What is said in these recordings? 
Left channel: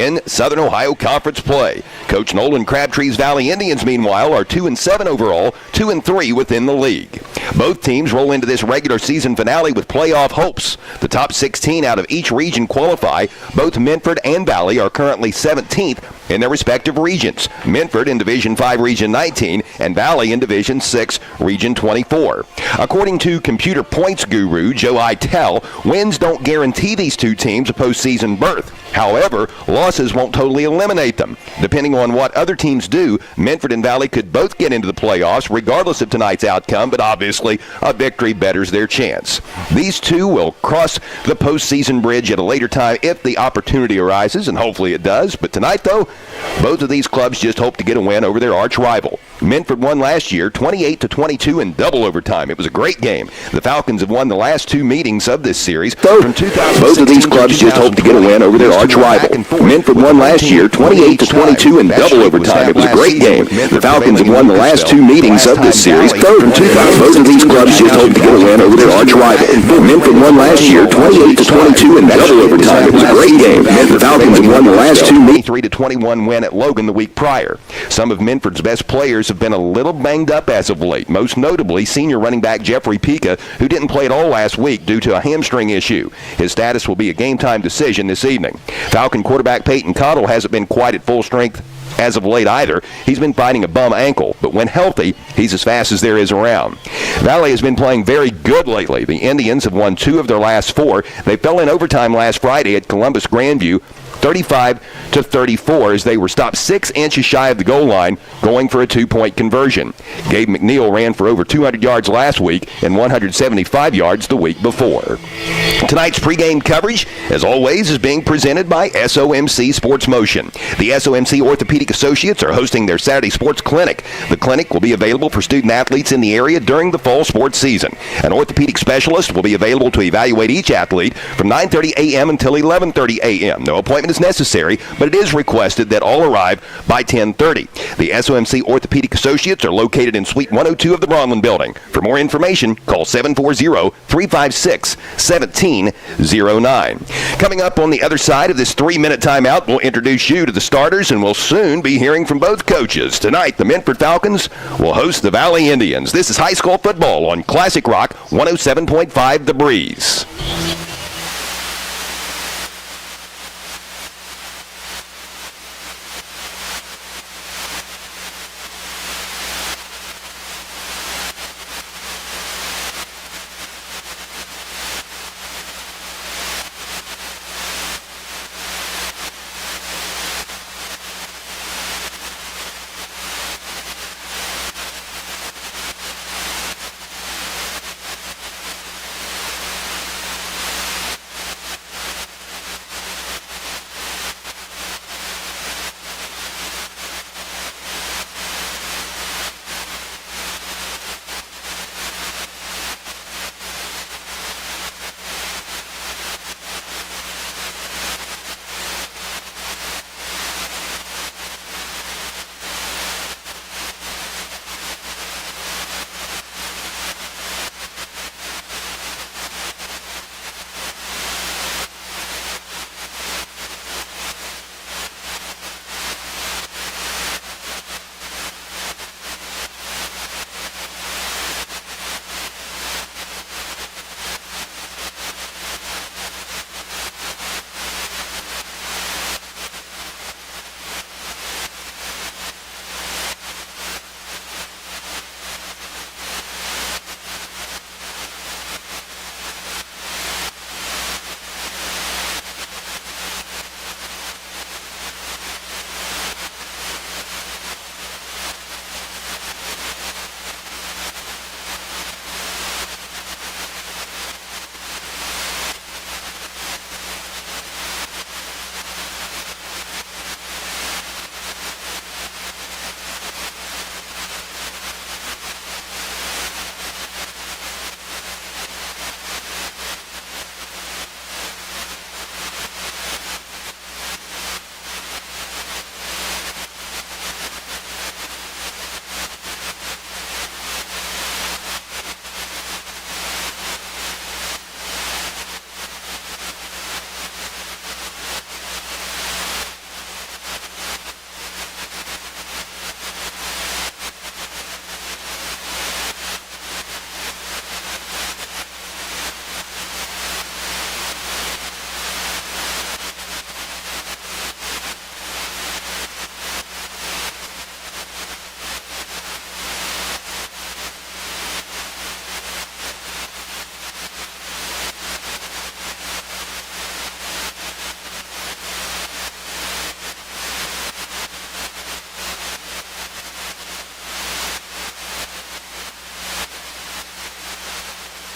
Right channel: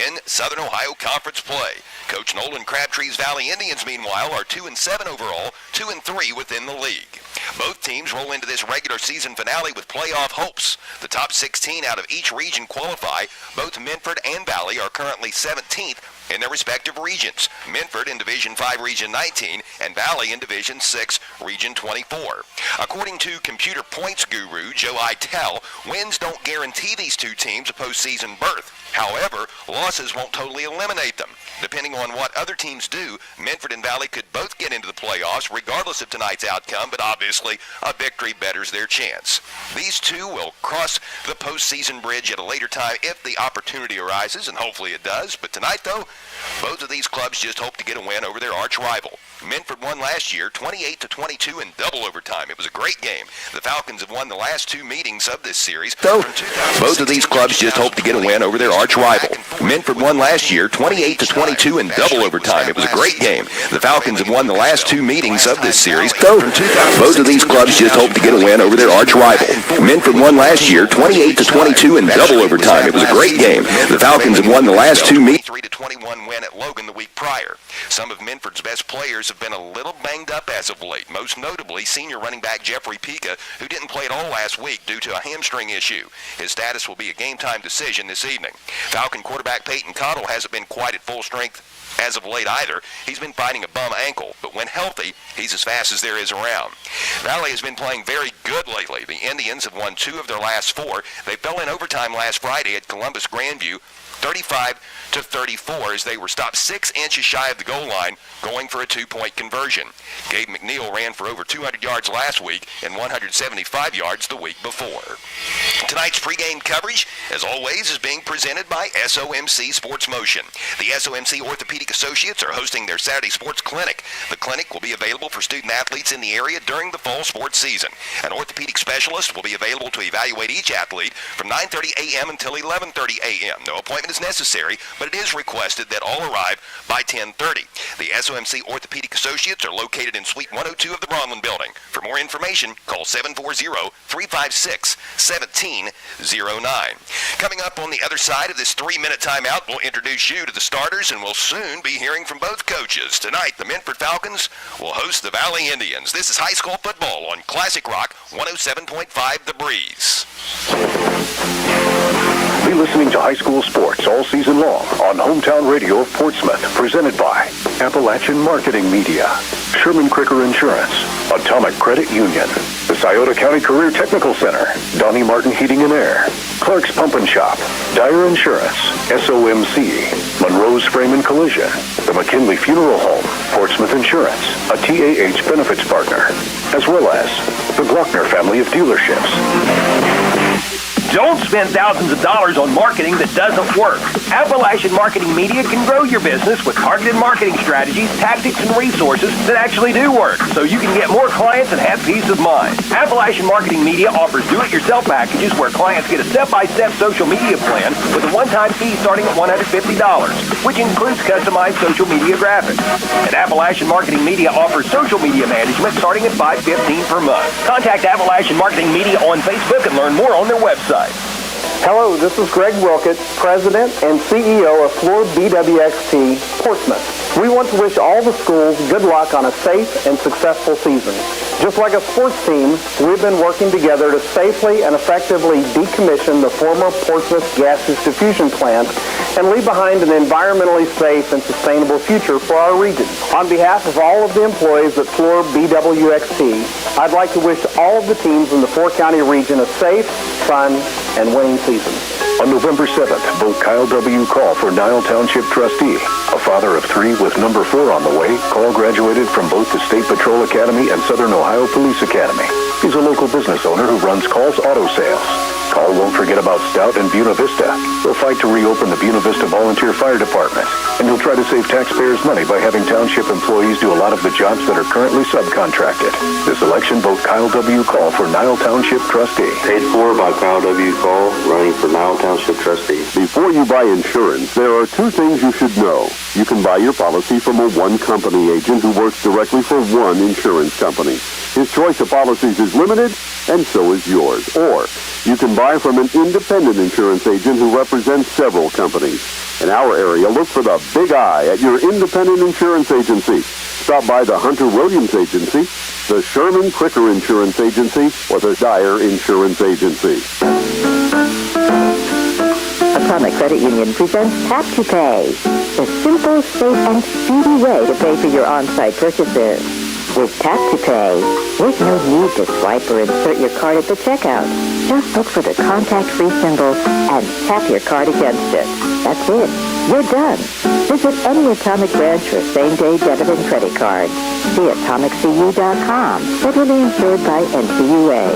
in Southern Ohio Conference play. Coach Nolan Crabtree's Valley Indians, meanwhile, are 2-7 overall, 2-3 within the league. Both teams roll into this regular season finale with playoff hopes. The top 16 out of each region qualify. Both Minford and Valley are currently 17th in their respective regions. Minford in Division 5, Region 19, and Valley in Division 6, Region 24. According to computer points guru Joe Itel, wins don't guarantee these two teams a postseason berth. However, losses won't totally eliminate them. Depending on what other teams do, Minford and Valley could both get into the playoffs regardless of tonight's outcome, but obviously a victory betters their chance. These two will cross the postseason bridge at a later time if the opportunity arises, and hopefully it does. But tonight, though, both of these clubs just hope to get a win over their arch rival. Minford won last year 28-22 in double overtime. It was a great game. The Falcons have won the last two meetings of this series. From both of these clubs just hope to get a win over their arch rival. Minford won last year 28-22 in double overtime. It was a great game. The Falcons have won the last two meetings of this series. From both of these clubs just hope to get a win over their arch rival. Minford won last year 28-22 in double overtime. It was a great game. The Falcons have won the last two meetings. 3-21 win at Logan the week prior. Some of Minford's best players have been a little banged up as of late, most notably senior running back Jeffrey Pica, who didn't play at all last week due to a hamstring issue. His status will be a game-time decision this evening. Falcon quarterback Peyton Cottle hasn't been quite at full strength as of late either. He's been fighting a bum ankle, but when healthy, he's as fast as there is around. Valley has been playing very good lately. The Indians have won 2 of their last 4. They fell in overtime last Friday at Columbus Grandview, 35-34, as they were stopped 6 inches shy of the goal line going for a 2-point conversion. Gabe McNeil ran for over 200 yards last week and 175 yards the week before. Tonight's pregame coverage, as always, is being presented by SOMC Sports Motion. The SOMC Orthopedic Associates are hosting their Saturday Sports Clinic. The clinic will be available for student athletes in the area during the fall sports season. An orthopedic specialist will be available to evaluate each athlete from 9:30 a.m. until 11:30 a.m. No appointment is necessary, but it is requested that all arrive by 10:30. The SOMC Orthopedic Associates are located in Suite 102 of the Bronlin Building. For more information, call 740-356-1709. Coming up on the other side of this 3-minute timeout, we'll introduce you to the starters, and we'll soon be hearing from both coaches. Tonight, the Minford Falcons will host the Valley Indians. This is high school football on Classic Rock 107.5 The Breeze. Be listening to high school sports all season long on Hometown Radio of Portsmouth, presented by Appalachian Marketing Media, Sherman Cricker Insurance, Atomic Credit Union, the Scioto County Career Technical Center, Donnie Martin Heating and Air, Clark's Pump and Shop, Dyer Insurance, SOMC, Monroe's Frame and Collision, the McKinley Funeral Home, Portsmouth Insurance, a TAH benefits partner, as well as the Glockner family of dealerships. Don't spend thousands of dollars on marketing that doesn't work. Appalachian Marketing Media can grow your business with targeted marketing strategies, tactics, and resources that actually do work, so you can get more clients and have peace of mind. Appalachian Marketing Media offers do-it-yourself packages where clients get a step-by-step social media plan with a one-time fee starting at $150, which includes customized social media graphics. And Appalachian Marketing Media offers social media management starting at $515 per month. Contact Appalachian Marketing Media on Facebook and learn more on their website. Hello, this is Greg Wilkett, President and CEO of Floor BWXT Portsmouth. We want to wish all the schools good luck on a safe and successful season. Just like a sports team, we've been working together to safely and effectively decommission the former Portsmouth gas distribution plant and leave behind an environmentally safe and sustainable future for our region. On behalf of all of the employees at Floor BWXT, I'd like to wish all of the teams in the 4-county region a safe, fun, and winning season. On November 7th, vote Kyle W. Call for Nile Township Trustee. A father of 3 with number 4 on the way, Call graduated from both the State Patrol Academy and Southern Ohio Police Academy. He's a local business owner who runs Call's Auto Sales. Call won't forget about Stout and Buena Vista. He'll fight to reopen the Buena Vista Volunteer Fire Department. And he'll try to save taxpayers money by having township employees do a lot of the jobs that are currently subcontracted. This election, vote Kyle W. Call for Nile Township Trustee. Paid for by Kyle W. Call, running for Nile Township Trustee. Before you buy insurance, there are 2 things you should know. You can buy your policy from a one-company agent who works directly for one insurance company. His choice of policies is limited, and so is yours. Or you can buy buy from an independent insurance agent who represents several companies. In our area, look for the Big I at your independent insurance agency. Stop by the Hunter Williams Agency, the Sherman Cricker Insurance Agency, or the Dyer Insurance Agency. Atomic Credit Union presents Tap to Pay, the simple, safe, and speedy way to pay for your on-site purchases. With Tap to Pay, there's no need to swipe or insert your card at the checkout. Just look for the contact-free symbol and tap your card against it. That's it. You're done. Visit any Atomic branch for same-day debit and credit cards. See atomiccu.com. Federally insured by NCUA.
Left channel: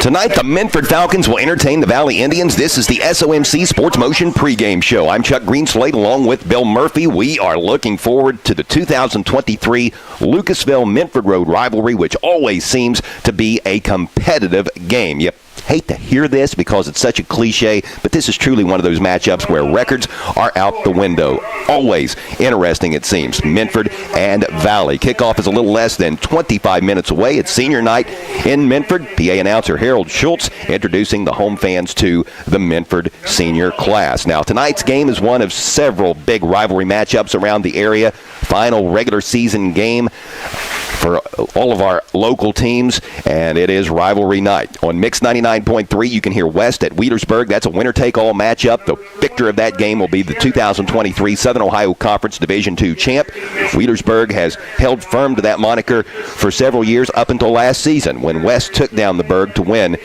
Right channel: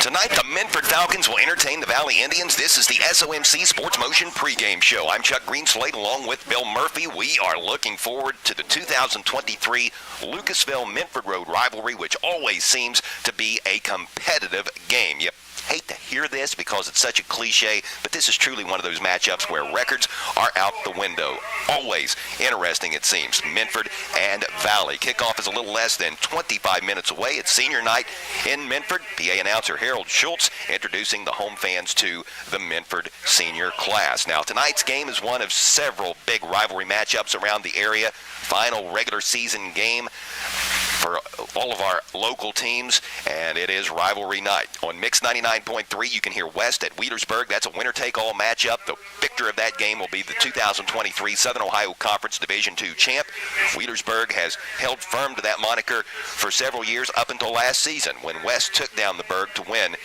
Tonight, the Minford Falcons will entertain the Valley Indians. This is the SOMC Sports Motion pregame show. I'm Chuck Greenslade along with Bill Murphy. We are looking forward to the 2023 Lucasville-Minford Road rivalry, which always seems to be a competitive game. You hate to hear this because it's such a cliche, but this is truly one of those matchups where records are out the window. Always interesting, it seems. Minford and Valley. Kickoff is a little less than 25 minutes away. It's senior night in Minford. PA announcer Harold Schultz introducing the home fans to the Minford senior class. Now, tonight's game is one of several big rivalry matchups around the area. Final regular season game for all of our local teams, and it is rivalry night. On Mix 99.3, you can hear West at Wheelersburg. That's a winner-take-all matchup. The victor of that game will be the 2023 Southern Ohio Conference Division II champ. Wheelersburg has held firm to that moniker for several years up until last season when West took down the Berg to win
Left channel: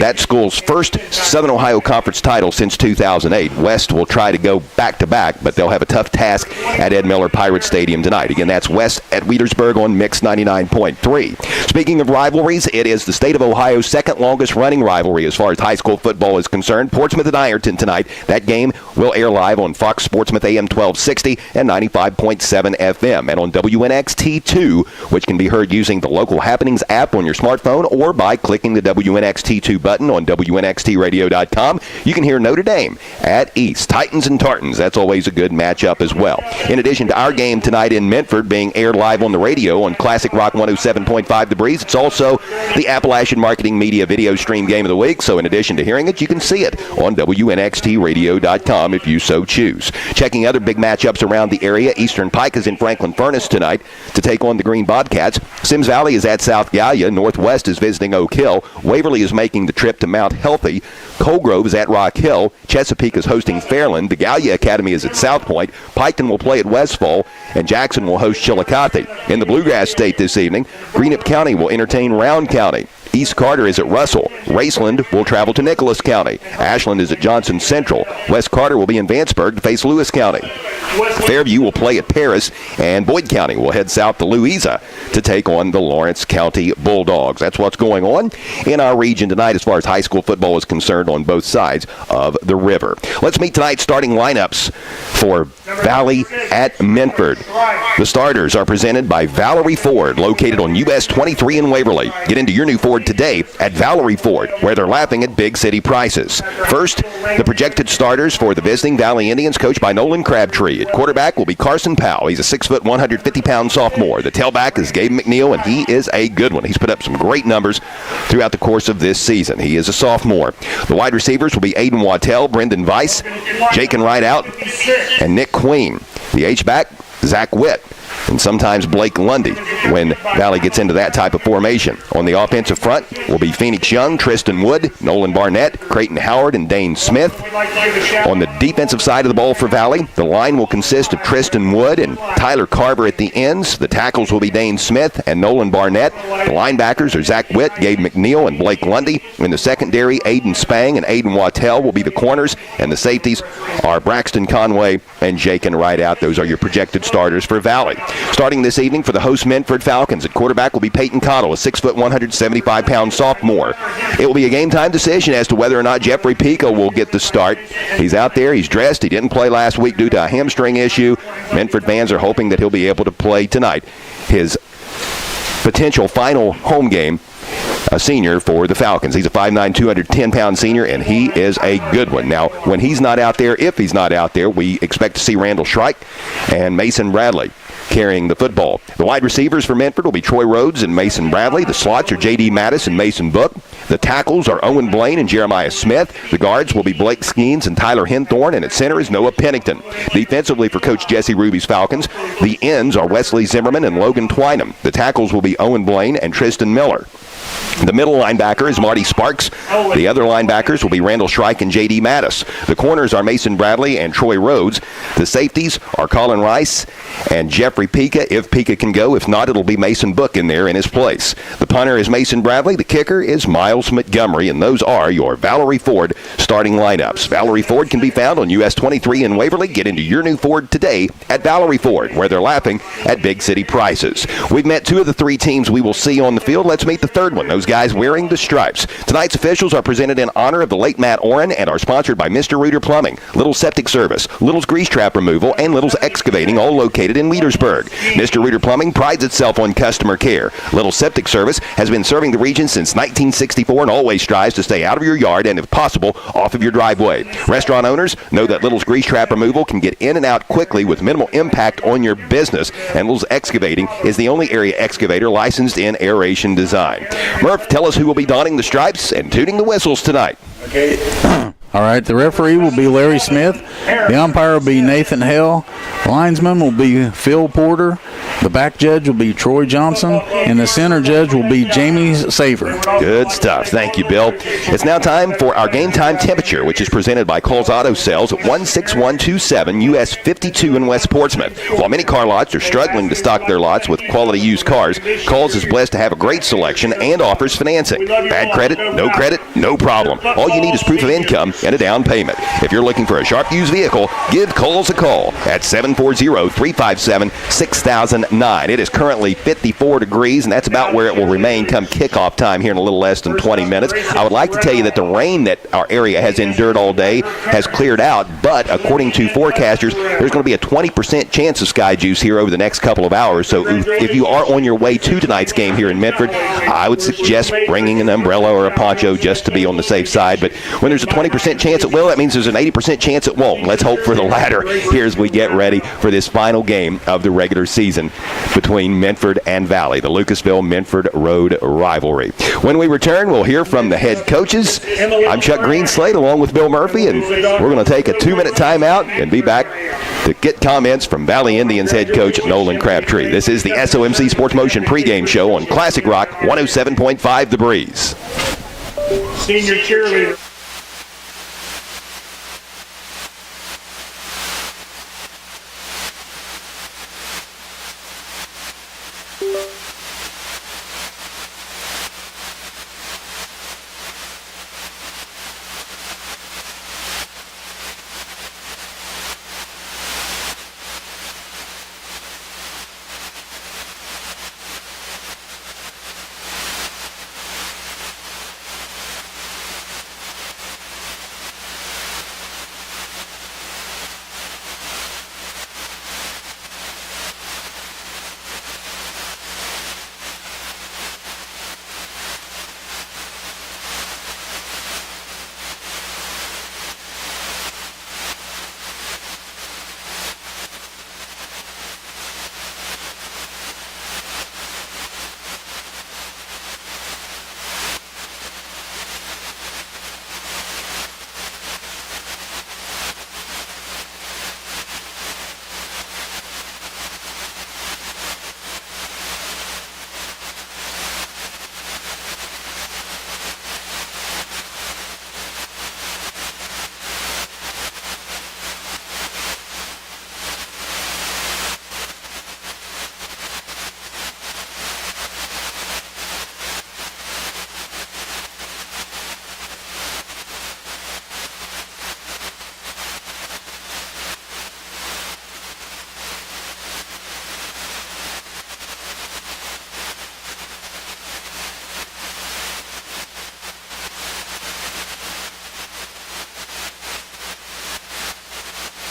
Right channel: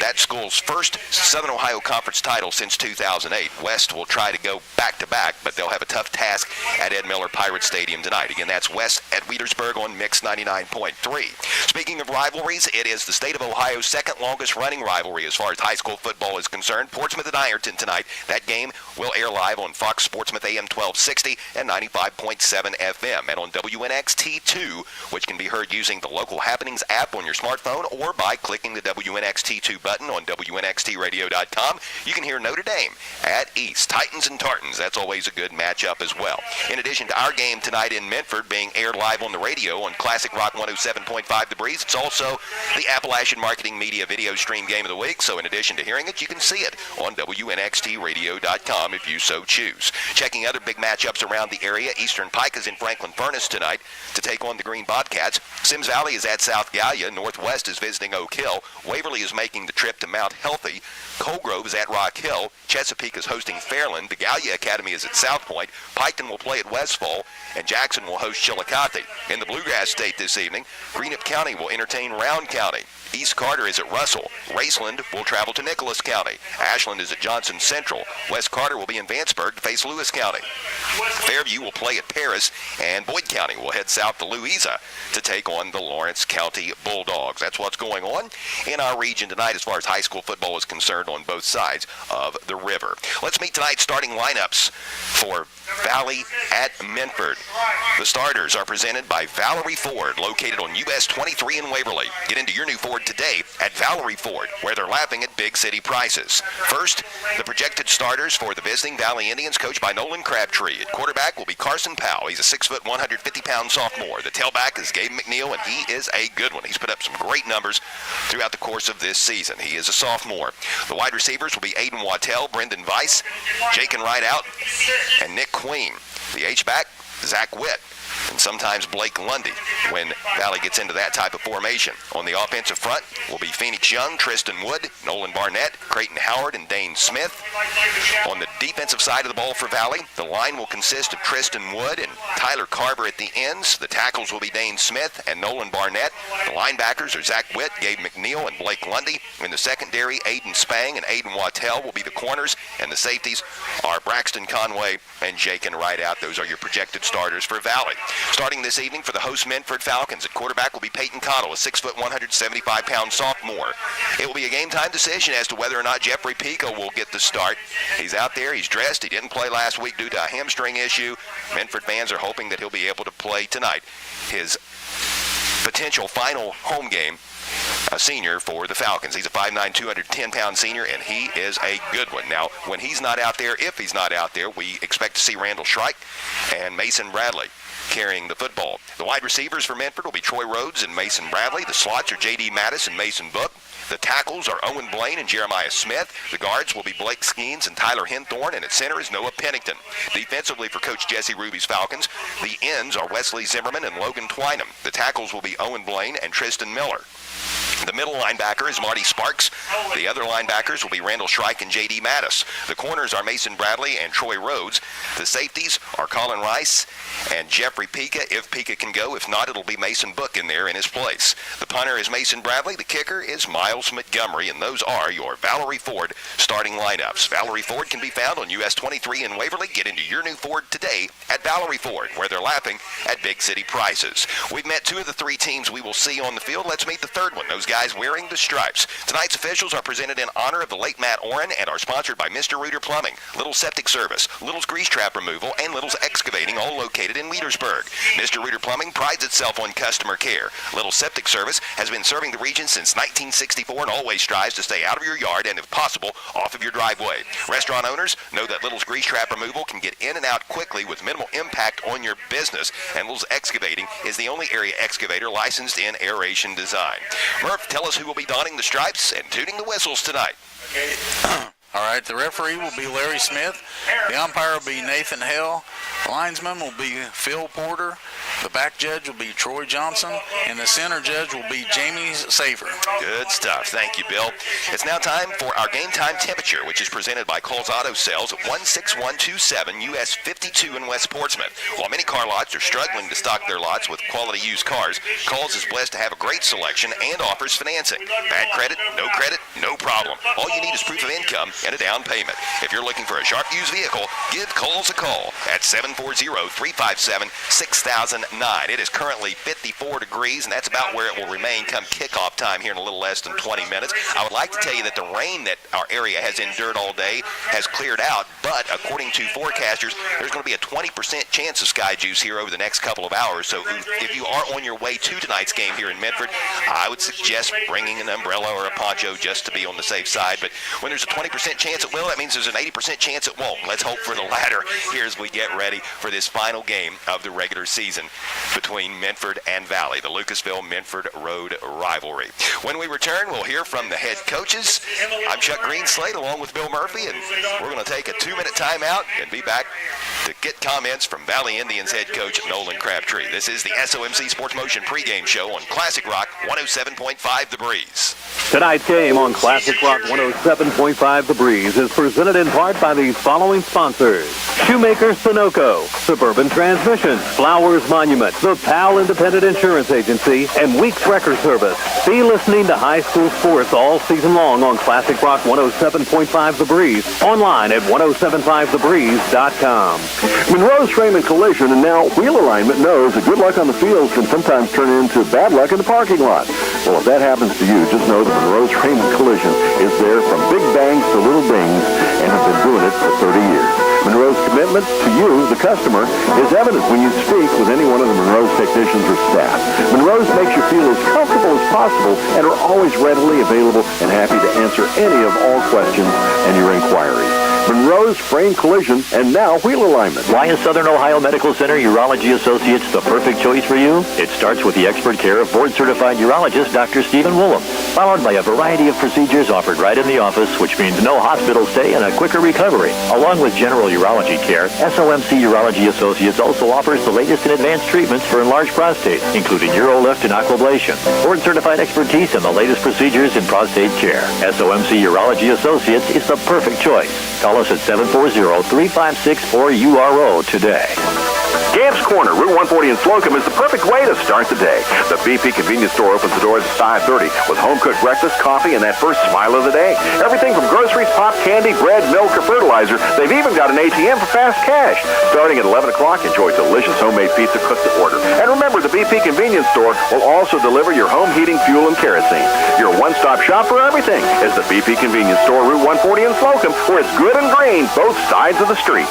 that school's first Southern Ohio Conference title since 2008. West will try to go back-to-back, but they'll have a tough task at Ed Miller Pirate Stadium tonight. Again, that's West at Wheelersburg on Mix 99.3. Speaking of rivalries, it is the state of Ohio's second longest running rivalry as far as high school football is concerned. Portsmouth and Ironton tonight. That game will air live on Fox Sportsmouth AM 1260 and 95.7 FM and on WNXT2, which can be heard using the Local Happenings app on your smartphone or by clicking the WNXT2 button on WNXTradio.com. You can hear Notre Dame at East. Titans and Tartans. That's always a good matchup as well. In addition to our game tonight in Minford being aired live on the radio on Classic Rock 107.5 The Breeze, it's also the Appalachian Marketing Media Video Stream Game of the Week. So in addition to hearing it, you can see it on WNXTradio.com if you so choose. Checking other big matchups around the area, Eastern Pike is in Franklin Furnace tonight to take on the Green Bobcats. Sims Valley is at South Gallia. Northwest is visiting Oak Hill. Waverly is making the trip to Mount Healthy. Colgrove is at Rock Hill. Chesapeake is hosting Fairland. The Gallia Academy is at South Point. Piketon will play at Westfall. And Jackson will host Chillicothe. In the Bluegrass State this evening, Greenup County will entertain Round County. East Carter is at Russell. Raceland will travel to Nicholas County. Ashland is at Johnson Central. West Carter will be in Vanceburg to face Lewis County. Fairview will play at Paris, and Boyd County will head south to Louisa to take on the Lawrence County Bulldogs. That's what's going on in our region tonight as far as high school football is concerned on both sides of the river. Let's meet tonight's starting lineups for Valley at Minford. The starters are presented by Valerie Ford, located on US 23 in Waverly. Get into your new Ford today at Valerie Ford, where they're laughing at big city prices. First, the projected starters for the visiting Valley Indians, coached by Nolan Crabtree. At quarterback will be Carson Powell. He's a 6', 150-pound sophomore. The tailback is Gabe McNeil, and he is a good one. He's put up some great numbers throughout the course of this season. He is a sophomore. The wide receivers will be Aiden Wattell, Brendan Weiss, Jaken Rideout, and Nick Queen. The H-back, Zach Witt, and sometimes Blake Lundy when Valley gets into that type of formation. On the offensive front will be Phoenix Young, Tristan Wood, Nolan Barnett, Creighton Howard, and Dane Smith. On the defensive side of the ball for Valley, the line will consist of Tristan Wood and Tyler Carver at the ends. The tackles will be Dane Smith and Nolan Barnett. The linebackers are Zach Witt, Gabe McNeil, and Blake Lundy. In the secondary, Aiden Spang and Aiden Wattell will be the corners, and the safeties are Braxton Conway and Jaken Rideout. Those are your projected starters for Valley. Starting this evening for the host Minford Falcons, at quarterback will be Peyton Cottle, a 6', 175-pound sophomore. It will be a game-time decision as to whether or not Jeffrey Pico will get the start. He's out there. He's dressed. He didn't play last week due to a hamstring issue. Minford fans are hoping that he'll be able to play tonight. His potential final home game, a senior for the Falcons. He's a 5'9", 210-pound senior, and he is a good one. Now, when he's not out there, if he's not out there, we expect to see Randall Shrike and Mason Bradley. carrying the football. The wide receivers for Minford will be Troy Rhodes and Mason Bradley. The slots are J.D. Mattis and Mason Book. The tackles are Owen Blaine and Jeremiah Smith. The guards will be Blake Skeens and Tyler Henthorne, and at center is Noah Pennington. Defensively for Coach Jesse Ruby's Falcons, the ends are Wesley Zimmerman and Logan Twynham. The tackles will be Owen Blaine and Tristan Miller. The middle linebacker is Marty Sparks. The other linebackers will be Randall Shrike and J.D. Mattis. The corners are Mason Bradley and Troy Rhodes. The safeties are Colin Rice and Jeffrey Pika, if Pika can go. If not, it'll be Mason Book in there in his place. The punter is Mason Bradley. The kicker is Miles Montgomery, and those are your Valerie Ford starting lineups. Valerie Ford can be found on US 23 in Waverly. Get into your new Ford today at Valerie Ford, where they're laughing at big city prices. We've met two of the three teams we will see on the field. Let's meet the third one. Those guys wearing the stripes. Tonight's officials are presented in honor of the late Matt Oren and are sponsored by Mr. Reuter Plumbing, Little's Septic Service, Little's Grease Trap Removal, and Little's Excavating, all located in Leadersburg. Mr. Reuter Plumbing prides itself on customer care. Little's Septic Service has been serving the region since 1964 and always strives to stay out of your yard and, if possible, off of your driveway. Restaurant owners know that Little's Grease Trap Removal can get in and out quickly with minimal impact on your business, and Little's Excavating is the only area excavator licensed in aeration design. Murph, tell us who will be donning the stripes and tooting the whistles tonight. Okay. All right, the referee will be Larry Smith. The umpire will be Nathan Hell. The linesman will be Phil Porter. The back judge will be Troy Johnson. And the center judge will be Jamie Saver. Good stuff. Thank you, Bill. It's now time for our game time temperature, which is presented by Cole's Auto Sales at 16127 US 52 in West Portsmouth. While many car lots are struggling to stock their lots with quality used cars, Cole's is blessed to have a great selection and offers financing. Bad credit, no problem. All you need is proof of income and a down payment. If you're looking for a sharp used vehicle, give Cole's a call at 740-357-6009. It is currently 54 degrees, and that's about where it will remain come kickoff time here in a little less than 20 minutes. I would like to tell you that the rain that our area has endured all day has cleared out, but according to forecasters, there's going to be a 20% chance of sky juice here over the next couple of hours. So if you are on your way to tonight's game here in Minford, I would suggest bringing an umbrella or a poncho just to be on the safe side. But when there's a 20% chance it will, that means there's an 80% chance it won't. Let's hope for the latter here as we get ready for this final game of the regular season between Minford and Valley, the Lucasville-Minford Road rivalry. When we return, we'll hear from the head coaches. I'm Chuck Greenslade along with Bill Murphy, and we're going to take a 2-minute timeout and be back to get comments from Valley Indians head coach Nolan Crabtree. This is the SOMC Sports Motion pregame show on Classic Rock 107.5 The Breeze. Tonight's game on Classic Rock 107.5 The Breeze is presented in part by these following sponsors: Shoemaker Sunoco, Suburban Transmission, Flowers Monument, the PAL Independent Insurance Agency, and Weeks Record Service. Be listening to high school sports all season long on Classic Rock 107.5 The Breeze, online at 1075thebreeze.com. Monroe's Frame and Collision and now Wheel Alignment knows that good luck on the field can sometimes turn into bad luck in the parking lot. Well, if that happens to you, just know that Monroe's Frame and Collision is there from big bangs to little dings and have been doing it for 30 years. Monroe's commitment to you, the customer, is evident when you speak with any one of the Monroe's technicians or staff. Monroe's makes you feel as comfortable as possible and are always readily available and happy to answer any of all questions and your inquiries. Monroe's Frame Collision and now Wheel Alignment. Why is Southern Ohio Medical Center Urology Associates the perfect choice for you? It starts with the expert care of board-certified urologist Dr. Stephen Woolham, followed by a variety of procedures offered right in the office, which means no hospital stay and a quicker recovery. Along with general urology care, SOMC Urology Associates also offers the latest in advanced treatments for enlarged prostate, including Urolift and Aquablation, board-certified expertise in the latest procedures in prostate care. SOMC Urology Associates is the perfect choice. Call us at 740-356-4URO today. Gamp's Corner, Route 140 in Slocum, is the perfect way to start the day. The BP convenience store opens the doors at 5:30 with home-cooked breakfast, coffee, and that first smile of the day. Everything from groceries, pop, candy, bread, milk, or fertilizer. They've even got an ATM for fast cash. Starting at 11 o'clock, enjoy delicious homemade pizza cooked to order. And remember, the BP convenience store will also deliver your home heating, fuel, and kerosene. Your one-stop shop for everything is the BP convenience store, Route 140 in Slocum, where it's good and green, both sides of the street.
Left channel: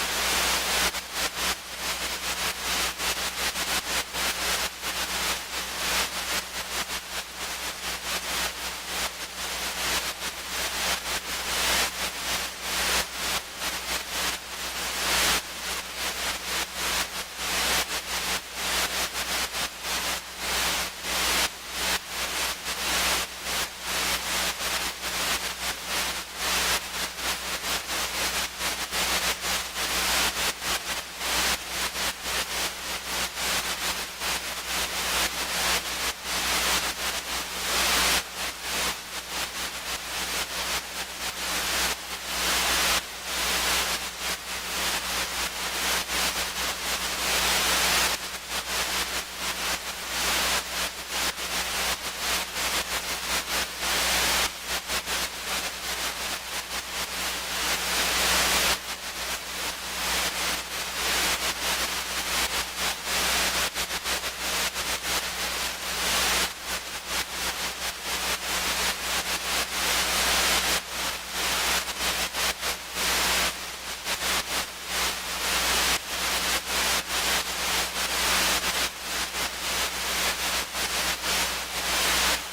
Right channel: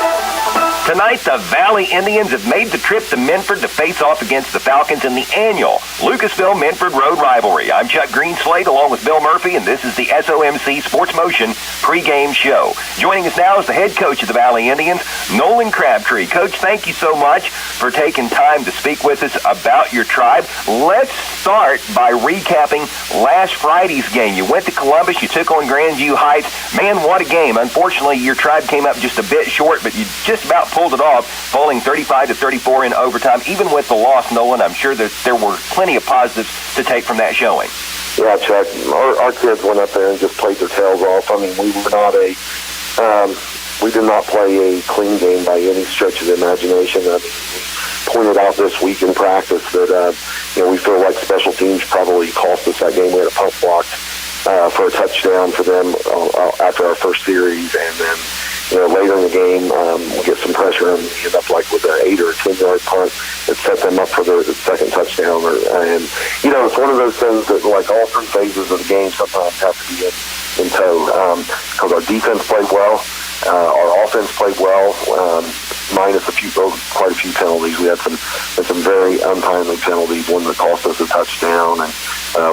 Tonight, the Valley Indians have made the trip to Minford to face off against the Falcons in the annual Lucasville-Minford Road Rivalry. I'm Chuck Greenslade along with Bill Murphy, and this is the SOMC Sports Motion pregame show. Joining us now is the head coach of the Valley Indians, Nolan Crabtree. Coach, thank you so much for taking time to speak with us about your tribe. Let's start by recapping last Friday's game. You went to Columbus, you took on Grandview Heights. Man, what a game. Unfortunately, your tribe came up just a bit short, but you just about pulled it off, falling 35-34 in overtime. Even with the loss, Nolan, I'm sure that there were plenty of positives to take from that showing. Yeah, Chuck, our kids went up there and just played their tails off. I mean, we did not play a clean game by any stretch of the imagination. I pointed out this week in practice that we feel like special teams probably cost us that game. We had a punt block for a touchdown for them after our first series, and then later in the game, we get some pressure and we end up like with an 8 or 10 yard punt that set them up for the second touchdown. And it's one of those things that, like, all three phases of the game sometimes have to be in tow, because our defense played well, our offense played well, minus quite a few penalties. We had some very untimely penalties, one that cost us a touchdown and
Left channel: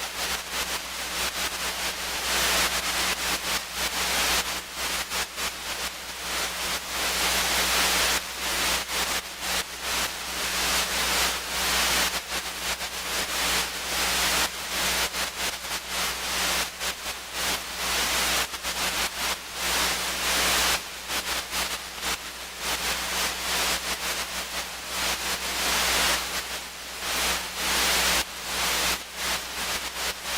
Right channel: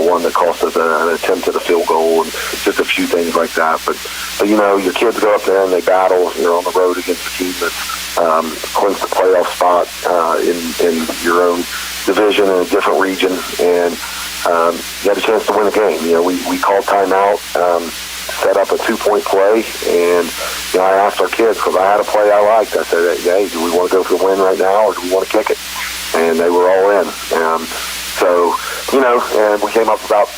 one that cost us an attempt at a field goal, and just a few things like that. But your kids go up there and they battle. You're on the road against a team that clinks the playoff spot in your own division in a different region, and you had a chance to win the game. We called timeout, set up a 2-point play, and I asked our kids, because I had a play I liked. I said, hey, do we want to go for the win right now, or do we want to kick it? And they were all in. And we came up about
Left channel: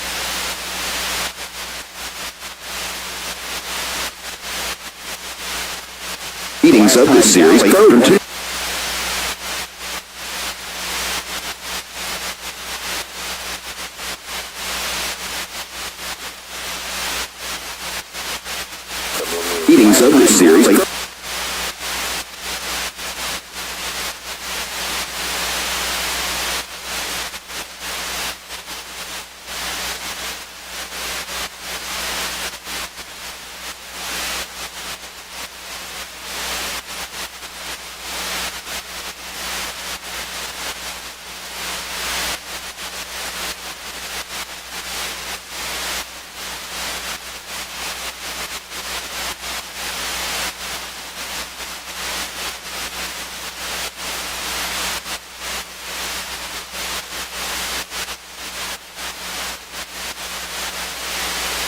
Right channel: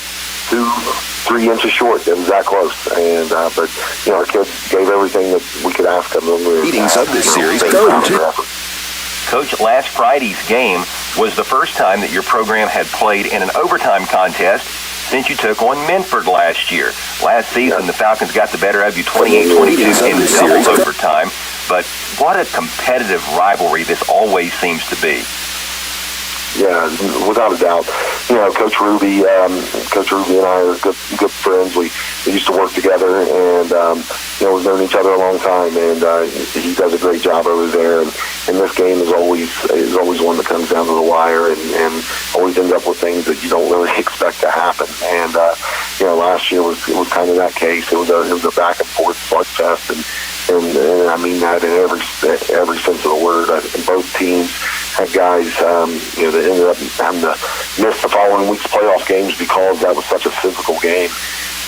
2-3 inches short. It was that close. And but our kids gave everything that we could ask them. Meetings of this series go to. Coach, last Friday's game was the first time that your program had played in an overtime contest since you took on Minford last year. Last season, the Falcons got the better of you 28-22 in the series overtime. But what a competitive rivalry this always seems to be. Yeah, without a doubt. Coach Ruby and I are good friends. We used to work together, and we've known each other a long time. And he does a great job over there. And this game is always one that comes down to the wire, and always ends up with things that you don't really expect to happen. And last year was kind of that case. It was a back and forth slugfest, and I mean that in every sense of the word. And both teams had guys that ended up having to miss the following week's playoff games because that was such a physical game.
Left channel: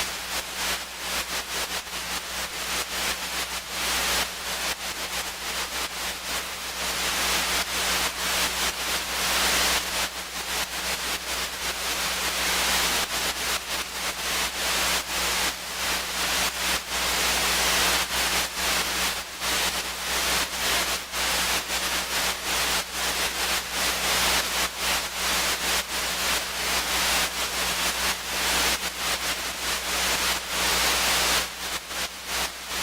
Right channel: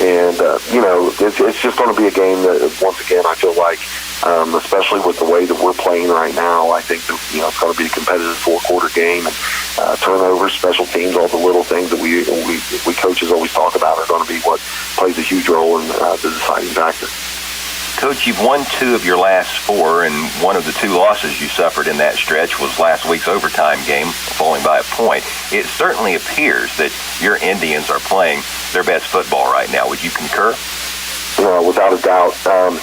And it's just going to be a game that, once again, I feel like, especially with the way that we're playing right now, I think that it's going to be a competitive 4-quarter game. Turnovers, special teams, all the little things that we coaches always talk about are going to be what plays a huge role in the deciding factor. Coach, you've won 2 of your last 4, and one of the 2 losses you suffered in that stretch was last week's overtime game, falling by a point. It certainly appears that your Indians are playing their best football right now. Would you concur? Without a doubt.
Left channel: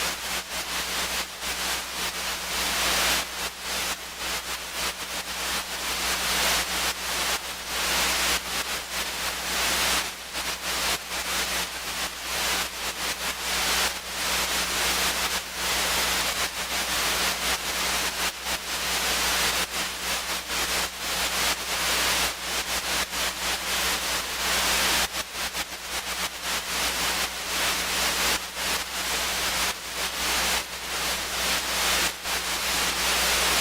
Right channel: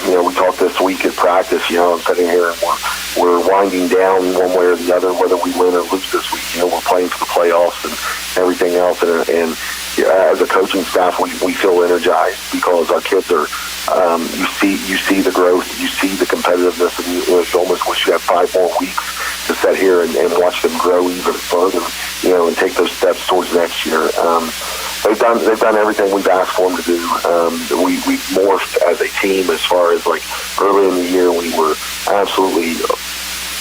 We talked this week at practice. I'm sitting here and we're winding down one way or the other, whether we win or lose this week. We're playing for the playoffs and everything else. And as a coaching staff, we feel energized because our kids are. You see the growth, you see the competitiveness, and you almost wish you had 5 more weeks to sit here and watch them grow even further, and take those steps towards next year. They've done everything we've asked for them to do. We've morphed as a team as far as, like, early in the year we were absolutely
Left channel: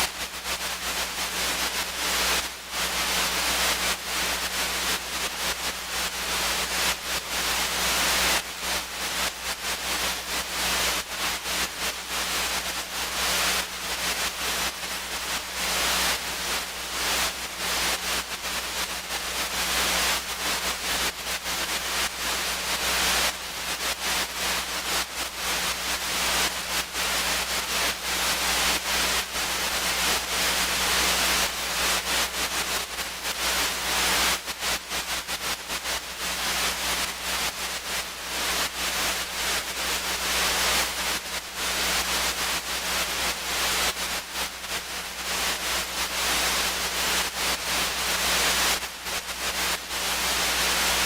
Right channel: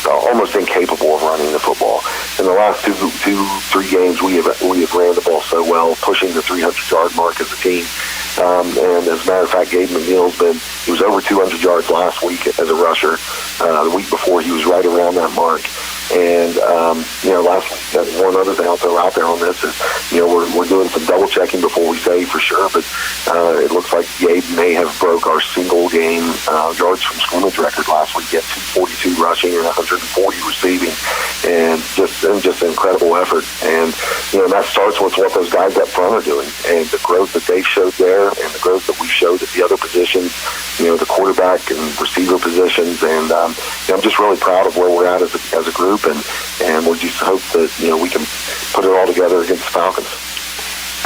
almost incapable of running the football. In the last 2-3 games, we have ran the ball so well, pushing the 300-yard mark as a team. And as a matter of fact, Gabe McNeil he was over 200 yards last week as a rusher. The week before, he was right around that mark. And one other thing I'll throw out there on this is, we're doing some double checking before we say for sure, but it looks like Gabe may have broke our single game yards from scrimmage record last week. He had 42 rushing and 140 receiving, and just an incredible effort. And that starts with what those guys up front are doing, and the growth that they've showed there, and the growth that we showed at the other positions, the quarterback and receiver positions. And I'm just really proud of where we're at as a group. And we'll just hope that we can put it all together against the Falcons.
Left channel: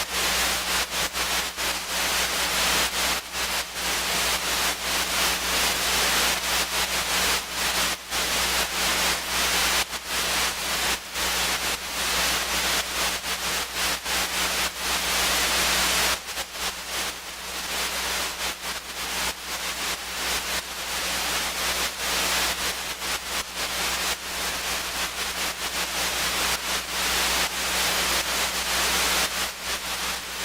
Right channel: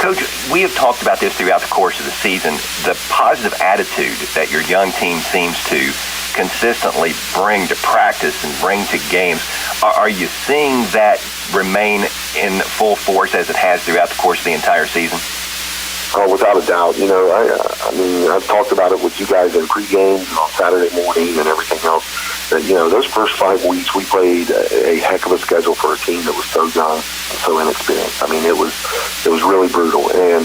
Coach, we have talked about this throughout the course of the season, the positive attitude that your young team seems to consistently bring to practice and bring to games. Are you seeing that remain in full force as it has throughout the course of the entire season? Oh, without a doubt. I mean, I've talked about it with you guys in pregame on Saturday morning and everything else. That, those first 5 weeks we played a heck of a schedule for a team that was so young, so inexperienced. I mean, it was really brutal. And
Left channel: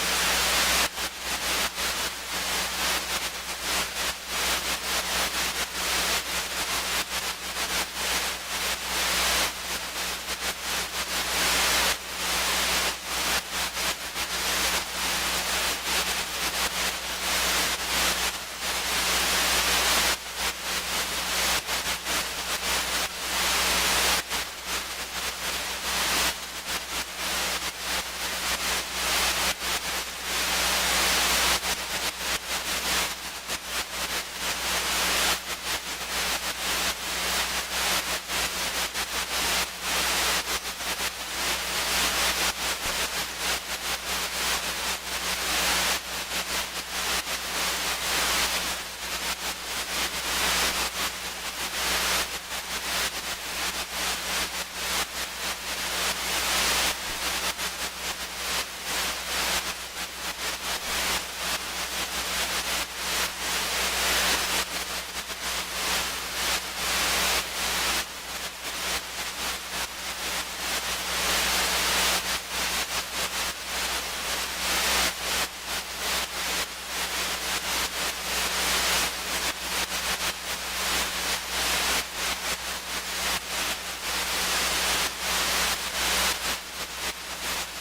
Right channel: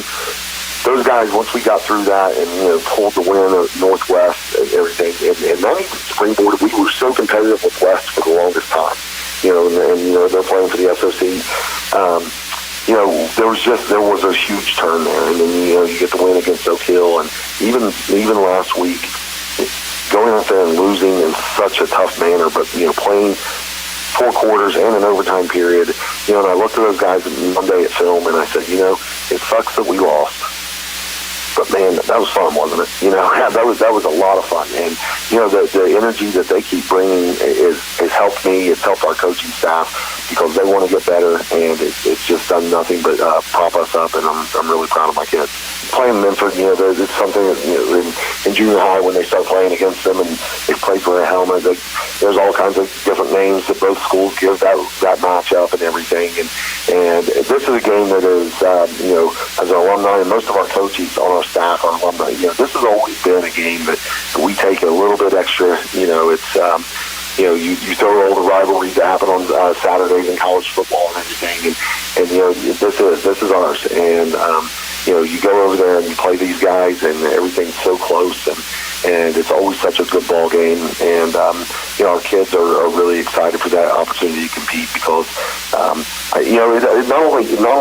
those guys, once we got through that and pulled the win at Northwest and everything, and then springboarded, we were so competitive with West for the longest time. And they're playing for the SOC. There was a huge turn there, and then you get the win against Oak Hill, and even last week, going out there and losing in such a tough manner, but playing 4 quarters and an overtime period, and I looked at those guys Monday at film, and I said, it sucks that we lost. But man, that was fun, wasn't it? That was a lot of fun, and the energy that they keep bringing has helped me. It's helped our coaching staff because they want to get better, and it's just done nothing but prop us up, and I'm really proud of my kids. Playing Minford, it's something that in junior high when they start playing against them and they play for a helmet, there's all kinds of different names that both schools give that matchup and everything, and this is a game that is as an alumni and most of our coaches on our staff are alumni. This has always been a game that we take a little bit extra. It's you throw all the rivalries that happen on Saturdays in college football and everything, and this is ours. And you go over there and you play these guys, and everything's so close, and it's always such a good ball game. And our kids are really excited for that opportunity to compete because not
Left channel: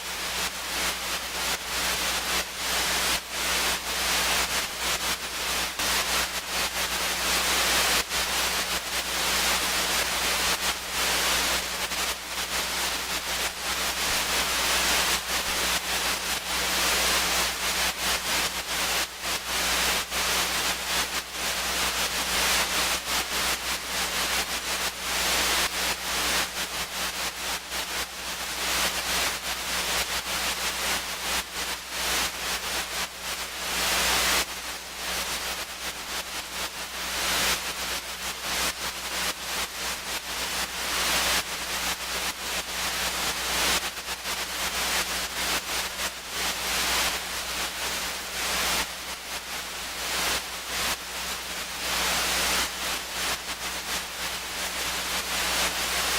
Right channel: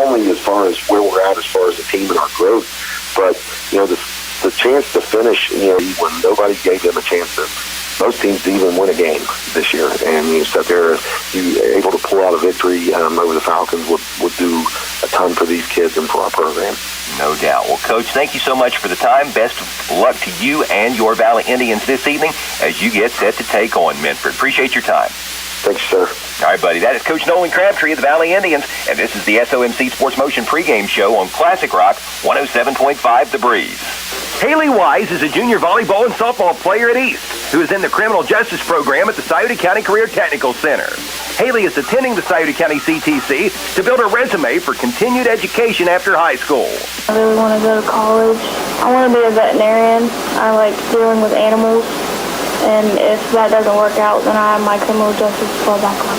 only as far as where we're at as far as the team and our growth, but the chance to finish when nobody gave them a chance to. Most teams even win a game this year, and you sit there, able to pull out a victory over the Falcons would do a ton for these kids and for our program. No doubt. Well, Coach, thank you so much for the time. Best of luck to you and your Valley Indians this evening as you get set to take on Minford. Appreciate your time. Thanks, sir. All right, buddy. That is Coach Nolan Crabtree of the Valley Indians, and this is the SOMC Sports Motion pregame show on Classic Rock 107.5 The Breeze. Haley Wise is a junior volleyball and softball player at East who is in the criminal justice program at the Scioto County Career Technical Center. Haley is attending the Scioto County CTC to build a resume for continued education after high school. I really want to go to college. I want to be a veterinarian. I like dealing with animals. And if that doesn't work out, then I have my criminal justice to fall back on.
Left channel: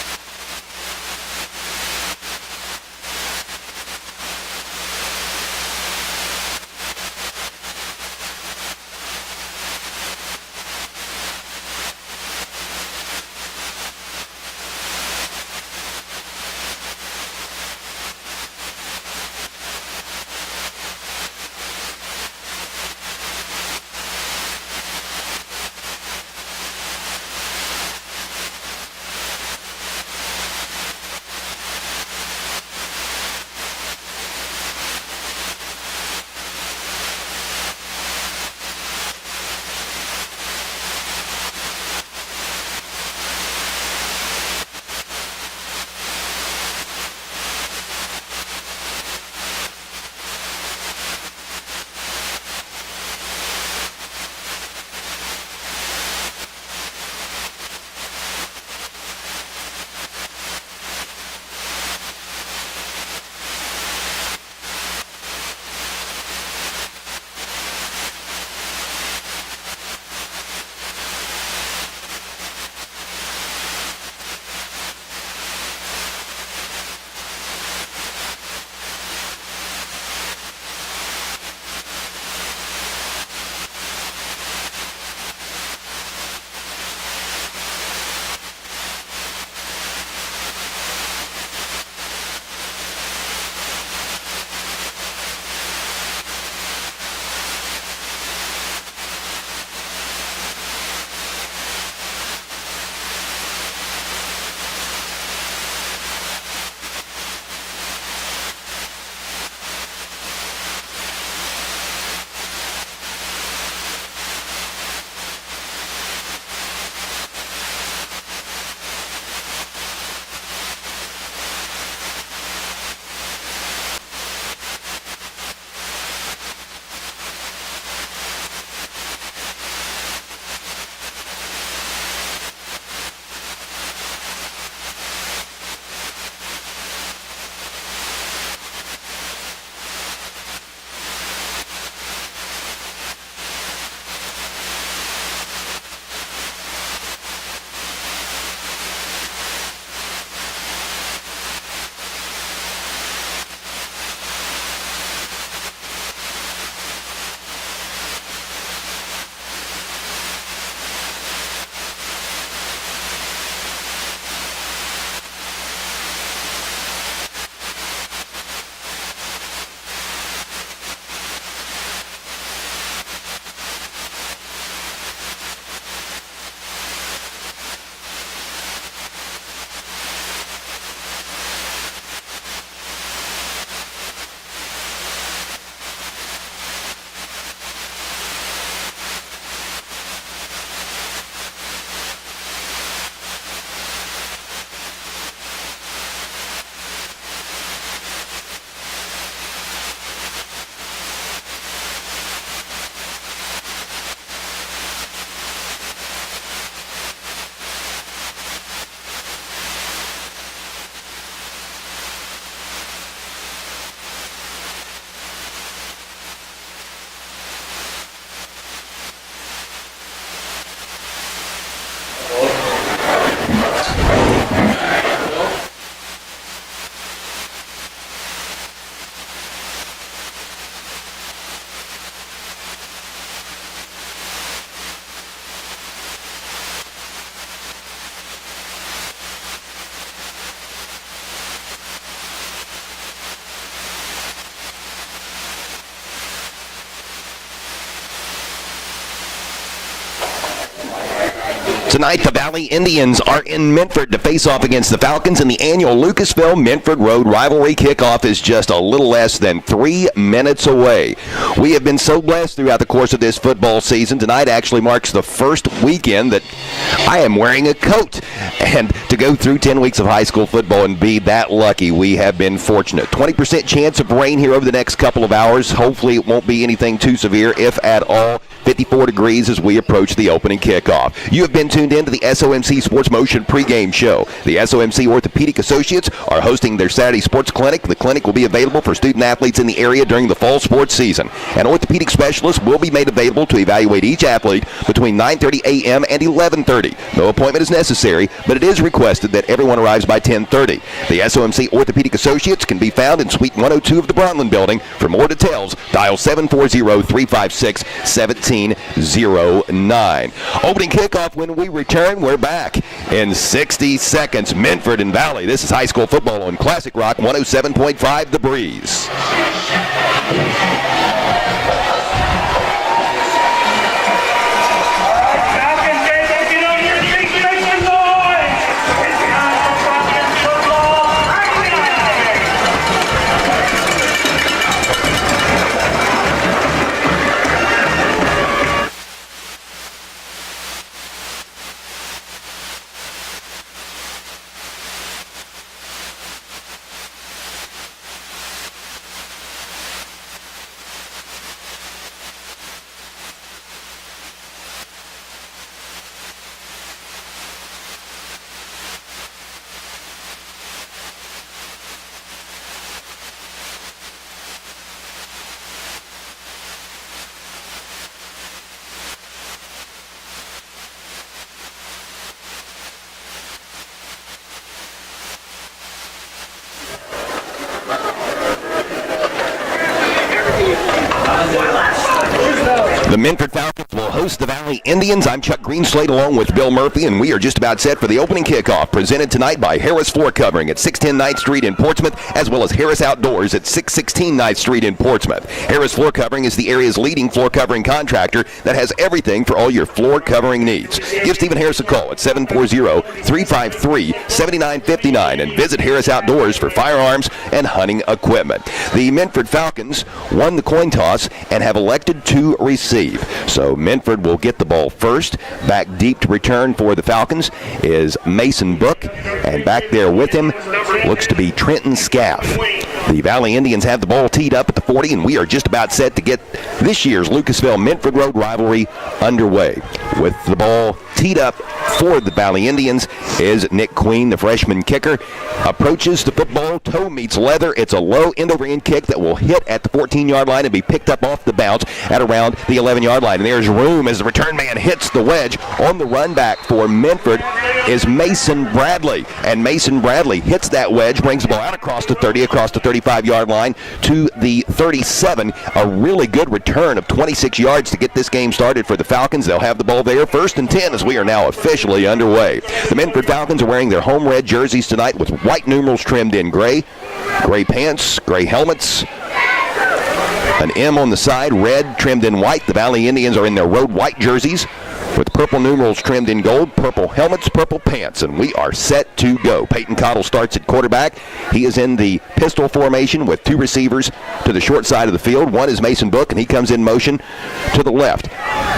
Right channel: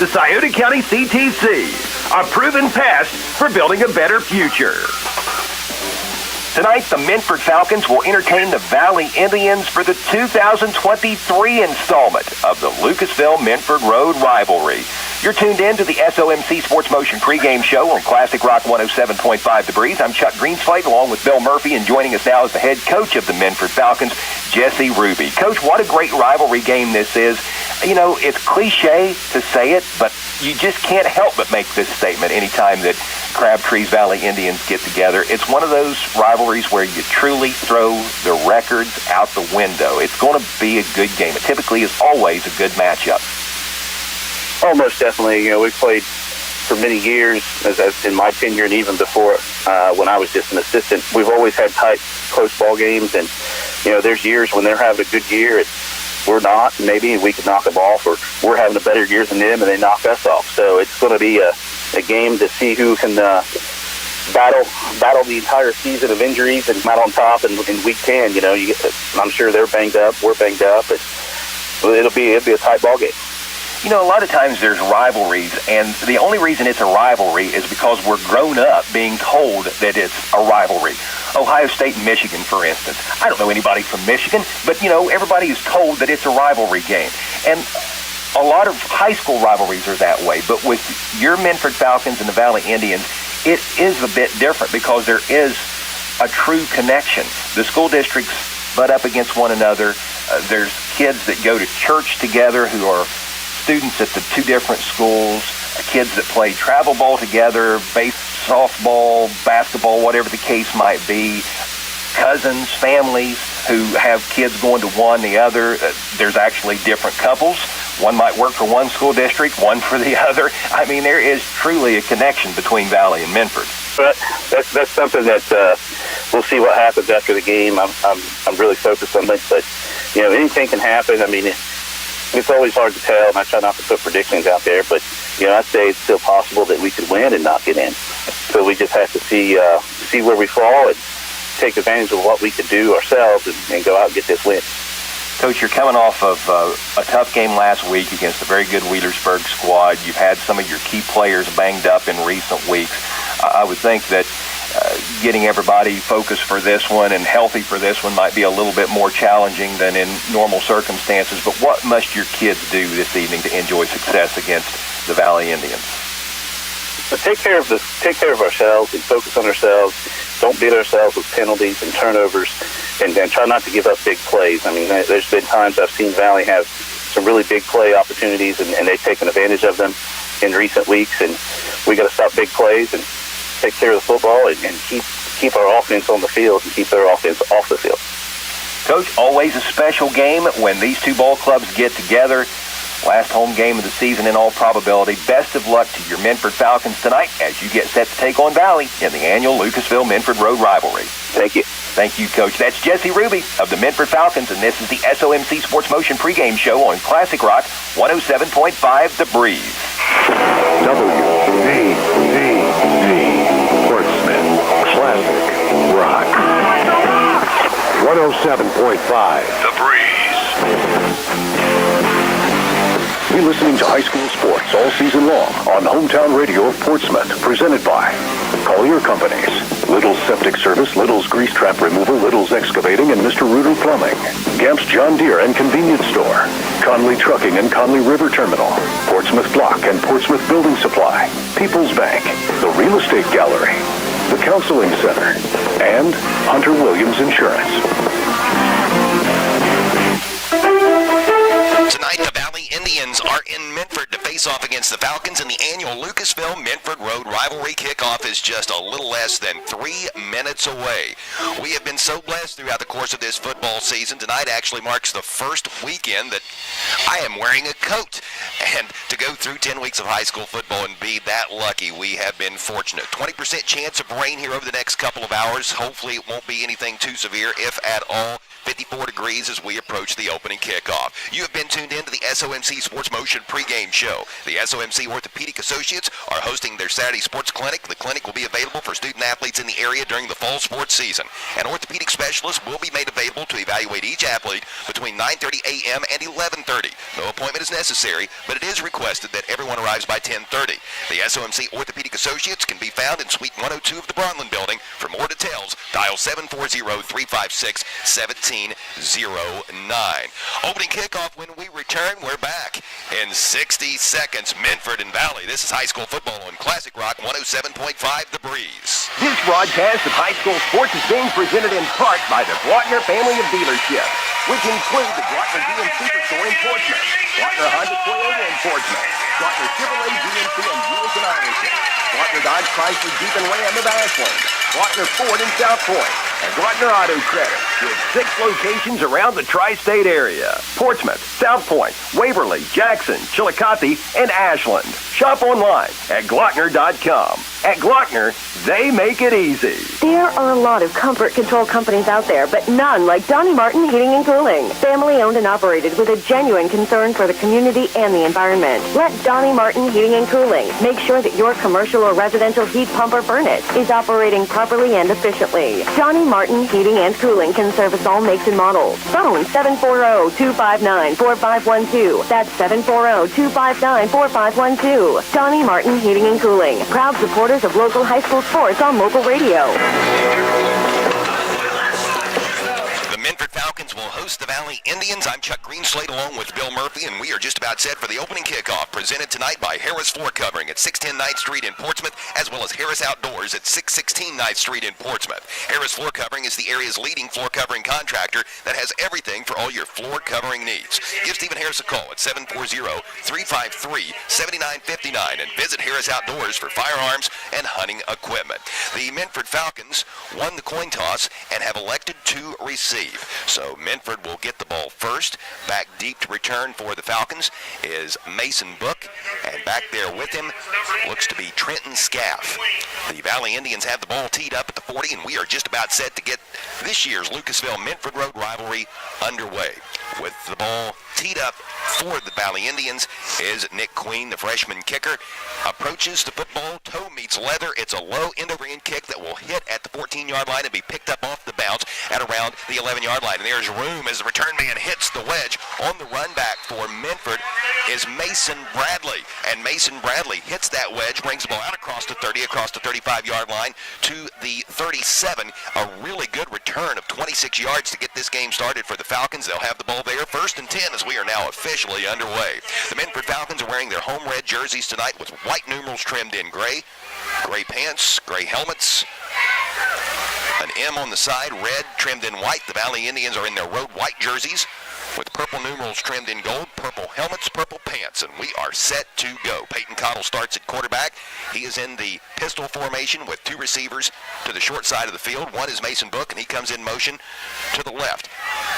The Scioto County CTC, a proven path for building a better future. Tonight, the Minford Falcons will entertain the Valley Indians for the 2023 installment of the Lucasville-Minford Road Rivalry. You're tuned in to the SOMC Sports Motion pregame show on Classic Rock 107.5 The Breeze. I'm Chuck Greenslade along with Bill Murphy, and joining us now is the head coach of the Minford Falcons, Jesse Ruby. Coach, what a great rivalry game this is. It's cliche to say it, but you just can't help but make this statement anytime that Crabtree's Valley Indians get together. It's one of those rivalries where you truly throw the records out the window. It's going to be a good game. It typically is always a good matchup. Oh, most definitely. We've played for many years, as in my tenure and even before when I was just an assistant. We've always had tight, close ball games, and there's years when they're having a good year, we're not. Maybe we could knock them off, or we're having a better year than them, and they knock us off. So it's going to be a game to see who can battle the entire season of injuries and come out on top in week 10. I'm sure they're banged up, we're banged up, and it'll be a tight ball game. A lot of times there's rivalries, and the only reason it's a rivalry is because we're grown up being told that it's a rivalry. Ohio State and Michigan, for instance. I don't know anybody from Michigan, but, everybody is told that it's a rivalry game. And a lot of high school rivalries are that way, but with your Minford Falcons and the Valley Indians, it is a bit different because there is a true connection. The school districts butt up against one another. There's kids that go to church together who are students at the two different schools, kids that play travel ball together, softball, basketball, whatever the case might be, cousins, family who have kids going to one, the other. There's actually different couples One might work for one school district, one for the other. I mean, there is truly a connection between Valley and Minford. But that's something that we'll see what happens after the game. I'm really focused on it, but anything can happen. I mean, it's always hard to tell, and I try not to put predictions out there. But I'd say it's still possible that we could win and not get in. So we just have to see where we fall and take advantage of what we could do ourselves and go out and get this win. Coach, you're coming off of a tough game last week against a very good Wheelersburg squad. You've had some of your key players banged up in recent weeks. I would think that getting everybody focused for this one and healthy for this one might be a little bit more challenging than in normal circumstances. But what must your kids do this evening to enjoy success against the Valley Indians? Take care of ourselves and focus on ourselves. Don't beat ourselves with penalties and turnovers, and try not to give up big plays. I mean, there's been times I've seen Valley have some really big play opportunities, and they've taken advantage of them in recent weeks. And we got to stop big plays and take care of the football and keep our offense on the field and keep their offense off the field. Coach, always a special game when these two ball clubs get together. Last home game of the season in all probability. Best of luck to your Minford Falcons tonight as you get set to take on Valley in the annual Lucasville-Minford Road rivalry. Thank you. Thank you, Coach. That's Jesse Ruby of the Minford Falcons, and this is the SOMC Sports Motion pregame show on Classic Rock 107.5 The Breeze. WNXT Portsmouth Classic Rock 107.5 The Breeze. You're listening to high school sports all season long on Hometown Radio of Portsmouth, presented by Collier Companies, Little's Septic Service, Little's Grease Trap Removal, Little's Excavating, and Mr. Reuter Plumbing, Gamp's John Deere and Convenience Store, Conley Trucking and Conley River Terminal, Portsmouth Block and Portsmouth Building Supply, People's Bank, the Real Estate Gallery, the Counseling Center, and Hunter Williams Insurance. Tonight, the Valley Indians are in Minford to face off against the Falcons in the annual Lucasville-Minford Road rivalry. Kickoff is just a little less than 3 minutes away. We have been so blessed throughout the course of this football season. Tonight actually marks the first weekend that I am wearing a coat. And to go through 10 weeks of high school football and be that lucky, we have been fortunate. 20% chance of rain here over the next couple of hours. Hopefully it won't be anything too severe, if at all. 54 degrees as we approach the opening kickoff. You have been tuned in to the SOMC Sports Motion pregame show. The SOMC Orthopedic Associates are hosting their Saturday sports clinic. The clinic will be available for student athletes in the area during the fall sports season. An orthopedic specialist will be made available to evaluate each athlete between 9:30 a.m. and 11:30. No appointment is necessary, but it is requested that everyone arrives by 10:30. The SOMC Orthopedic Associates can be found in Suite 102 of the Bronlin Building. For more details, dial 740-356-1709. Opening kickoff when we return. We're back in 60 seconds. Minford and Valley. This is high school football on Classic Rock 107.5 The Breeze. Broadcast of high school sports game presented in part by the Wagner Family of Dealership. Around the tri-state area: Portsmouth, South Point, Waverly, Jackson, Chillicothe, and Ashland. Shop online at Glockner.com. At Glockner, they make it easy. There are a lot of comfort control companies out there, but none like Donnie Martin Heating and Cooling. Family owned and operated with a genuine concern for the community and the environment. Let Donnie Martin Heating and Cooling make sure that your commercial or residential heat pump or furnace is operating properly and efficiently. Donnie Martin Heating and Cooling can service all makes and models. Phone 740-259-4512. That's 740-259-4512. Donnie Martin Heating and Cooling. Proud supporters of local high school sports on local radio. The Minford Falcons will host the Valley Indians. I'm Chuck Greenslade along with Bill Murphy, and we are just about set for the opening kickoff, presented tonight by Harris Floor Covering at 610 9th Street in Portsmouth, as well as Harris Outdoors at 616 9th Street in Portsmouth. Harris Floor Covering is the area's leading floor covering contractor that has everything for all your floor covering needs. Give Stephen Harris a call at 740-353-7959 and visit Harris Outdoors for firearms and hunting equipment. The Minford Falcons won the coin toss and have elected to receive. believe. So Minford will get the ball first. Back deep to return for the Falcons is Mason Book, and back there with him looks to be Trenton Scaff. The Valley Indians have the ball teed up at the 40, and we are just about set to get this year's Lucasville-Minford Road rivalry underway. With the ball teed up for the Valley Indians is Nick Queen, the freshman kicker. Approaches the football, toe meets leather. It's a low end-over-end kick that will hit at the 14-yard line and be picked up off the bounce at around the 11-yard line. And there's room as the return man hits the wedge. On the run back for Minford is Mason Bradley. And Mason Bradley hits that wedge, brings the ball out across the 30, across the 35-yard line to the 37. A really good return of 26 yards to get this game started for the Falcons. They'll have the ball there, 1st and 10, as we are now officially underway. The Minford Falcons are wearing their home red jerseys tonight with white numerals trimmed in gray. Gray pants, gray helmets. An M on the side, red trimmed in white. The Valley Indians are in their road white jerseys with purple numerals trimmed in gold, purple helmets, purple pants, and we are set to go. Peyton Cottle starts at quarterback. He is in the pistol formation with 2 receivers to the short side of the field. One is Mason Book, and he comes in motion to the left.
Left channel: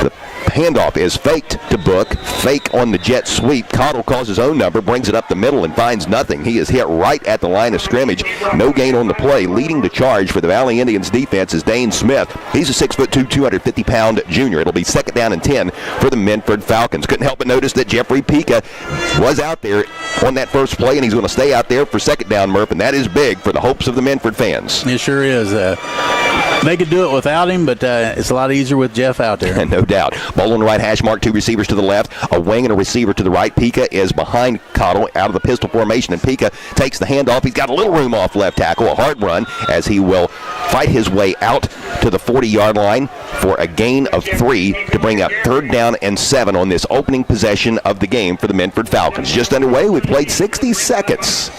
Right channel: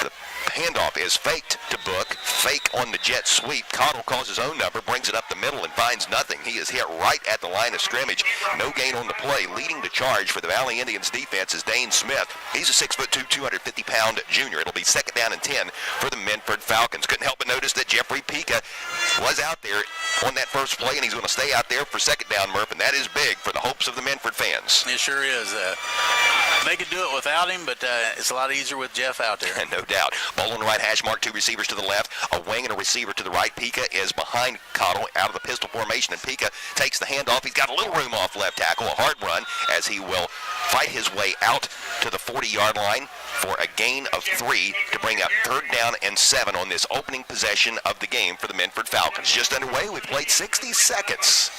The handoff is faked to Book, fake on the jet sweep. Cottle calls his own number, brings it up the middle, and finds nothing. He is hit right at the line of scrimmage. No gain on the play. Leading the charge for the Valley Indians defense is Dane Smith. He's a 6'2", 250-pound junior. It'll be 2nd down and 10 for the Minford Falcons. Couldn't help but notice that Jeffrey Pica was out there on that first play, and he's going to stay out there for 2nd down, Murph, and that is big for the hopes of the Minford fans. It sure is. They could do it without him, but it's a lot easier with Jeff out there. No doubt. Ball on the right hash mark, 2 receivers to the left, a wing and a receiver to the right. Pica is behind Cottle out of the pistol formation, and Pica takes the handoff. He's got a little room off left tackle, a hard run, as he will fight his way out to the 40-yard line for a gain of 3 to bring up 3rd down and 7 on this opening possession of the game for the Minford Falcons. Just underway. We've played 60 seconds.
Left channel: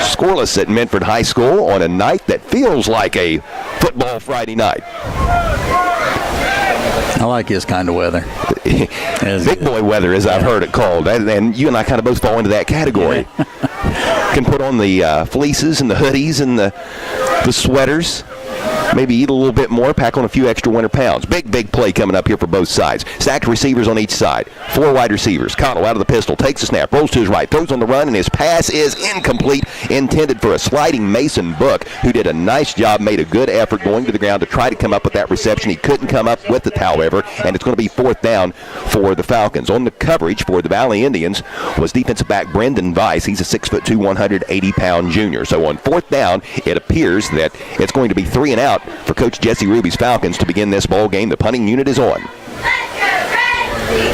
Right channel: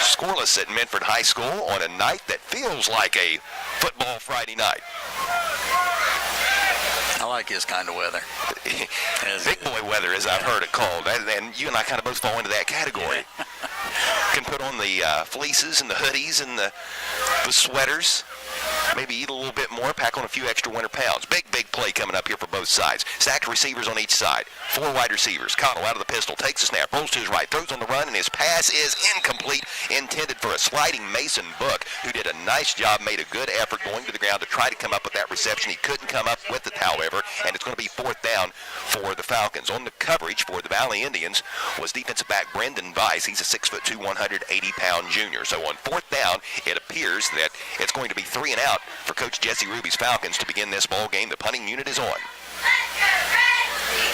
Scoreless at Minford High School on a night that feels like a football Friday night. I like his kind of weather. Big boy weather, as I've heard it called. And you and I kind of both fall into that category. Can put on the fleeces and the hoodies and the sweaters. Maybe eat a little bit more, pack on a few extra winter pounds. Big play coming up here for both sides. Stacked receivers on each side. 4 wide receivers. Cottle out of the pistol, takes a snap, rolls to his right, throws on the run, and his pass is incomplete, intended for a sliding Mason Book, who did a nice job, made a good effort going to the ground to try to come up with that reception. He couldn't come up with it, however, and it's going to be 4th down for the Falcons. On the coverage for the Valley Indians was defensive back Brendan Weiss. He's a 6'2", 180-pound junior. So on 4th down, it appears that it's going to be 3 and out for Coach Jesse Ruby's Falcons to begin this ball game. The punting unit is on.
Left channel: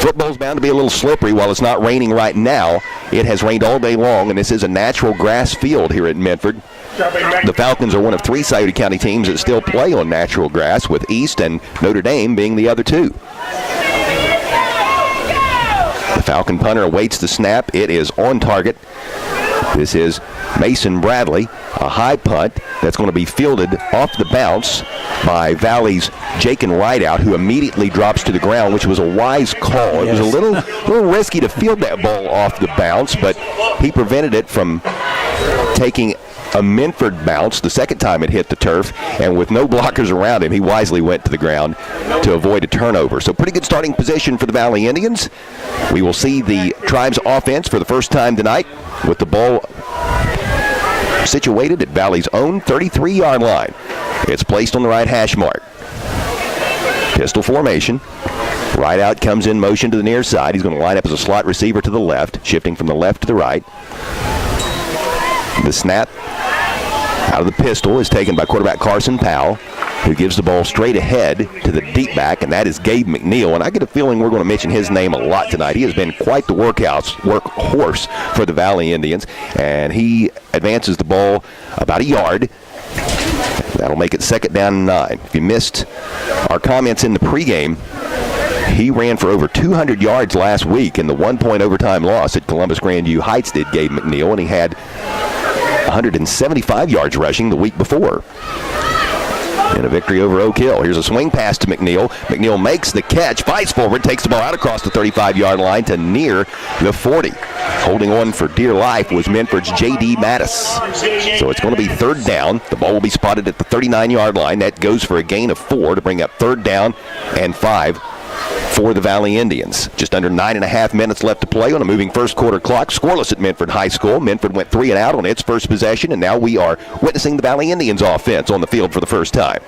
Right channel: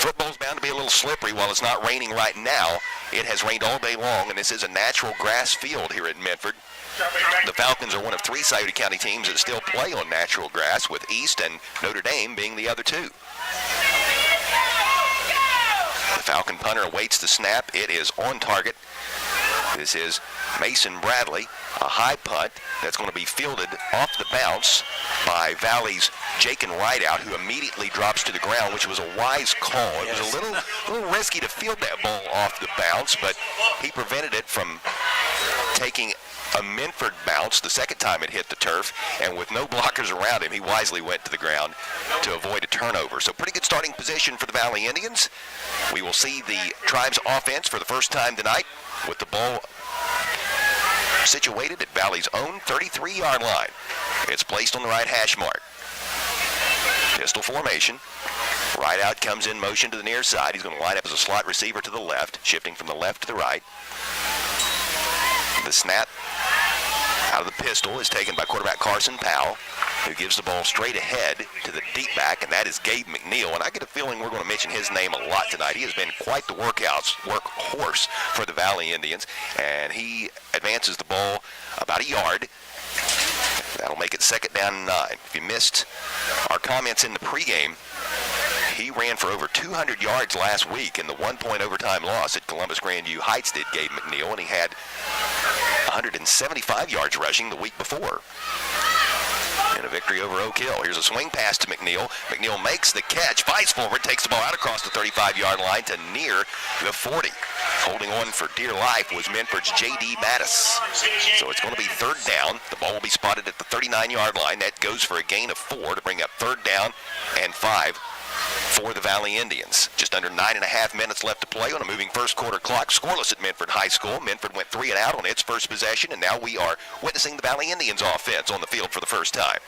Football's bound to be a little slippery while it's not raining right now. It has rained all day long, and this is a natural grass field here at Minford. The Falcons are one of 3 Scioto County teams that still play on natural grass, with East and Notre Dame being the other 2. The Falcon punter awaits the snap. It is on target. This is Mason Bradley, a high punt that's going to be fielded off the bounce by Valley's Jakin Rideout, who immediately drops to the ground, which was a wise call. It was a little risky to field that ball off the bounce, but he prevented it from taking a Minford bounce the second time it hit the turf, and with no blockers around him, he wisely went to the ground to avoid a turnover. So pretty good starting position for the Valley Indians. We will see the Tribe's offense for the first time tonight with the ball situated at Valley's own 33-yard line. It's placed on the right hash mark. Pistol formation. Rideout comes in motion to the near side. He's going to line up as a slot receiver to the left, shifting from the left to the right. The snap out of the pistol is taken by quarterback Carson Powell, who gives the ball straight ahead to the deep back, and that is Gabe McNeil. And I get a feeling we're going to mention his name a lot tonight. He has been quite the workhorse for the Valley Indians, and he advances the ball about a yard. That'll make it 2nd down and 9. If you missed our comments in the pregame, he ran for over 200 yards last week in the 1-point overtime loss at Columbus Grandview Heights, did Gabe McNeil, and he had 175 yards rushing the week before. in a victory over Oak Hill. Here's a swing pass to McNeil. McNeil makes the catch, fights forward, takes the ball out across the 35-yard line to near the 40. Holding on for dear life was Minford's J.D. Mattis. So it's going to be third down. The ball will be spotted at the 39-yard line. That goes for a gain of 4 to bring up third down and 5 for the Valley Indians. Just under 9.5 minutes left to play on a moving first quarter clock. Scoreless at Minford High School. Minford went 3 and out on its first possession, and now we are witnessing the Valley Indians offense on the field for the first time.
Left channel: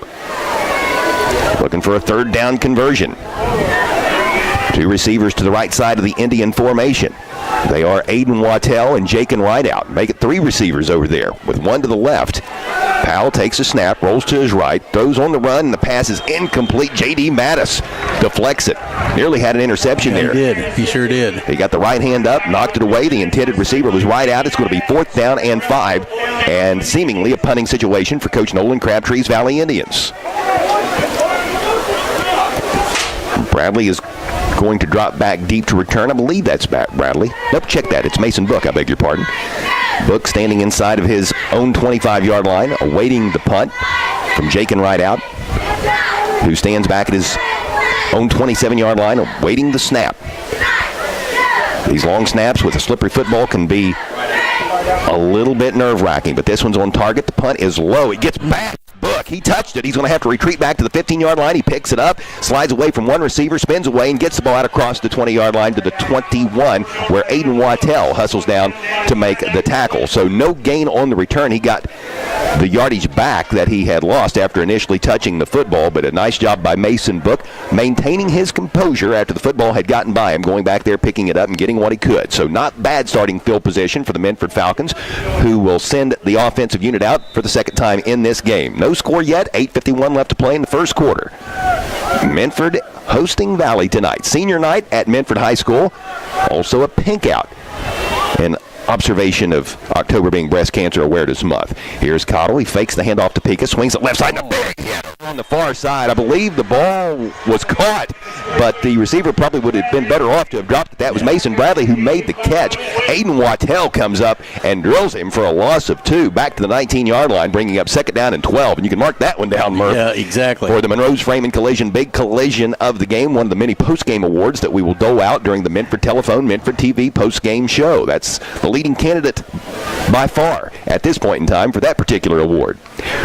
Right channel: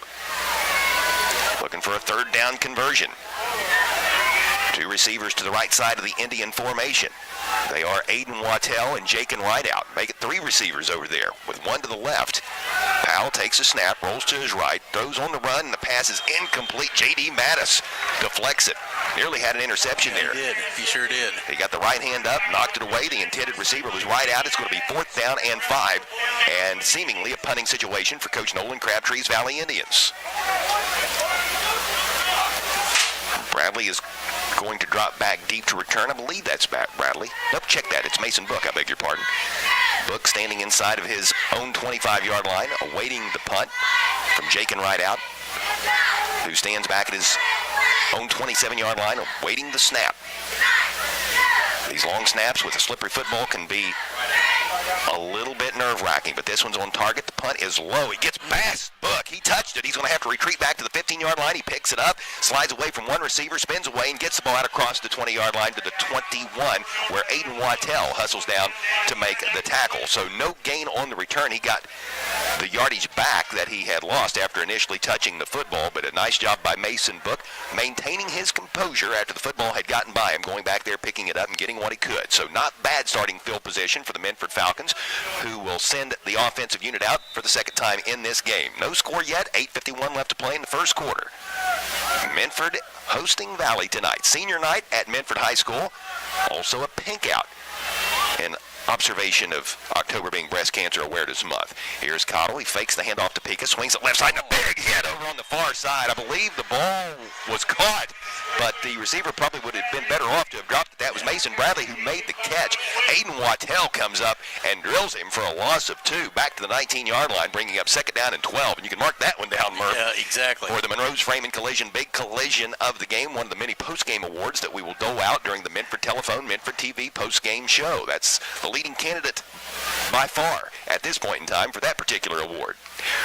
Looking for a third down conversion. 2 receivers to the right side of the Indian formation. They are Aiden Wattell and Jakin Rideout. Make it 3 receivers over there with 1 to the left. Powell takes a snap, rolls to his right, throws on the run, and the pass is incomplete. J.D. Mattis deflects it. Nearly had an interception there. He did. He sure did. He got the right hand up, knocked it away. The intended receiver was right out. It's going to be 4th down and 5, and seemingly a punting situation for Coach Nolan Crabtree's Valley Indians. Bradley is going to drop back deep to return. I believe that's Bradley. Nope, check that. It's Mason Book, I beg your pardon. Book standing inside of his own 25-yard line, awaiting the punt from Jakin Rideout, who stands back at his own 27-yard line, awaiting the snap. These long snaps with a slippery football can be a little bit nerve-wracking, but this one's on target. The punt is low. It gets past Book. He touched it. He's going to have to retreat back to the 15-yard line. He picks it up, slides away from one receiver, spins away, and gets the ball out across the 20-yard line to the 21, where Aiden Wattell hustles down to make the tackle. So no gain on the return. He got the yardage back that he had lost after initially touching the football, but a nice job by Mason Book maintaining his composure after the football had gotten by him, going back there, picking it up, and getting what he could. So not bad starting field position for the Minford Falcons, who will send the offensive unit out for the second time in this game. No score yet. 8:51 left to play in the first quarter. Minford hosting Valley tonight. Senior night at Minford High School. Also a pink out in observation of October being Breast Cancer Awareness Month. Here's Cottle. He fakes the handoff to Pika, swings it left side, and a big hit over on the far side. I believe the ball was caught, but the receiver probably would have been better off to have dropped it. That was Mason Bradley who made the catch. Aiden Wattell comes up and drills him for a loss of 2 back to the 19-yard line, bringing up 2nd down and 12. And you can mark that one down, Murph. Yeah, exactly. For the Monroe's Framing Collision, big collision of the game, one of the many post-game awards that we will dole out during the Minford Telephone, Minford TV post-game show. That's the leading candidate by far at this point in time for that particular award.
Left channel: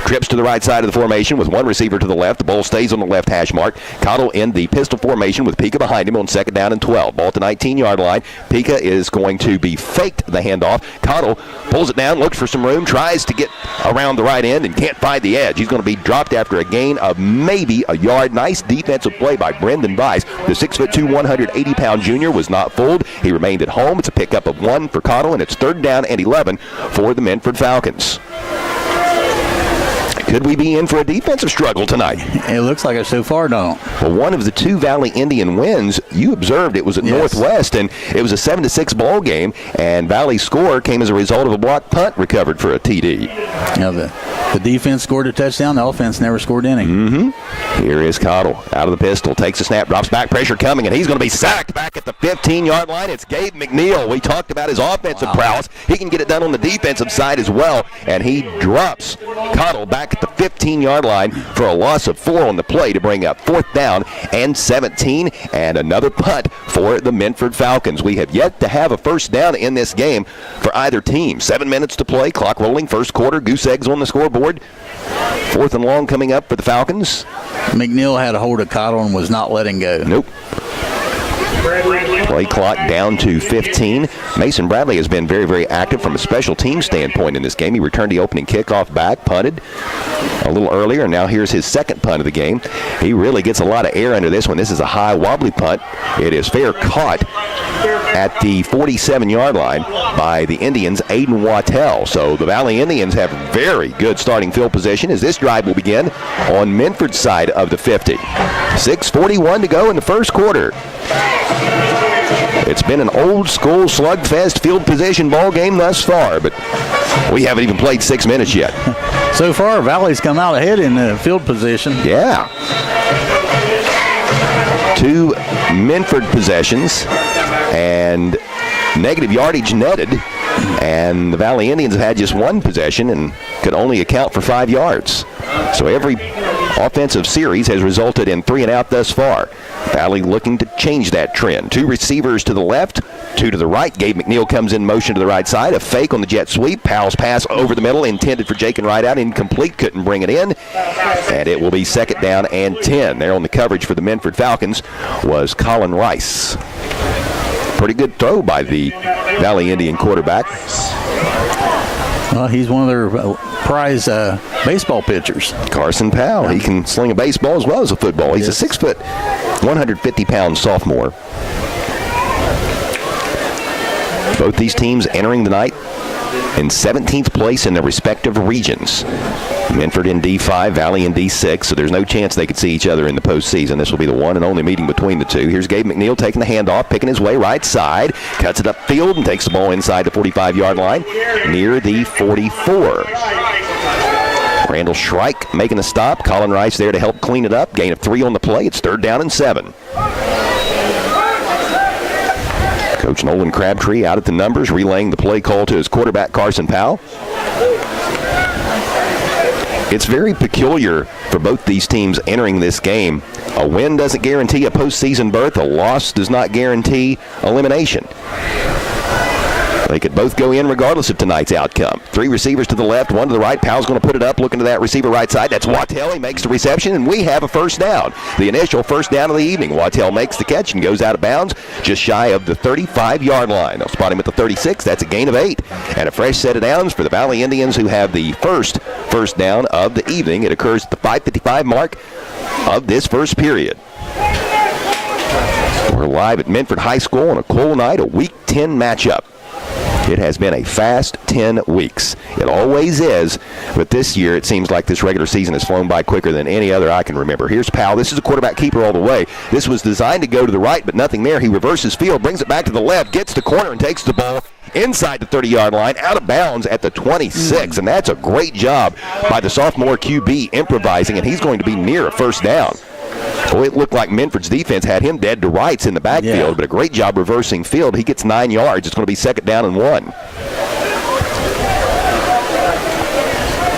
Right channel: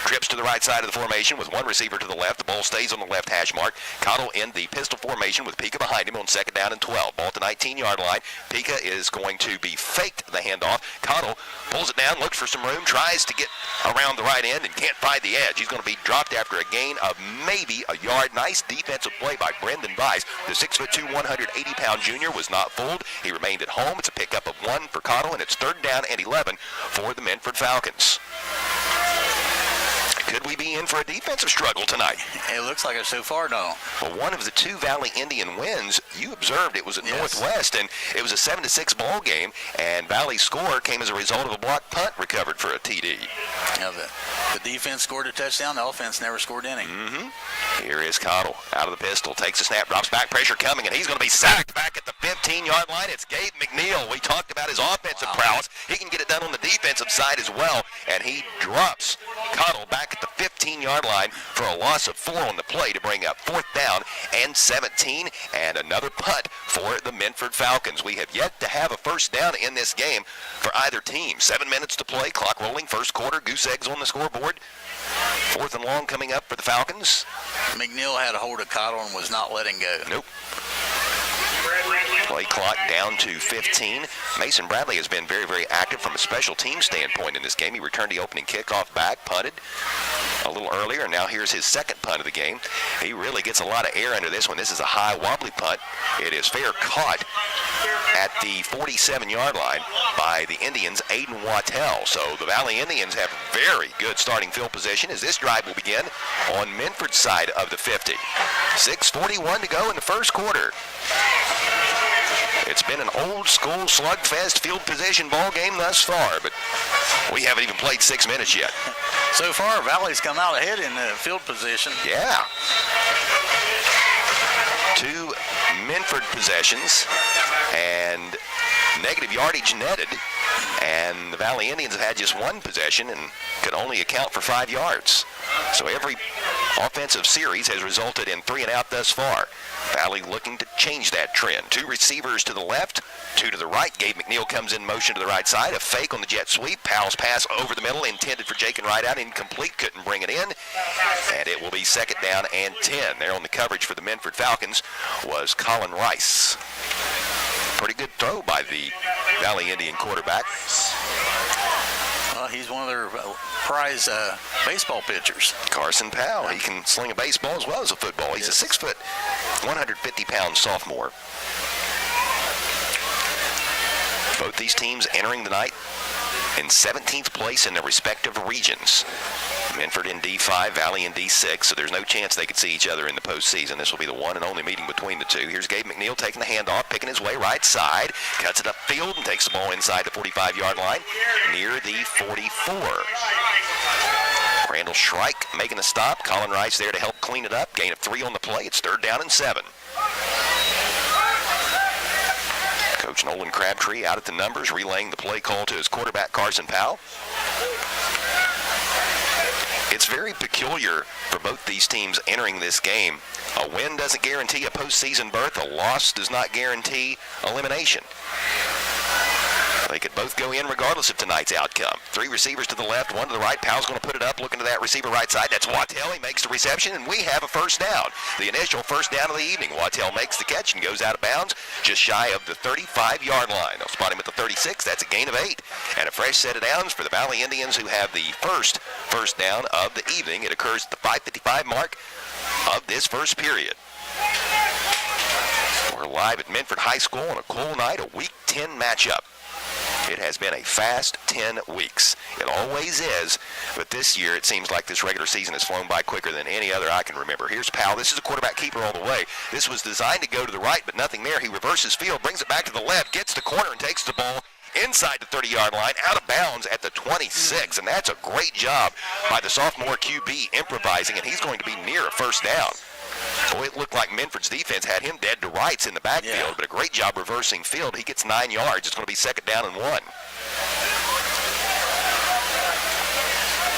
Trips to the right side of the formation with 1 receiver to the left. The ball stays on the left hash mark. Cottle in the pistol formation with Pika behind him on 2nd down and 12. Ball at the 19-yard line. Pika is going to be faked the handoff. Cottle pulls it down, looks for some room, tries to get around the right end and can't find the edge. He's going to be dropped after a gain of maybe a yard. Nice defensive play by Brendan Weiss. The 6'2", 180-pound junior was not fooled. He remained at home. It's a pickup of 1 for Cottle, and it's 3rd down and 11 for the Minford Falcons. Could we be in for a defensive struggle tonight? It looks like it so far, don't. Well, one of the 2 Valley Indian wins, you observed it was at Northwest, and it was a 7-6 ball game, and Valley's score came as a result of a blocked punt recovered for a TD. Now the defense scored a touchdown. The offense never scored any. Mm-hmm. Here is Cottle out of the pistol, takes a snap, drops back, pressure coming, and he's going to be sacked back at the 15-yard line. It's Gabe McNeil. We talked about his offensive prowess. He can get it done on the defensive side as well, and he drops Cottle back at the 15-yard line for a loss of 4 on the play to bring up 4th down and 17, and another punt for the Minford Falcons. We have yet to have a first down in this game for either team. 7 minutes to play, clock rolling, first quarter, goose eggs on the scoreboard. 4th and long coming up for the Falcons. McNeil had a hold of Cottle and was not letting go. Nope. Play clock down to 15. Mason Bradley has been very, very active from a special team standpoint in this game. He returned the opening kickoff back, punted a little earlier, and now here's his 2nd punt of the game. He really gets a lot of air under this one. This is a high, wobbly punt. It is fair caught at the 47-yard line by the Indians' Aiden Wattell. So the Valley Indians have very good starting field position as this drive will begin on Minford's side of the 50. 6:41 to go in the first quarter. It's been an old-school slugfest field position ball game thus far, but we haven't even played 6 minutes yet. So far, Valley's come out ahead in the field position. Yeah. 2 Minford possessions and negative yardage netted, and the Valley Indians have had just 1 possession and could only account for 5 yards. So every offensive series has resulted in 3 and out thus far. Valley looking to change that trend. 2 receivers to the left, 2 to the right. Gabe McNeil comes in motion to the right side. A fake on the jet sweep. Powell's pass over the middle, intended for Jake and right out. Incomplete, couldn't bring it in. And it will be 2nd down and 10. There on the coverage for the Minford Falcons was Colin Rice. Pretty good throw by the Valley Indian quarterback. Well, he's one of their prize baseball pitchers. Carson Powell. He can sling a baseball as well as a football. He's a 6 foot, 150-pound sophomore. Both these teams entering the night in 17th place in their respective regions. Minford in D5, Valley in D6, so there's no chance they could see each other in the postseason. This will be the one and only meeting between the two. Here's Gabe McNeil taking the handoff, picking his way right side, cuts it upfield and takes the ball inside the 45-yard line near the 44. Randall Shrike making the stop. Colin Rice there to help clean it up. Gain of 3 on the play. It's 3rd down and 7. Coach Nolan Crabtree out at the numbers, relaying the play call to his quarterback, Carson Powell. It's very peculiar for both these teams entering this game. A win doesn't guarantee a postseason berth. A loss does not guarantee elimination. They could both go in regardless of tonight's outcome. 3 receivers to the left, 1 to the right. Powell's going to put it up, looking to that receiver right side. That's Wattell. He makes the reception, and we have a 1st down. The initial 1st down of the evening. Wattell makes the catch and goes out of bounds just shy of the 35-yard line. They'll spot him at the 36. That's a gain of 8. And a fresh set of downs for the Valley Indians, who have the first down of the evening. It occurs at the 5:55 mark of this first period. We're live at Minford High School on a cool night, a Week 10 matchup. It has been a fast 10 weeks. It always is, but this year it seems like this regular season has flown by quicker than any other I can remember. Here's Powell. This is a quarterback keeper all the way. This was designed to go to the right, but nothing there. He reverses field, brings it back to the left, gets the corner, and takes the ball inside the 30-yard line, out of bounds at the 26. And that's a great job by the sophomore QB improvising, and he's going to be near a 1st down. Boy, it looked like Minford's defense had him dead to rights in the backfield, but a great job reversing field. He gets 9 yards. It's going to be 2nd down and 1.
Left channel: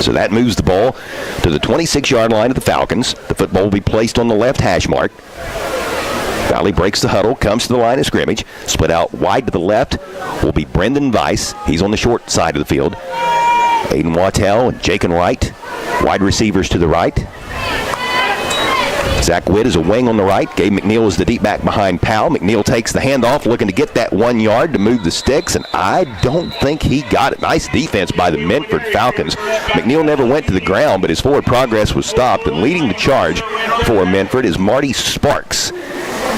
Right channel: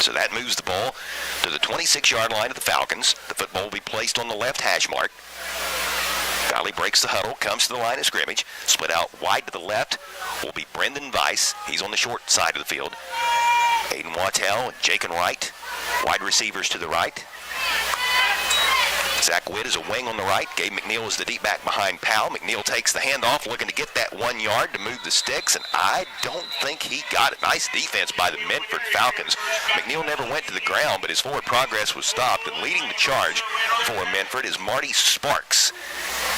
So that moves the ball to the 26-yard line of the Falcons. The football will be placed on the left hash mark. Valley breaks the huddle, comes to the line of scrimmage. Split out wide to the left will be Brendan Weiss. He's on the short side of the field. Aiden Wattell and Jake and Wright, wide receivers to the right. Zach Witt is a wing on the right. Gabe McNeil is the deep back behind Powell. McNeil takes the handoff, looking to get that 1 yard to move the sticks, and I don't think he got it. Nice defense by the Minford Falcons. McNeil never went to the ground, but his forward progress was stopped, and leading the charge for Minford is Marty Sparks.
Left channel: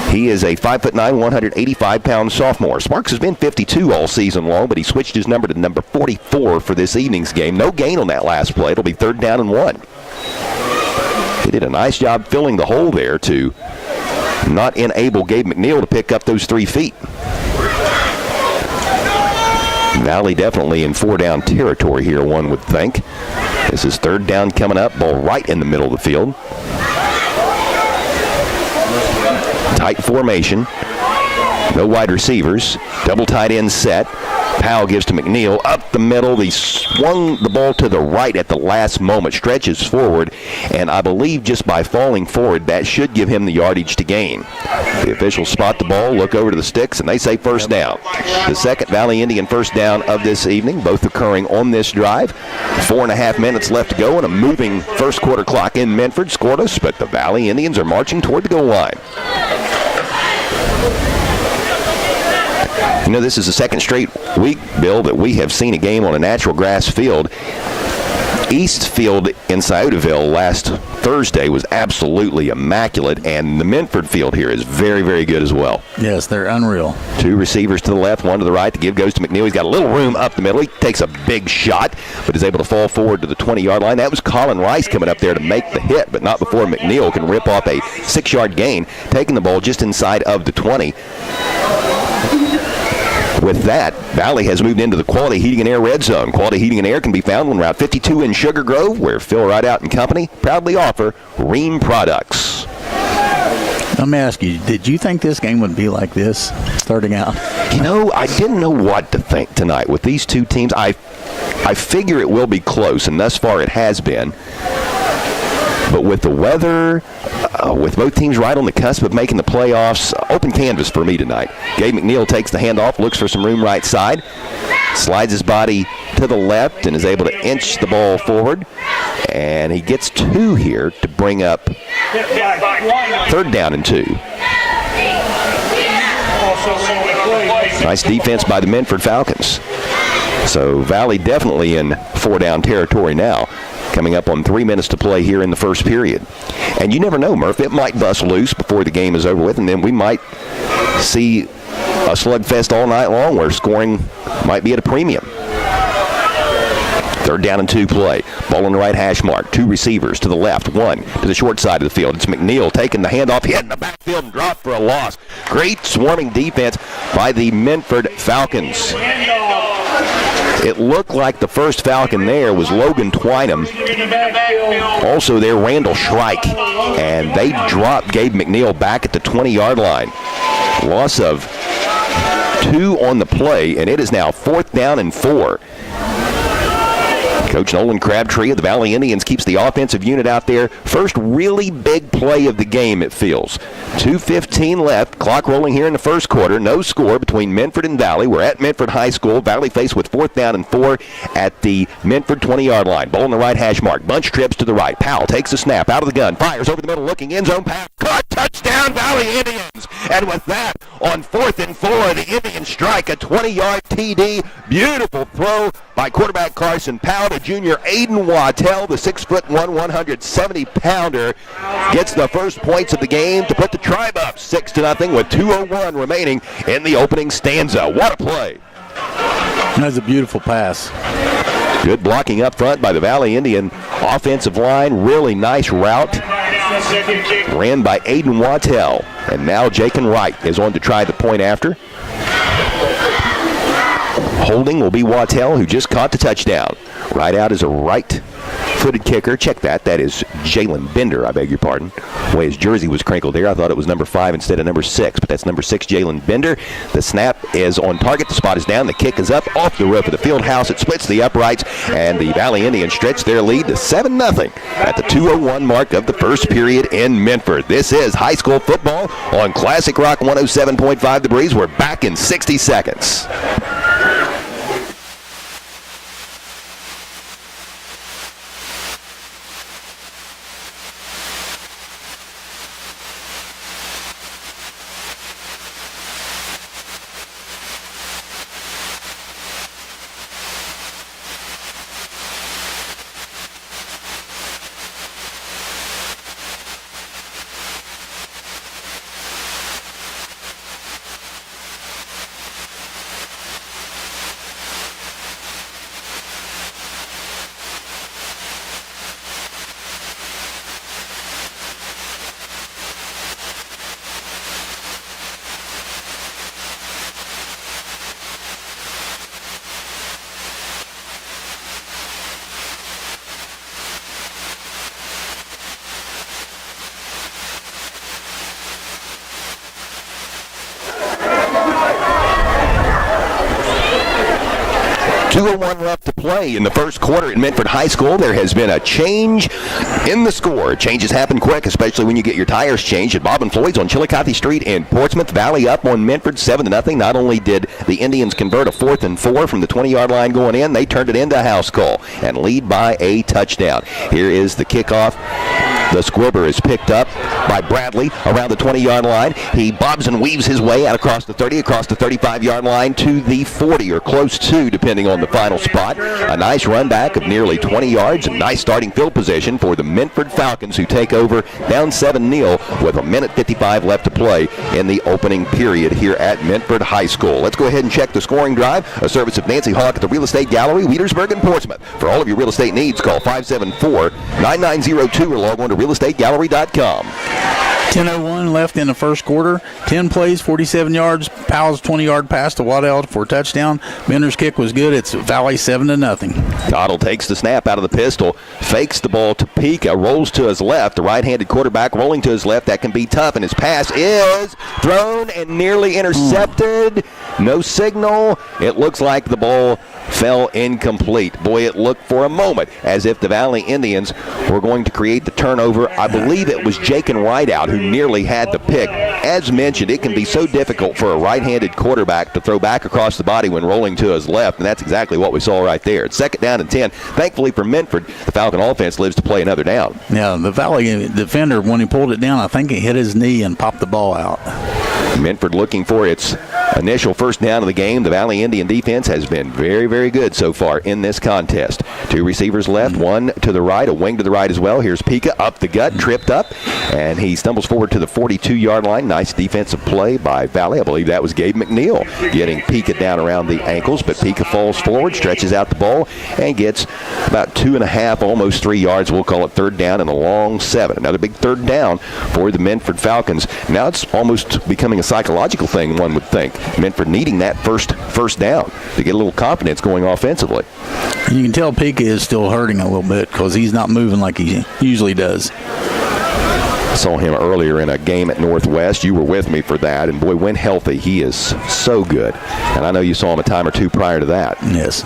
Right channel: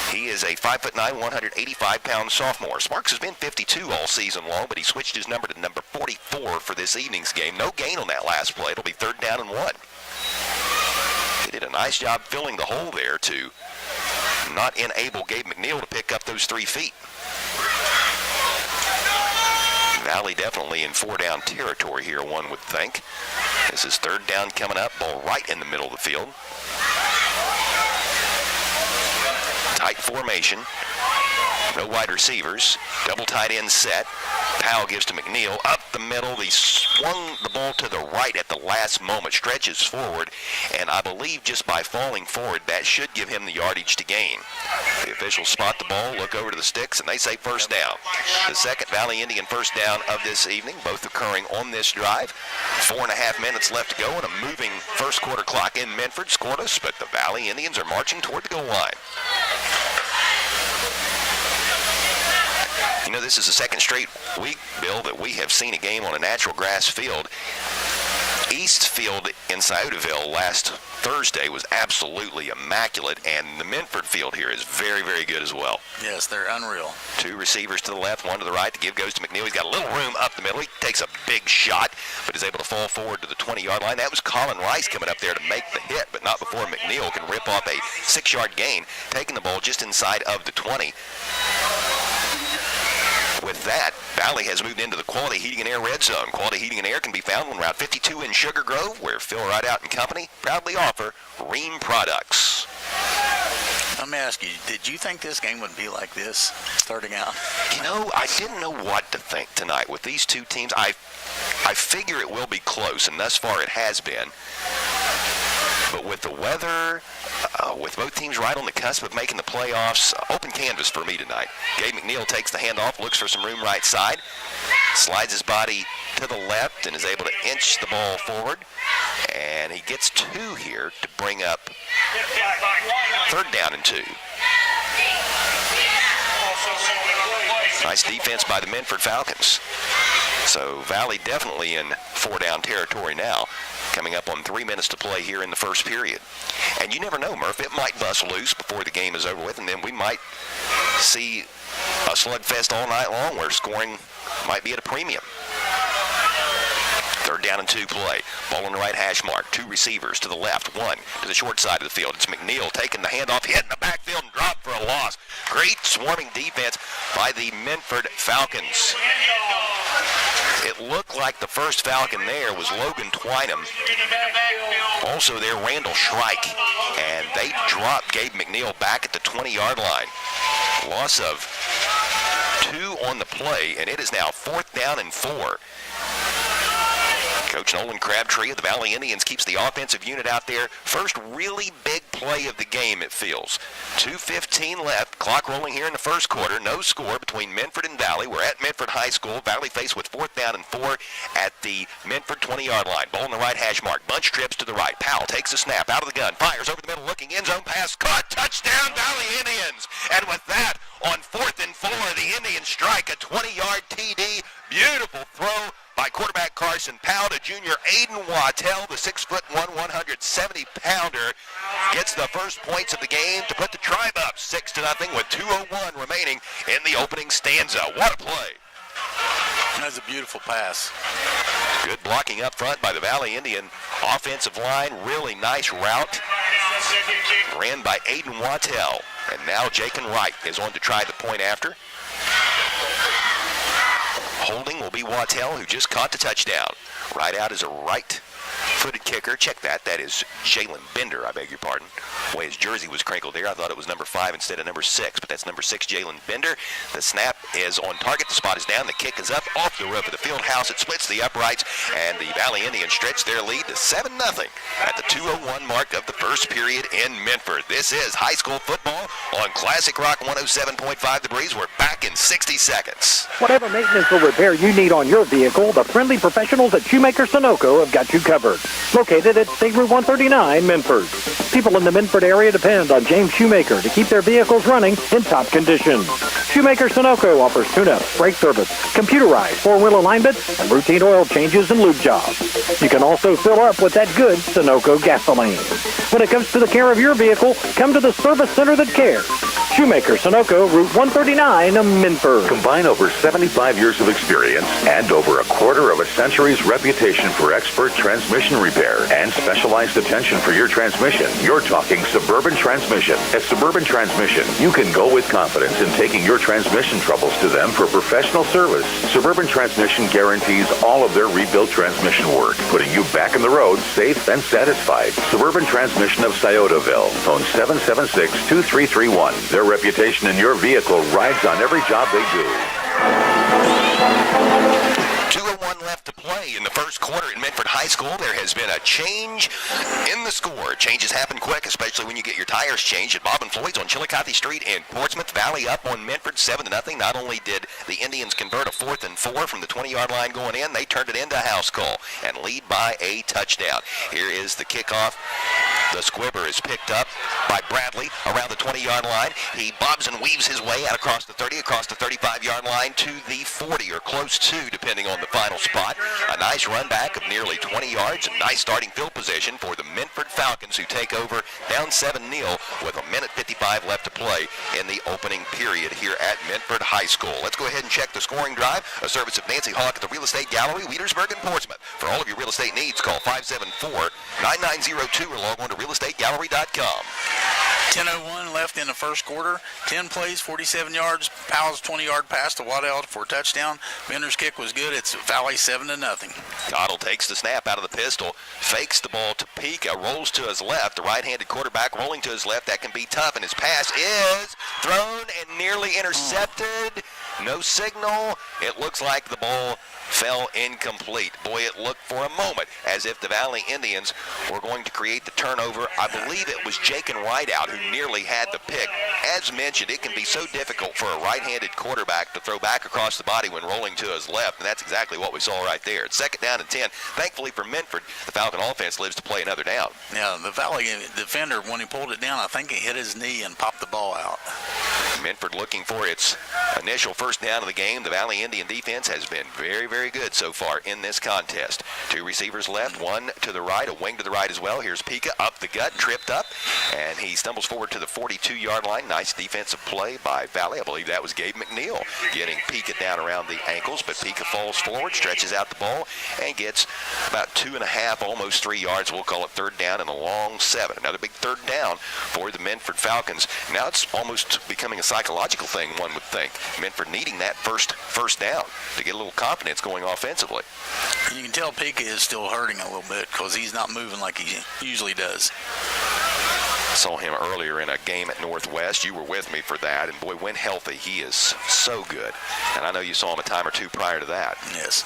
He is a 5'9", 185-pound sophomore. Sparks has been 52 all season long, but he switched his number to number 44 for this evening's game. No gain on that last play. It'll be 3rd down and 1. He did a nice job filling the hole there to not enable Gabe McNeil to pick up those 3 feet. Valley definitely in 4-down territory here, one would think. This is 3rd down coming up, ball right in the middle of the field. Tight formation. No wide receivers. Double tight end set. Powell gives to McNeil up the middle. He swung the ball to the right at the last moment, stretches forward, and I believe just by falling forward, that should give him the yardage to gain. The officials spot the ball, look over to the sticks, and they say 1st down. The 2nd Valley Indian 1st down of this evening, both occurring on this drive. 4.5 minutes left to go, and a moving first quarter clock in Minford scoreless, but the Valley Indians are marching toward the goal line. You know, this is the 2nd straight week, Bill, that we have seen a game on a natural grass field. Eastfield in Sciotaville last Thursday was absolutely immaculate, and the Minford field here is very, very good as well. Yes, they're unreal. 2 receivers to the left, 1 to the right. The give goes to McNeil. He's got a little room up the middle. He takes a big shot, but is able to fall forward to the 20-yard line. That was Colin Rice coming up there to make the hit, but not before McNeil can rip off a 6-yard gain, taking the ball just inside of the 20. With that, Valley has moved into the Quality Heating and Air red zone. Quality Heating and Air can be found on Route 52 in Sugar Grove, where Phil Rideout and Company proudly offer Ream products. Let me ask you, did you think this game would be like this starting out? You know, I didn't know what to think tonight with these two teams. I figure it will be close, and thus far it has been. But with the weather, with both teams right on the cusp of making the playoffs, open canvas for me tonight. Gabe McNeil takes the handoff, looks for some room right side, slides his body to the left and is able to inch the ball forward. And he gets 2 here to bring up 3rd down and 2. Nice defense by the Minford Falcons. So Valley definitely in 4-down territory now, coming up on 3 minutes to play here in the first period. And you never know, Murph, it might bust loose before the game is over with, and then we might see a slugfest all night long where scoring might be at a premium. 3rd down and 2 play. Ball on the right hash mark. 2 receivers to the left. 1 to the short side of the field. It's McNeil taking the handoff, hit in the backfield and dropped for a loss. Great swarming defense by the Minford Falcons. It looked like the first Falcon there was Logan Twynham. Also there, Randall Shrike. And they dropped Gabe McNeil back at the 20-yard line. Loss of 2 on the play, and it is now 4th down and 4. Coach Nolan Crabtree of the Valley Indians keeps the offensive unit out there. First really big play of the game, it feels. 2:15 left. Clock rolling here in the first quarter. No score between Minford and Valley. We're at Minford High School. Valley faced with 4th down and 4 at the Minford 20-yard line. Ball on the right hash mark. Bunch trips to the right. Powell takes the snap out of the gun. Fires over the middle, looking end zone pass. Caught. Touchdown, Valley Indians. And with that, on 4th and 4, the Indians strike a 20-yard TD. Beautiful throw by quarterback Carson Powell to junior Aiden Wattell, the 6'1", 170-pounder, gets the first points of the game to put the Tribe up 6-0 with 2:01 remaining in the opening stanza. What a play. That's a beautiful pass. Good blocking up front by the Valley Indian offensive line. Really nice route. Ran by Aiden Wattell. And now Jaken Wright is on to try the point after. Holding will be Wattell, who just caught the touchdown. Right out is a right-footed kicker. Check that. That is Jalen Bender, I beg your pardon. The way his jersey was crinkled there, I thought it was number 5 instead of number 6, but that's number 6, Jalen Bender. The snap is on target. The spot is down. The kick is up off the roof of the field house. It splits the uprights, and the Valley Indians stretch their lead to 7-0 at the 2:01 mark of the first period in Minford. This is high school football on Classic Rock 107.5 The Breeze. We're back in 60 seconds. Whatever maintenance or repair you need on your vehicle, the friendly professionals at Shoemaker Sunoco have got you covered. Located at State Route 139, Minford. People in the Minford area depend on James Shoemaker to keep their vehicles running in top condition. Shoemaker Sunoco offers tune-up, brake service, computerized 4-wheel alignment, and routine oil changes and lube jobs. You can also fill up with that good Sunoco gasoline. When it comes to the care of your vehicle, come to the service center that cares. Shoemaker Sunoco, Route 139, Minford. Combine over 75 years of experience and over a quarter of a century's reputation for expert transmission repair and specialized attention for your transmission. You're talking Suburban Transmission. At Suburban Transmission, you can go with confidence in taking your transmission troubles to them for professional service. Suburban Transmission guarantees all of their rebuilt transmission work, putting you back on the road safe and satisfied. Suburban Transmission of Sciotaville, phone 776-2331. Their reputation in your vehicle rides on every job they do. 2:01 left to play in the first quarter at Minford High School. There has been a change in the score. Changes happen quick, especially when you get your tires changed at Bob and Floyd's on Chillicothe Street in Portsmouth. Valley up on Minford 7-0. Not only did the Indians convert a 4th and 4 from the 20-yard line going in, they turned it into a house call and lead by a touchdown. Here is the kickoff. The squibber is picked up by Bradley around the 20-yard line. He bobs and weaves his way out across the 30, across the 35-yard line to the 40 or close to, depending on the final spot. A nice run back of nearly 20 yards and nice starting field position for the Minford Falcons, who take over down 7-0 with 1:55 left to play in the opening period here at Minford High School. Let's go ahead and check the scoring drive. A service of Nancy Hawk at the Real Estate Gallery, Wheatersburg and Portsmouth. For all of your real estate needs, call 574-9902 or log on to realestategallery.com. 10:01 left in the first quarter. 10 plays, 47 yards. Powell's 20-yard pass to Waddell for a touchdown. Bender's kick was good. It's Valley 7-0. Cottle takes the snap out of the pistol, fakes the ball to Pika, rolls to his left. The right-handed quarterback rolling to his left. That can be tough, and his pass is thrown and nearly intercepted. No signal. It looks like the ball fell incomplete. Boy, it looked for a moment as if the Valley Indians were going to create the turnover. I believe it was Jakin Rideout who nearly had the pick. As mentioned, it can be so difficult for a right-handed quarterback to throw back across the body when rolling to his left, and that's exactly what we saw right there. It's 2nd down and 10. Thankfully for Minford, the Falcon offense lives to play another down. Yeah, the Valley defender, when he pulled it down, I think he hit his knee and popped the ball out. Minford looking for its initial first down of the game. The Valley Indian defense has been very, very good so far in this contest. 2 receivers left, 1 to the right, a wing to the right as well. Here's Pika up the gut, tripped up, and he stumbles forward to the 42-yard line. Nice defensive play by Valley. I believe that was Gabe McNeil getting Pika down around the ankles, but Pika falls forward, stretches out the ball, and gets about 2.5, almost 3 yards. We'll call it 3rd down and a long 7. Another big 3rd down for the Minford Falcons. Now it's almost becoming a psychological thing, one would think. Minford needing that first down to get a little confidence going offensively. You can tell Pika is still hurting a little bit because he's not moving like he usually does. Saw him earlier in a game at Northwest. You were with me for that, and boy, when healthy, he is so good. And I know you saw him a time or two prior to that. Yes.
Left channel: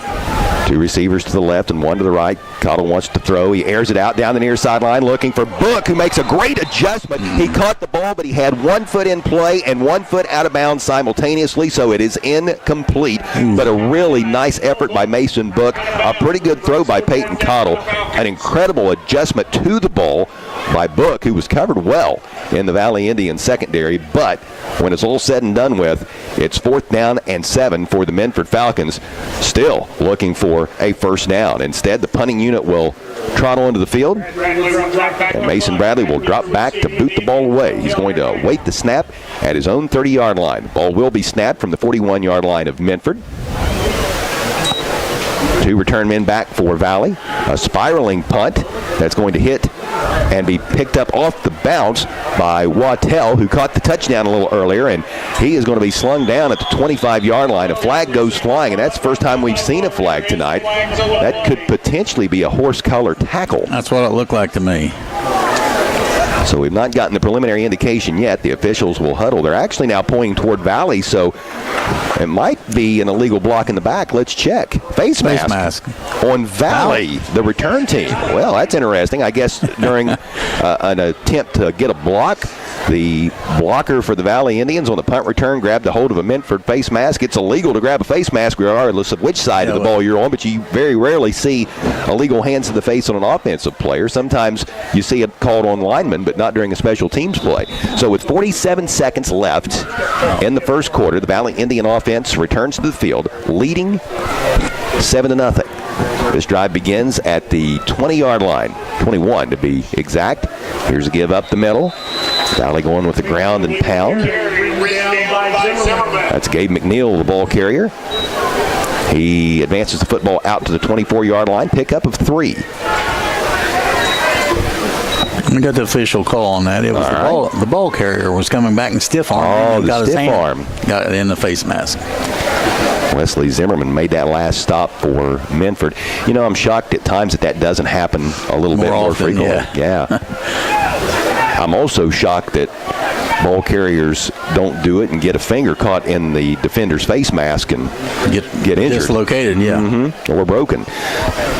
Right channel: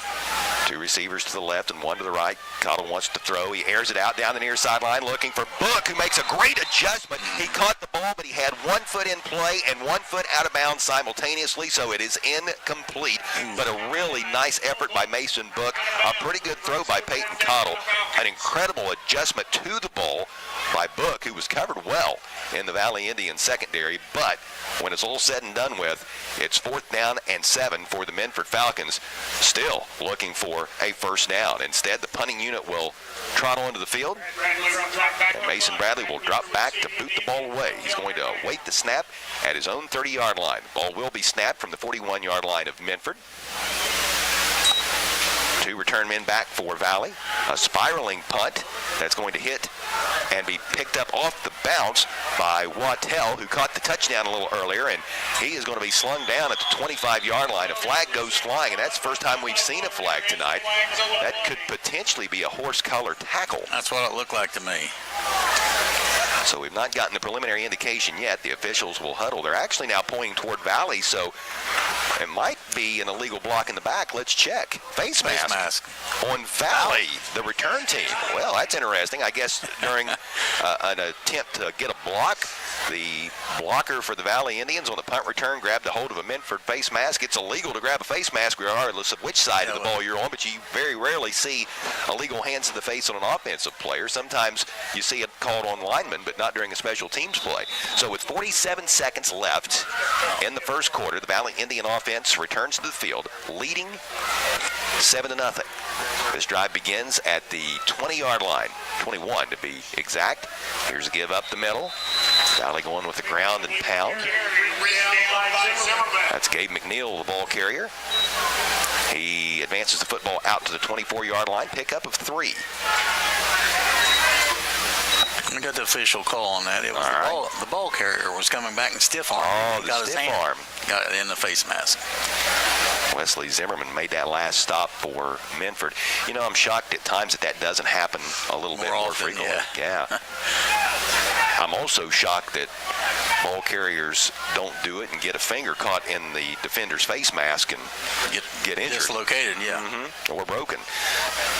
2 receivers to the left and 1 to the right. Cottle wants to throw. He airs it out down the near sideline looking for Book, who makes a great adjustment. He caught the ball, but he had 1 foot in play and 1 foot out of bounds simultaneously, so it is incomplete. But a really nice effort by Mason Book. A pretty good throw by Peyton Cottle. An incredible adjustment to the ball by Book, who was covered well in the Valley Indian secondary. But when it's all said and done with, it's 4th down and 7 for the Minford Falcons, still looking for a first down. Instead, the punting unit will trot onto the field, and Mason Bradley will drop back to boot the ball away. He's going to await the snap at his own 30-yard line. The ball will be snapped from the 41-yard line of Minford. 2 return men back for Valley. A spiraling punt that's going to hit and be picked up off the bounce by Waddell, who caught the touchdown a little earlier, and he is going to be slung down at the 25-yard line. A flag goes flying, and that's the first time we've seen a flag tonight. That could potentially be a horse collar tackle. That's what it looked like to me. So we've not gotten the preliminary indication yet. The officials will huddle. They're actually now pointing toward Valley, so it might be an illegal block in the back. Let's check. Face mask on Valley, the return team. Well, that's interesting. I guess during an attempt to get a block, the blocker for the Valley Indians on the punt return grabbed a hold of a Minford face mask. It's illegal to grab a face mask regardless of which side of the ball you're on, but you very rarely see illegal hands to the face on an offensive player. Sometimes you see it called on linemen, but not during a special teams play. So with 47 seconds left in the first quarter, the Valley Indian offense returns to the field, leading 7-0. This drive begins at the 20-yard line, 21 to be exact. Here's a give up the middle. Valley going with the ground and pound. That's Gabe McNeil, the ball carrier. He advances the football out to the 24-yard line, pickup of 3. We got the official call on that. It was the ball carrier was coming back and stiff arm. Oh, he got the his stiff arm. Got it in the face mask. Wesley Zimmerman made that last stop for Minford. You know, I'm shocked at times that doesn't happen a little bit more frequently. Yeah. I'm also shocked that ball carriers don't do it and get a finger caught in the defender's face mask and get injured. Dislocated, or broken.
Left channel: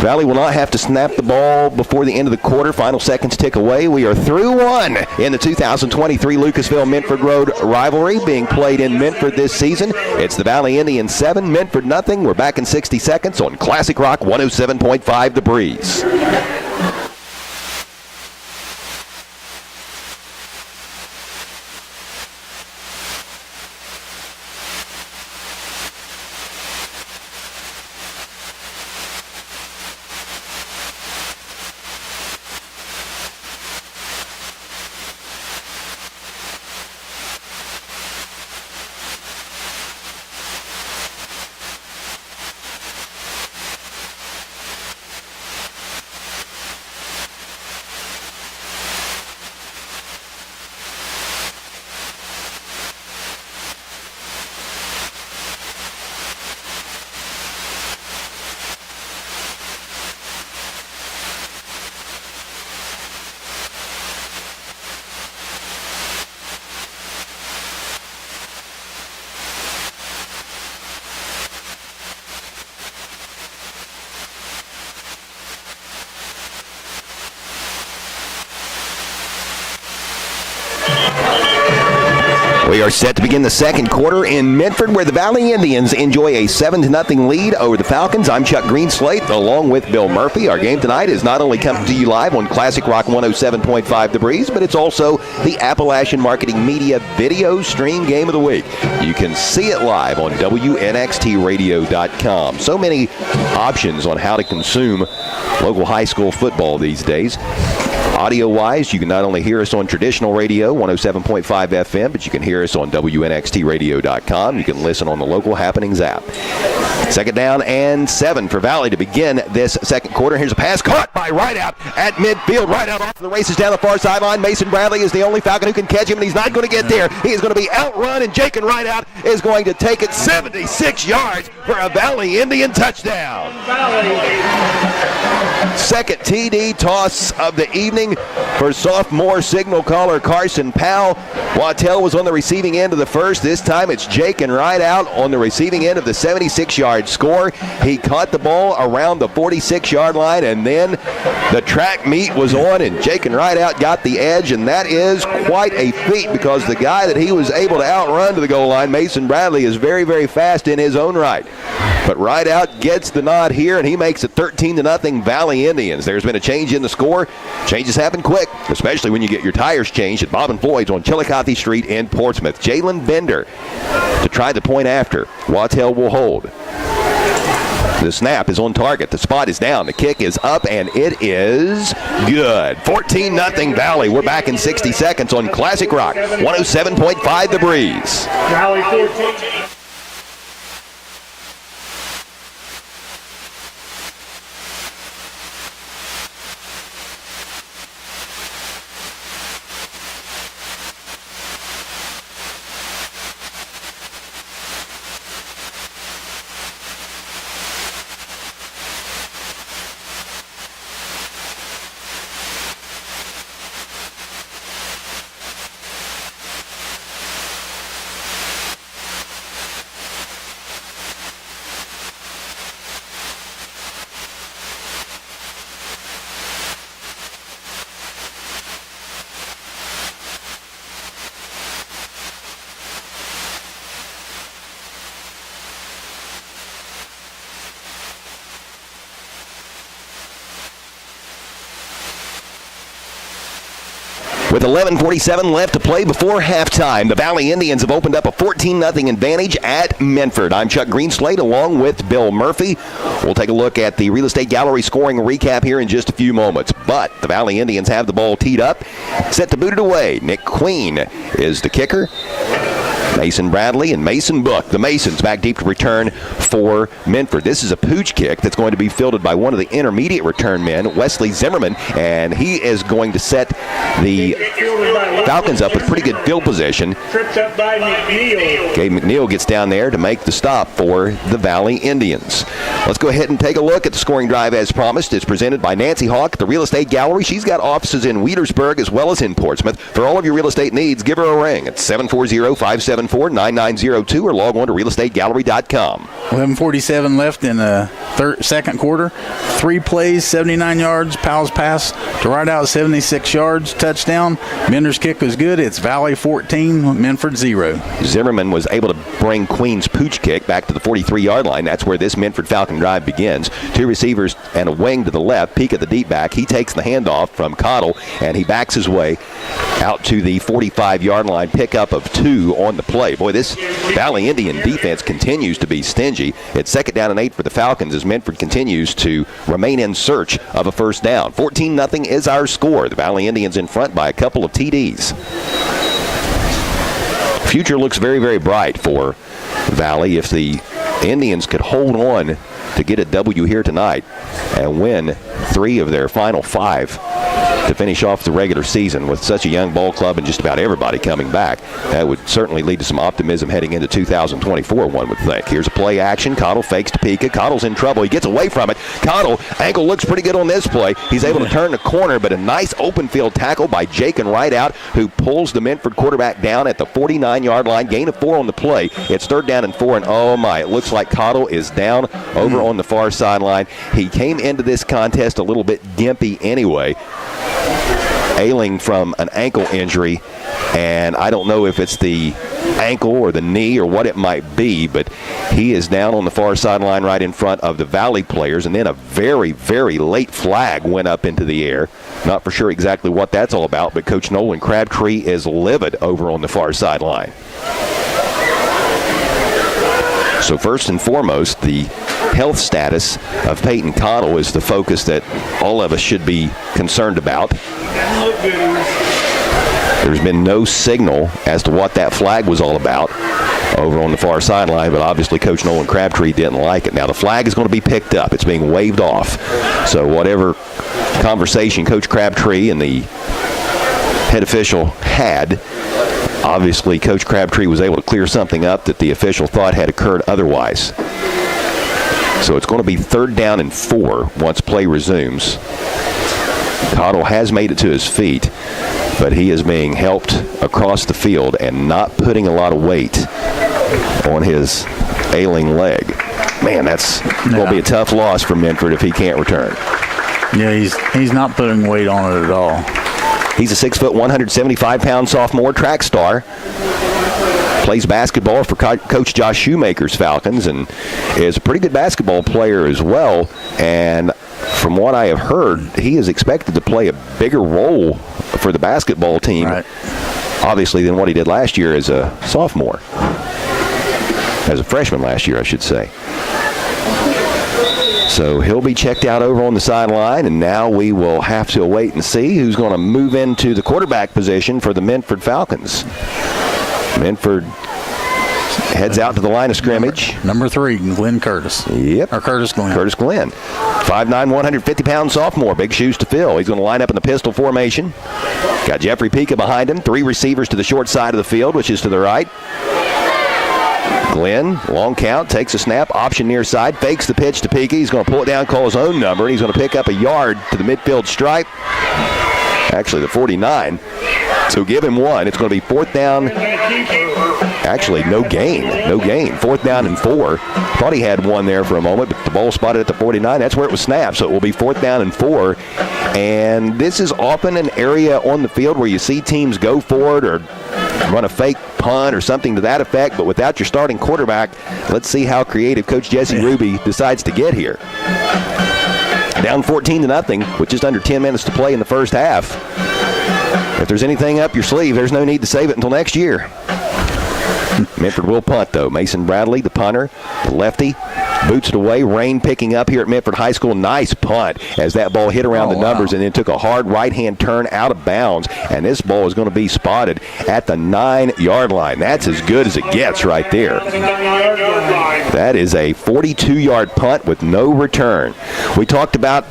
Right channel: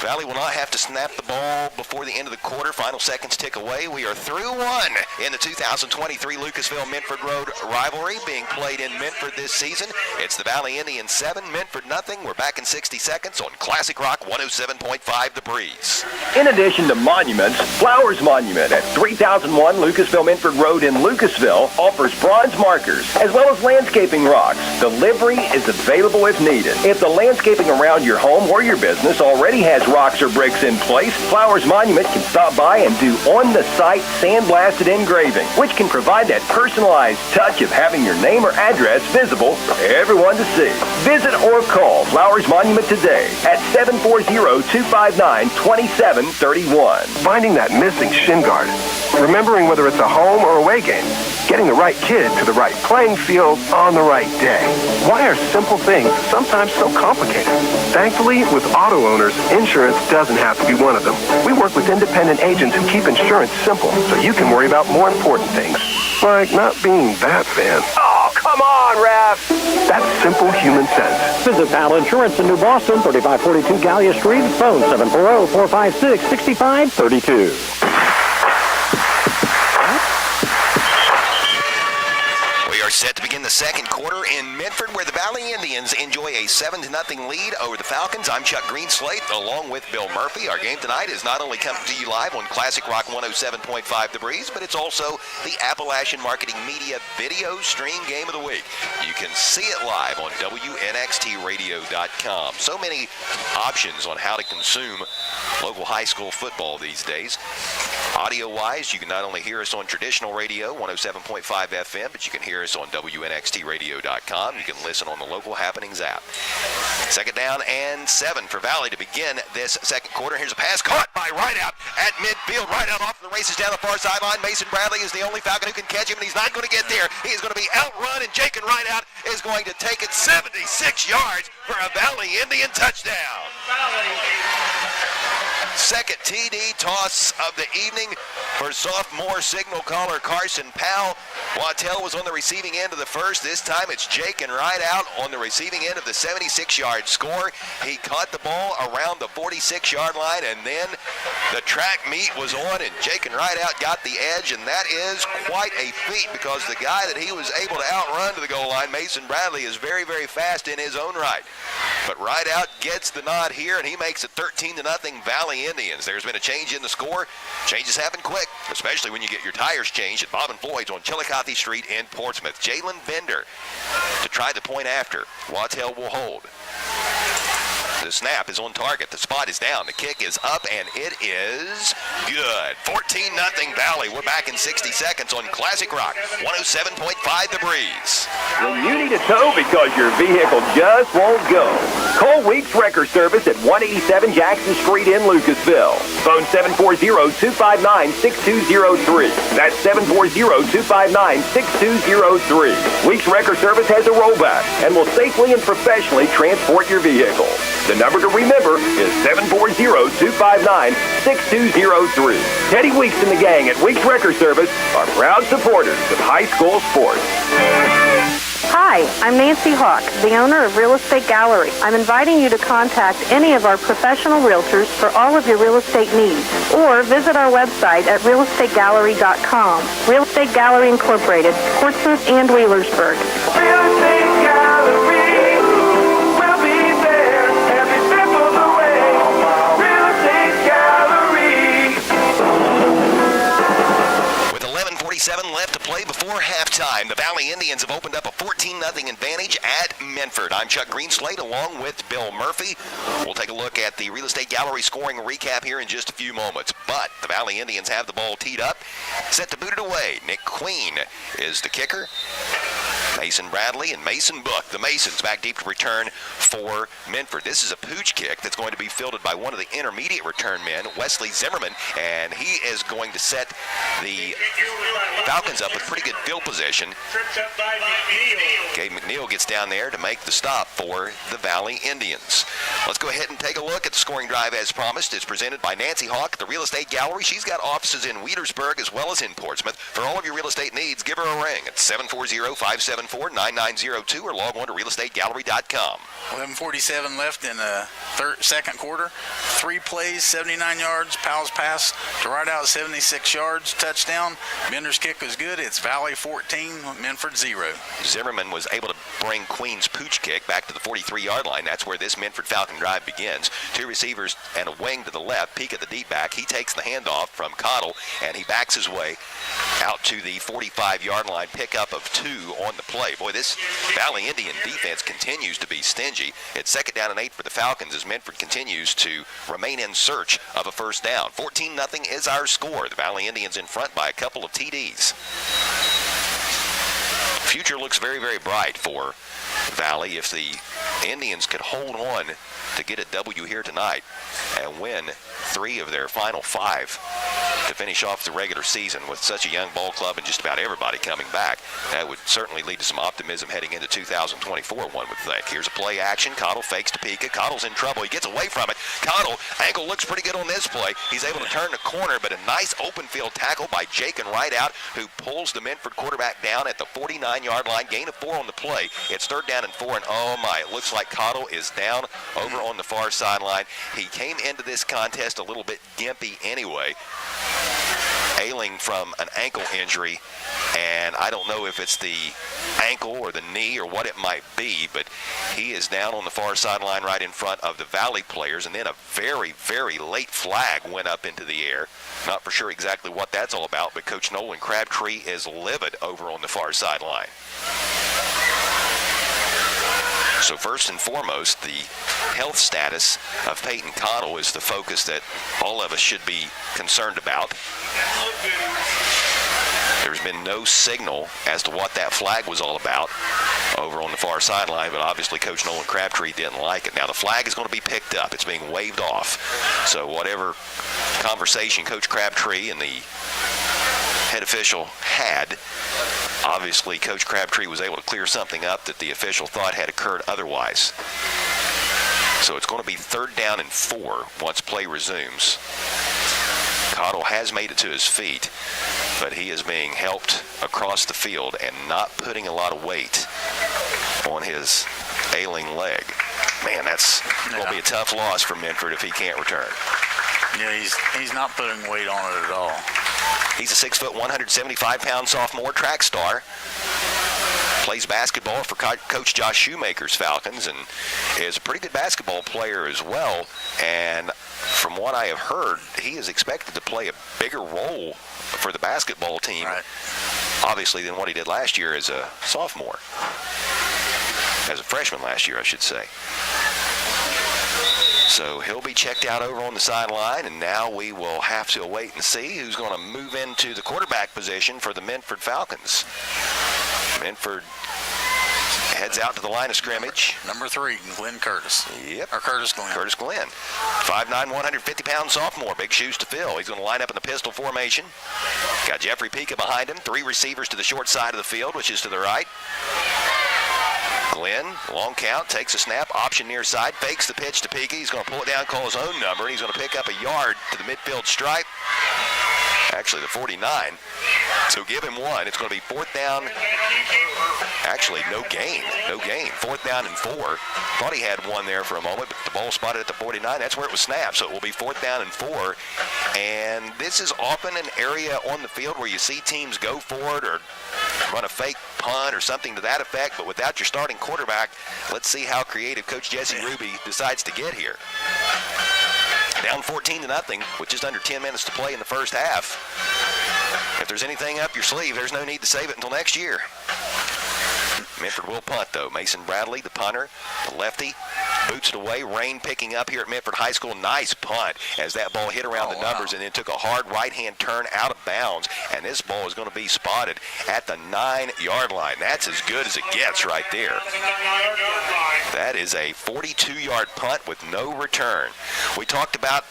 Valley will not have to snap the ball before the end of the quarter. Final seconds tick away. We are through 1 in the 2023 Lucasville-Minford Road rivalry being played in Minford this season. It's the Valley Indians 7, Minford nothing. We're back in 60 seconds on Classic Rock 107.5 The Breeze. In addition to monuments, Flowers Monument at 3001 Lucasville-Minford Road in Lucasville Steel offers bronze markers as well as landscaping rocks. Delivery is available if needed. If the landscaping around your home or your business already has rocks or bricks in place, Flowers Monument can stop by and do on-the-site sandblasted engraving, which can provide that personalized touch of having your name or address visible for everyone to see. Visit or call Flowers Monument today at 740-259-2731. Finding that missing shin guard, remembering whether it's a home or away game, getting the right kid to the right playing field on the right day. Why are simple things sometimes so complicated? Thankfully, with auto owners, insurance doesn't have to be one of them. We work with independent agents who keep insurance simple so you can worry about more important things, like not being that fan. Oh, come on, Raph! That's simple human sense. Visit Pal Insurance in New Boston, 3542 Gallia Street, phone 740-456-6532. We are set to begin the second quarter in Minford, where the Valley Indians enjoy a 7-0 lead over the Falcons. I'm Chuck Greenslate, along with Bill Murphy. Our game tonight is not only coming to you live on Classic Rock 107.5 The Breeze, but it's also the Appalachian Marketing Media Video Stream Game of the Week. You can see it live on WNXTradio.com. So many options on how to consume local high school football these days. Audio-wise, you can not only hear us on traditional radio, 107.5 FM, but you can hear us on WNXTradio.com. You can listen on the Local Happenings app. Second down and 7 for Valley to begin this second quarter. Here's a pass caught by Rideout at midfield. Rideout off to the races down the far sideline. Mason Bradley is the only Falcon who can catch him, and he's not going to get there. He is going to be outrun, and Jake and Rideout is going to take it 76 yards for a Valley Indian touchdown. Second TD toss of the evening for sophomore signal caller Carson Powell. Wattell was on the receiving end of the first. This time it's Jake and Rideout on the receiving end of the 76-yard score. He caught the ball around the 46-yard line, and then the track meet was on, and Jake and Rideout got the edge, and that is quite a feat because the guy that he was able to outrun to the goal line, Mason Bradley, is very, very fast in his own right. But Rideout gets the nod here, and he makes it 13-0 Valley Indians. There's been a change in the score. Changes happen quick, especially when you get your tires changed at Bob and Floyd's on Chillicothe Street in Portsmouth. Jalen Bender to try the point after. Wattell will hold. The snap is on target. The spot is down. The kick is up, and it is good. 14-0 Valley. We're back in 60 seconds on Classic Rock 107.5 The Breeze. You need to tow because your vehicle just won't go. Call Weeks Wrecker Service at 187 Jackson Street in Lucasville. Phone 740-259-6203. That's 740-259-6203. Weeks Wrecker Service has a rollback and will safely and professionally transport your vehicle. The number to remember is 740-259-6203. Teddy Weeks and the gang at Weeks Wrecker Service are proud supporters of high school sports. Hi, I'm Nancy Hawk, the owner of Real Estate Gallery. I'm inviting you to contact any of our professional realtors for all of your real estate needs, or visit our website at realestategallery.com. Real Estate Gallery Incorporated, Portsmouth and Wheelersburg. Real Estate Gallery. With 11:47 left to play before halftime, the Valley Indians have opened up a 14-0 advantage at Minford. I'm Chuck Greenslate along with Bill Murphy. We'll take a look at the Real Estate Gallery scoring recap here in just a few moments. But the Valley Indians have the ball teed up, set to boot it away. Nick Queen is the kicker. Mason Bradley and Mason Book. The Masons back deep to return for Minford. This is a pooch kick that's going to be fielded by one of the intermediate return men, Wesley Zimmerman, and he is going to set the Falcons up with pretty good field position. Tripped up by McNeil. Gabe McNeil gets down there to make the stop for the Valley Indians. Let's go ahead and take a look at the scoring drive as promised. It's presented by Nancy Hawk, the Real Estate Gallery. She's got offices in Wheelersburg as well as in Portsmouth. For all of your real estate needs, give her a ring at 740-574 274-9902 or log on to realestategallery.com. 11:47 left in the second quarter. 3 plays, 79 yards. Powell's pass to right out, 76 yards. Touchdown. Bender's kick was good. It's Valley 14, Minford 0. Zimmerman was able to bring Queen's pooch kick back to the 43-yard line. That's where this Minford Falcon drive begins. 2 receivers and a wing to the left. Peek at the deep back. He takes the handoff from Cottle, and he backs his way out to the 45-yard line. Pickup of 2 on the play. Boy, this Valley Indian defense continues to be stingy. It's 2nd down and 8 for the Falcons as Minford continues to remain in search of a first down. 14-0 is our score. The Valley Indians in front by a couple of TDs. Future looks very, very bright for Valley if the Indians could hold on to get a W here tonight and win 3 of their final 5 to finish off the regular season with such a young ball club and just about everybody coming back. That would certainly lead to some optimism heading into 2024, one would think. Here's a play action. Cottle fakes to Pika. Cottle's in trouble. He gets away from it. Cottle, ankle looks pretty good on this play. He's able to turn the corner, but a nice open field tackle by Jake and Rideout, who pulls the Minford quarterback down at the 49-yard line. Gain of 4 on the play. It's 3rd down and 4, and oh my, it looks like Cottle is down over on the far sideline. He came into this contest a little bit gimpy anyway, ailing from an ankle injury, and I don't know if it's the ankle or the knee or what it might be, but he is down on the far sideline right in front of the Valley players, and then a very, very late flag went up into the air. Not for sure exactly what that's all about, but Coach Nolan Crabtree is livid over on the far sideline. So first and foremost, the health status of Peyton Cottle is the focus that all of us should be concerned about. There's been no signal as to what that flag was all about over on the far sideline, but obviously Coach Nolan Crabtree didn't like it. Now the flag is going to be picked up. It's being waved off. So whatever conversation Coach Crabtree and the head official had, obviously Coach Crabtree was able to clear something up that the official thought had occurred otherwise. So it's going to be 3rd down and 4 once play resumes. Cottle has made it to his feet, but he is being helped across the field and not putting a lot of weight on his ailing leg. Man, that's going to be a tough loss for Minford if he can't return. Yeah, he's not putting weight on it at all. He's a 6 foot, 175-pound sophomore track star. Plays basketball for Coach Josh Shoemaker's Falcons and is a pretty good basketball player as well. And from what I have heard, he is expected to play a bigger role for the basketball team, obviously, than what he did last year as a sophomore. As a freshman last year, I should say. So he'll be checked out over on the sideline, and now we will have to wait and see who's going to move into the quarterback position for the Minford Falcons. Minford heads out to the line of scrimmage. Number 3, Glenn Curtis. Yep. Or Curtis Glenn. Curtis Glenn. 5'9", 150-pound sophomore. Big shoes to fill. He's going to line up in the pistol formation. Got Jeffrey Pika behind him. 3 receivers to the short side of the field, which is to the right. Glenn, long count, takes a snap, option near side, fakes the pitch to Pika. He's going to pull it down, call his own number, and he's going to pick up a yard to the midfield stripe. Actually, the 49. So give him 1. It's going to be 4th down. Actually, no gain. 4th down and 4. Thought he had 1 there for a moment, but the ball spotted at the 49. That's where it was snapped. So it will be 4th down and 4. And this is often an area on the field where you see teams go for it or run a fake punt or something to that effect. But without your starting quarterback, let's see how creative Coach Jesse Ruby decides to get here. Down 14-0 with just under 10 minutes to play in the first half. If there's anything up your sleeve, there's no need to save it until next year. Minford will punt, though. Mason Bradley, the punter, the lefty, boots it away. Rain picking up here at Minford High School. Nice punt as that ball hit around the numbers and then took a hard right-hand turn out of bounds. And this ball is going to be spotted at the 9-yard line. That's as good as it gets right there. That is a 42-yard punt with no return. We talked about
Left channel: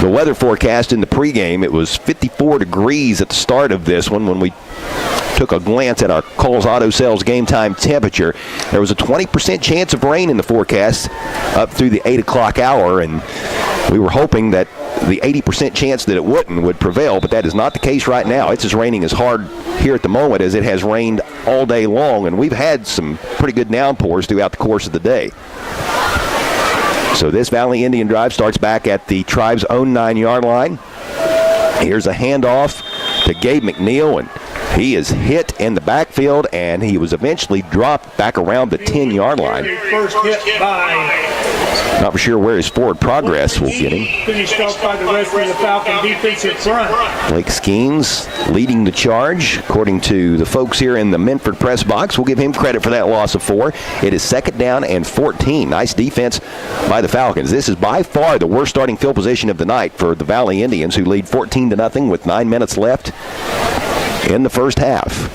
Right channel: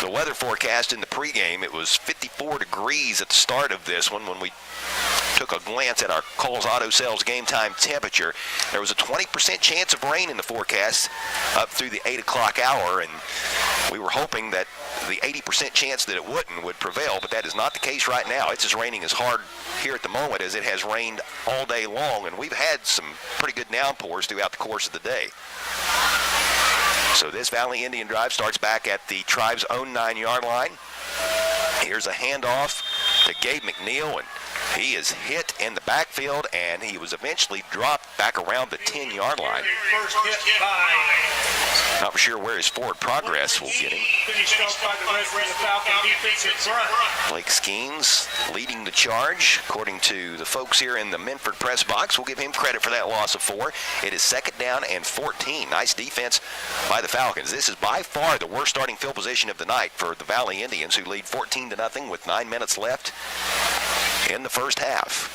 the weather forecast in the pregame. It was 54 degrees at the start of this one when we took a glance at our Kohl's Auto Sales game time temperature. There was a 20% chance of rain in the forecast up through the 8 o'clock hour, and we were hoping that the 80% chance that it wouldn't would prevail, but that is not the case right now. It's as raining as hard here at the moment as it has rained all day long, and we've had some pretty good downpours throughout the course of the day. So this Valley Indian drive starts back at the Tribe's own 9-yard line. Here's a handoff to Gabe McNeil, and he is hit in the backfield, and he was eventually dropped back around the 10-yard line. First hit by Not for sure where his forward progress will get him. finished off by the rest of the Falcon defensive front. Blake Skeens leading the charge, according to the folks here in the Minford press box. We'll give him credit for that loss of 4. It is 2nd down and 14. Nice defense by the Falcons. This is by far the worst starting field position of the night for the Valley Indians, who lead 14-0 with 9 minutes left in the first half.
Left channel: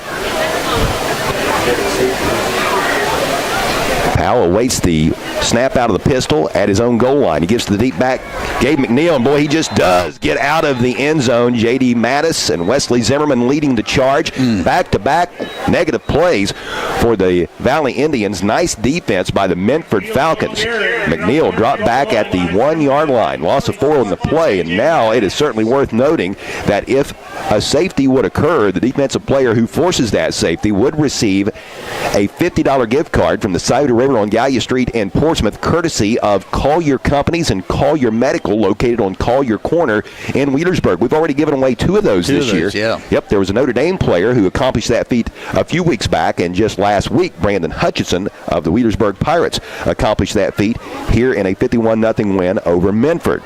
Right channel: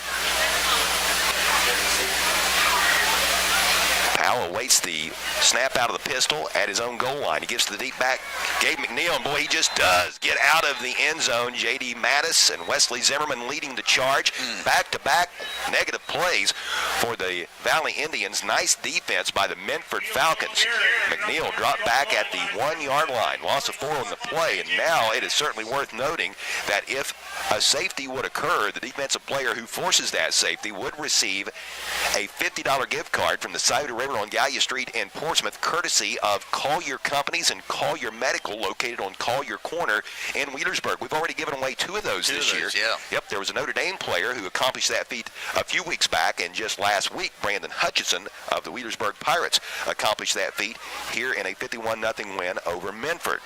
Powell awaits the snap out of the pistol at his own goal line. He gives to the deep back, Gabe McNeil, and boy, he just does get out of the end zone. J.D. Mattis and Wesley Zimmerman leading the charge. Back-to-back negative plays for the Valley Indians. Nice defense by the Minford Falcons. McNeil dropped back at the 1-yard line. Loss of 4 on the play, and now it is certainly worth noting that if a safety would occur, the defensive player who forces that safety would receive a $50 gift card from the Scioto River on Gallia Street in Portsmouth, courtesy of Collier Companies and Collier Medical, located on Collier Corner in Wheelersburg. We've already given away 2 of those this year. Yeah. Yep, there was a Notre Dame player who accomplished that feat a few weeks back, and just last week, Brandon Hutchinson of the Wheelersburg Pirates accomplished that feat here in a 51-0 win over Minford.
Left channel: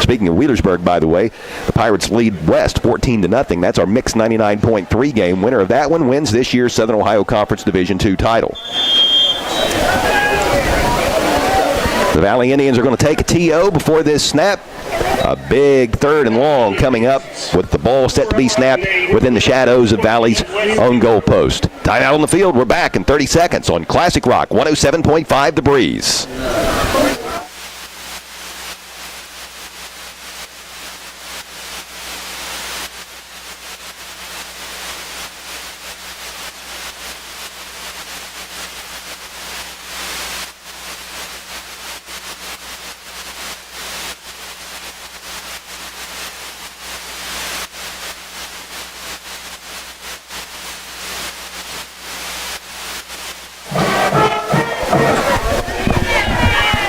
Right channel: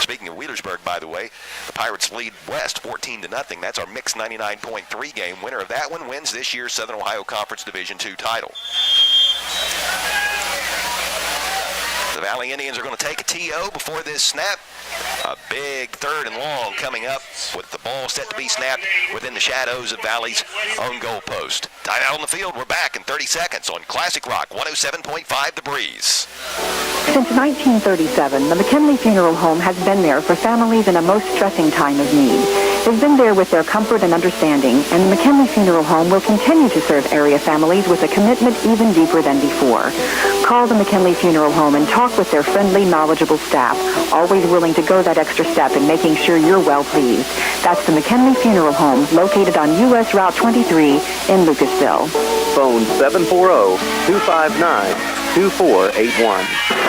Speaking of Wheelersburg, by the way, the Pirates lead West 14-0. That's our mixed 99.3 game. Winner of that one wins this year's Southern Ohio Conference Division II title. The Valley Indians are going to take a TO before this snap. A big 3rd and long coming up with the ball set to be snapped within the shadows of Valley's own goal post. Tied out on the field, we're back in 30 seconds on Classic Rock 107.5 The Breeze. Since 1937, the McKinley Funeral Home has been there for families in a most stressing time of need. They've been there with their comfort and understanding, and the McKinley Funeral Home will continue to serve area families with a commitment even deeper than before. Call the McKinley Funeral Home and talk with their friendly, knowledgeable staff, always willing to go that extra step in making sure you're well pleased. That's the McKinley Funeral Home, located on U.S. Route 23 in Lucasville. Phone 740-259-2481.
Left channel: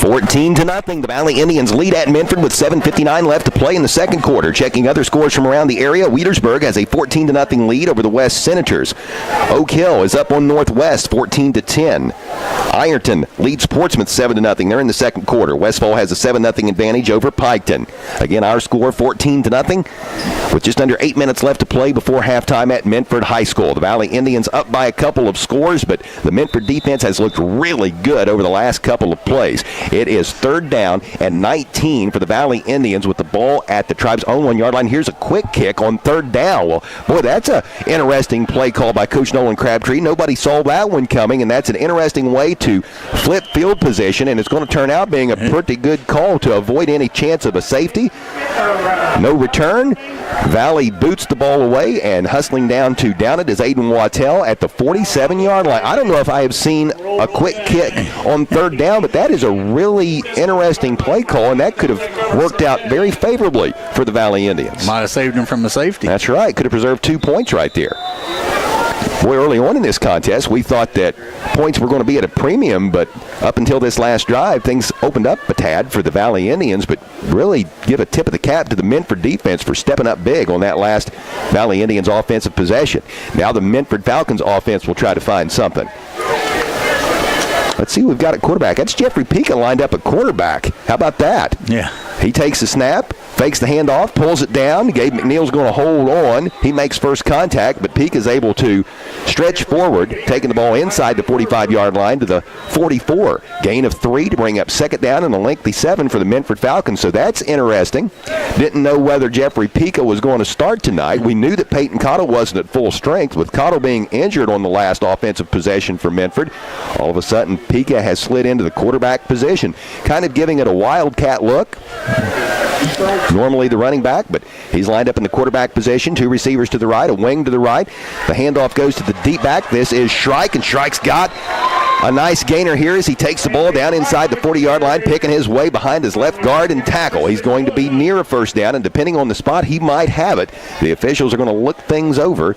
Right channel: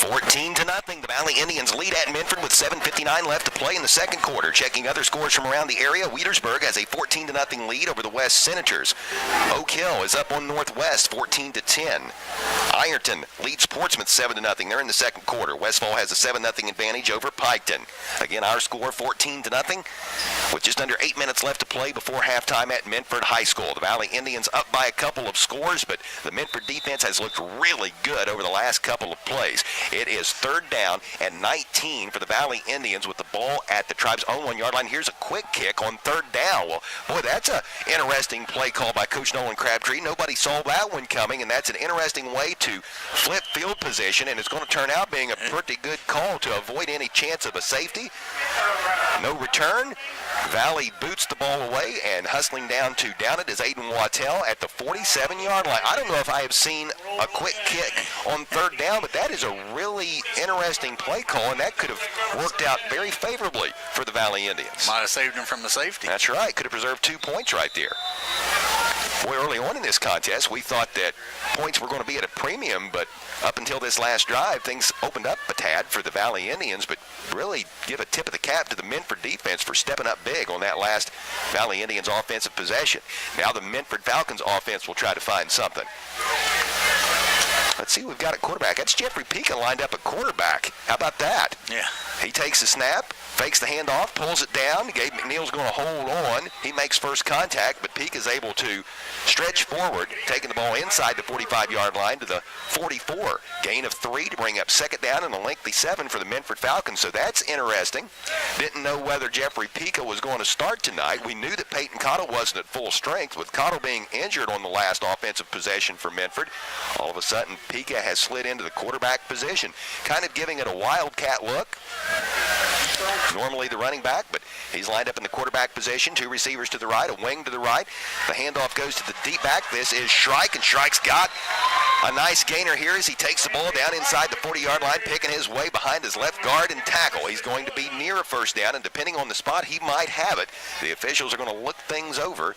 14-0. The Valley Indians lead at Minford with 7:59 left to play in the second quarter. Checking other scores from around the area, Wheelersburg has a 14-0 lead over the West Senators. Oak Hill is up on Northwest 14-10. Ironton leads Portsmouth 7-0. They're in the second quarter. Westfall has a 7-0 advantage over Piketon. Again, our score 14-0 with just under 8 minutes left to play before halftime at Minford High School. The Valley Indians up by a couple of scores, but the Minford defense has looked really good over the last couple of plays. It is 3rd down and 19 for the Valley Indians with the ball at the Tribe's own 1-yard line. Here's a quick kick on 3rd down. Well, boy, that's an interesting play call by Coach Nolan Crabtree. Nobody saw that one coming, and that's an interesting way to flip field position, and it's going to turn out being a pretty good call to avoid any chance of a safety. No return. Valley boots the ball away, and hustling down to down it is Aiden Wattell at the 47-yard line. I don't know if I have seen a quick kick on 3rd down, but that is a really interesting play call, and that could have worked out very favorably for the Valley Indians. Might have saved him from the safety. That's right. Could have preserved 2 points right there. Boy, early on in this contest, we thought that points were going to be at a premium, but up until this last drive, things opened up a tad for the Valley Indians, but really give a tip of the cap to the Minford defense for stepping up big on that last Valley Indians offensive possession. Now the Minford Falcons offense will try to find something. Let's see who we've got at quarterback. That's Jeffrey Pika lined up at quarterback. How about that? Yeah. He takes the snap, fakes the handoff, pulls it down. Gabe McNeil's going to hold on. He makes first contact, but Pika's able to stretch forward, taking the ball inside the 45-yard line to the 44. Gain of 3 to bring up 2nd down and a lengthy 7 for the Minford Falcons. So that's interesting. Didn't know whether Jeffrey Pika was going to start tonight. We knew that Peyton Cottle wasn't at full strength. With Cottle being injured on the last offensive possession for Minford, all of a sudden Pika has slid into the quarterback position, kind of giving it a wildcat look. Normally the running back, but he's lined up in the quarterback position. 2 receivers to the right, a wing to the right. The handoff goes to the deep back. This is Shrike, and Shrike's got A nice gainer here as he takes the ball down inside the 40-yard line, picking his way behind his left guard and tackle. He's going to be near a first down, and depending on the spot, he might have it. The officials are going to look things over.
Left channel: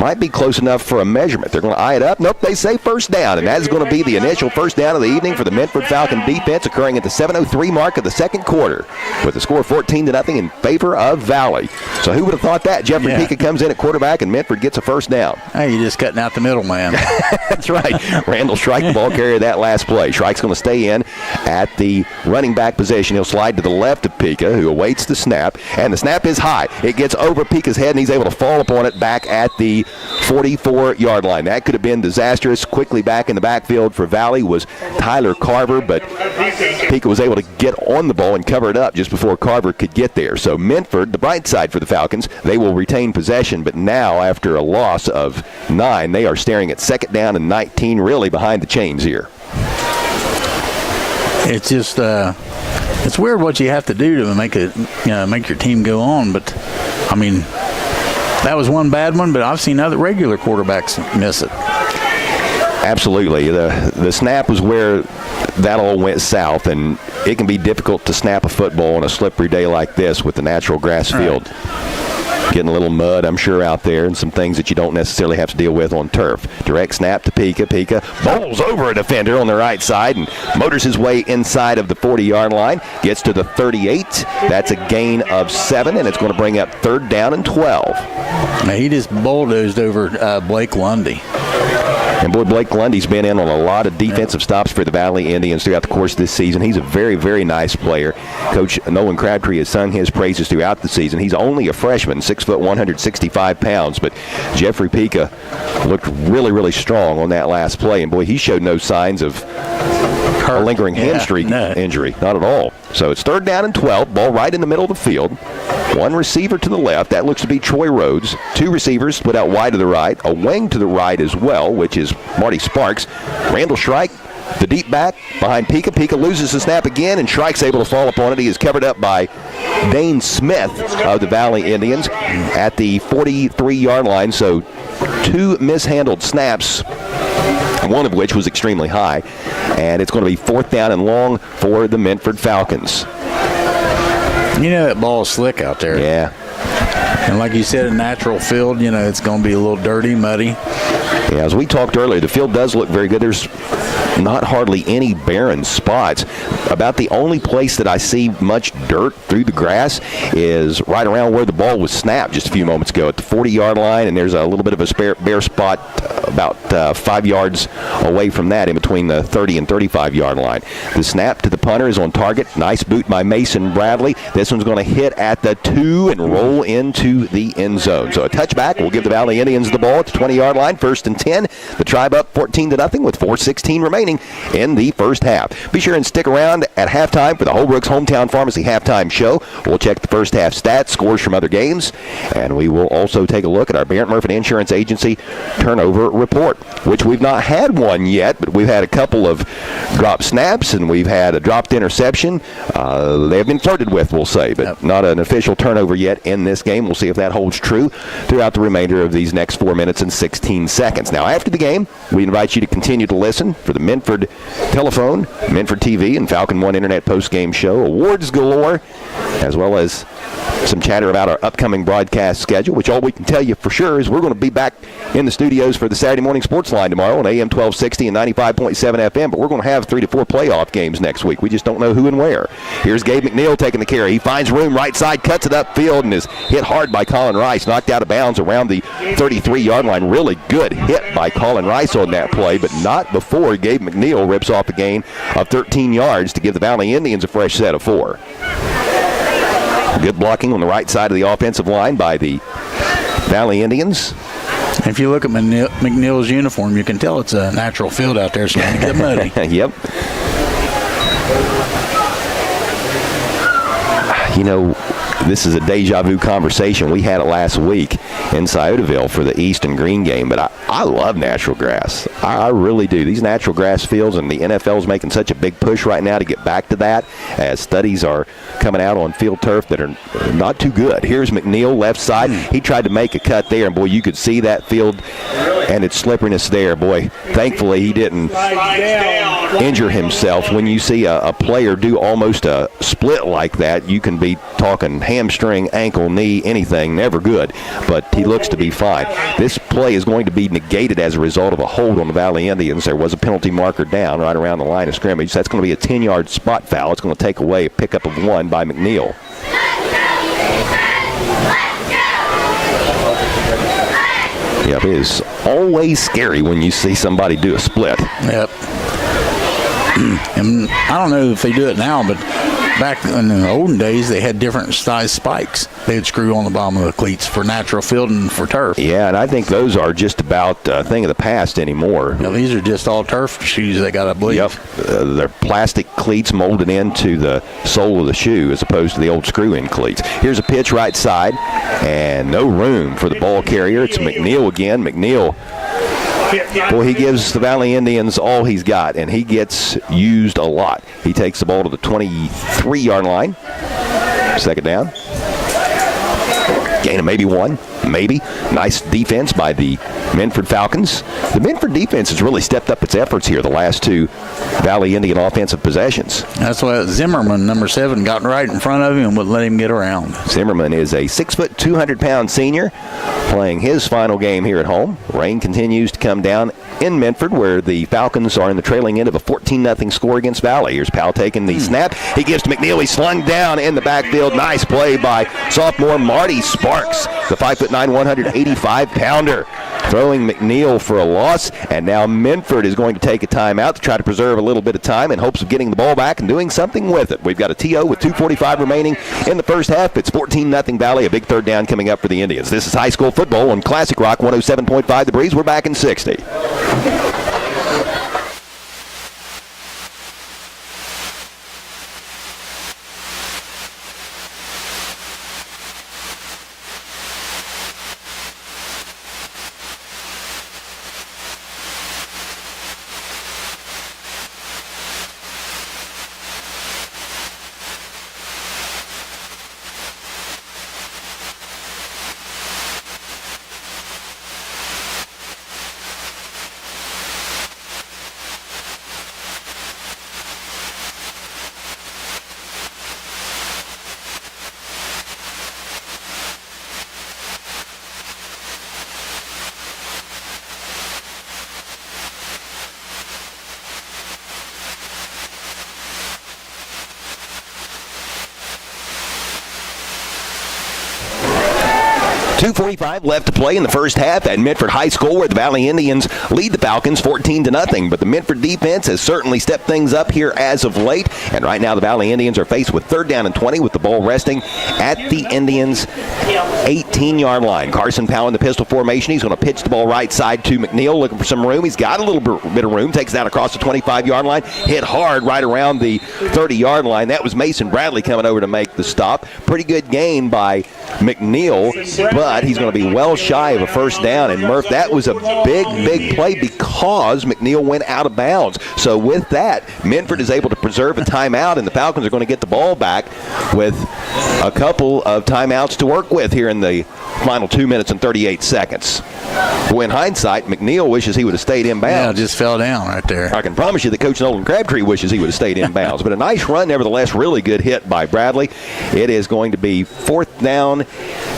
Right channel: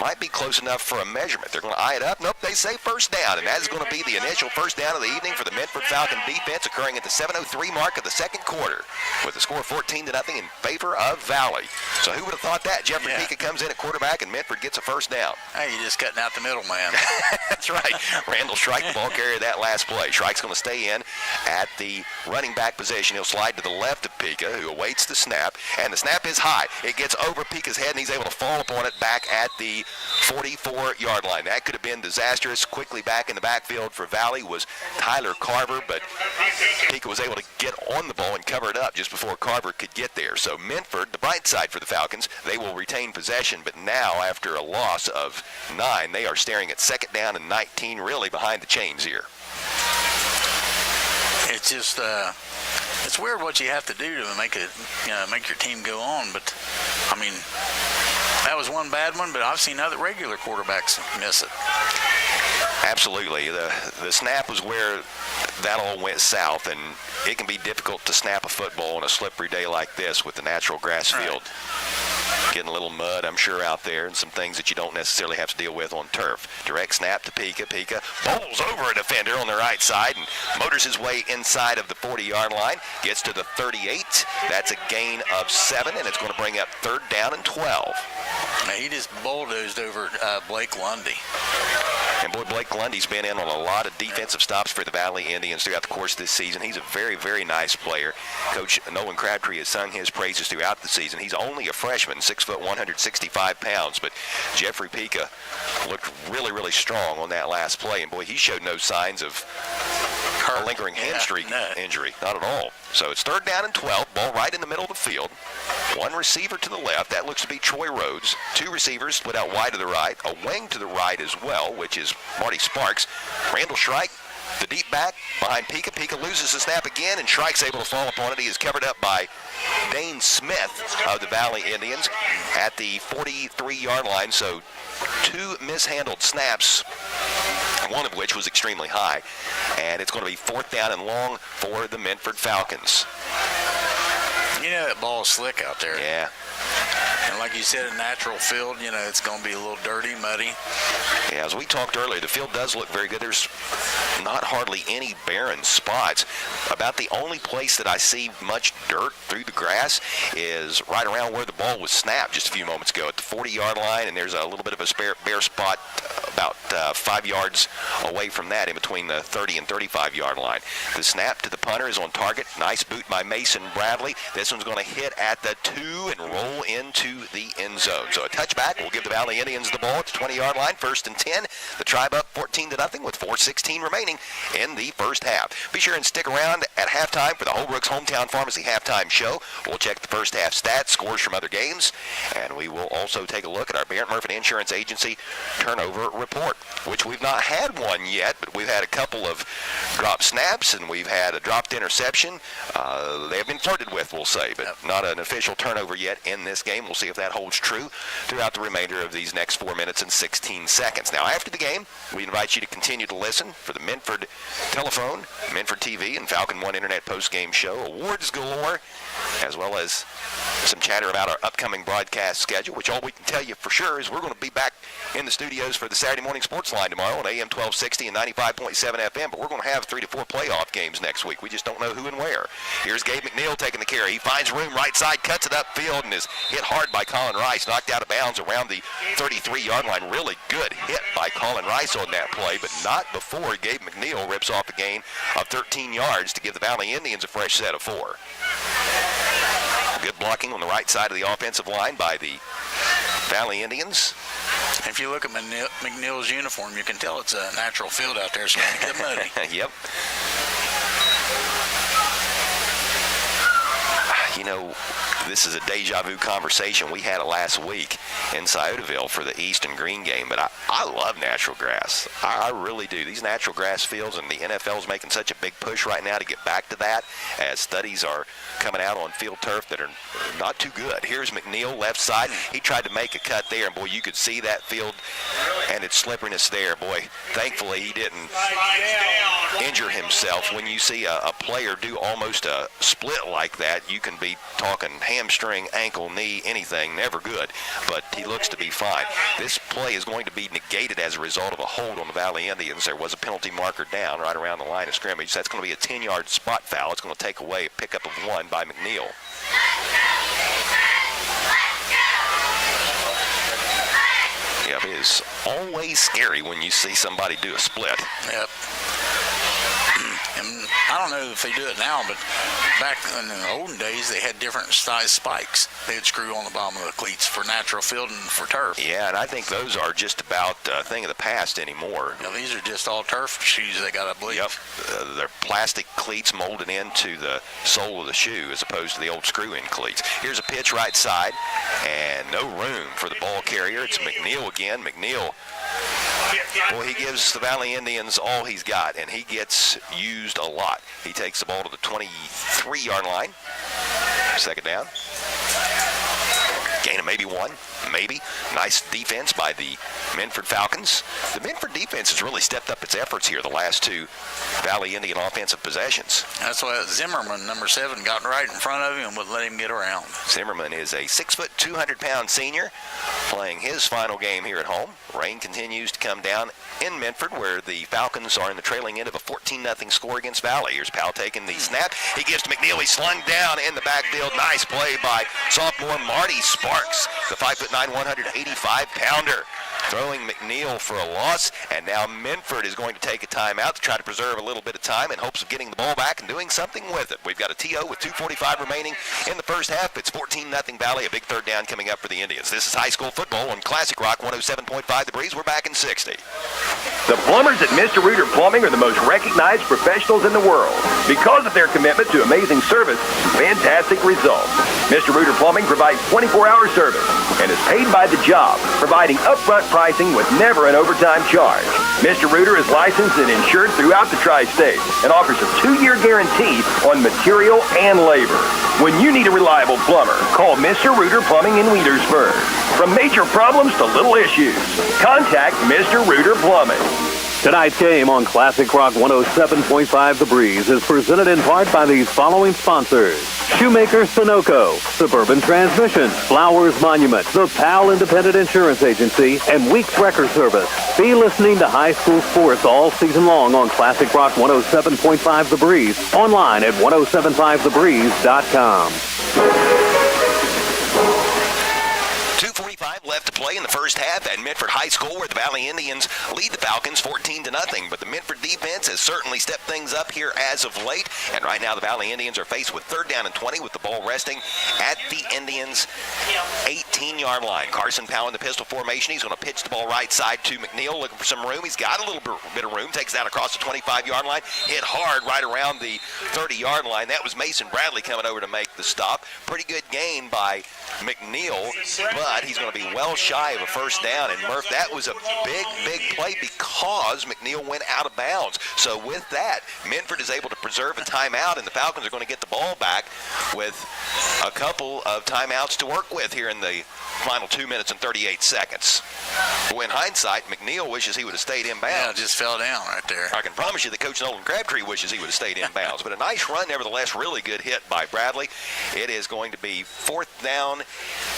Might be close enough for a measurement. They're going to eye it up. Nope, they say first down, and that is going to be the initial first down of the evening for the Minford Falcon defense, occurring at the 7:03 mark of the second quarter, with the score 14-0 in favor of Valley. So who would have thought that? Jeffrey Pica comes in at quarterback, and Minford gets a first down. Hey, you're just cutting out the middle, man. That's right. Randall Shrike, the ball carrier, that last play. Shrike's going to stay in at the running back position. He'll slide to the left of Pica, who awaits the snap, and the snap is high. It gets over Pica's head, and he's able to fall upon it back at the 44-yard line. That could have been disastrous. Quickly back in the backfield for Valley was Tyler Carver, but Pica was able to get on the ball and cover it up just before Carver could get there. So Minford, the bright side for the Falcons, they will retain possession, but now after a loss of 9, they are staring at second down and 19, really behind the chains here. It's just it's weird what you have to do to make your team go on, but I mean, that was one bad one, but I've seen other regular quarterbacks miss it. Absolutely. The snap was where that all went south, and it can be difficult to snap a football on a slippery day like this with the natural grass field. Getting a little mud, I'm sure, out there, and some things that you don't necessarily have to deal with on turf. Direct snap to Pica. Pica bowls over a defender on the right side and motors his way inside of the 40-yard line. Gets to the 38. That's a gain of 7, and it's going to bring up third down and 12. Now, he just bulldozed over Blake Lundy. And boy, Blake Lundy's been in on a lot of defensive stops for the Valley Indians throughout the course of this season. He's a very, very nice player. Coach Nolan Crabtree has sung his praises throughout the season. He's only a freshman, 6', 165 pounds, but Jeffrey Pica looked really, really strong on that last play. And boy, he showed no signs of a lingering hamstring injury, not at all. So it's third down and 12, ball right in the middle of the field. One receiver to the left, that looks to be Troy Rhodes. Two receivers split out wide to the right, a wing to the right as well, which is Marty Sparks. Randall Shrike, the deep back behind Pica. Pica loses the snap again, and Shrike's able to fall upon it. He is covered up by Dane Smith of the Valley Indians at the 43-yard line. So two mishandled snaps, one of which was extremely high, and it's going to be fourth down and long for the Minford Falcons. You know that ball is slick out there. Yeah. And like you said, a natural field, it's going to be a little dirty, muddy. Yeah, as we talked earlier, the field does look very good. There's not hardly any barren spots. About the only place that I see much dirt through the grass is right around where the ball was snapped just a few moments ago at the 40-yard line, and there's a little bit of a bare spot about 5 yards away from that in between the 30 and 35-yard line. The snap to the punter is on target. Nice boot by Mason Bradley. This one's going to hit at the 2 and roll into the end zone. So a touchback will give the Valley Indians the ball at the 20-yard line, first and 10. The Tribe up 14-0 with 4:16 remaining in the first half. Be sure and stick around at halftime for the Holbrook's Hometown Pharmacy halftime show. We'll check the first half stats, scores from other games, and we will also take a look at our Barrett Murphy Insurance Agency turnover report, which we've not had one yet, but we've had a couple of drop snaps, and we've had a dropped interception. They have been flirted with, we'll say, but not an official turnover yet in this game. We'll see if that holds true throughout the remainder of these next 4 minutes and 16 seconds. Now, after the game, we invite you to continue to listen for the Minford Telephone, Minford TV, and Falcon One Internet postgame show. Awards galore, as well as some chatter about our upcoming broadcast schedule, which all we can tell you for sure is we're going to be back in the studios for the Saturday morning sports line tomorrow on AM 1260 and 95.7 FM, but we're going to have 3 to 4 playoff games next week. We just don't know who and where. Here's Gabe McNeil taking the carry. He finds room right side, cuts it upfield, and is hit hard by Colin Rice, knocked out of bounds around the 33-yard line. Really good hit by Colin Rice on that play, but not before Gabe McNeil rips off a gain of 13 yards to give the Valley Indians a fresh set of 4. Good blocking on the right side of the offensive line by the Valley Indians. If you look at McNeil's uniform, you can tell it's a natural field out there, so it's going to get muddy. Yep. this is a deja vu conversation. We had it last week in Sciotaville for the East and Green game, but I love natural grass. I really do. These natural grass fields, and the NFL is making such a big push right now to get back to that, as studies are coming out on field turf that are not too good. Here's McNeil, left side. He tried to make a cut there, and boy, you could see that field and its slipperiness there. Boy, thankfully he didn't injure himself. When you see a player do almost a split like that, you can be talking hamstring, ankle, knee, anything, never good, but he looks to be fine. This play is going to be negated as a result of a hold on the Valley Indians. There was a penalty marker down right around the line of scrimmage. That's going to be a 10-yard spot foul. It's going to take away a pickup of 1 by McNeil. Yep, it is always scary when you see somebody do a split. Yep. And I don't know if they do it now, but back in the olden days, they had different size spikes they would screw on the bottom of the cleats for natural field and for turf. Yeah, and I think those are just about a thing of the past anymore. Now, these are just all turf shoes they got, I believe. Yep. They're plastic cleats molded into the sole of the shoe as opposed to the old screw-in cleats. Here's a pitch right side, and no room for the ball carrier. It's McNeil again. McNeil, boy, he gives the Valley Indians all he's got, and he gets used a lot. He takes the ball to the 23-yard line. Second down. Gain of maybe 1, maybe. Nice defense by the Minford Falcons. The Minford defense has really stepped up its efforts here the last 2 Valley Indian offensive possessions. That's why Zimmerman, number 7, got right in front of him and wouldn't let him get around. Zimmerman is a 6', 200-pound senior playing his final game here at home. Rain continues to come down in Minford, where the Falcons are in the trailing end of a 14-0 score against Valley. Here's Powell taking the snap. He gives to McNeil. He's slung down in the backfield. Nice play by sophomore Marty Sparks, the 5'9", 185-pounder. Throwing McNeil for a loss, and now Minford is going to take a timeout to try to preserve a little bit of time in hopes of getting the ball back and doing something with it. We've got a TO with 2:45 remaining in the first half. It's 14-0 Valley, a big third down coming up for the Indians. This is high school football on Classic Rock 107.5 The Breeze. We're back in 60. The plumbers at Mr. Reuter Plumbing are the most recognized professionals in the world because of their commitment to amazing service and fantastic results. Mr. Reuter Plumbing provides 24-hour service and is paid by the job, providing upfront pricing with never an overtime charge. Mr. Reuter is licensed and insured throughout the tri-state and offers a 2-year guarantee on material and labor. When you need a reliable plumber, call Mr. Reuter Plumbing in Wheelersburg. From major problems to little issues, contact Mr. Reuter Plumbing. Tonight's game on Classic Rock 107.5 The Breeze is presented in part by these following sponsors: Shoemaker Sunoco, Suburban Transmission, Flowers Monument, the Powell Independent Insurance Agency, and Weeks Record Service. Be listening to high school sports all season long on Classic Rock 107.5 The Breeze, online at 1075thebreeze.com. 2:45 left to play in the first half at Minford High School, where the Valley Indians lead the Falcons 14-0. But the Minford defense has certainly stepped things up here as of late. And right now the Valley Indians are faced with 3rd down and 20 with the ball resting at the Indians' 18-yard line. Carson Powell in the pistol formation. He's going to pitch the ball right side to McNeil, looking for some room. He's got a little bit of room. Takes it out across the 25-yard line. Hit hard right around the 30-yard line. That was Mason Bradley coming over to make the stop. Pretty good gain by McNeil, but he's going to be well shy of a first down. And Murph, that was a big play because McNeil went out of bounds. So with that, Minford is able to preserve a timeout, and the Falcons are going to get the ball back with a couple of timeouts to work with here in the final 2 minutes and 38 seconds. Boy, in hindsight, McNeil wishes he would have stayed in bounds. Yeah, just fell down right there. I can promise you that Coach Nolan Crabtree wishes he would have stayed in bounds. But a nice run, nevertheless, really good hit by Bradley. It is going to be 4th down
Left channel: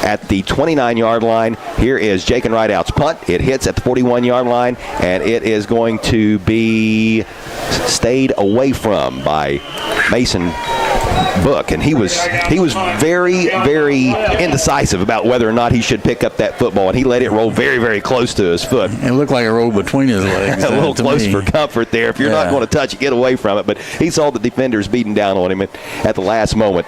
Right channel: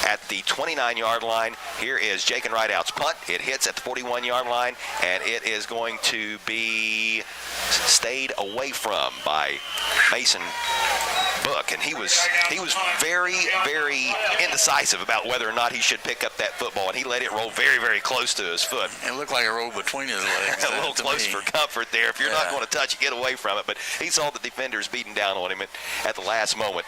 at the 29-yard line. Here is Jake and Rideout's punt. It hits at the 41-yard line, and it is going to be stayed away from by Mason Book, and he was very indecisive about whether or not he should pick up that football, and he let it roll very close to his foot. It looked like it rolled between his legs. A little close for comfort there. If you're not going to touch it, get away from it. But he saw the defenders beating down on him at the last moment.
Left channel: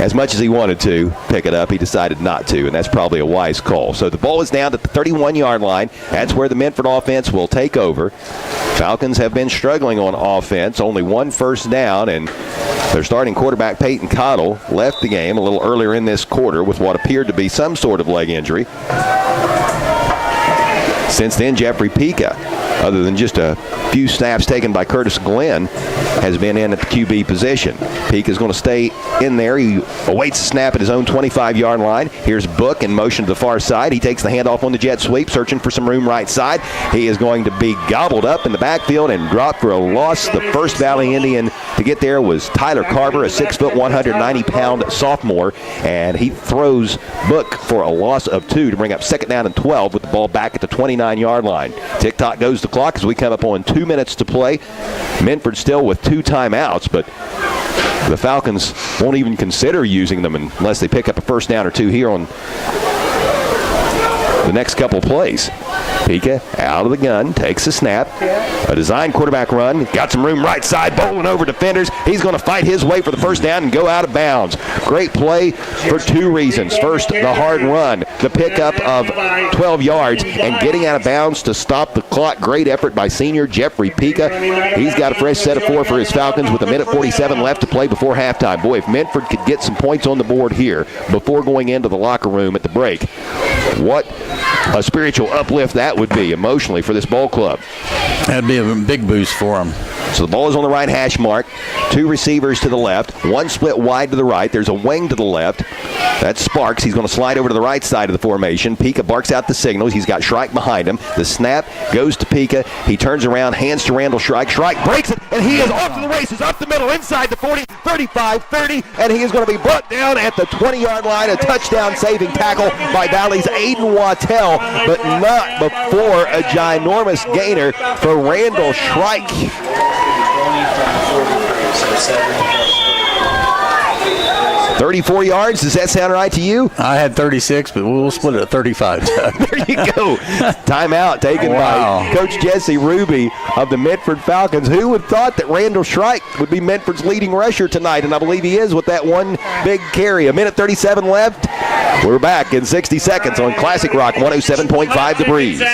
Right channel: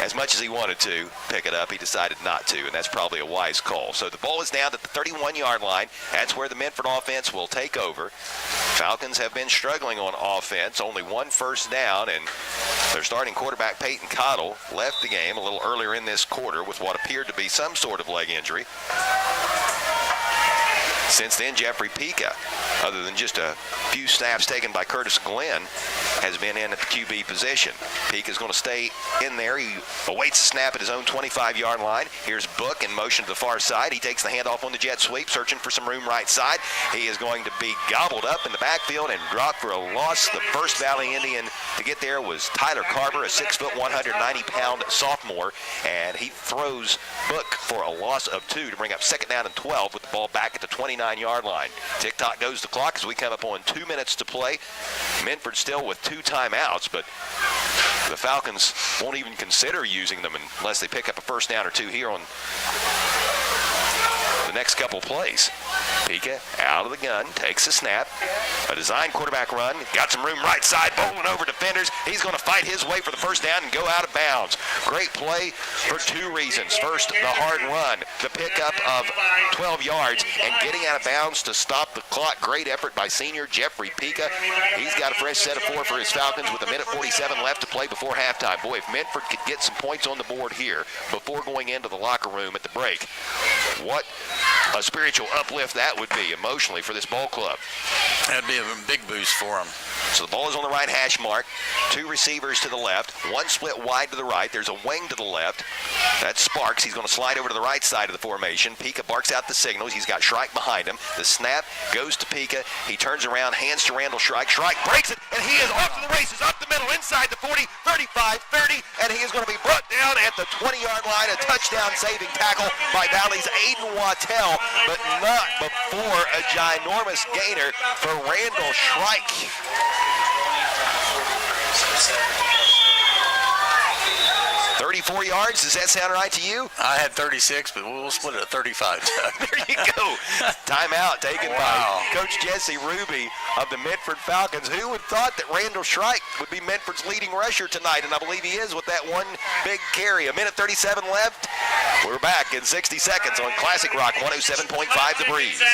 As much as he wanted to pick it up, he decided not to, and that's probably a wise call. So the ball is down at the 31-yard line. That's where the Minford offense will take over. Falcons have been struggling on offense. Only one first down, and their starting quarterback, Peyton Cottle, left the game a little earlier in this quarter with what appeared to be some sort of leg injury. Since then, Jeffrey Pica, other than just a few snaps taken by Curtis Glenn, has been in at the QB position. Pica is going to stay in there. He awaits the snap at his own 25-yard line. Here's Book in motion to the far side. He takes the handoff on the jet sweep, searching for some room right side. He is going to be gobbled up in the backfield and dropped for a loss. The first Valley Indian to get there was Tyler Carver, a 6', 190-pound sophomore, and he throws Book for a loss of 2 to bring up second down and 12 with the ball back at the 29-yard line. Tick-tock goes the clock as we come up on 2 minutes to play. Minford still with 2 timeouts, but the Falcons won't even consider using them unless they pick up a first down or 2 here on the next couple plays. Pica out of the gun, takes a snap. A design quarterback run. Got some room right side, bowling over defenders. He's going to fight his way for the first down and go out of bounds. Great play for 2 reasons. First, the hard run, the pickup of 12 yards, and getting out of bounds to stop the clock. Great effort by senior Jeffrey Pica. He's got a fresh set of 4 for his Falcons with 1:47 left to play before halftime. Boy, if Minford could get some points on the board here before going into the locker room at the break, what a spiritual uplift that would be emotionally for this ball club. That'd be a big boost for them. So the ball is on the right hash mark. 2 receivers to the left. 1 split wide to the right. There's a wing to the left. That's Sparks. He's going to slide over to the right side of the formation. Pica barks out the signals. He's got Shrike behind him. The snap goes to Pica. He turns around, hands to Randall Shrike. Shrike breaks it, and he is off to the races, up the middle, inside the 40, 35, 30, and he is going to be brought down at the 20-yard line. A touchdown-saving tackle by Valley's Aiden Wattell, but not before a ginormous gainer for Randall Shrike. 34 yards. Does that sound right to you? I had 36, but we'll split it at 35. There you go. Timeout taken by Coach Jesse Ruby of the Minford Falcons. Who would have thought that Randall Shrike would be Minford's leading rusher tonight? And I believe he is with that one big carry. 1:37 left. We're back in 60 seconds on Classic Rock 107.5 The Breeze. The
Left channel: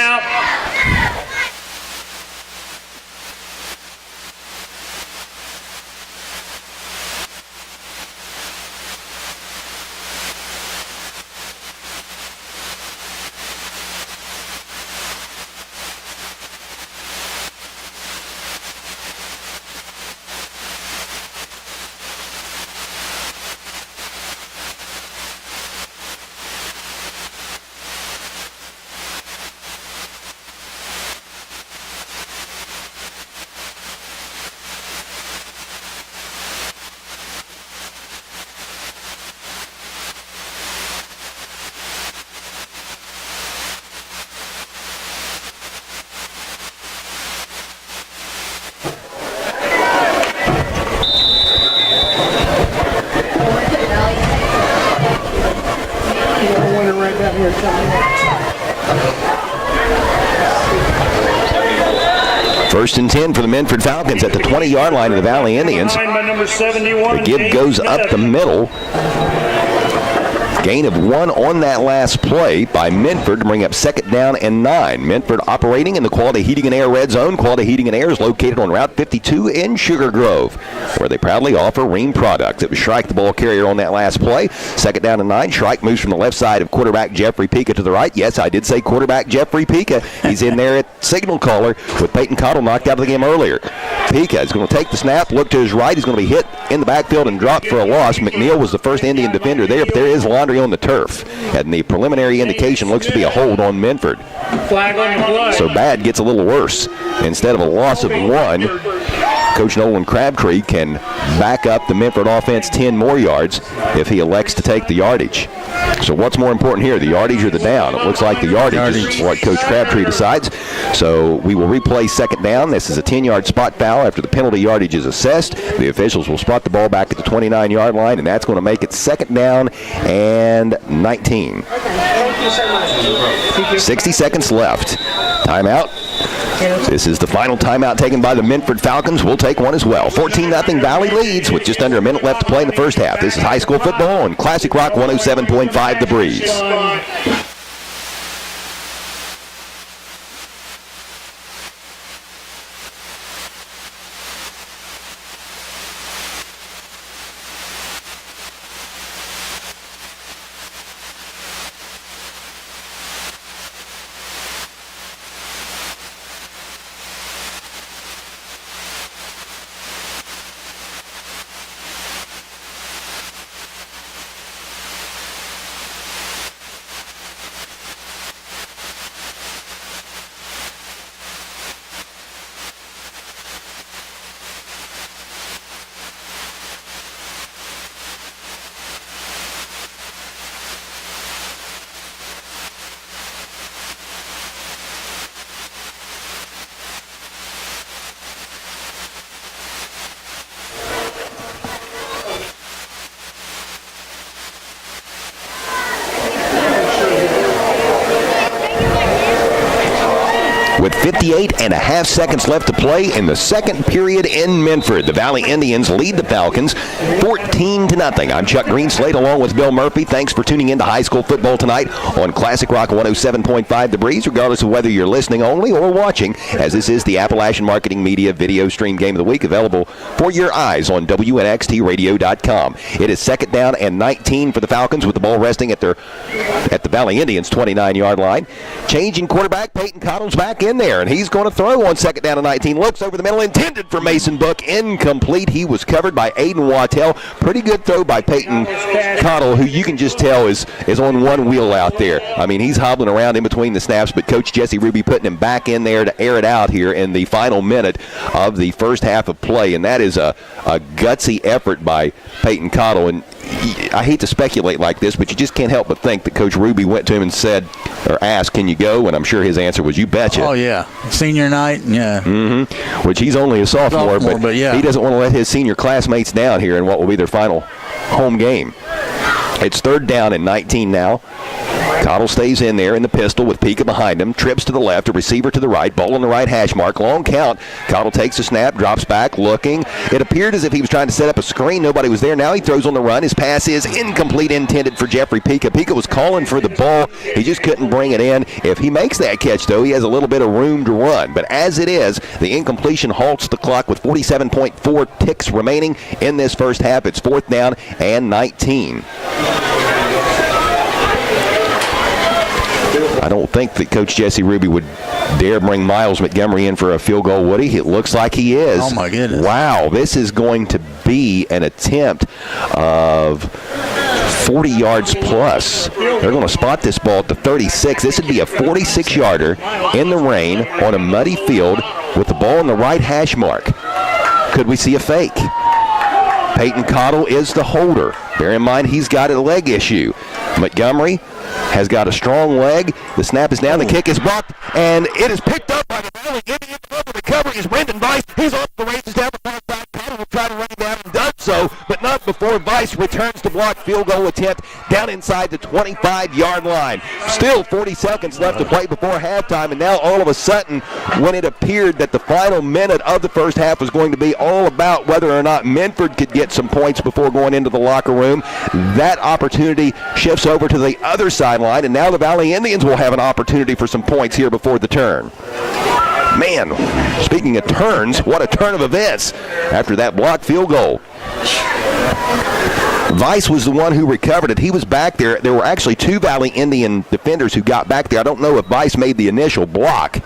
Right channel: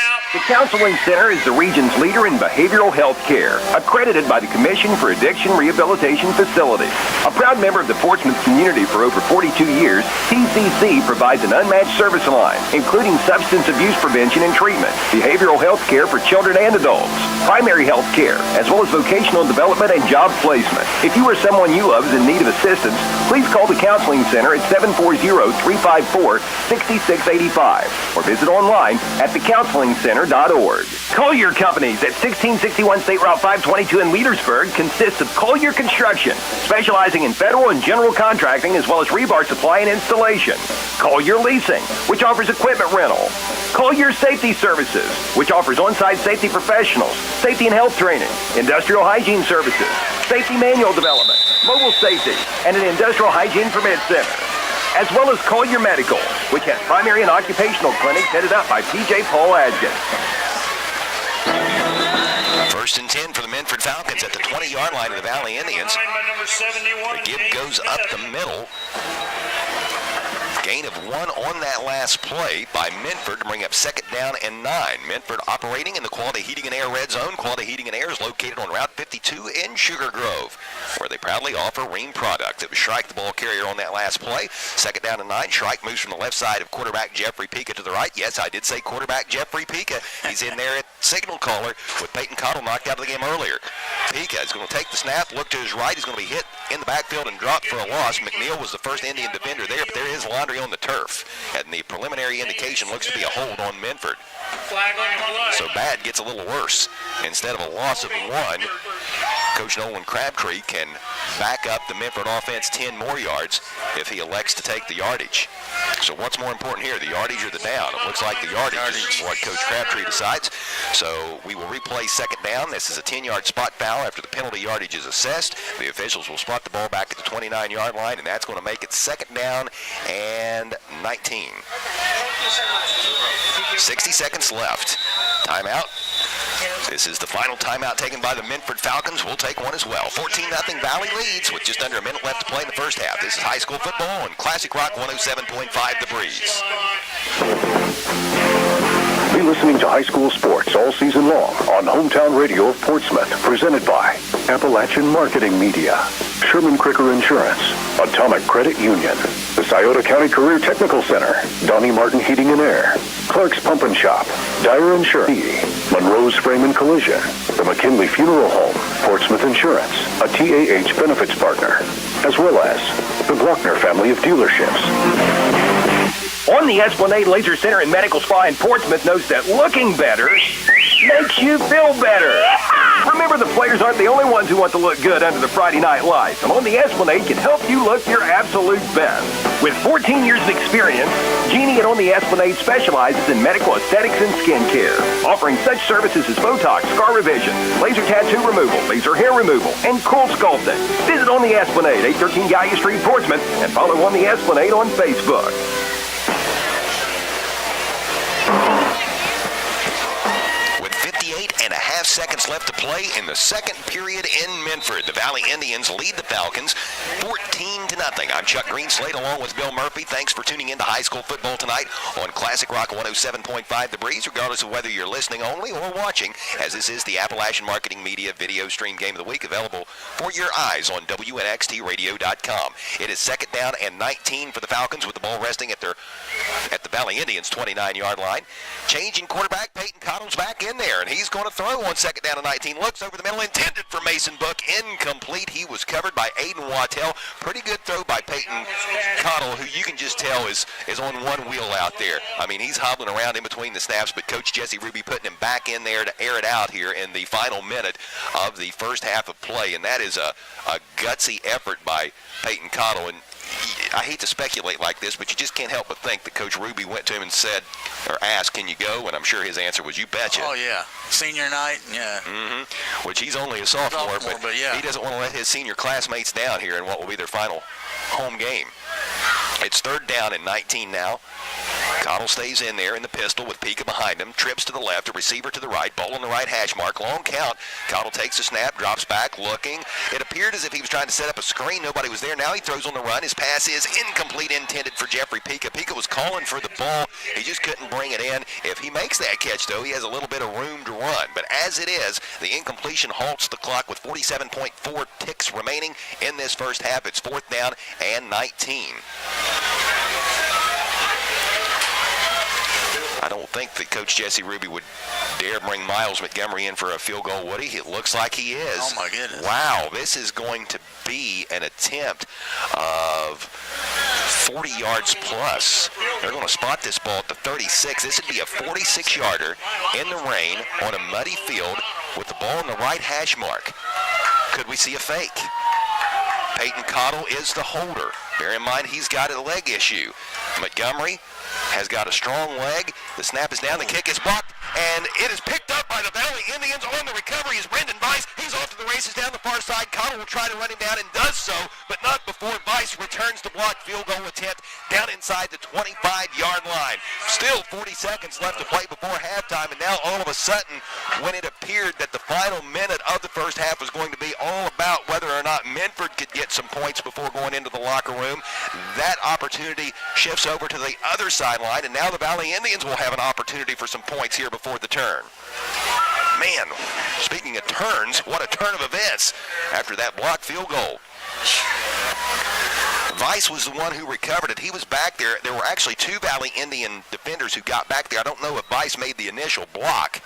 Counseling Center is the region's leader in behavioral health care, accredited by the Commission for Addiction Rehabilitation Facilities. A proud member of the Portsmouth community for over 42 years, TCC provides an unmatched service line, including substance abuse prevention and treatment, behavioral health care for children and adults, primary health care, as well as vocational development and job placement. If you or someone you love is in need of assistance, please call the Counseling Center at 740-354-6685 or visit online at thecounselingcenter.org. Collier Companies at 1661 State Route 522 in Leadersburg consists of Collier Construction, specializing in federal and general contracting as well as rebar supply and installation. Collier Leasing, which offers equipment rental. Collier Safety Services, which offers on-site safety professionals, safety and health training, industrial hygiene services, safety manual development, mobile safety, and an industrial hygiene permit set, as well as Collier Medical, which has primary and occupational clinics headed up by P.J. Paul Adkins. 1st and 10 for the Minford Falcons at the 20-yard line of the Valley Indians. The give goes up the middle. Gain of 1 on that last play by Minford to bring up second down and 9. Minford operating in the Quality Heating and Air red zone. Quality Heating and Air is located on Route 52 in Sugar Grove, where they proudly offer Ream products. It was Shrike, the ball carrier, on that last play. Second down and 9. Shrike moves from the left side of quarterback Jeffrey Pica to the right. Yes, I did say quarterback Jeffrey Pica. He's in there at signal caller with Peyton Cottle knocked out of the game earlier. Pica is going to take the snap, look to his right. He's going to be hit in the backfield and dropped for a loss. McNeil was the first Indian defender there, but there is laundry on the turf. And the preliminary indication looks to be a hold on Minford. Flag on the play. So bad gets a little worse. Instead of a loss of 1, Coach Nolan Crabtree can back up the Minford offense 10 more yards if he elects to take the yardage. So what's more important here, the yardage or the down? It looks like the yardage is what Coach Crabtree decides. So we will replay second down. This is a 10-yard spot foul after the penalty yardage is assessed. The officials will spot the ball back at the 29-yard line, and that's going to make it second down and 19. Thank you so much. 60 seconds left. Timeout. This is the final timeout taken by the Minford Falcons. We'll take one as well. 14-0 Valley leads with just under a minute left to play in the first half. This is high school football on Classic Rock 107.5 The Breeze. listening to high school sports all season long on Hometown Radio of Portsmouth, presented by Appalachian Marketing Media, Sherman Cricker Insurance, Atomic Credit Union, the Scioto County Career Technical Center, Donnie Martin Heating and Air, Clark's Pump and Shop, Dyer Insurance, Monroe's Frame and Collision, the McKinley Funeral Home, Portsmouth Insurance, a TAH benefits partner, as well as the Glockner family of dealerships. On the Esplanade Laser Center and Medical Spa in Portsmouth knows that looking better makes you feel better. Remember, the players aren't the only ones who want to look good under the Friday night lights. And On the Esplanade can help you look your absolute best. With 14 years of experience, Jeannie at On the Esplanade specializes in medical aesthetics and skincare, offering such services as Botox, scar revision, laser tattoo removal, laser hair removal, and cool sculpting. Visit On the Esplanade, 813 Gallia Street, Portsmouth, and follow On the Esplanade on Facebook. With 58 and a half seconds left to play in the second period in Minford, the Valley Indians lead the Falcons 14-0. I'm Chuck Greenslade along with Bill Murphy. Thanks for tuning in to high school football tonight on Classic Rock 107.5 The Breeze, regardless of whether you're listening only or watching, as this is the Appalachian Marketing Media Video Stream Game of the Week, available for your eyes on WNXTradio.com. It is second down and 19 for the Falcons, with the ball resting at the Valley Indians' 29-yard line. Changing quarterback, Peyton Cottle's back in there, and he's going to throw on second down and 19. Looks over the middle, intended for Mason Book, incomplete. He was covered by Aiden Wattell. Pretty good throw by Peyton Cottle, who you can just tell is on one wheel out there. I mean, he's hobbling around in between the snaps, but Coach Jesse Ruby putting him back in there to air it out here in the final minute of the first half of play, and that is a gutsy effort by Peyton Cottle. And I hate to speculate like this, but you just can't help but think that Coach Ruby went to him and said, or asked, can you go? And I'm sure his answer was, you betcha. Oh, yeah. Senior night, yeah. Mm-hmm. Which he's only a sophomore, but yeah. He doesn't want to let his senior classmates down here in what will be their final home game. It's third down and 19 now. Cottle stays in there in the pistol with Pika behind him. Trips to the left, a receiver to the right, ball on the right hash mark. Long count. Cottle takes a snap, drops back, looking. It appeared as if he was trying to set up a screen. Nobody was there. Now he throws on the run. His pass is incomplete, intended for Jeffrey Pika. Pika was calling for the ball. He just couldn't bring it in. If he makes that catch, though, he has a little bit of room to run. But as it is, the incompletion halts the clock with 47.4 ticks remaining in this first half. It's fourth down and 19. I don't think that Coach Jesse Ruby would dare bring Miles Montgomery in for a field goal, would he? It looks like he is. Oh, my goodness. Wow, this is going to be an attempt of 40 yards plus. They're going to spot this ball at the 36. This would be a 46-yarder in the rain on a muddy field with the ball on the right hash mark. Could we see a fake? Peyton Cottle is the holder. Bear in mind, he's got a leg issue. Montgomery has got a strong leg. The snap is down. The kick is blocked, and it is picked up by the Valley Indians. On the recovery is Brendan Weiss. He's off to the races down the far side. Cottle will try to run him down and does so, but not before Weiss returns to block. Field goal attempt down inside the 25-yard line. Still 40 seconds left to play before halftime, and now all of a sudden, when it appeared that the final minute of the first half was going to be all about whether or not Minford could get some points before going into the locker room, that opportunity shifts over to the other sideline, and now the Valley Indians will have an opportunity for some points here before the turn. Man, speaking of turns, what a turn of events after that blocked field goal. Weiss was the one who recovered it. He was back there. There were actually two Valley Indian defenders who got back there. I don't know if Weiss made the initial block,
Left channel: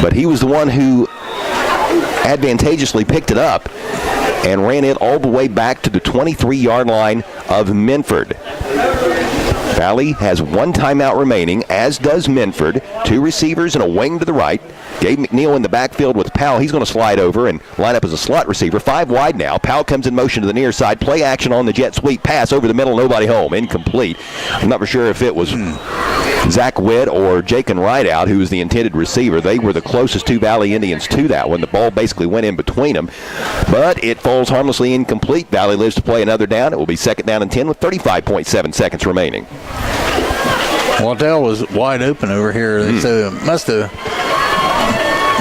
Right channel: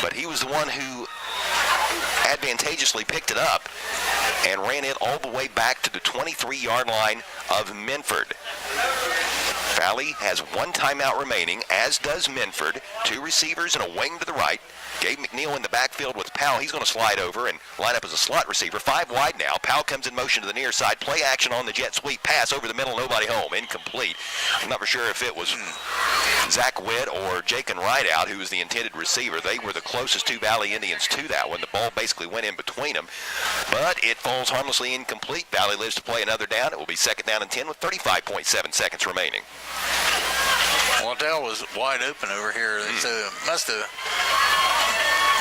but he was the one who advantageously picked it up and ran it all the way back to the 23-yard line of Minford. Valley has one timeout remaining, as does Minford. Two receivers and a wing to the right. Gabe McNeil in the backfield with Powell. He's going to slide over and line up as a slot receiver. 5 wide now. Powell comes in motion to the near side. Play action on the jet sweep. Pass over the middle. Nobody home. Incomplete. I'm not for sure if it was Zach Witt or Jakin Rideout who was the intended receiver. They were the closest two Valley Indians to that when the ball basically went in between them. But it falls harmlessly incomplete. Valley lives to play another down. It will be second down and 10 with 35.7 seconds remaining. Waddell was wide open over here, so must have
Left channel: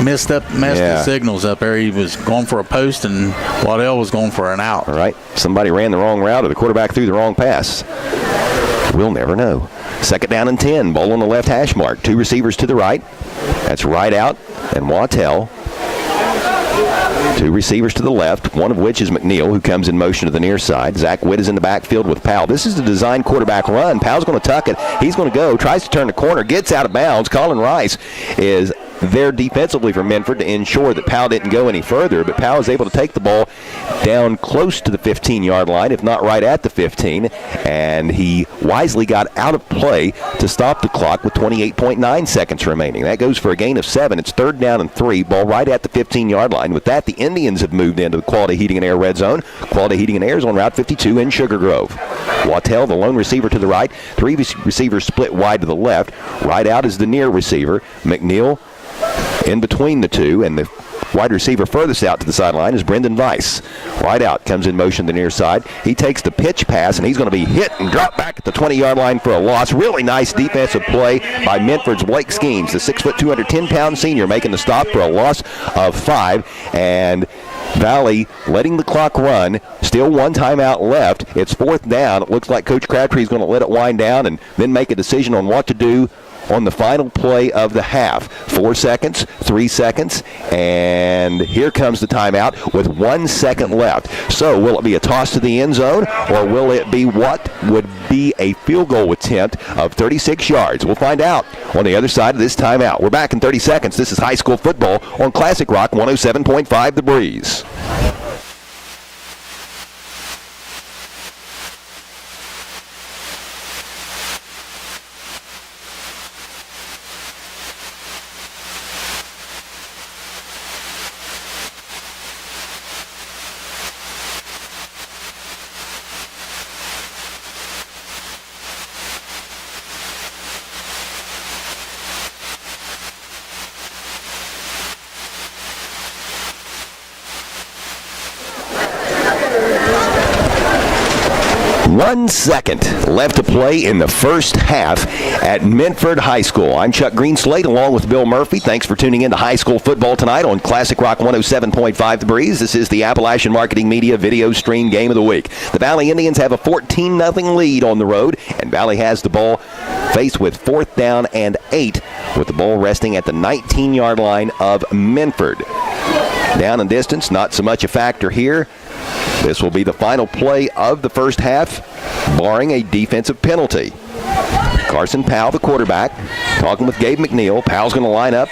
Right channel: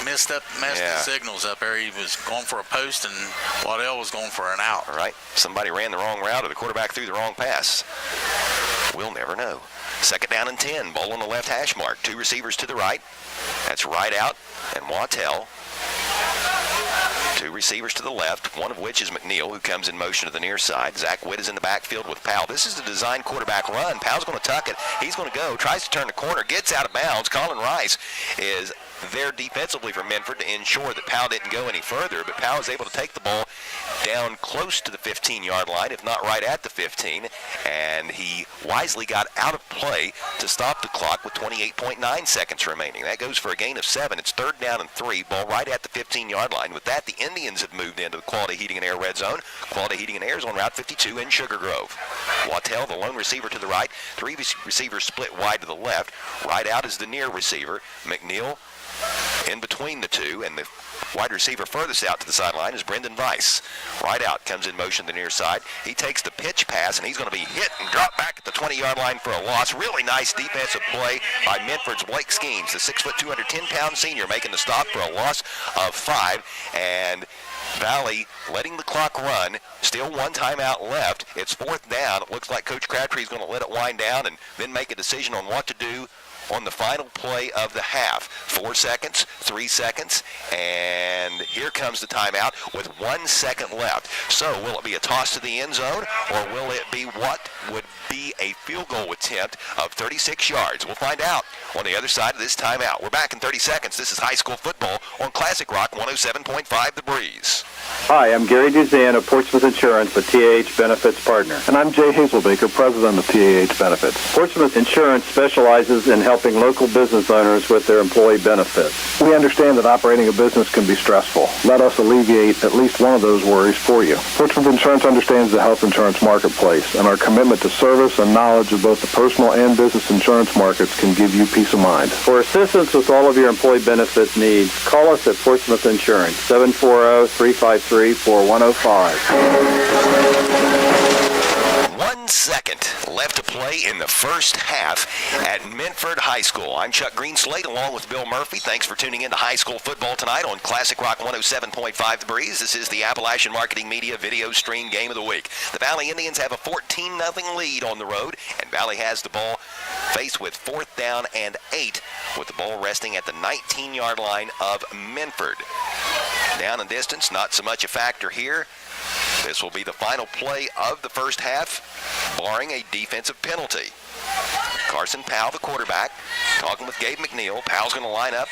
messed the signals up there. He was going for a post, and Waddell was going for an out. All right. Somebody ran the wrong route, or the quarterback threw the wrong pass. We'll never know. Second down and 10. Ball on the left hash mark. Two receivers to the right. That's right out and Wattell. Two receivers to the left, one of which is McNeil, who comes in motion to the near side. Zach Witt is in the backfield with Powell. This is the design quarterback run. Powell's going to tuck it. He's going to go, tries to turn the corner, gets out of bounds. Colin Rice is there defensively for Minford to ensure that Powell didn't go any further, but Powell is able to take the ball down close to the 15-yard line, if not right at the 15, and he wisely got out of play to stop the clock with 28.9 seconds remaining. That goes for a gain of 7. It's third down and 3, ball right at the 15-yard line. With that, the Indians have moved into the Quality Heating and Air red zone. Quality Heating and Air is on Route 52 in Sugar Grove. Wattell, the lone receiver to the right, three receivers split wide to the left. Right out is the near receiver. McNeil in between the two, and the wide receiver furthest out to the sideline is Brendan Weiss. Right out comes in motion to the near side. He takes the pitch pass, and he's going to be hit and drop back at the 20-yard line for a loss. Really nice defensive play by Minford's Blake Skeens, the 6', 210-pound senior, making the stop for a loss of 5. And Valley letting the clock run. Still one timeout left. It's fourth down. It looks like Coach Crabtree is going to let it wind down and then make a decision on what to do on the final play of the half. 4 seconds, 3 seconds, and here comes the timeout with 1 second left. So will it be a toss to the end zone, or will it be what would be a field goal attempt of 36 yards? We'll find out on the other side of this timeout. We're back in 30 seconds. This is high school football on Classic Rock 107.5 The Breeze. Hi, I'm Gary Duzan of Portsmouth Insurance, a TAH Benefits partner. And I'm Jay Hazelbaker, president of TAH Benefits. Portsmouth Insurance specializes in helping local business owners with their employee benefits. We understand that operating a business can be stressful. Let us alleviate at least one of those worries for you. Portsmouth Insurance understands the health insurance marketplace, and our commitment to service and knowledge of both the personal and business insurance markets can give you peace of mind. For assistance with all of your employee benefits needs, call us at Portsmouth Insurance, 740-353-4105. 1 second left to play in the first half at Minford High School. I'm Chuck Greenslade along with Bill Murphy. Thanks for tuning in to high school football tonight on Classic Rock 107.5 The Breeze. This is the Appalachian Marketing Media Video Stream Game of the Week. The Valley Indians have a 14-0 lead on the road, and Valley has the ball faced with 4th down and 8, with the ball resting at the 19-yard line of Minford. Down and distance, not so much a factor here. This will be the final play of the first half, barring a defensive penalty. Carson Powell, the quarterback, talking with Gabe McNeil. Powell's going to line up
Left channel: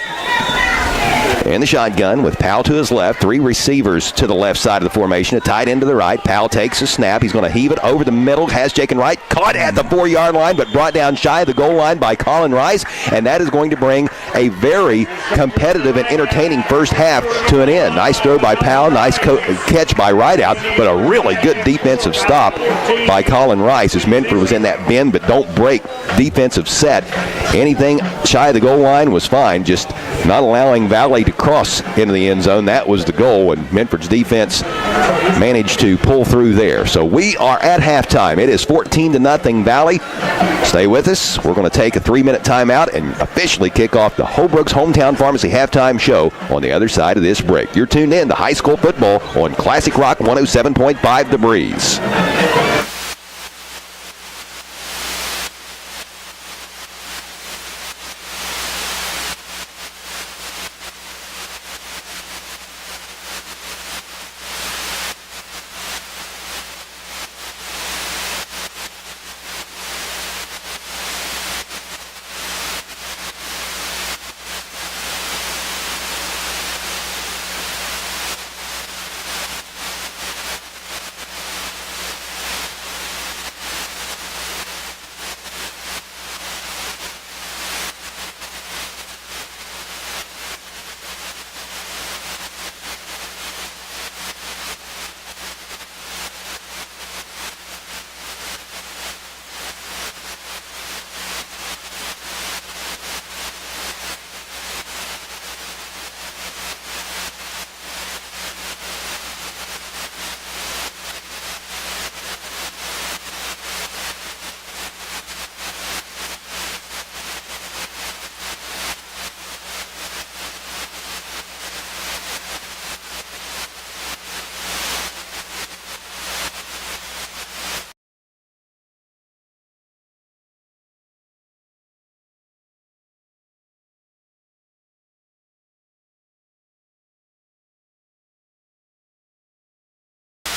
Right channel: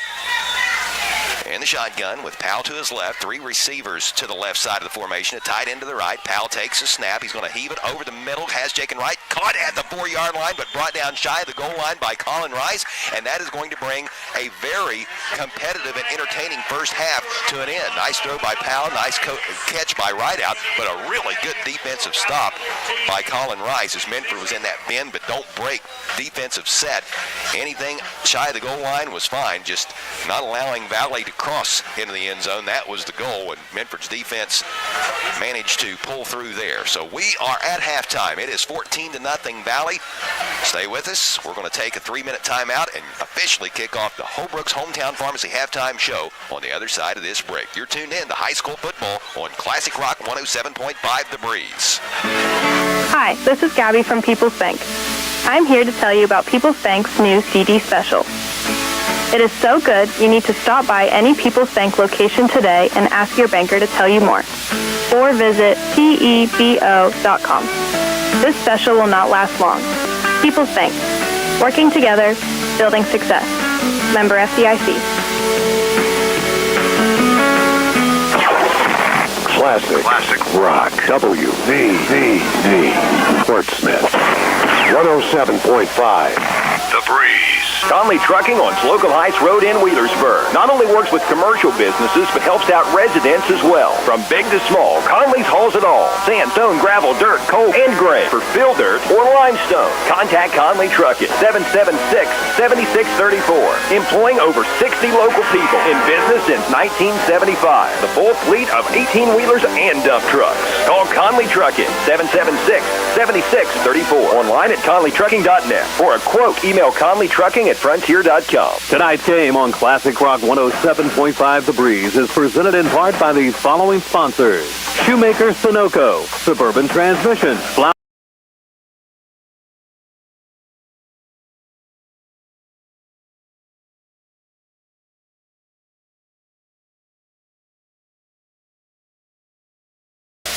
in the shotgun with Powell to his left. 3 receivers to the left side of the formation. A tight end to the right. Powell takes a snap. He's going to heave it over the middle. Has Jaken Wright caught at the 4-yard line, but brought down shy of the goal line by Colin Rice. And that is going to bring a very competitive and entertaining first half to an end. Nice throw by Powell. Nice catch by Rideout, but a really good defensive stop by Colin Rice as Minford was in that bend but don't break defensive set. Anything shy of the goal line was fine, just not allowing Valley to cross into the end zone. That was the goal, and Minford's defense managed to pull through there. So we are at halftime. It is 14-0 Valley. Stay with us. We're going to take a 3-minute timeout and officially kick off the Holbrook's Hometown Pharmacy halftime show on the other side of this break. You're tuned in to high school football on Classic Rock 107.5 The Breeze. Hi, this is Gabby from People's Bank. I'm here to tell you about People's Bank's new CD special. It is so good, you need to stop by any People's Bank location today and ask your banker to tell you more. Or visit pebo.com. This special will not last long. People's Bank. Working together, building success. Member FDIC. Classic Rock. WNXT. Portsmouth. 107.5. The Breeze. Conley Trucking on Slocum Heights Road in Wheelersburg not only works with commercial businesses, but helps out residents as well. From big to small, Conley's hauls it all. Sand, stone, gravel, dirt, coal, and gray. For fill dirt or limestone, contact Conley Trucking, 776-7634. Employing over 60 local people. In business since 1975. The full fleet of 18-wheelers and dump trucks. Call Conley Trucking, 776-7634. Online at conleytrucking.net. For a quote, email conleytrucking@frontier.com. Tonight's game on Classic Rock 107.5 The Breeze is presented in part by these following sponsors: Shoemaker Sunoco, Suburban Transmission,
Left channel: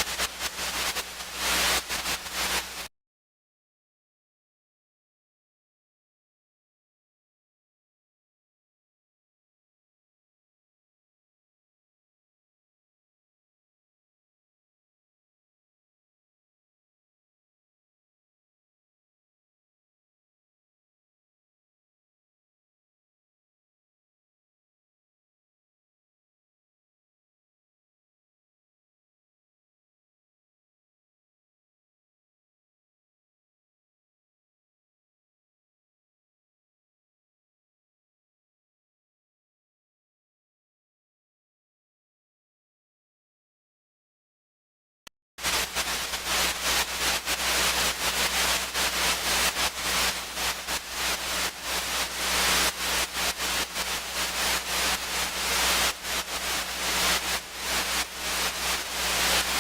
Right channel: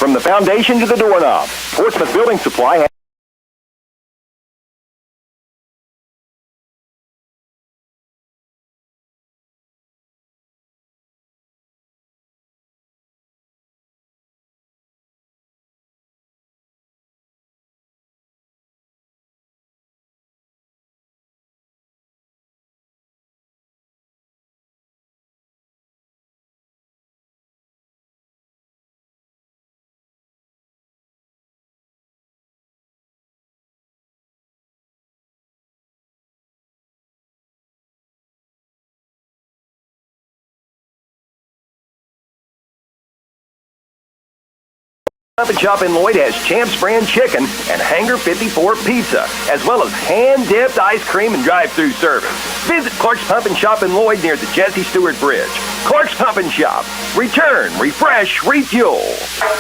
from the foundation to the doorknob. Portsmouth Building Supply Up and Shop in Lloyd has Champs brand chicken and Hanger 54 pizza, as well as hand-dipped ice cream and drive-through service. Visit Clark's Pump and Shop in Lloyd near the Jesse Stewart Bridge. Clark's Pump and Shop. Return, refresh, refuel.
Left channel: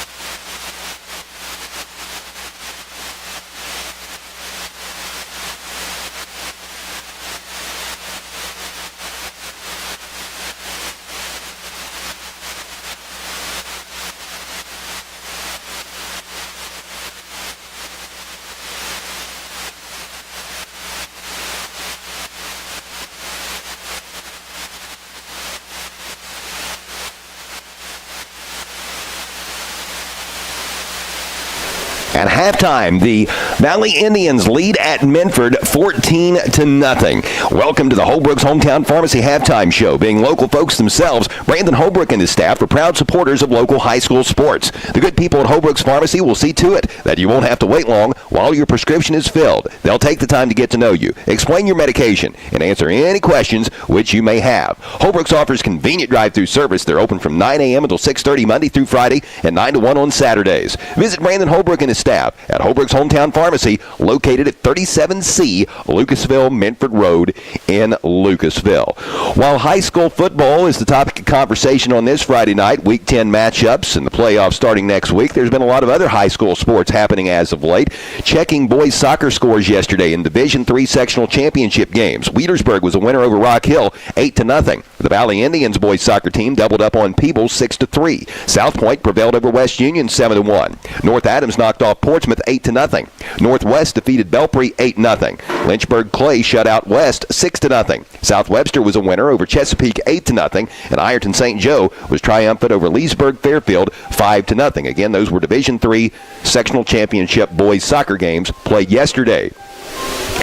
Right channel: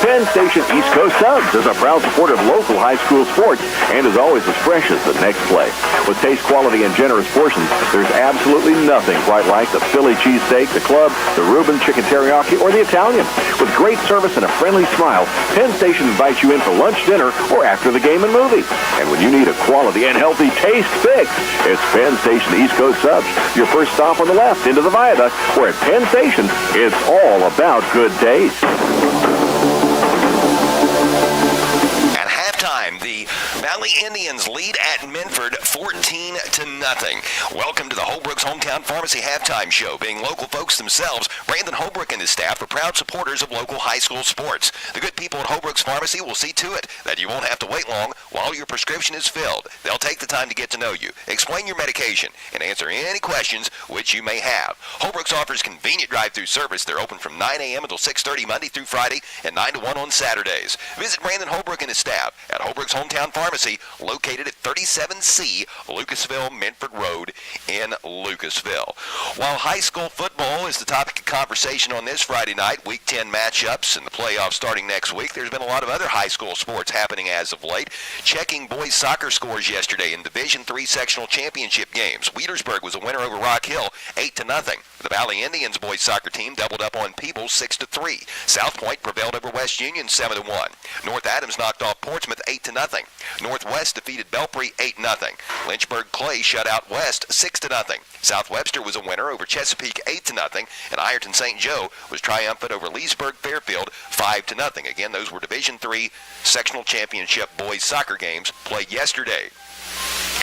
Penn Station East Coast Subs is a proud supporter of local high school sports and is always as fresh as the next play. With taste, quality, and generous portions, there's absolutely nothing quite like the Philly cheesesteak, the club, the Reuben chicken teriyaki, or the Italian. With great service and a friendly smile, Penn Station invites you in for lunch, dinner, or after the game and movie. And when you need a quality and healthy taste fix, it's Penn Station East Coast Subs, your first stop on the left into the viaduct, where at Penn Station, it's all about good taste. At halftime, the Valley Indians lead at Minford 14-0. Welcome to the Holbrook's Hometown Pharmacy Halftime Show. Being local folks themselves, Brandon Holbrook and his staff are proud supporters of local high school sports. The good people at Holbrook's Pharmacy will see to it that you won't have to wait long while your prescription is filled. They'll take the time to get to know you, explain your medication, and answer any questions which you may have. Holbrook's offers convenient drive-through service. They're open from 9 a.m. until 6:30 Monday through Friday and 9 to 1 on Saturdays. Visit Brandon Holbrook and his staff at Holbrook's Hometown Pharmacy, located at 37C Lucasville Minford Road in Lucasville. While high school football is the topic of conversation on this Friday night, Week 10 matchups and the playoffs starting next week, there's been a lot of other high school sports happening as of late. Checking boys soccer scores yesterday in Division III sectional championship games. Wheelersburg was a winner over Rock Hill, 8-0. The Valley Indians boys soccer team doubled up on Peebles, 6-3. South Point prevailed over West Union, 7-1. North Adams knocked off Portsmouth 8-0. Northwest defeated Belpre 8-0. Lynchburg Clay shut out West 6-0. South Webster was a winner over Chesapeake 8-0, and Ironton St. Joe was triumphant over Leesburg Fairfield 5-0. Again, those were Division III sectional championship boys soccer games played yesterday.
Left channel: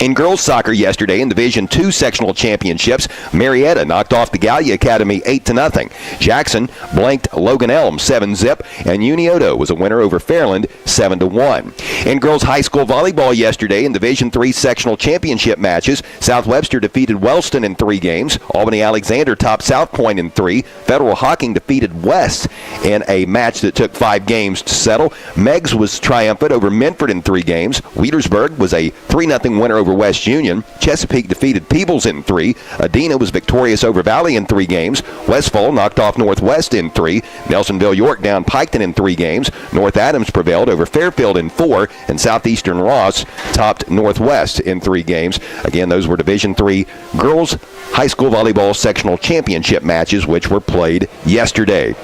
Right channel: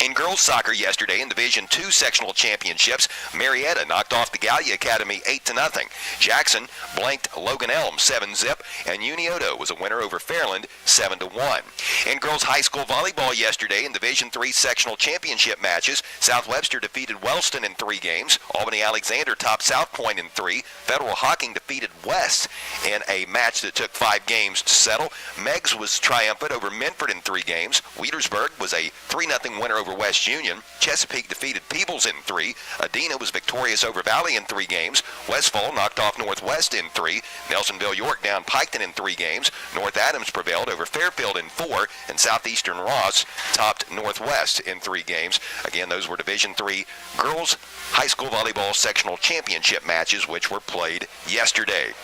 In girls soccer yesterday in Division II sectional championships, Marietta knocked off the Gallia Academy 8-0. Jackson blanked Logan Elm 7-0, and Unioto was a winner over Fairland 7-1. In girls high school volleyball yesterday in Division III sectional championship matches, South Webster defeated Wellston in 3 games. Albany Alexander topped South Point in 3. Federal Hocking defeated West in a match that took 5 games to settle. Meggs was triumphant over Minford in 3 games. Wheelersburg was a 3-0 winner over West Union. Chesapeake defeated Peebles in 3. Adena was victorious over Valley in 3 games. Westfall knocked off Northwest in 3. Nelsonville York down Piketon in 3 games. North Adams prevailed over Fairfield in 4. And Southeastern Ross topped Northwest in 3 games. Again, those were Division III girls high school volleyball sectional championship matches, which were played yesterday.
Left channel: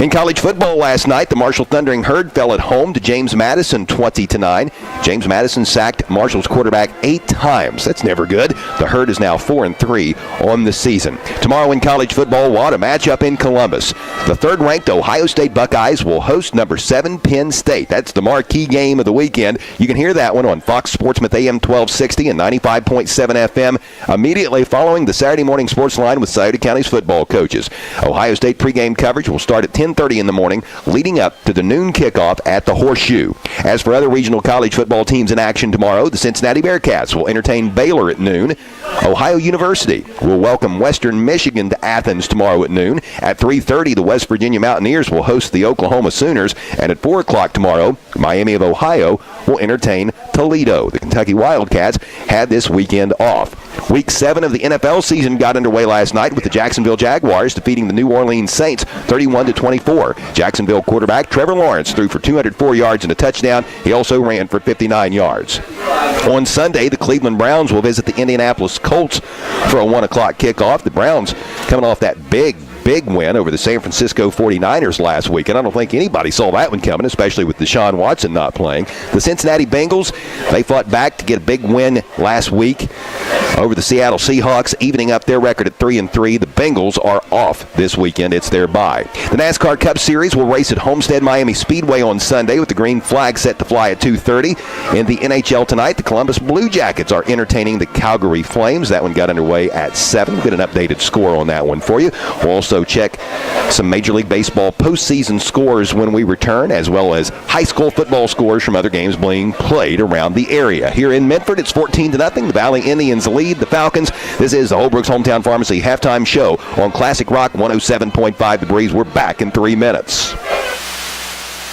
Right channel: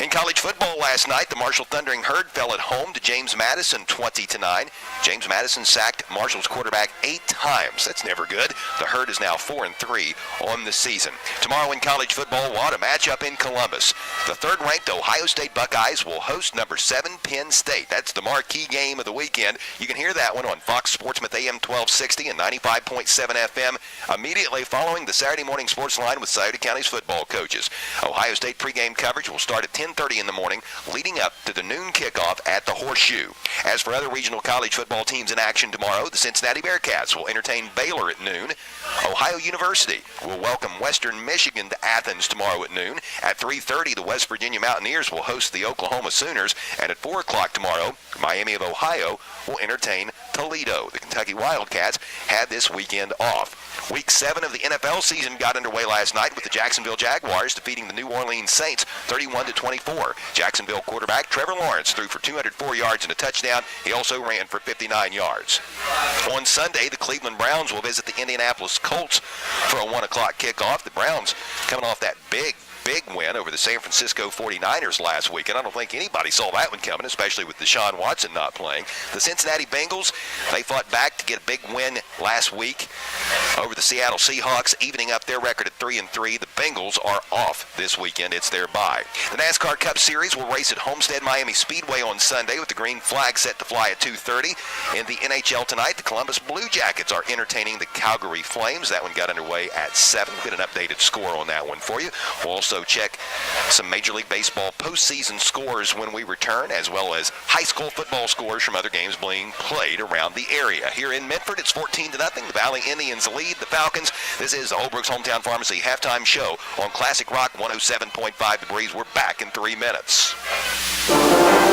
In college football last night, the Marshall Thundering Herd fell at home to James Madison 20-9. James Madison sacked Marshall's quarterback 8 times. That's never good. The Herd is now 4-3 on the season. Tomorrow in college football, what a matchup in Columbus. The 3rd-ranked Ohio State Buckeyes will host number 7 Penn State. That's the marquee game of the weekend. You can hear that one on Fox Sportsmouth AM 1260 and 95.7 FM immediately following the Saturday morning sports line with Scioto County's football coaches. Ohio State pregame coverage will start at 10:30 in the morning, leading up to the noon kickoff at the Horseshoe. As for other regional college football teams in action tomorrow, the Cincinnati Bearcats will entertain Baylor at noon. Ohio University will welcome Western Michigan to Athens tomorrow at noon. At 3:30, the West Virginia Mountaineers will host the Oklahoma Sooners. And at 4 o'clock tomorrow, Miami of Ohio will entertain Toledo. The Kentucky Wildcats had this weekend off. Week 7 of the NFL season got underway last night with the Jacksonville Jaguars defeating the New Orleans Saints 31-24. Jacksonville quarterback Trevor Lawrence threw for 204 yards and a touchdown. He also ran for 59 yards. On Sunday, the Cleveland Browns will visit the Indianapolis Colts for a 1 o'clock kickoff. The Browns coming off that big big win over the San Francisco 49ers last weekend. I don't think anybody saw that one coming, especially with Deshaun Watson not playing. The Cincinnati Bengals, they fought back to get a big win last week over the Seattle Seahawks, evening up their record at 3-3. The Bengals are off this weekend. It's their bye. The NASCAR Cup Series will race at Homestead Miami Speedway on Sunday with the green flag set to fly at 2:30. In the NHL tonight, the Columbus Blue Jackets are entertaining the Calgary Flames. That one got underway at 7. We'll get an updated score on that one for you. We'll also check some Major League Baseball postseason scores when we return, as well as high school football scores from other games being played around the area. Here in Minford, it's 14-0. The Valley Indians lead the Falcons. This is the Holbrook's Hometown Pharmacy halftime show on Classic Rock 107.5 The Breeze. We're back in 3 minutes.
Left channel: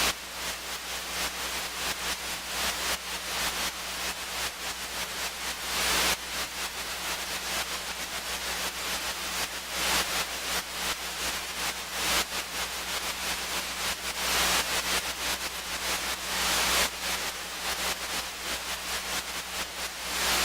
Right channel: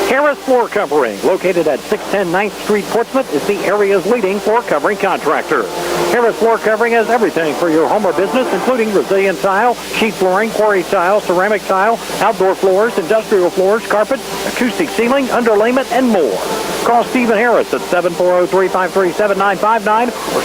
Harris Floor Covering, located at 610 9th Street, Portsmouth, is the area's leading floor covering contractor. Harris Floor Covering has everything for your home or business, including resilient tile, sheet flooring, quarry tile, ceramic tile, outdoor floors, industrial floors, carpet, acoustic ceiling, underlayment, and more. Call Stephen Harris at 740-353-7959 or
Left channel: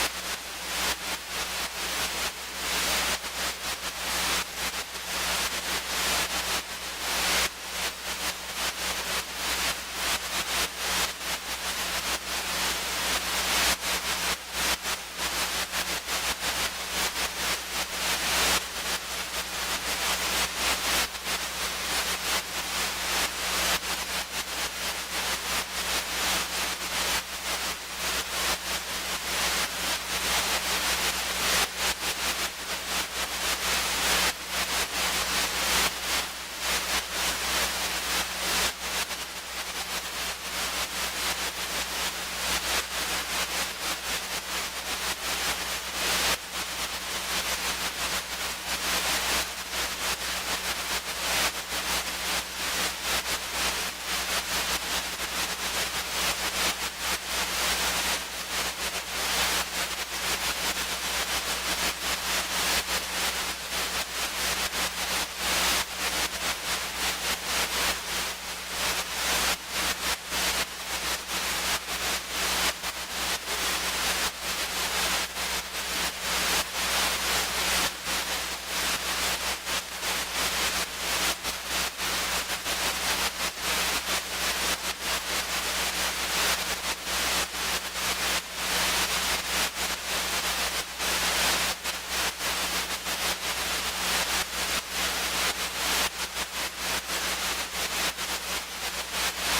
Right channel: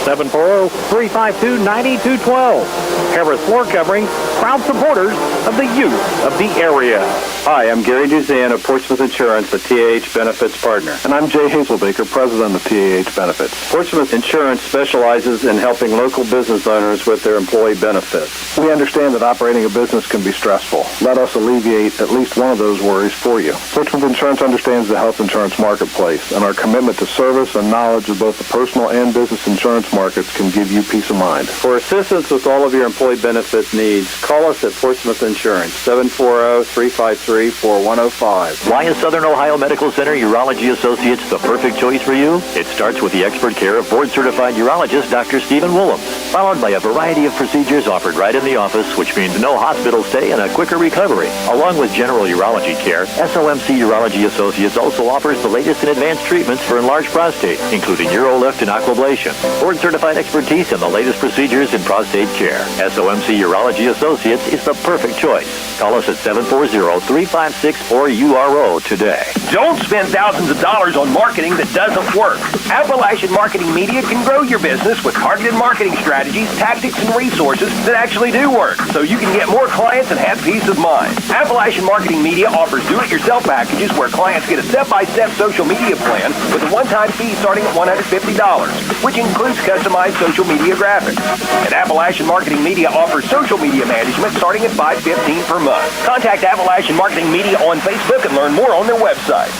740-352-9212. Harris Floor Covering, proud supporters of the youth of the area. Hi, I'm Gary Duzan of Portsmouth Insurance, a TAH Benefits partner. And I'm Jay Hazelbaker, president of TAH Benefits. Portsmouth Insurance specializes in helping local business owners with their employee benefits. We understand that operating a business can be stressful. Let us alleviate at least one of those worries for you. Portsmouth Insurance understands the health insurance marketplace, and our commitment to service and knowledge of both the personal and business insurance markets can give you peace of mind. For assistance with all of your employee benefit needs, call us at Portsmouth Insurance, 740-353-4105. Why is Southern Ohio Medical Center Urology Associates the perfect choice for you? It starts with the expert care of board-certified urologist Dr. Stephen Woolham, followed by a variety of procedures offered right in the office, which means no hospital stay and a quicker recovery. Along with general urology care, SOMC Urology Associates also offers the latest in advanced treatments for enlarged prostate, including urolift and aquablation, board-certified expertise, and the latest procedures in prostate care. SOMC Urology Associates is the perfect choice. Call us at 740-356-4URO today. Don't spend thousands of dollars on marketing that doesn't work. Appalachian Marketing Media can grow your business with targeted marketing strategies, tactics, and resources that actually do work, so you can get more clients and have peace of mind. Appalachian Marketing Media offers do-it-yourself packages where clients get a step-by-step social media plan with a one-time fee starting at $150, which includes customized social media graphics. And Appalachian Marketing Media offers social media management starting at $5.15 per month. Contact Appalachian Marketing Media on Facebook and learn more on their website.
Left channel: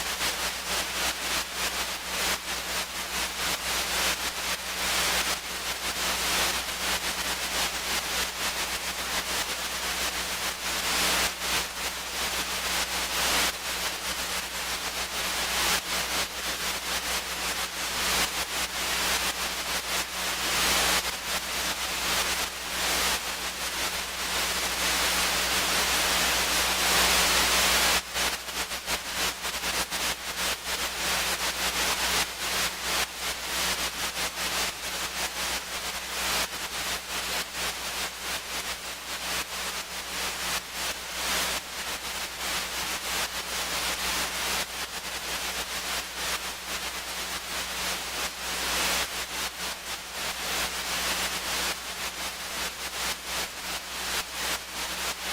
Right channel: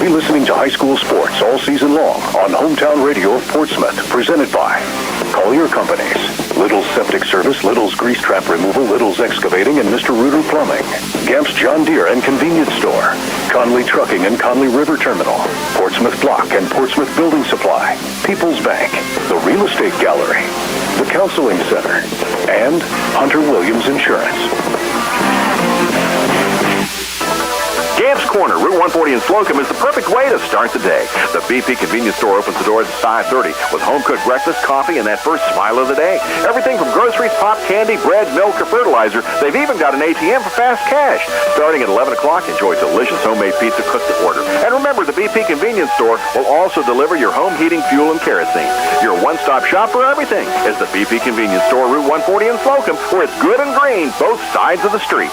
Be listening to high school sports all season long on Hometown Radio of Portsmouth, presented by Collier Companies, Little's Septic Service, Little's Grease Trap Removal, Little's Excavating, and Mr. Reuter Plumbing, Gamp's John Deere and Convenience Store, Conley Trucking and Conley River Terminal, Portsmouth Block and Portsmouth Building Supply, People's Bank, the Real Estate Gallery, the Counseling Center, and Hunter Williams Insurance. Gamp's Corner, Route 140 in Slocum, is the perfect way to start the day. The BP convenience store opens the doors at 5:30 with home-cooked breakfast, coffee, and that first smile of the day. Everything from groceries, pop, candy, bread, milk, or fertilizer. They've even got an ATM for fast cash. Starting at 11 o'clock, enjoy delicious homemade pizza cooked to order. And remember, the BP convenience store will also deliver your home heating, fuel, and kerosene. Your one-stop shop for everything is the BP convenience store, Route 140 in Slocum, where it's good and green, both sides of the street.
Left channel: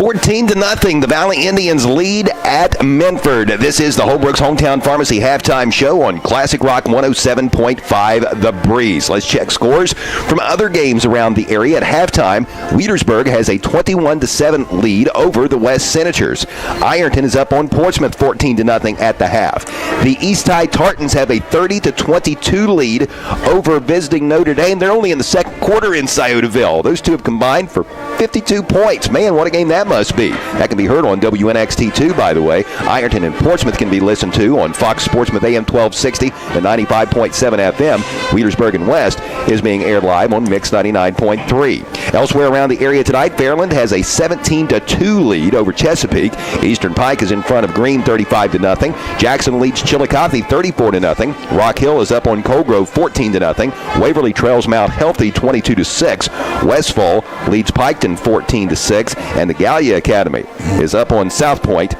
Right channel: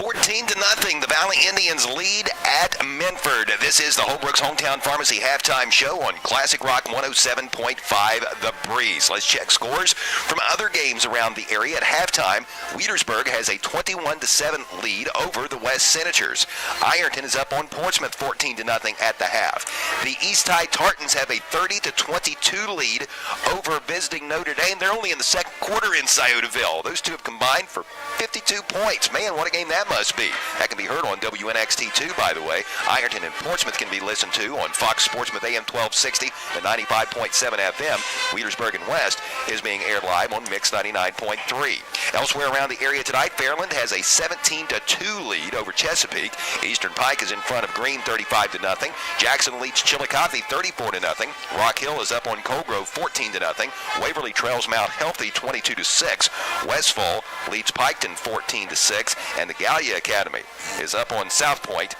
14-0, the Valley Indians lead at Minford. This is the Holbrook's Hometown Pharmacy halftime show on Classic Rock 107.5 The Breeze. Let's check scores from other games around the area. At halftime, Wheatersburg has a 21-7 lead over the West Senators. Ironton is up on Portsmouth 14-0 at the half. The East High Tartans have a 30-22 lead over visiting Notre Dame. They're only in the second quarter in Sciotaville. Those two have combined for 52 points. Man, what a game that must be. That can be heard on WNXT 2, by the way. Ironton and Portsmouth can be listened to on Fox Sportsmouth AM 1260 and 95.7 FM. Wheatersburg and West is being aired live on Mix 99.3. Elsewhere around the area tonight, Fairland has a 17-2 lead over Chesapeake. Eastern Pike is in front of Greene 35-0. Jackson leads Chillicothe 34-0. Rock Hill is up on Cold Grove 14-0. Waverly trails Mount Healthy 22-6. Westfall leads Piketon 14-6. And the Gallia Academy is up on South Point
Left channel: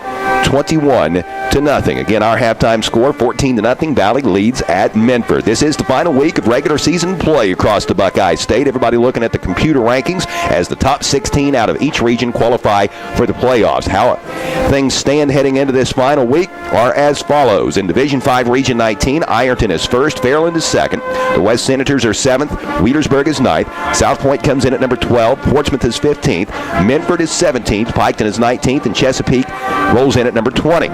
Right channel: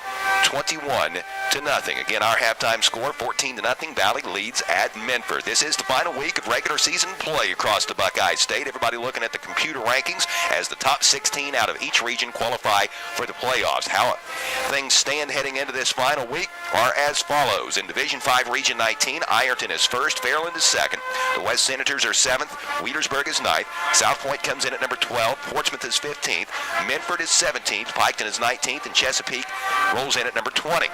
21-0. Again, our halftime score, 14-0. Valley leads at Minford. This is the final week of regular season play across the Buckeye State. Everybody looking at the computer rankings as the top 16 out of each region qualify for the playoffs. How things stand heading into this final week are as follows. In Division 5, Region 19, Ironton is first, Fairland is second. The West Senators are 7th, Wheelersburg is 9th, South Point comes in at number 12, Portsmouth is 15th, Minford is 17th, Piketon is 19th, and Chesapeake rolls in at number 20.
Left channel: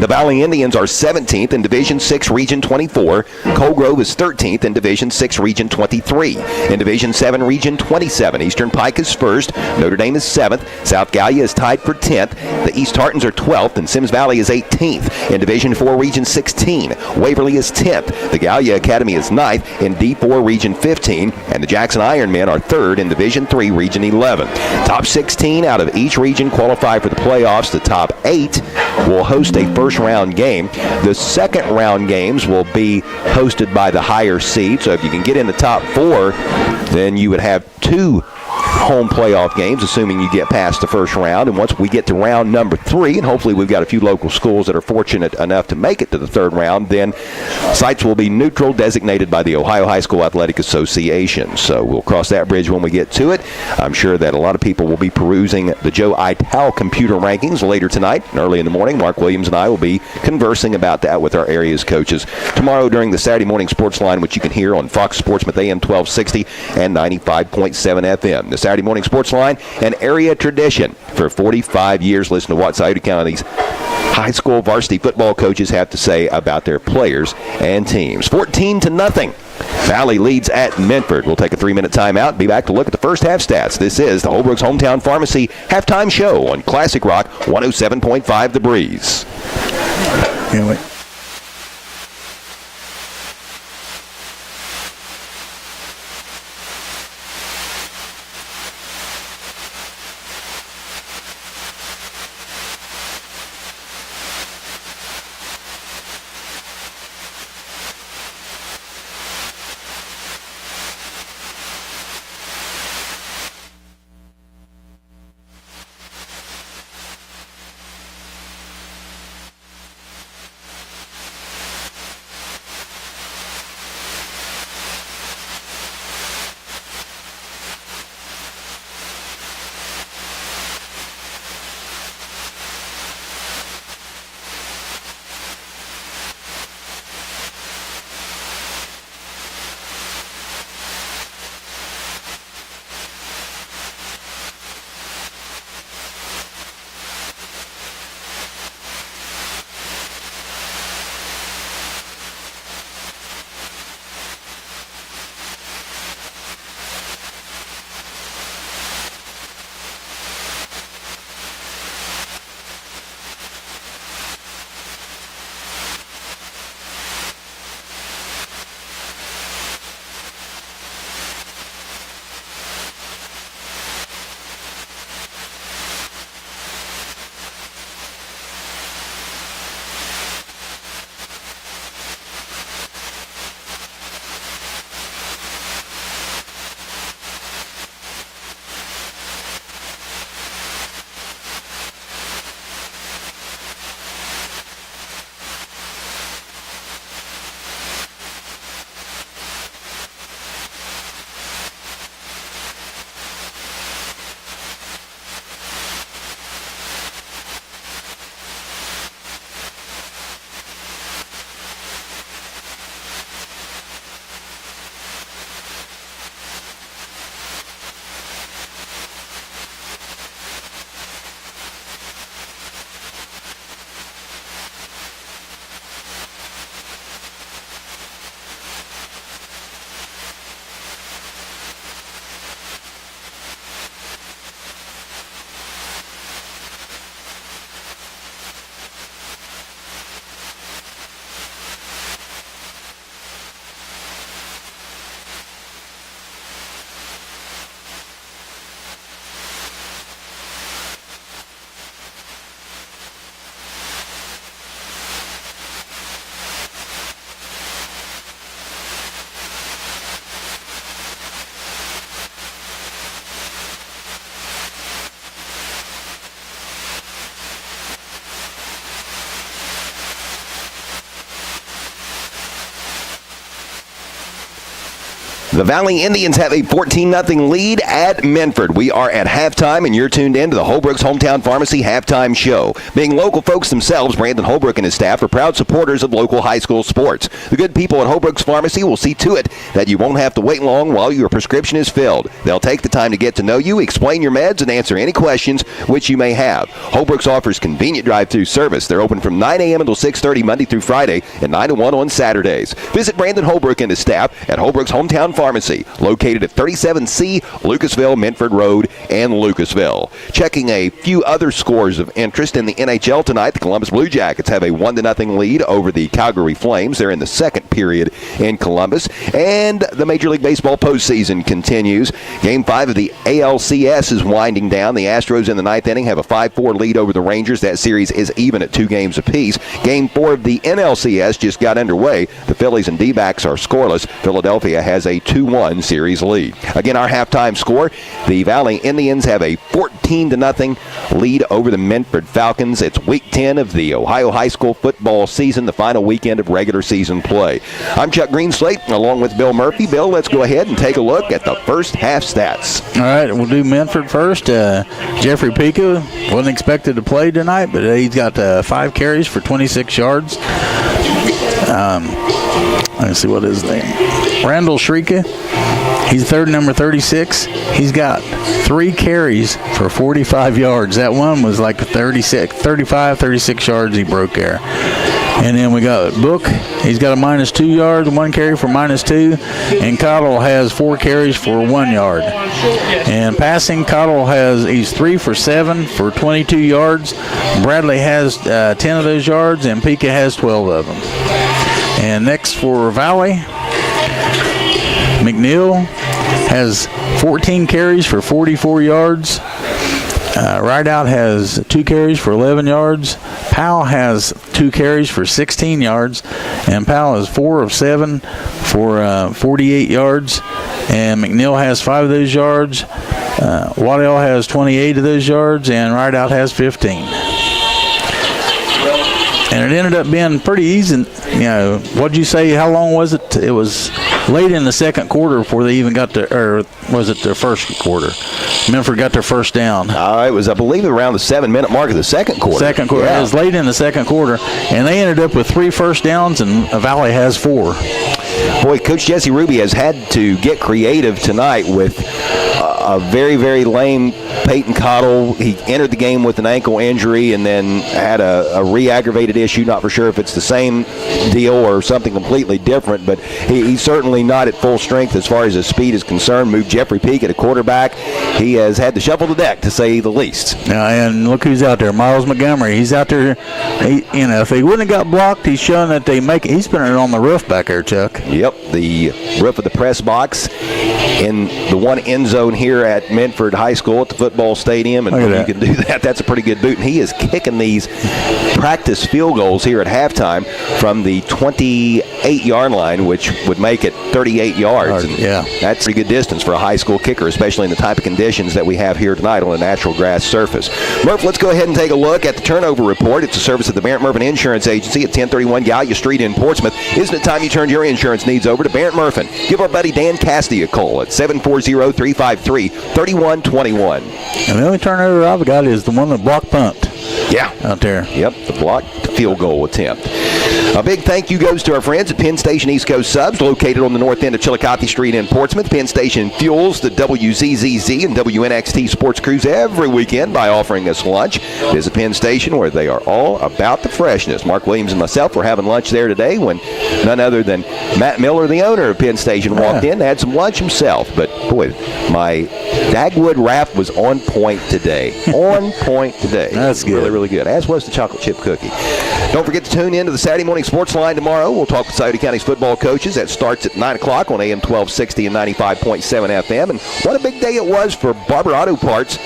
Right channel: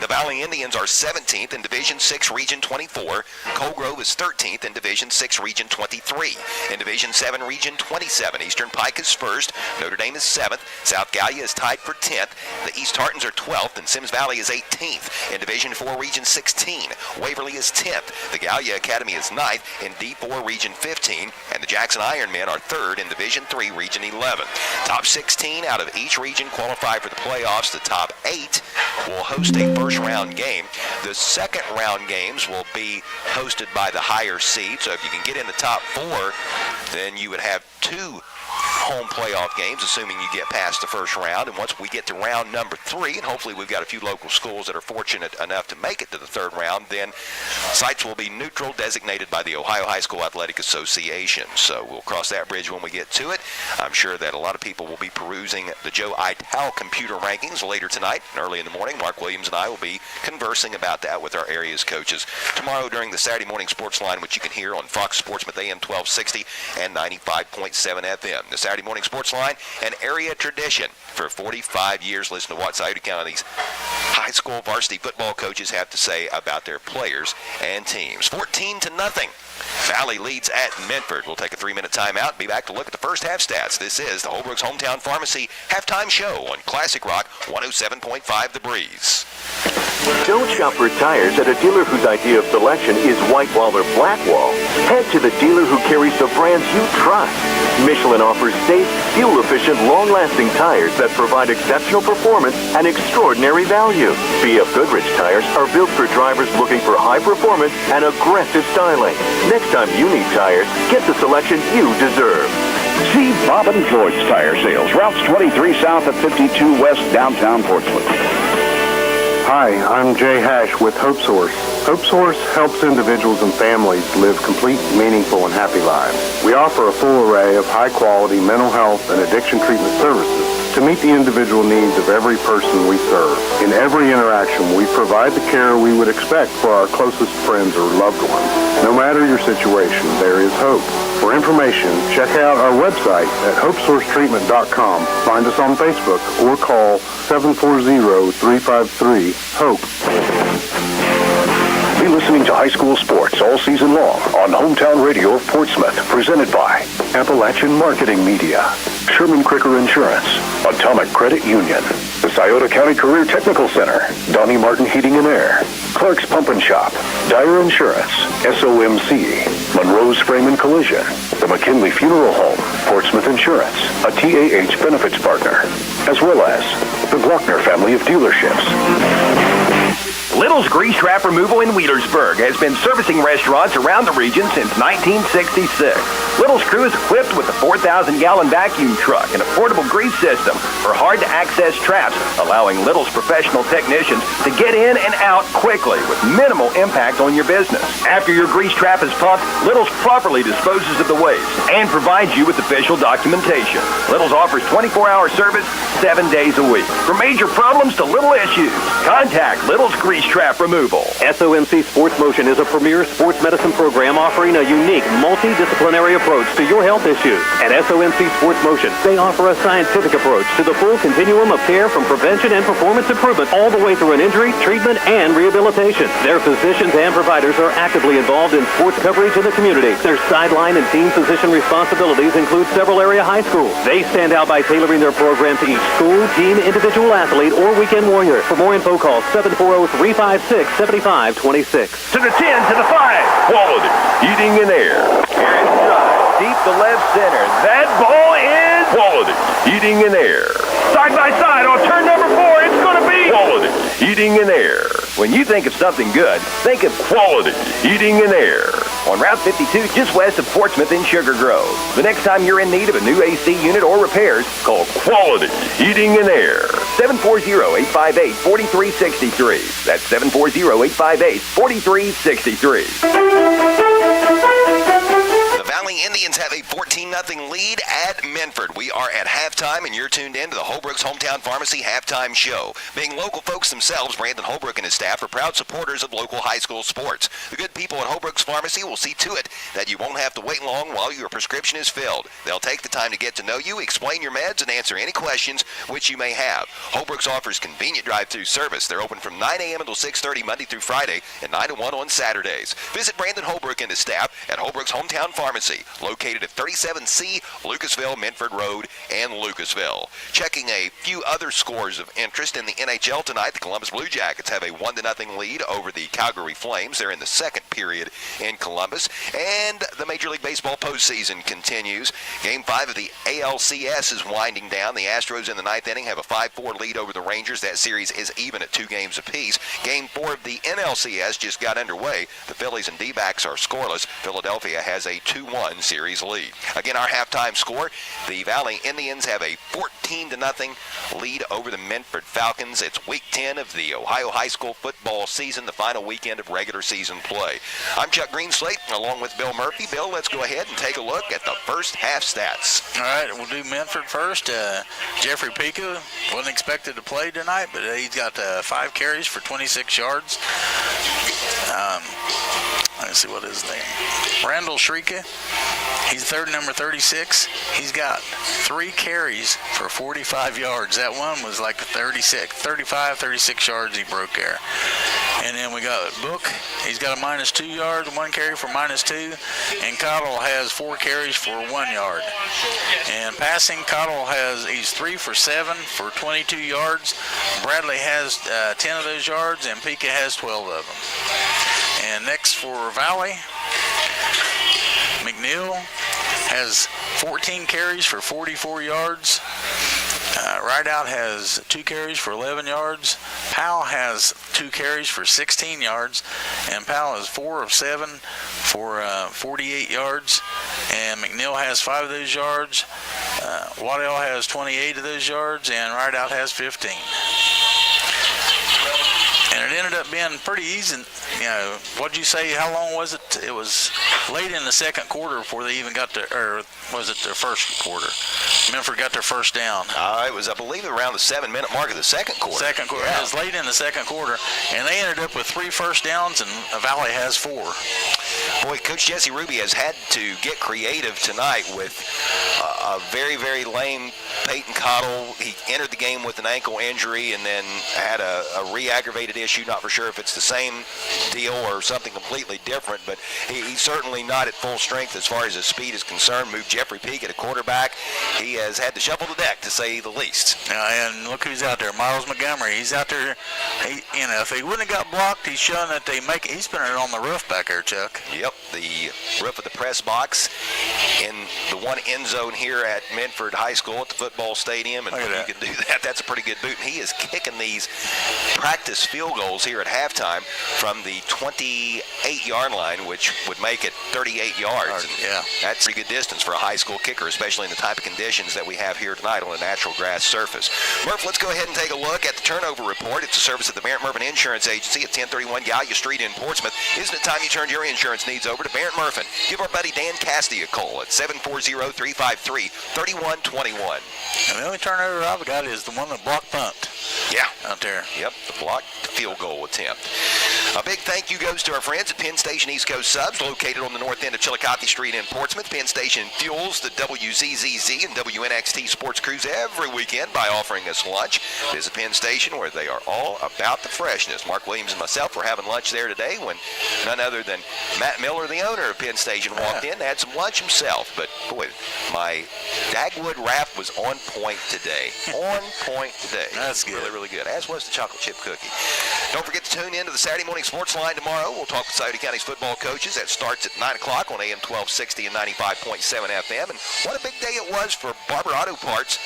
The Valley Indians are 17th in Division 6, Region 24. Coal Grove is 13th in Division 6, Region 23. In Division 7, Region 27, Eastern Pike is first. Notre Dame is 7th. South Gallia is tied for 10th. The East Tartans are 12th, and Sims Valley is 18th. In Division 4, Region 16, Waverly is 10th. The Gallia Academy is 9th in D4, Region 15. And the Jackson Ironmen are 3rd in Division 3, Region 11. Top 16 out of each region qualify for the playoffs. The top 8 will host a first-round game. The second-round games will be hosted by the higher seed. So if you can get in the top 4, then you would have 2 home playoff games, assuming you get past the first round. And once we get to round number 3, and hopefully we've got a few local schools that are fortunate enough to make it to the third round, then sites will be neutral, designated by the Ohio High School Athletic Association. So we'll cross that bridge when we get to it. I'm sure that a lot of people will be perusing the Joe Ital computer rankings later tonight and early in the morning. Mark Williams and I will be conversing about that with our area's coaches tomorrow during the Saturday morning sports line, which you can hear on Fox Sportsmouth AM 1260 and 95.7 FM. The Saturday morning sports line, an area tradition for 45 years. Listen to what Scioto County's high school varsity football coaches have to say about their players and teams. 14-0. Valley leads at Minford. We'll take a 3-minute timeout and be back to look at the first half stats. This is the Holbrook's Hometown Pharmacy halftime show on Classic Rock 107.5 The Breeze. Don't shop for tires at a dealer whose idea of selection is white wall or black wall. Head to the dealer who carries the brands you trust. Michelin offers safe, fuel-efficient, long-lasting tires that provide exceptional performance and extraordinary value. BF Goodrich tires are built for drivers looking for high performance and aggressive styling. Next time you need tires, get the selection you deserve. See Bob and George Tire Sales, routes 23 south of 52 west, downtown Portsmouth. Hi, I'm Jay Hash with Hope Source. Hope Source helps individuals and families live complete, meaningful, and happy lives. We offer a full array of high-quality mental health and addiction treatment services to meet the individual needs of every person we serve. In every interaction, we provide the care we would expect for our closest friends or loved ones. No matter your situation, there is hope. For information, check out our website at hopesourcetreatment.com. Find us on Facebook or call 740-353-HOPE. Be listening to high school sports all season long on Hometown Radio of Portsmouth, presented by Appalachian Marketing Media, Sherman Cricker Insurance, Atomic Credit Union, the Scioto County Career Technical Center, Donnie Martin Heating and Air, Clark's Pump and Shop, Dyer Insurance, SOMC, Monroe's Frame and Collision, the McKinley Funeral Home, Portsmouth Insurance, a TAH benefits partner, as well as the Glockner family of dealerships. Little's Grease Trap Removal in Wheelersburg has been servicing restaurants around the region since 1966. Little's crew is equipped with a 4,000-gallon vacuum truck and a portable grease system for hard-to-access traps, allowing Little's professional technicians to get in and out quickly with minimal impact on your business. After your grease trap is pumped, Little's properly disposes of the waste and provides you with official documentation. Little's offers 24-hour service 7 days a week. From major problems to little issues, contact Little's Grease Trap Removal. SOMC Sports Motion is a premier sports medicine program offering a unique, multidisciplinary approach to your health issues. At SOMC Sports Motion, they offer a scientific approach to the full continuum of care from prevention and performance improvement all the way through an injury, treatment, and rehabilitation. Their physicians and providers are actively involved in sports coverage in the community. Their sideline and team physician responsibilities include several area high schools. They stand out by tailoring their program to each school, team, individual athlete, or weekend warrior. For more info, call 740-356-7526. To the 10, to the 5. Quality heating and air. Here inside, deep to left center. That ball is Quality heating and air. side by side on turn number 4. It's going to be Quality heating and air. When you think of something good, think of Quality heating and air. on Route 52 just west of Portsmouth in Sugar Grove. The next time you're in need of a new AC unit or repairs, call Quality Heating and Air. 740-858-4363. That's 740-858-4363. The Valley Indians have a 14-0 lead at Minford. We are at halftime, and you're tuned in to the Holbrook's Hometown Pharmacy halftime show. Being local folks themselves, Brandon Holbrook and his staff are proud supporters of local high school sports. The good people at Holbrook's Pharmacy will see to it that you won't have to wait long while your prescription is filled. They'll take the time to get to know you, explain your meds, and answer any questions which you may have. Holbrook's offers convenient drive-through service. They're open from 9 a.m. until 6:30 Monday through Friday and 9 to 1 on Saturdays. Visit Brandon Holbrook and his staff at Holbrook's Hometown Pharmacy, located at 37C Lucasville, Minford Road, and Lucasville. Checking a few other scores of interest in the NHL tonight, the Columbus Blue Jackets have a 1-0 lead over the Calgary Flames. They're in the second period in Columbus, and the Major League Baseball postseason continues. Game 5 of the ALCS is winding down. The Astros in the ninth inning have a 5-4 lead over the Rangers. That series is even at 2 games apiece. Game 4 of the NLCS just got underway. The Phillies and D-backs are scoreless. Philadelphia has a 2-1 series lead. Again, our halftime score, the Valley Indians have a 14-0 lead over the Minford Falcons. It's week 10 of the Ohio high school football season, the final weekend of regular season play. I'm Chuck Greenslate, along with Bill Murphy. Bill, let's go ahead and take a look at the first half stats. All right, we'll do Minford first. Jeffrey Pica wasn't expected to play tonight, but he's got 5 carries for 26 yards. Let's see what his name. Randall Shrika. He's third, number 36. He's got 3 carries for 45 yards. That one was like 36 yards he broke there. And then we got Book. He's got a -2 yards, 1 carry for -2. And Cottle has 4 carries for 1 yard. And passing, Cottle he's 3 for 7 for 22 yards. Bradley has 10 of those yards, and Pica has 12 of them. And next for Valley, McNeil has 14 carries for 44 yards. Rideout has 2 carries for 11 yards. Powell has 2 carries for 16 yards. And Powell is 4 of 7 for 48 yards. And McNeil has 5 of those yards. Waddell has 28 of those yards. And Rideout has 15. And it ended up being pretty easy. What'd you say? How long was it? It was late in the second quarter before they even got to, or was it the first quarter? Minford got their first down. It was, I believe, around the 7-minute mark of the second quarter. Second quarter. Yeah. It was late in the second quarter, and they ended up with 3 first downs, and Valley has 4. Boy, Coach Jesse Ruby has had to get creative tonight with a very, very lame Peyton Cottle. He entered the game with an ankle injury and then had a re-aggravated issue. Not for sure if it's the same deal or something completely different, but he's certainly not at full strength as far as his speed is concerned. Moved Jeffrey Peak at a quarterback. He has had to shuffle the deck, to say the least. And look who's out there, Miles Montgomery. He's out there. If he wouldn't have got blocked, he's showing that they make it. He's putting it on the roof back there, Chuck. Yep, the roof of the press box in the one end zone here at Minford High School at the football stadium. And when you can do that, that's a pretty good boot. And he is kicking these practice field goals here at halftime from the 28-yard line, which would make it 38 yards. And that's a pretty good distance for a high school kicker, especially in the type of conditions that we have here tonight on a natural grass surface. Murph, let's go ahead and take a look at the turnover report. It's a service of the Barrett Murphin Insurance Agency at 1031 Gallia Street in Portsmouth. Isn't it time you turned your insurance needs over to Barrett Murphin? Give our buddy Dan Cassidy a call at 740-353-3121. And the only turnover I've got is the one that blocked punt. Yeah. Out there. Yep, the blocked field goal attempt. A big thank you goes to our friends at Penn Station East Coast Subs, located on the north end of Chillicothe Street in Portsmouth. Penn Station fuels the WZZZ and WNXT sports crews every weekend by offering us lunch. Visit Penn Station, where they are all about the freshness. Mark Williams and myself were having lunch there today when none other than Matt Miller, the owner of Penn Station, walked in, had some lunch himself. But, boy, my Dagwood wrap was on point today. On point today. That's good. Really, really good, as was the chocolate chip cookie. Don't forget to tune in to the Saturday morning Morning Sports Line tomorrow. We'll talk with Scioto County's football coaches. That starts at 9 o'clock on AM 1260 and 95.7 FM. And what a big day it was for Barber Auto Parts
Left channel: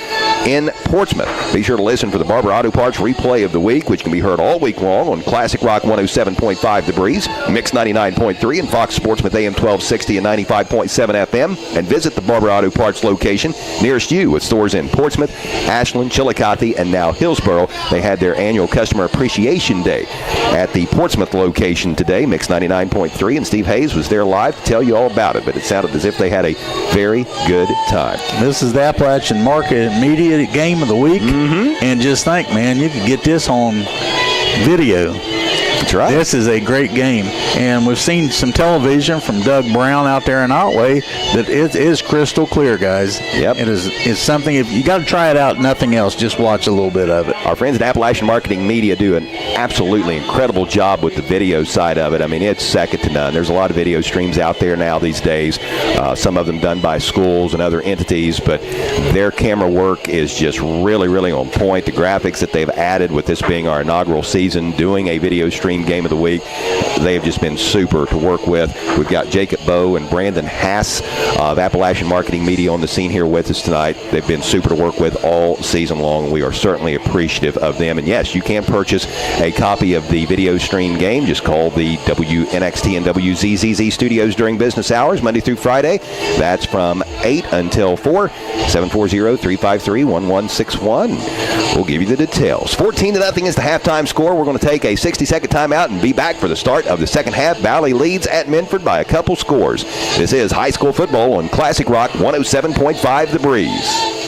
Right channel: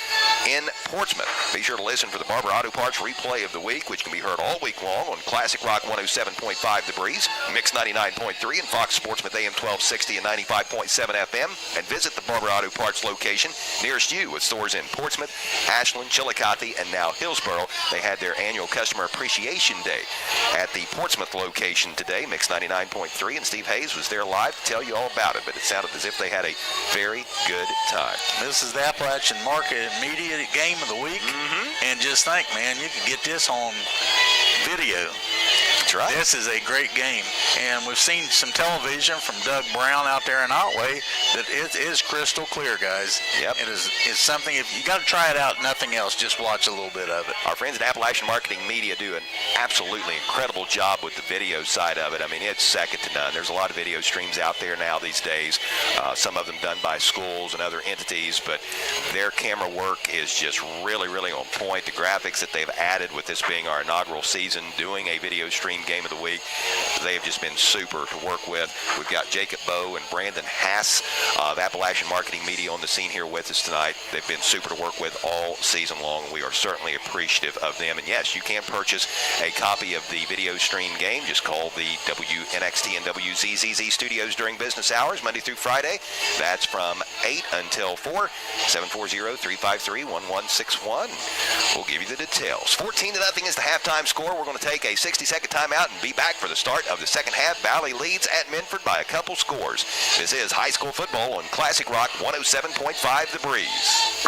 in Portsmouth. Be sure to listen for the Barber Auto Parts replay of the week, which can be heard all week long on Classic Rock 107.5 The Breeze, Mix 99.3, and Fox Sportsmouth AM 1260 and 95.7 FM. And visit the Barber Auto Parts location nearest you with stores in Portsmouth, Ashland, Chillicothe, and now Hillsboro. They had their annual Customer Appreciation Day at the Portsmouth location today, Mix 99.3, and Steve Hayes was there live to tell you all about it, but it sounded as if they had a very good time. This is the Appalachian Market Media Game of the Week, and just think, man, you could get this on video. That's right. This is a great game, and we've seen some television from Doug Brown out there in Otway that it is crystal clear, guys. Yep. It's something, if you got to try it out, nothing else, just watch a little bit of it. Our friends at Appalachian Marketing Media do an absolutely incredible job with the video side of it. I mean, it's second to none. There's a lot of video streams out there now these days, some of them done by schools and other entities, but their camera work is just really, really on point. The graphics that they've added with this being our inaugural season, doing a video stream game of the week, they have just been super to work with. We've got Jacob Bowe and Brandon Hass of Appalachian Marketing Media on the scene here with us tonight. They've been super to work with all season long. We are certainly appreciative of them. And yes, you can purchase a copy of the video stream game. Just call the WNXT and WZZZ studios during business hours, Monday through Friday. That's from 8 until 4, 740-353-1161. We'll give you the details. 14-0 is the halftime score. We're going to take a 60-second timeout and be back for the start of the second half. Valley leads at Minford by a couple scores. This is high school football on Classic Rock 107.5 The Breeze.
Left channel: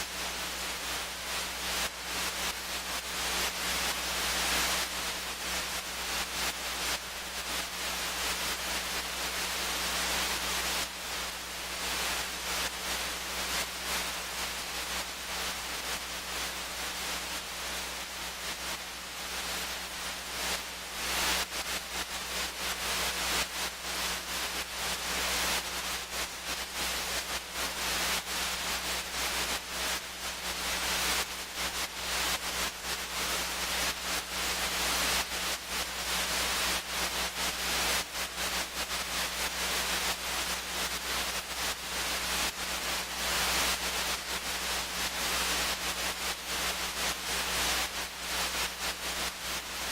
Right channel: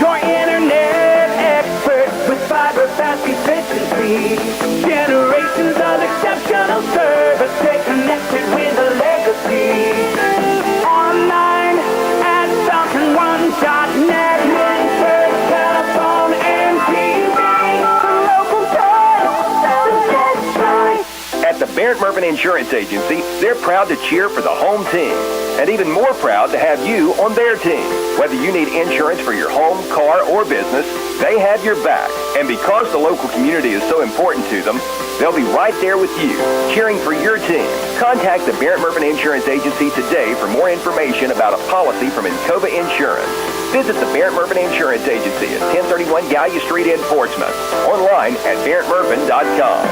Your internet expert with fiber fast efficiency. Generations of exceptional service. Stay connected with a legacy. Online at FalconOne.net. Minford telephone and TV. The local choice. At the Barrett Murphy Insurance Agency, they're proud to cheer for the home team, and even more proud to have you on their team. Whether you need insurance for your home, car, or business, they have your back. And because the local community is so important to them, they'll be right there with you, cheering for your team. Contact the Barrett Murphy Insurance Agency today for more information about a policy from Encova Insurance. Visit the Barrett Murphy Insurance Agency at 1031 Gallia Street in Portsmouth. Online at barrettmurphin.com.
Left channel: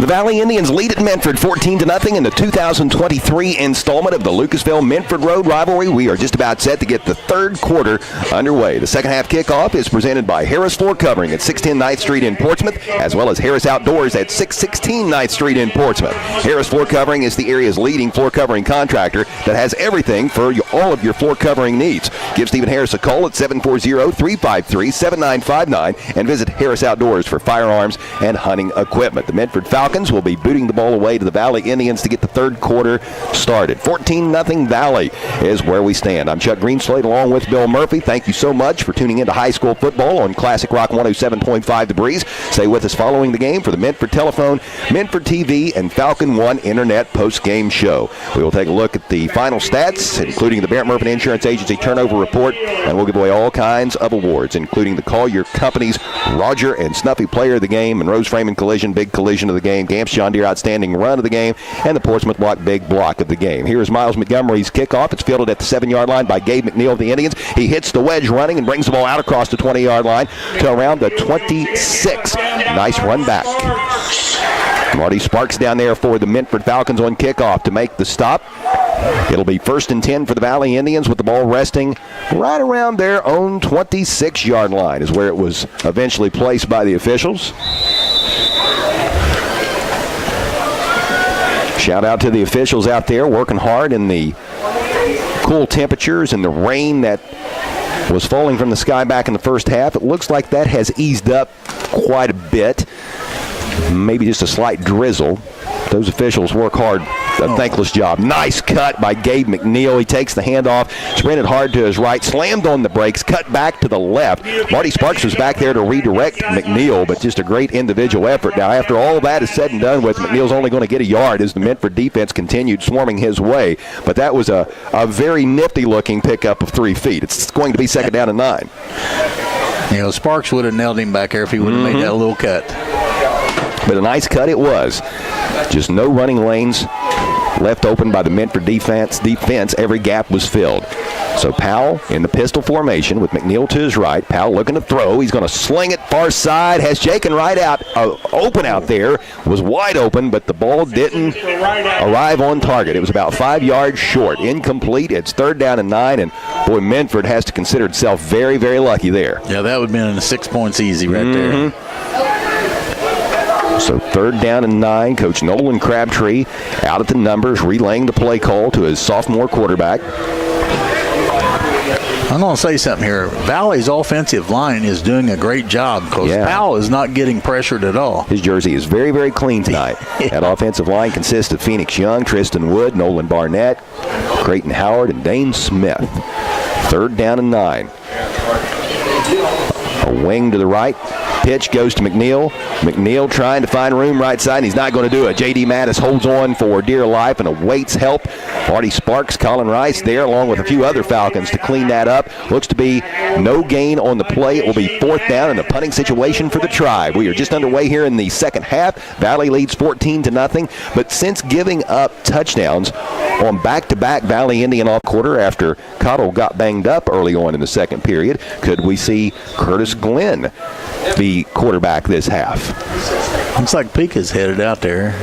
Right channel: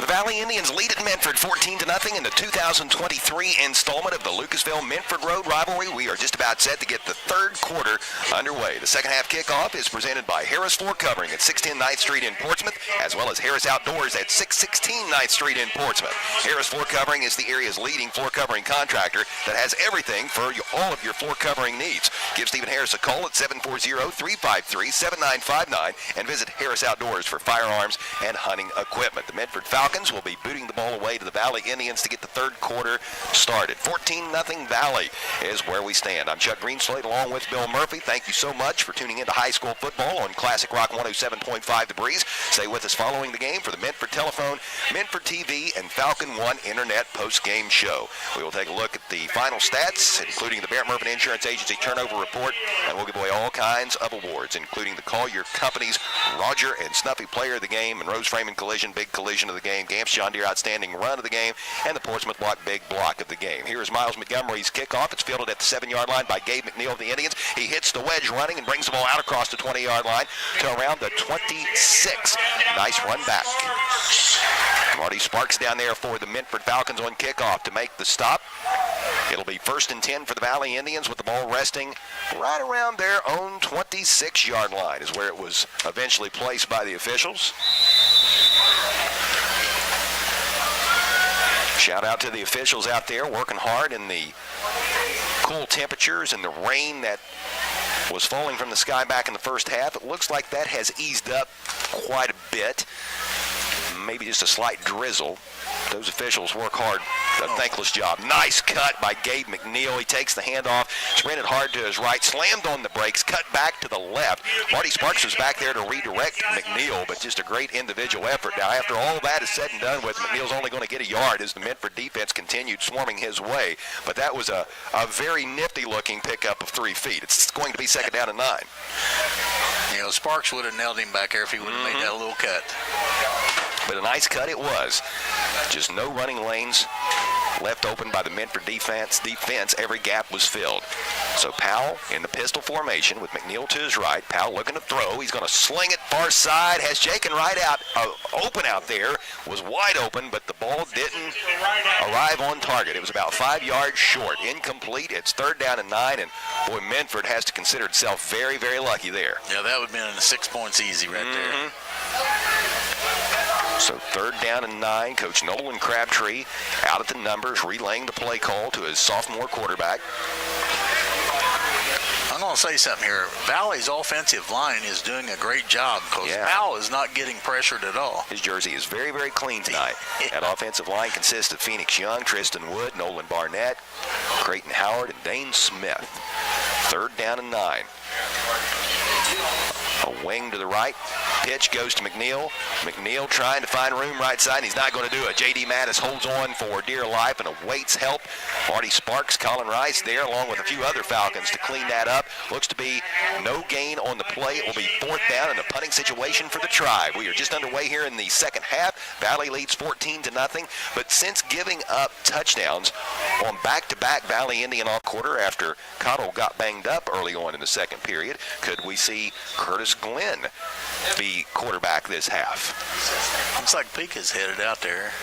The Valley Indians lead at Minford 14-0 in the 2023 installment of the Lucasville Minford Road rivalry. We are just about set to get the third quarter underway. The second half kickoff is presented by Harris Floor Covering at 610 9th Street in Portsmouth, as well as Harris Outdoors at 616 9th Street in Portsmouth. Harris Floor Covering is the area's leading floor covering contractor that has everything for all of your floor covering needs. Give Stephen Harris a call at 740-353-7959 and visit Harris Outdoors for firearms and hunting equipment. The Minford Falcons will be booting the ball away to the Valley Indians to get the third quarter started. 14-0 Valley is where we stand. I'm Chuck Greenslade along with Bill Murphy. Thank you so much for tuning into high school football on Classic Rock 107.5 The Breeze. Stay with us following the game for the Minford Telephone, Minford TV, and Falcon One Internet post-game show. We will take a look at the final stats, including the Barrett Murphy Insurance Agency turnover report, and we'll give away all kinds of awards, including the Call Your Company's Roger and Snuffy Player of the Game, Monroe's Framing Collision Big Collision of the game, Gamps John Deere Outstanding Run of the game, and the Portsmouth Block Big Block of the game. Here is Miles Montgomery's kickoff. It's fielded at the 7-yard line by Gabe McNeil of the Indians. He hits the wedge running and brings the ball out across the 20-yard line to around the 26. Nice run back. Marty Sparks down there for the Minford Falcons on kickoff to make the stop. It'll be 1st and 10 for the Valley Indians with the ball resting right around their own 26-yard line is where it was eventually placed by the officials. Shout out to the officials out there working hard in the cool temperatures and the rain that was falling from the sky back in the first half. It looks like that has eased up quite a bit. Maybe just a slight drizzle. Those officials work hard a thankless job. Nice cut by Gabe McNeil. He takes the handoff, sprinted hard to his right, slammed on the brakes, cut back to the left. Marty Sparks was back there to redirect McNeil, but just a great individual effort. Now, after all that is said and done with, McNeil's only going to get a yard as the Minford defense continued swarming his way. But that was a very nifty-looking pickup of 3 feet. It's going to be second down and 9. You know, Sparks would have nailed him back there if he would have made that little cut. But a nice cut it was. Just no running lanes left open by the Minford defense. Every gap was filled. So Powell in the pistol formation with McNeil to his right. Powell looking to throw. He's going to sling it far side. Has Jaken right out, open out there. Was wide open, but the ball didn't arrive on target. It was about 5 yards short. Incomplete. It's third down and 9, and boy, Minford has to consider itself very, very lucky there. Yeah, that would have been 6 points easy right there. So third down and 9. Coach Nolan Crabtree out at the numbers, relaying the play call to his sophomore quarterback. I'm going to say something here. Valley's offensive line is doing a great job because Powell is not getting pressured at all. His jersey is very, very clean tonight. That offensive line consists of Phoenix Young, Tristan Wood, Nolan Barnett, Creighton Howard, and Dane Smith. Third down and 9. A wing to the right. Pitch goes to McNeil. McNeil trying to find room right side, and he's not going to do it. J.D. Mattis holds on for dear life and awaits help. Marty Sparks, Colin Rice there, along with a few other Falcons to clean that up. Looks to be no gain on the play. It will be fourth down in a punting situation for the Tribe. We are just underway here in the second half. Valley leads 14-0, but since giving up touchdowns on back-to-back Valley Indian off quarter after Cottle got banged up early on in the second period, could we see Curtis Glenn be quarterback this half? Looks like Pika's headed out there.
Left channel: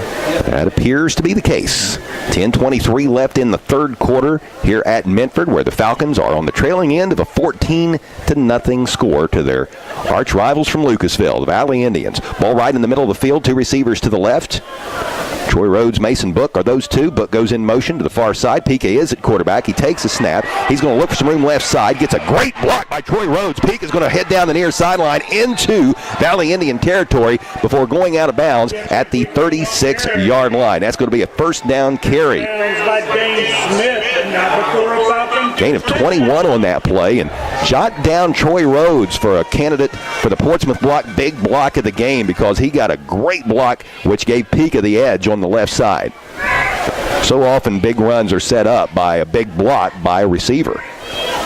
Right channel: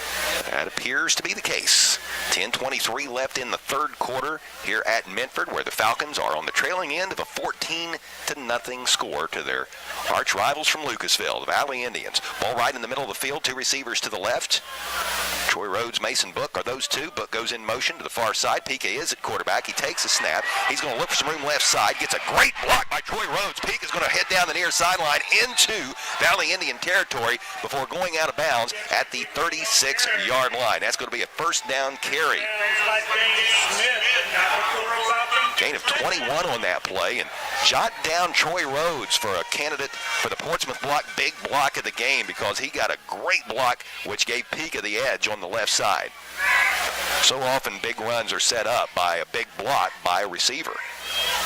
That appears to be the case. 10:23 left in the third quarter here at Minford, where the Falcons are on the trailing end of a 14-0 score to their arch rivals from Lucasville, the Valley Indians. Ball right in the middle of the field, 2 receivers to the left. Troy Rhodes, Mason Book are those two. Book goes in motion to the far side. Pika is at quarterback. He takes a snap. He's going to look for some room left side. Gets a great block by Troy Rhodes. Pika is going to head down the near sideline into Valley Indian territory before going out of bounds at the 36-yard line. That's going to be a first down carry. Gain of 21 on that play, and jot down Troy Rhodes for a candidate for the Portsmouth block, big block of the game, because he got a great block which gave Pika the edge on the left side. So often big runs are set up by a big block by a receiver.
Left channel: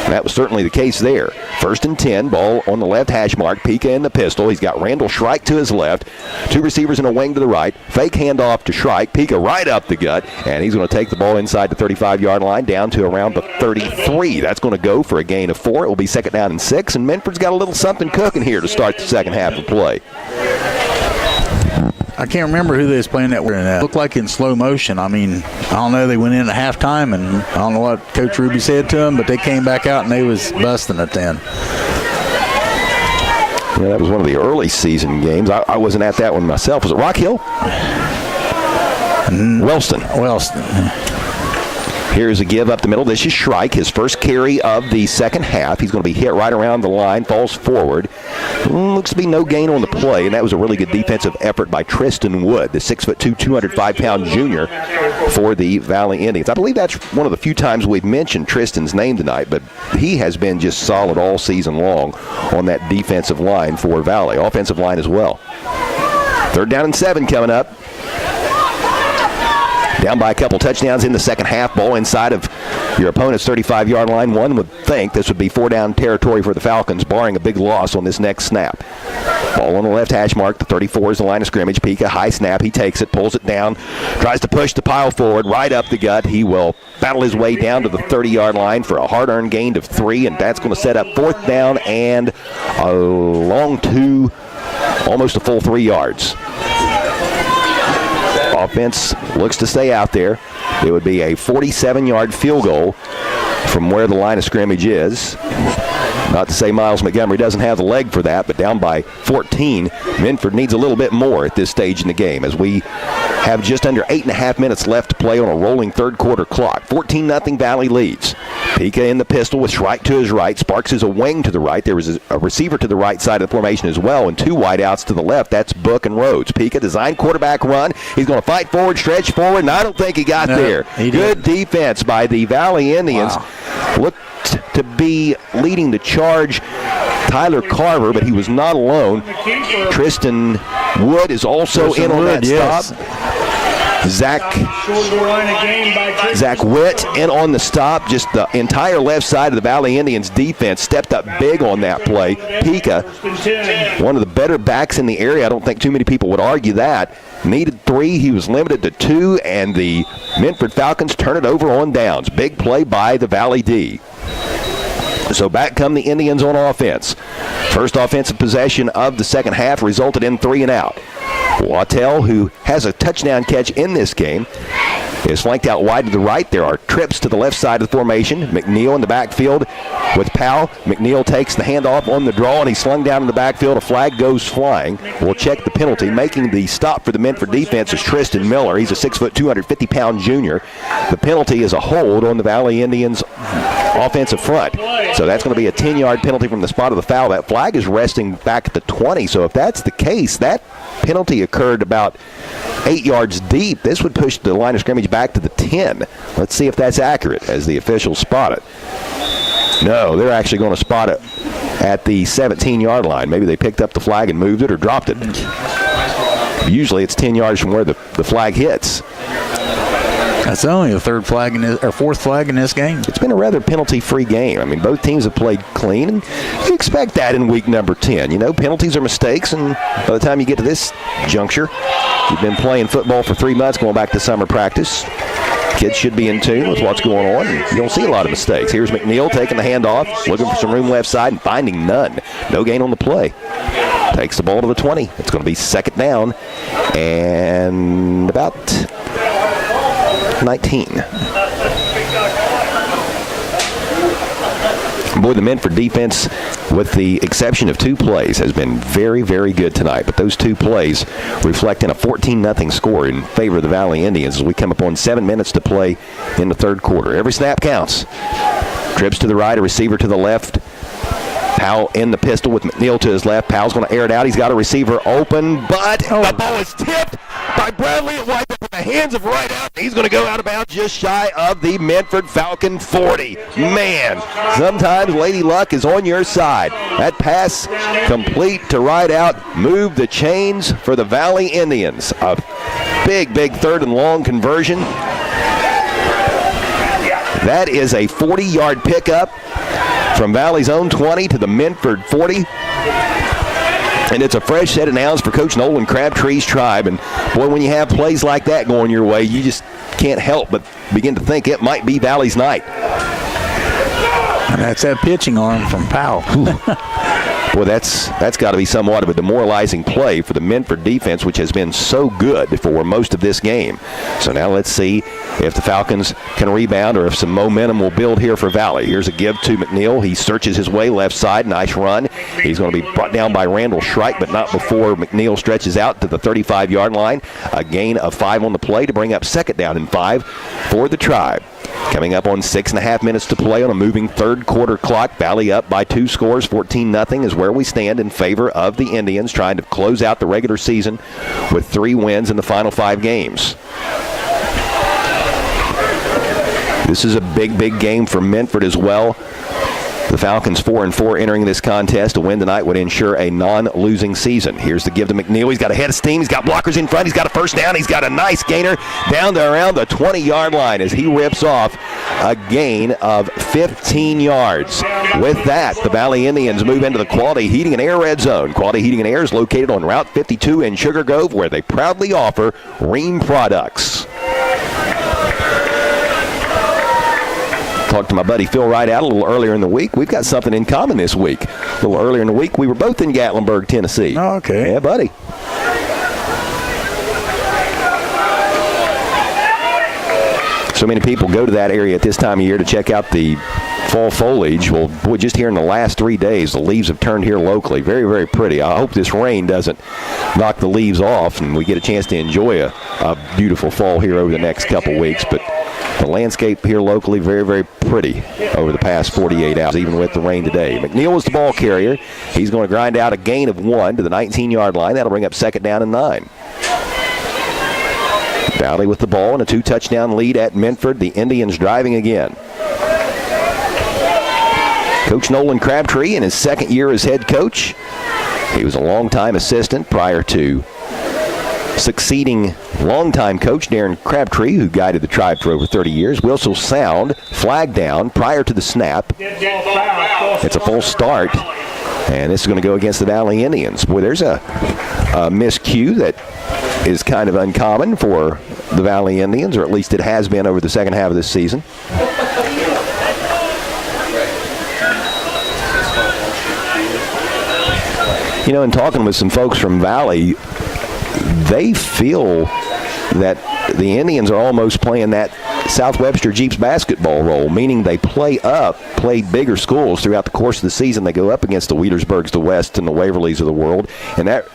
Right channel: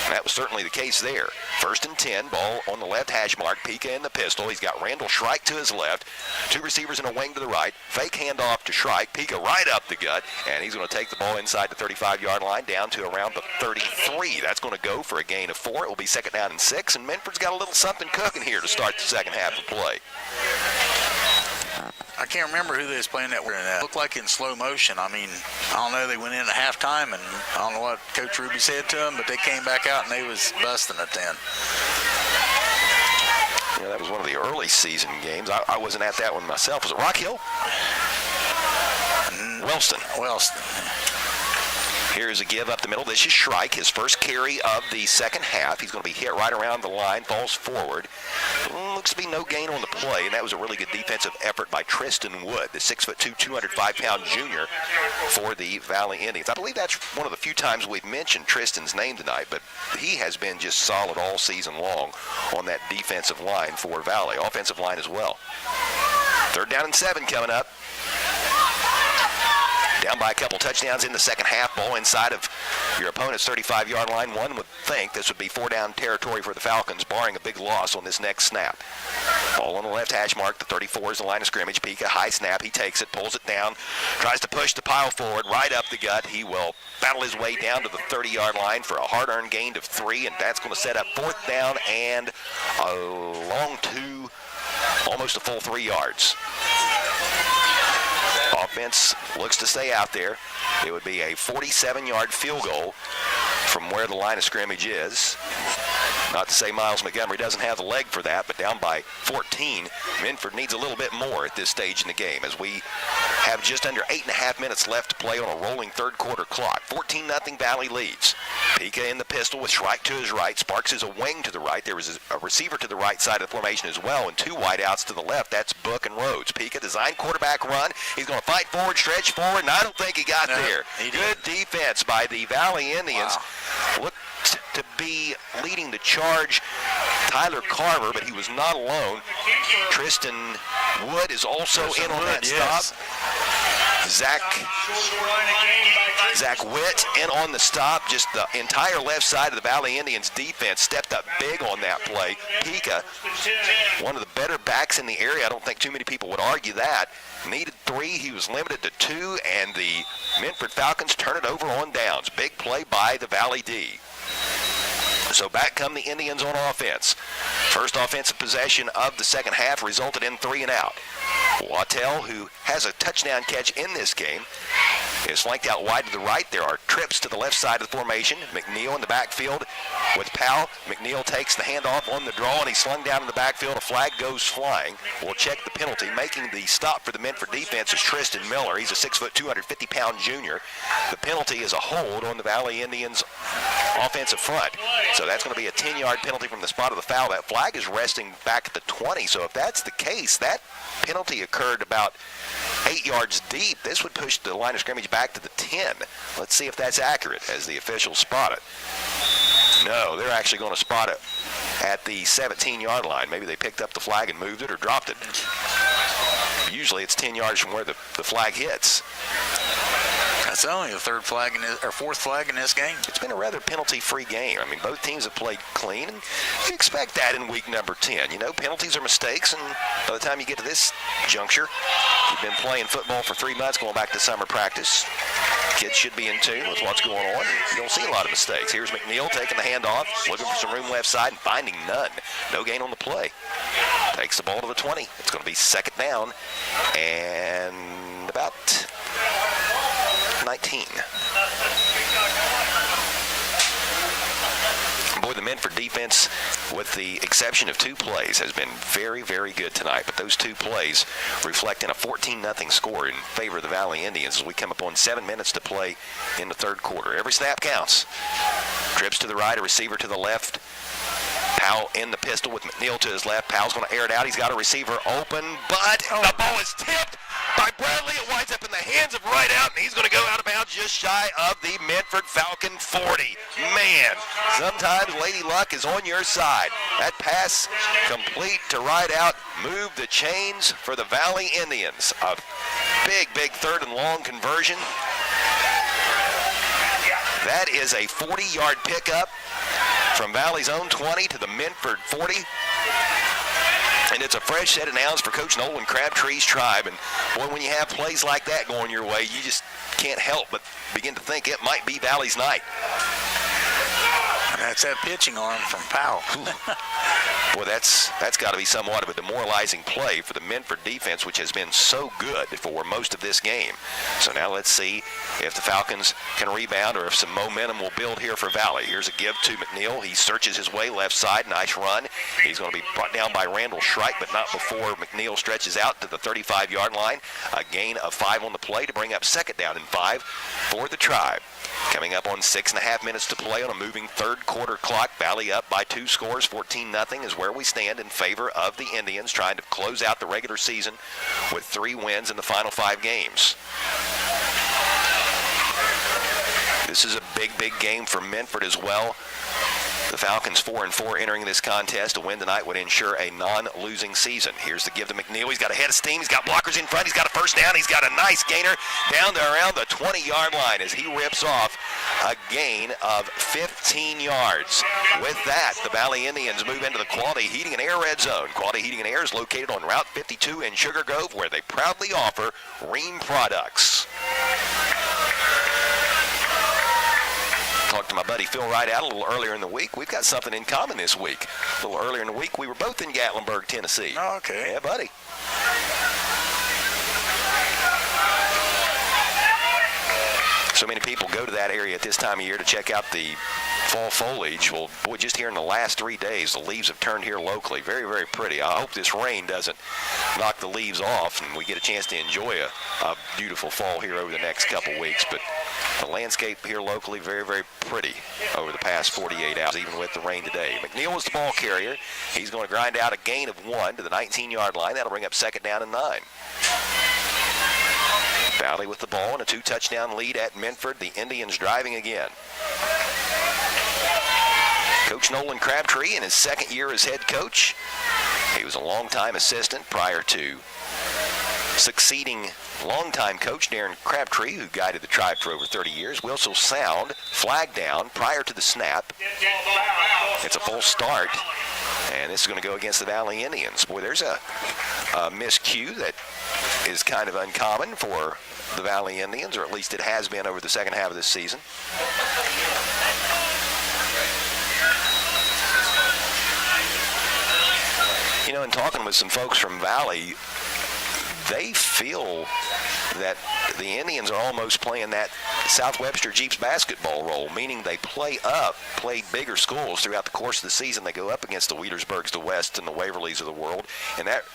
And that was certainly the case there. First and 10, ball on the left hash mark. Pika in the pistol. He's got Randall Shrike to his left. 2 receivers in a wing to the right. Fake handoff to Shrike. Pika right up the gut. And he's going to take the ball inside the 35-yard line down to around the 33. That's going to go for a gain of 4. It will be second down and 6. And Minford's got a little something cooking here to start the second half of play. I can't remember who they was playing that were in that. Looked like in slow motion. I mean, I don't know. They went in at halftime, and I don't know what Coach Ruby said to them, but they came back out and they was busting it then. Yeah, that was one of the early season games. I wasn't at that one myself. Was it Rock Hill? Wellston. Here's a give up the middle. This is Shrike, his first carry of the second half. He's going to be hit right around the line, falls forward. Looks to be no gain on the play, and that was a really good defensive effort by Tristan Wood, the 6'2", 205-pound junior for the Valley Indians. I believe that's one of the few times we've mentioned Tristan's name tonight, but he has been just solid all season long on that defensive line for Valley. Offensive line as well. Third down and 7 coming up. Down by a couple touchdowns in the second half. Ball inside of your opponent's 35-yard line. One would think this would be 4-down territory for the Falcons, barring a big loss on this next snap. Ball on the left hash mark. The 34 is the line of scrimmage. Pika, high snap. He takes it, pulls it down, tries to push the pile forward, right up the gut. He will battle his way down to the 30-yard line for a hard-earned gain of 3, and that's going to set up fourth down and a long 2, almost a full 3 yards. Offense looks to stay out there. It would be a 47-yard field goal from where the line of scrimmage is. Not to say Miles Montgomery doesn't have the leg for that, but down by 14. Minford needs a little bit more at this stage in the game as we have just under 8.5 minutes left to play on a rolling third quarter clock. 14-0 Valley leads. Pika in the pistol with Shrike to his right. Sparks is a wing to the right. There was a receiver to the right side of the formation as well, and two wideouts to the left. That's Book and Rhodes. Pika designed quarterback run. He's going to fight forward, stretch forward, and I don't think he got there. Good defense by the Valley Indians. Wow. Looked to be leading the charge Tyler Carver, but he was not alone. Tristan Wood is also in on that stop. Zach Witt in on the stop. Just the entire left side of the Valley Indians defense stepped up big on that play. Pika, one of the better backs in the area. I don't think too many people would argue that. Needed 3. He was limited to 2, and the Minford Falcons turn it over on downs. Big play by the Valley D. So back come the Indians on offense. First offensive possession of the second half resulted in 3 and out. Wattell, who has a touchdown catch in this game, is flanked out wide to the right. There are trips to the left side of the formation. McNeil in the backfield with Powell. McNeil takes the handoff on the draw, and he's slung down in the backfield. A flag goes flying. We'll check the penalty. Making the stop for the Minford defense is Tristan Miller. He's a 6', 250-pound junior. The penalty is a hold on the Valley Indians offensive front. So that's going to be a 10-yard penalty from the spot of the foul. That flag is resting back at the 20. So if that's the case, that penalty occurred about 8 yards deep. This would push the line of scrimmage back to the 10. Let's see if that's accurate as the officials spot it. No, they're actually going to spot it at the 17-yard line. Maybe they picked up the flag and moved it or dropped it. Usually it's 10 yards from where the flag hits. That's only the fourth flag in this game. It's been a rather penalty-free game. I mean, both teams have played clean, and you expect that in week number 10. You know, penalties are mistakes, and by the time you get to this juncture, you've been playing football for 3 months, going back to summer practice. Kids should be in tune with what's going on. You don't see a lot of mistakes. Here's McNeil taking the handoff, looking for some room left side, and finding none. No gain on the play. Takes the ball to the 20. It's going to be second down and about 19. Boy, the Minford defense, with the exception of 2 plays, has been very, very good tonight. But those 2 plays reflect in a 14-0 score in favor of the Valley Indians as we come up on 7 minutes to play in the third quarter. Every snap counts. Trips to the right, a receiver to the left. Powell in the pistol with McNeil to his left. Powell's going to air it out. He's got a receiver open, but the ball is tipped by Bradley. It winds up in the hands of right out, and he's going to go out of bounds just shy of the Minford Falcon 40. Man, sometimes Lady Luck is on your side. That pass complete to right out. Move the chains for the Valley Indians. A big, big third and long conversion. That is a 40-yard pickup from Valley's own 20 to the Minford 40. And it's a fresh set of downs for Coach Nolan Crabtree's tribe. And, boy, when you have plays like that going your way, you just can't help but begin to think it might be Valley's night. And that's that pitching arm from Powell. Boy, that's got to be somewhat of a demoralizing play for the Minford defense, which has been so good for most of this game. So now let's see if the Falcons can rebound or if some momentum will build here for Valley. Here's a give to McNeil. He searches his way left side. Nice run. He's going to be brought down by Randall Shrike, but not before McNeil stretches out to the 35-yard line. A gain of 5 on the play to bring up second down and 5 for the Tribe. Coming up on 6.5 minutes to play on a moving third quarter clock. Valley up by 2 scores. 14-0 is where we stand in favor of the Indians, trying to close out the regular season with 3 wins in the final 5 games. This is a big, big game for Minford as well. The Falcons 4-4 entering this contest. A win tonight would ensure a non-losing season. Here's the give to McNeil. He's got a head of steam. He's got blockers in front. He's got a first down. He's got a nice gainer down to around the 20-yard line as he rips off a gain of 15 yards. With that, the Valley Indians move into the Quality Heating and Air red zone. Quality Heating and Air is located on Route 52 in Sugar Grove, where they proudly offer Ream products. Talked to my buddy Phil Wright out a little earlier in the week. We've got something in common this week. A little earlier in the week, we were both in Gatlinburg, Tennessee. Oh, okay. Yeah, buddy. So many people go to that area at this time of year to check out the fall foliage. Well, boy, just here in the last 3 days, the leaves have turned here locally. Very, very pretty. I hope this rain doesn't knock the leaves off and we get a chance to enjoy a beautiful fall here over the next couple weeks. But the landscape here locally, very, very pretty over the past 48 hours, even with the rain today. McNeil was the ball carrier. He's going to grind out a gain of 1 to the 19-yard line. That'll bring up 2nd down and 9. Valley with the ball and a 2-touchdown lead at Minford. The Indians driving again. Coach Nolan Crabtree in his 2nd year as head coach. He was a longtime assistant prior to succeeding longtime coach Darren Crabtree, who guided the Tribe for over 30 years. Whistle sound, flag down prior to the snap. It's a full start, and this is going to go against the Valley Indians. Boy, there's a miscue that is kind of uncommon for the Valley Indians, or at least it has been over the second half of this season. You know, in talking with some folks from Valley, they feel that the Indians are almost playing that South Webster Jeeps basketball role, meaning they play bigger schools throughout the course of the season. They go up against the Wheelersburgs, the West, and the Waverlys of the world, and that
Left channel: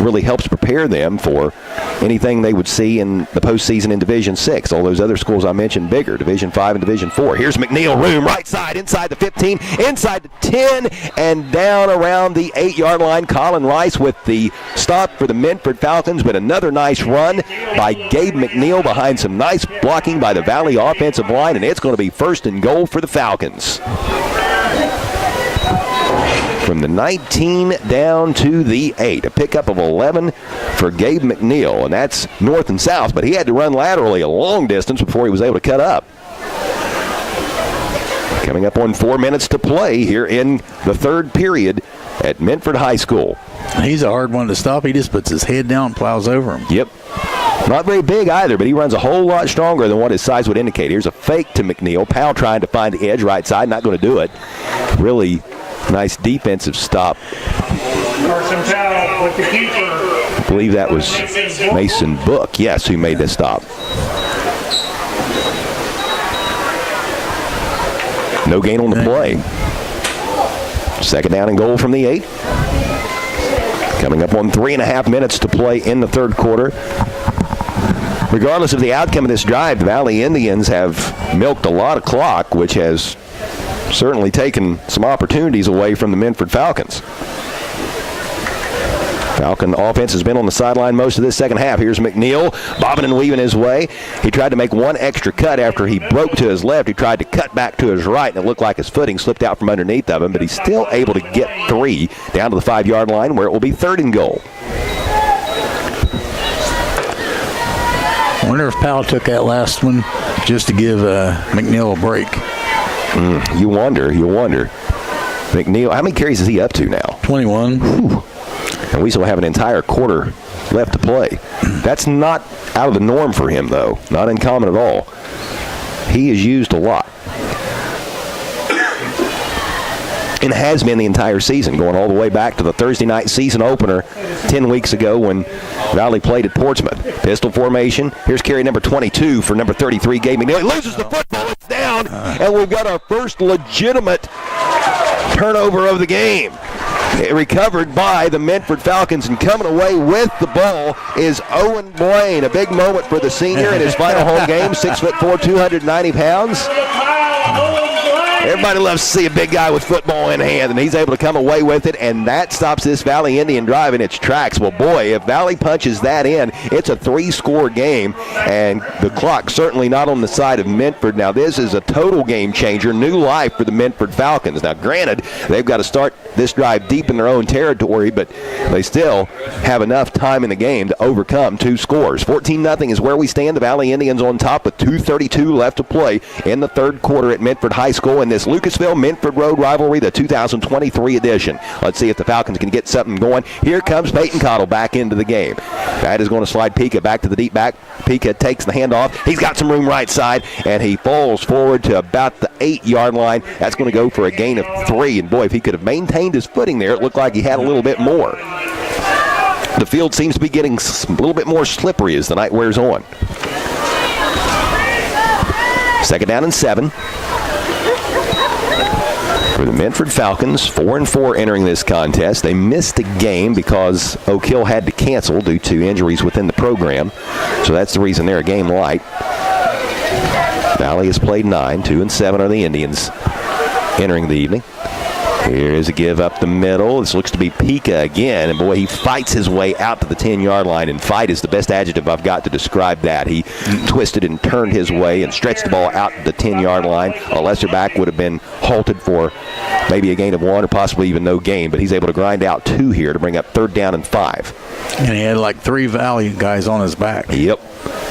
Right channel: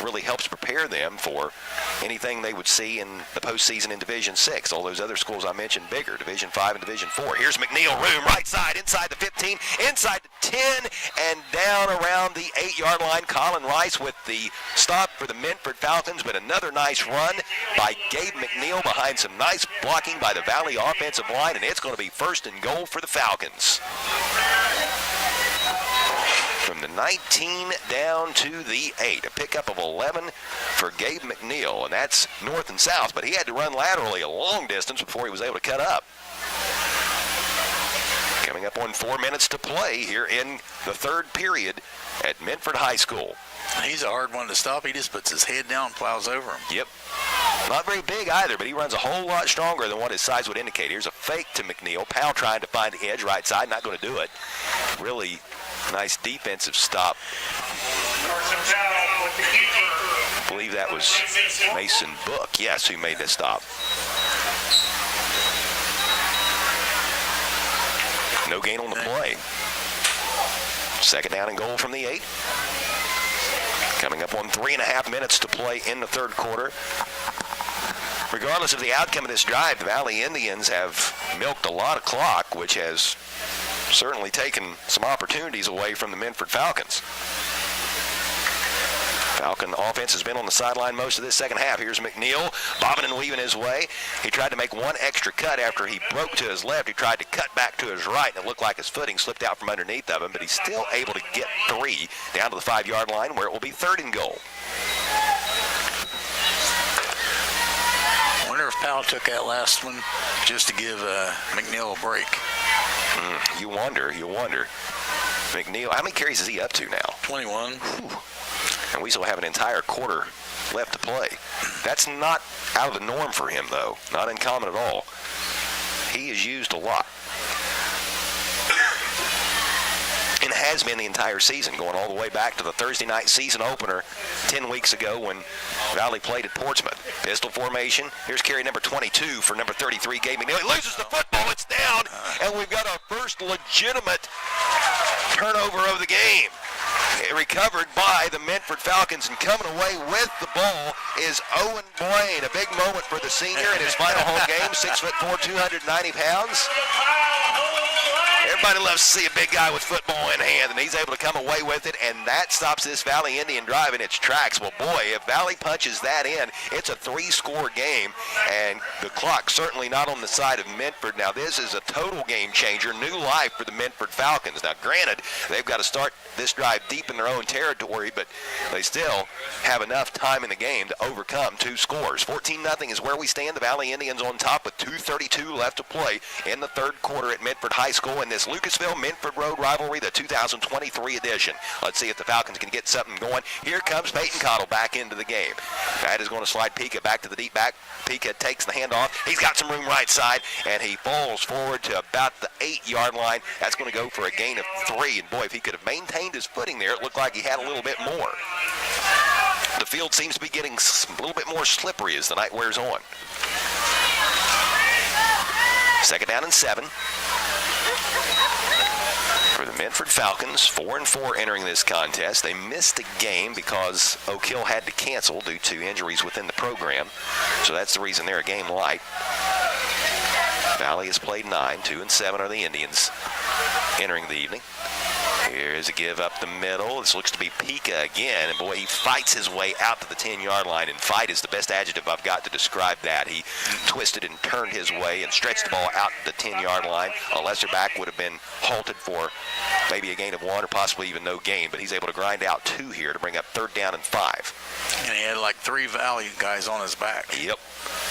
really helps prepare them for anything they would see in the postseason in Division 6. All those other schools I mentioned bigger, Division 5 and Division 4. Here's McNeil, room, right side, inside the 15, inside the 10, and down around the 8-yard line. Colin Rice with the stop for the Minford Falcons, but another nice run by Gabe McNeil behind some nice blocking by the Valley offensive line, and it's going to be 1st and goal for the Falcons. From the 19 down to the 8. A pickup of 11 for Gabe McNeil, and that's north and south, but he had to run laterally a long distance before he was able to cut up. Coming up on 4 minutes to play here in the 3rd period at Minford High School. He's a hard one to stop. He just puts his head down and plows over him. Yep. Not very big either, but he runs a whole lot stronger than what his size would indicate. Here's a fake to McNeil. Powell trying to find the edge right side, not going to do it. Really nice defensive stop. I believe that was Mason Book, yes, who made this stop. No gain on the play. 2nd down and goal from the 8. Coming up on 3.5 minutes to play in the 3rd quarter. Regardless of the outcome of this drive, the Valley Indians have milked a lot of clock, which has certainly taken some opportunities away from the Minford Falcons. Falcon offense has been on the sideline most of this second half. Here's McNeil bobbing and weaving his way. He tried to make one extra cut after he broke to his left. He tried to cut back to his right, and it looked like his footing slipped out from underneath of him, but he's still able to get 3 down to the 5-yard line where it will be 3rd and goal. I wonder if Powell took that last one just to give McNeil a break. You wonder. McNeil, how many carries is he up to now? 21. Whew. And we still have an entire quarter left to play. That's not out of the norm for him, though. Not uncommon at all. He is used a lot. And has been the entire season, going all the way back to the Thursday night season opener 10 weeks ago when Valley played at Portsmouth. Pistol formation. Here's carry number 22 for number 33, Gabe McNeil. He loses the football. It's down. And we've got our first legitimate turnover of the game. Recovered by the Minford Falcons, and coming away with the ball is Owen Blaine. A big moment for the senior in his final home game. 6'4", 290 pounds. Everybody loves to see a big guy with football in hand, and he's able to come away with it, and that stops this Valley Indian drive in its tracks. Well, boy, if Valley punches that in, it's a 3-score game, and the clock certainly not on the side of Minford. Now, this is a total game changer, new life for the Minford Falcons. Now, granted, they've got to start this drive deep in their own territory, but they still have enough time in the game to overcome 2 scores. 14-0 is where we stand. The Valley Indians on top with 2:32 left to play in the 3rd quarter at Minford High School in this Lucasville-Minford Road rivalry, the 2023 edition. Let's see if the Falcons can get something going. Here comes Peyton Cottle back into the game. That is going to slide Pika back to the deep back. Pika takes the handoff. He's got some room right side, and he falls forward to about the 8-yard line. That's going to go for a gain of 3. And boy, if he could have maintained his footing there, it looked like he had a little bit more. The field seems to be getting a little bit more slippery as the night wears on. Second down and 7. For the Minford Falcons, 4-4 entering this contest. They missed a game because Oak Hill had to cancel due to injuries within the program. So that's the reason they're a game light. Valley has played 9. 2-7 are the Indians entering the evening. Here's a give up the middle. This looks to be Pika again. And, boy, he fights his way out to the 10-yard line. And fight is the best adjective I've got to describe that. He twisted and turned his way and stretched the ball out to the 10-yard line. A lesser back would have been halted for maybe a gain of 1 or possibly even no gain. But he's able to grind out 2 here to bring up 3rd down and 5. And he had like 3 Valley guys on his back. Yep.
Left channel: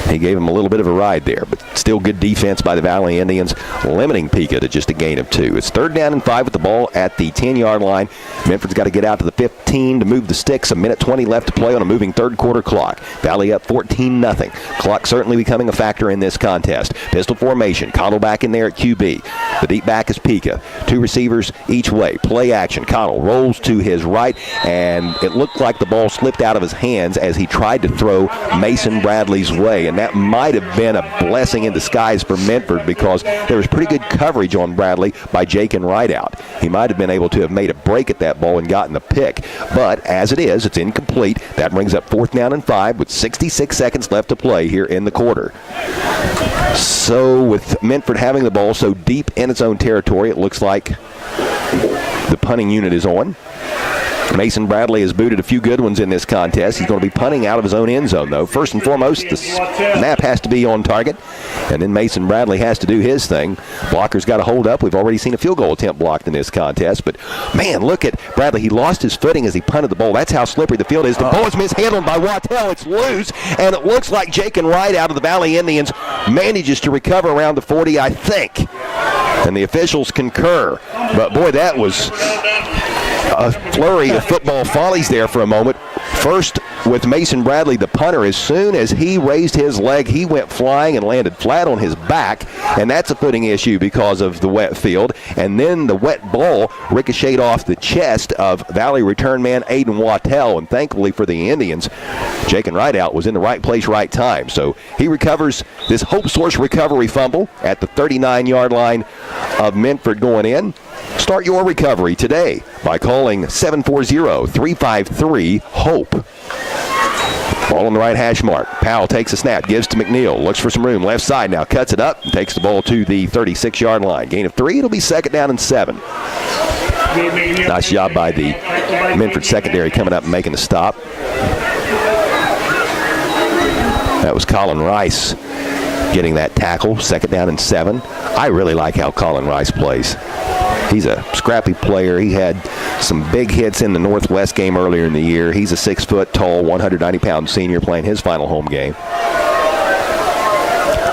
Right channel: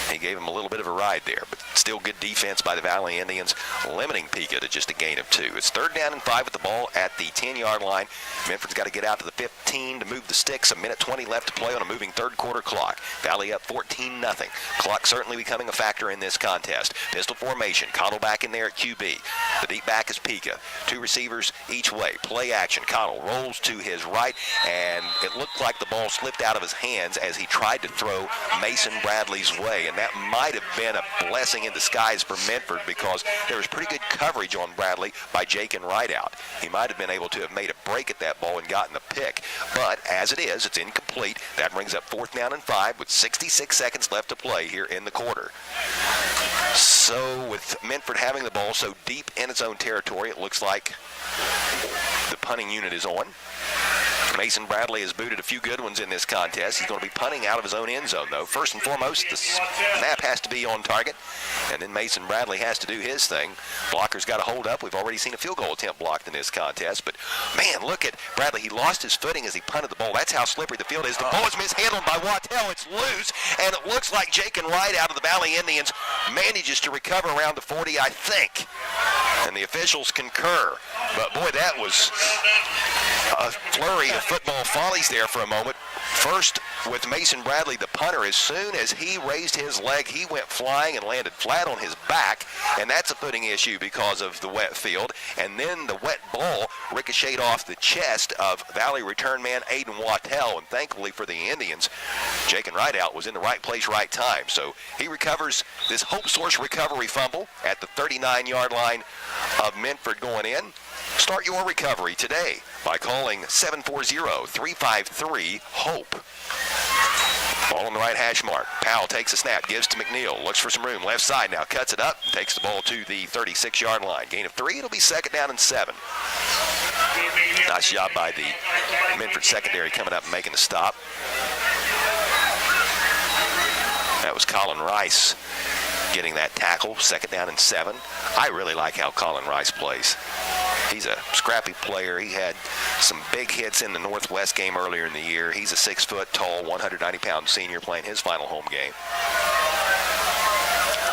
He gave him a little bit of a ride there, but still good defense by the Valley Indians, limiting Pika to just a gain of 2. It's 3rd down and 5 with the ball at the 10-yard line. Minford's got to get out to the 15 to move the sticks. 1:20 left to play on a moving third-quarter clock. Valley up 14-0. Clock certainly becoming a factor in this contest. Pistol formation. Cottle back in there at QB. The deep back is Pika. 2 receivers each way. Play action. Cottle rolls to his right, and it looked like the ball slipped out of his hands as he tried to throw Mason Bradley's way, and that might have been a blessing in disguise for Minford because there was pretty good coverage on Bradley by Jake and Rideout. He might have been able to have made a break at that ball and gotten the pick, but as it is, it's incomplete. That brings up 4th down and 5 with 66 seconds left to play here in the quarter. So with Minford having the ball so deep in its own territory, it looks like the punting unit is on. Mason Bradley has booted a few good ones in this contest. He's going to be punting out of his own end zone, though. First and foremost, the snap has to be on target, and then Mason Bradley has to do his thing. Blocker's got to hold up. We've already seen a field goal attempt blocked in this contest, but, man, look at Bradley. He lost his footing as he punted the ball. That's how slippery the field is. The ball is mishandled by Wattell. It's loose, and it looks like Jake and Wright out of the Valley Indians manages to recover around the 40, I think, and the officials concur. But, boy, that was a flurry of football follies there for a moment. First with Mason Bradley, the punter. As soon as he raised his leg, he went flying and landed flat on his back, and that's a footing issue because of the wet field. And then the wet ball ricocheted off the chest of Valley return man Aiden Wattell, and thankfully for the Indians, Jake and Rideout was in the right place, right time. So he recovers this Hope Source recovery fumble at the 39-yard line of Minford going in. Start your recovery today by calling 740-353-HOPE. Ball on the right hash mark. Powell takes a snap, gives to McNeil, looks for some room, left side now, cuts it up, and takes the ball to the 36-yard line. Gain of 3, it'll be 2nd down and 7. Nice job by the Minford secondary coming up and making the stop. That was Colin Rice getting that tackle, 2nd down and 7. I really like how Colin Rice plays. He's a scrappy player. He had some big hits in the Northwest game earlier in the year. He's a 6-foot-tall, 190-pound senior playing his final home game.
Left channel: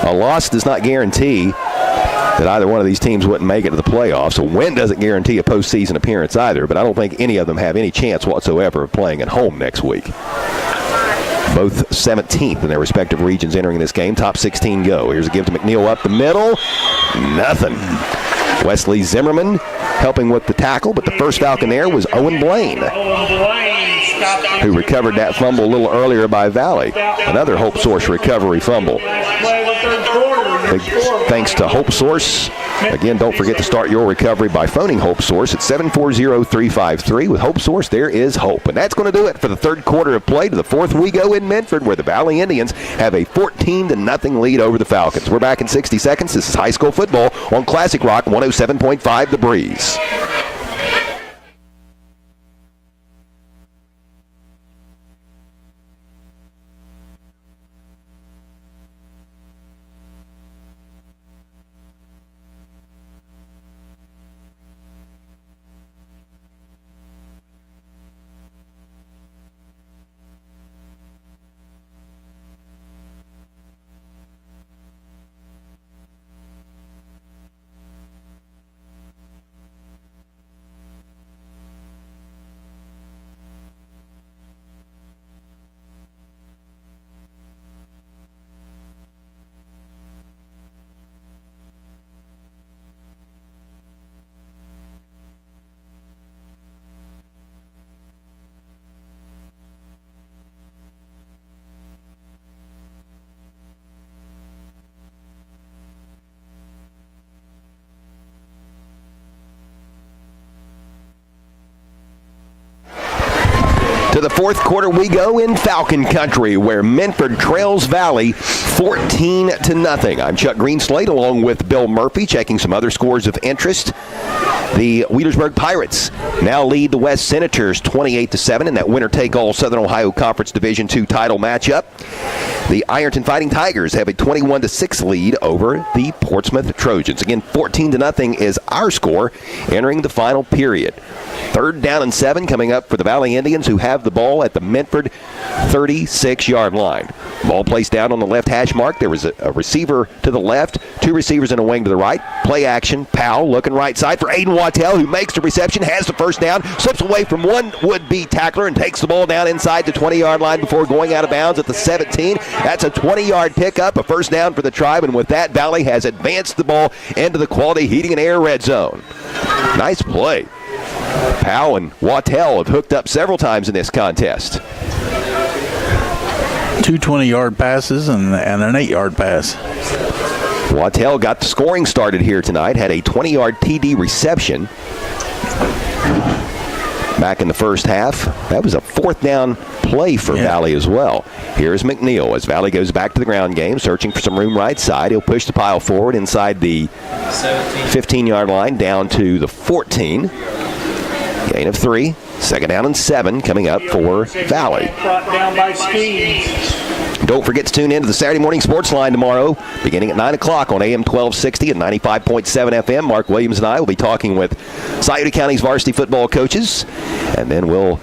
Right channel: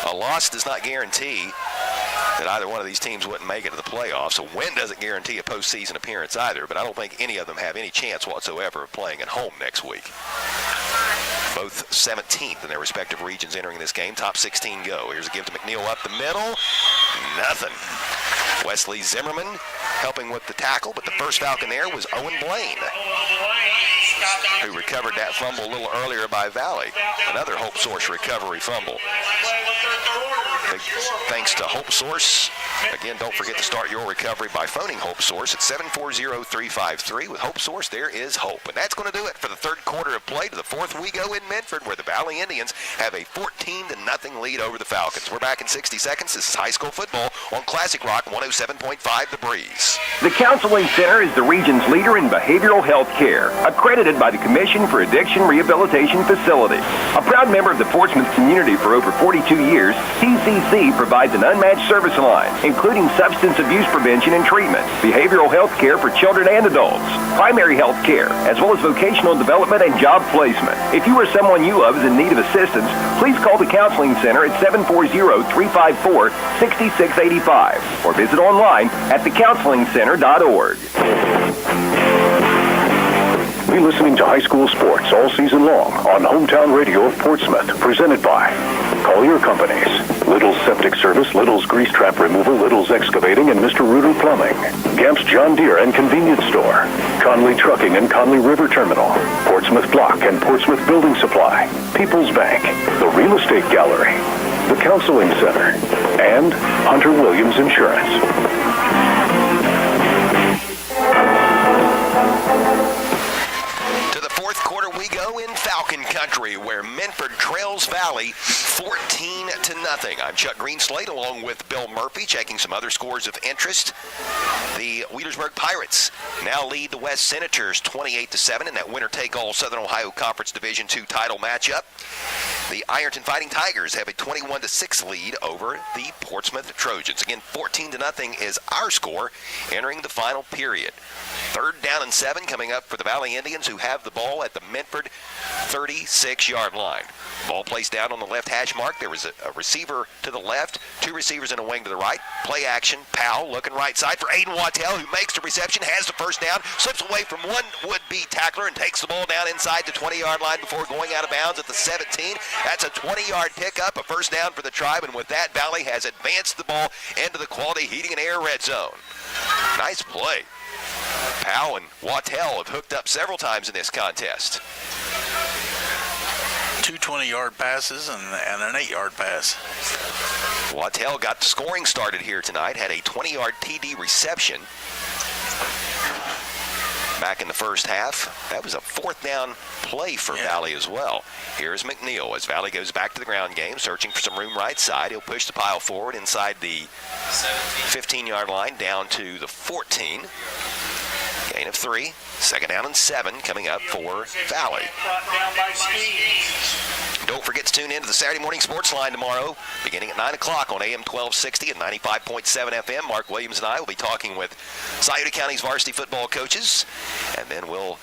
A loss does not guarantee that either one of these teams wouldn't make it to the playoffs. A win doesn't guarantee a postseason appearance either, but I don't think any of them have any chance whatsoever of playing at home next week. Both 17th in their respective regions entering this game. Top 16 go. Here's a give to McNeil up the middle. Nothing. Wesley Zimmerman helping with the tackle, but the first Falcon there was Owen Blaine, who recovered that fumble a little earlier by Valley. Another Hope Source recovery fumble. Big thanks to Hope Source. Again, don't forget to start your recovery by phoning Hope Source at 740-353. With Hope Source, there is hope. And that's going to do it for the 3rd quarter of play. To the 4th we go in Minford, where the Valley Indians have a 14-0 lead over the Falcons. We're back in 60 seconds. This is high school football on Classic Rock 107.5 The Breeze. The Counseling Center is the region's leader in behavioral health care, accredited by the Commission for Addiction Rehabilitation Facilities. A proud member of the Portsmouth community for over 42 years, TCC provides an unmatched service line, including substance abuse prevention and treatment, behavioral health care for children and adults, primary health care, as well as vocational development and job placement. If you or someone you love is in need of assistance, please call the Counseling Center at 740-354-6685 or visit online at thecounselingcenter.org. Be listening to high school sports all season long on Hometown Radio of Portsmouth, presented by Collier Companies, Little's Septic Service, Little's Grease Trap Removal, Little's Excavating, and Mr. Reuter Plumbing, Gamp's John Deere and Convenience Store, Conley Trucking and Conley River Terminal, Portsmouth Block and Portsmouth Building Supply, People's Bank, the Real Estate Gallery, the Counseling Center, and Hunter Williams Insurance. To the fourth quarter we go in Falcon Country, where Minford trails Valley 14-0. I'm Chuck Greenslade along with Bill Murphy, checking some other scores of interest. The Wheelersburg Pirates now lead the West Senators 28-7 in that winner-take-all Southern Ohio Conference Division II title matchup. The Ironton Fighting Tigers have a 21-6 lead over the Portsmouth Trojans. Again, 14-0 is our score entering the final period. 3rd down and 7 coming up for the Valley Indians, who have the ball at the Minford 36-yard line. Ball placed down on the left hash mark. There was a receiver to the left, 2 receivers in a wing to the right. Play action. Powell looking right side for Aiden Wattell, who makes the reception, has the first down, slips away from one would-be tackler and takes the ball down inside the 20-yard line before going out of bounds at the 17. That's a 20-yard pickup, a first down for the Tribe, and with that, Valley has advanced the ball into the Quality Heating and Air red zone. Nice play. Powell and Wattell have hooked up several times in this contest. 2 20-yard passes and an 8-yard pass. Wattell got the scoring started here tonight, had a 20-yard TD reception back in the first half. That was a 4th down play for Valley as well. Here's McNeil as Valley goes back to the ground game, searching for some room right side. He'll push the pile forward inside the 15-yard line down to the 14. Gain of 3. 2nd down and 7 coming up for Valley. Brought down by Skeens. Don't forget to tune in to the Saturday Morning Sports Line tomorrow, beginning at 9 o'clock on AM 1260 and 95.7 FM. Mark Williams and I will be talking with Scioto County's varsity football coaches, and then we'll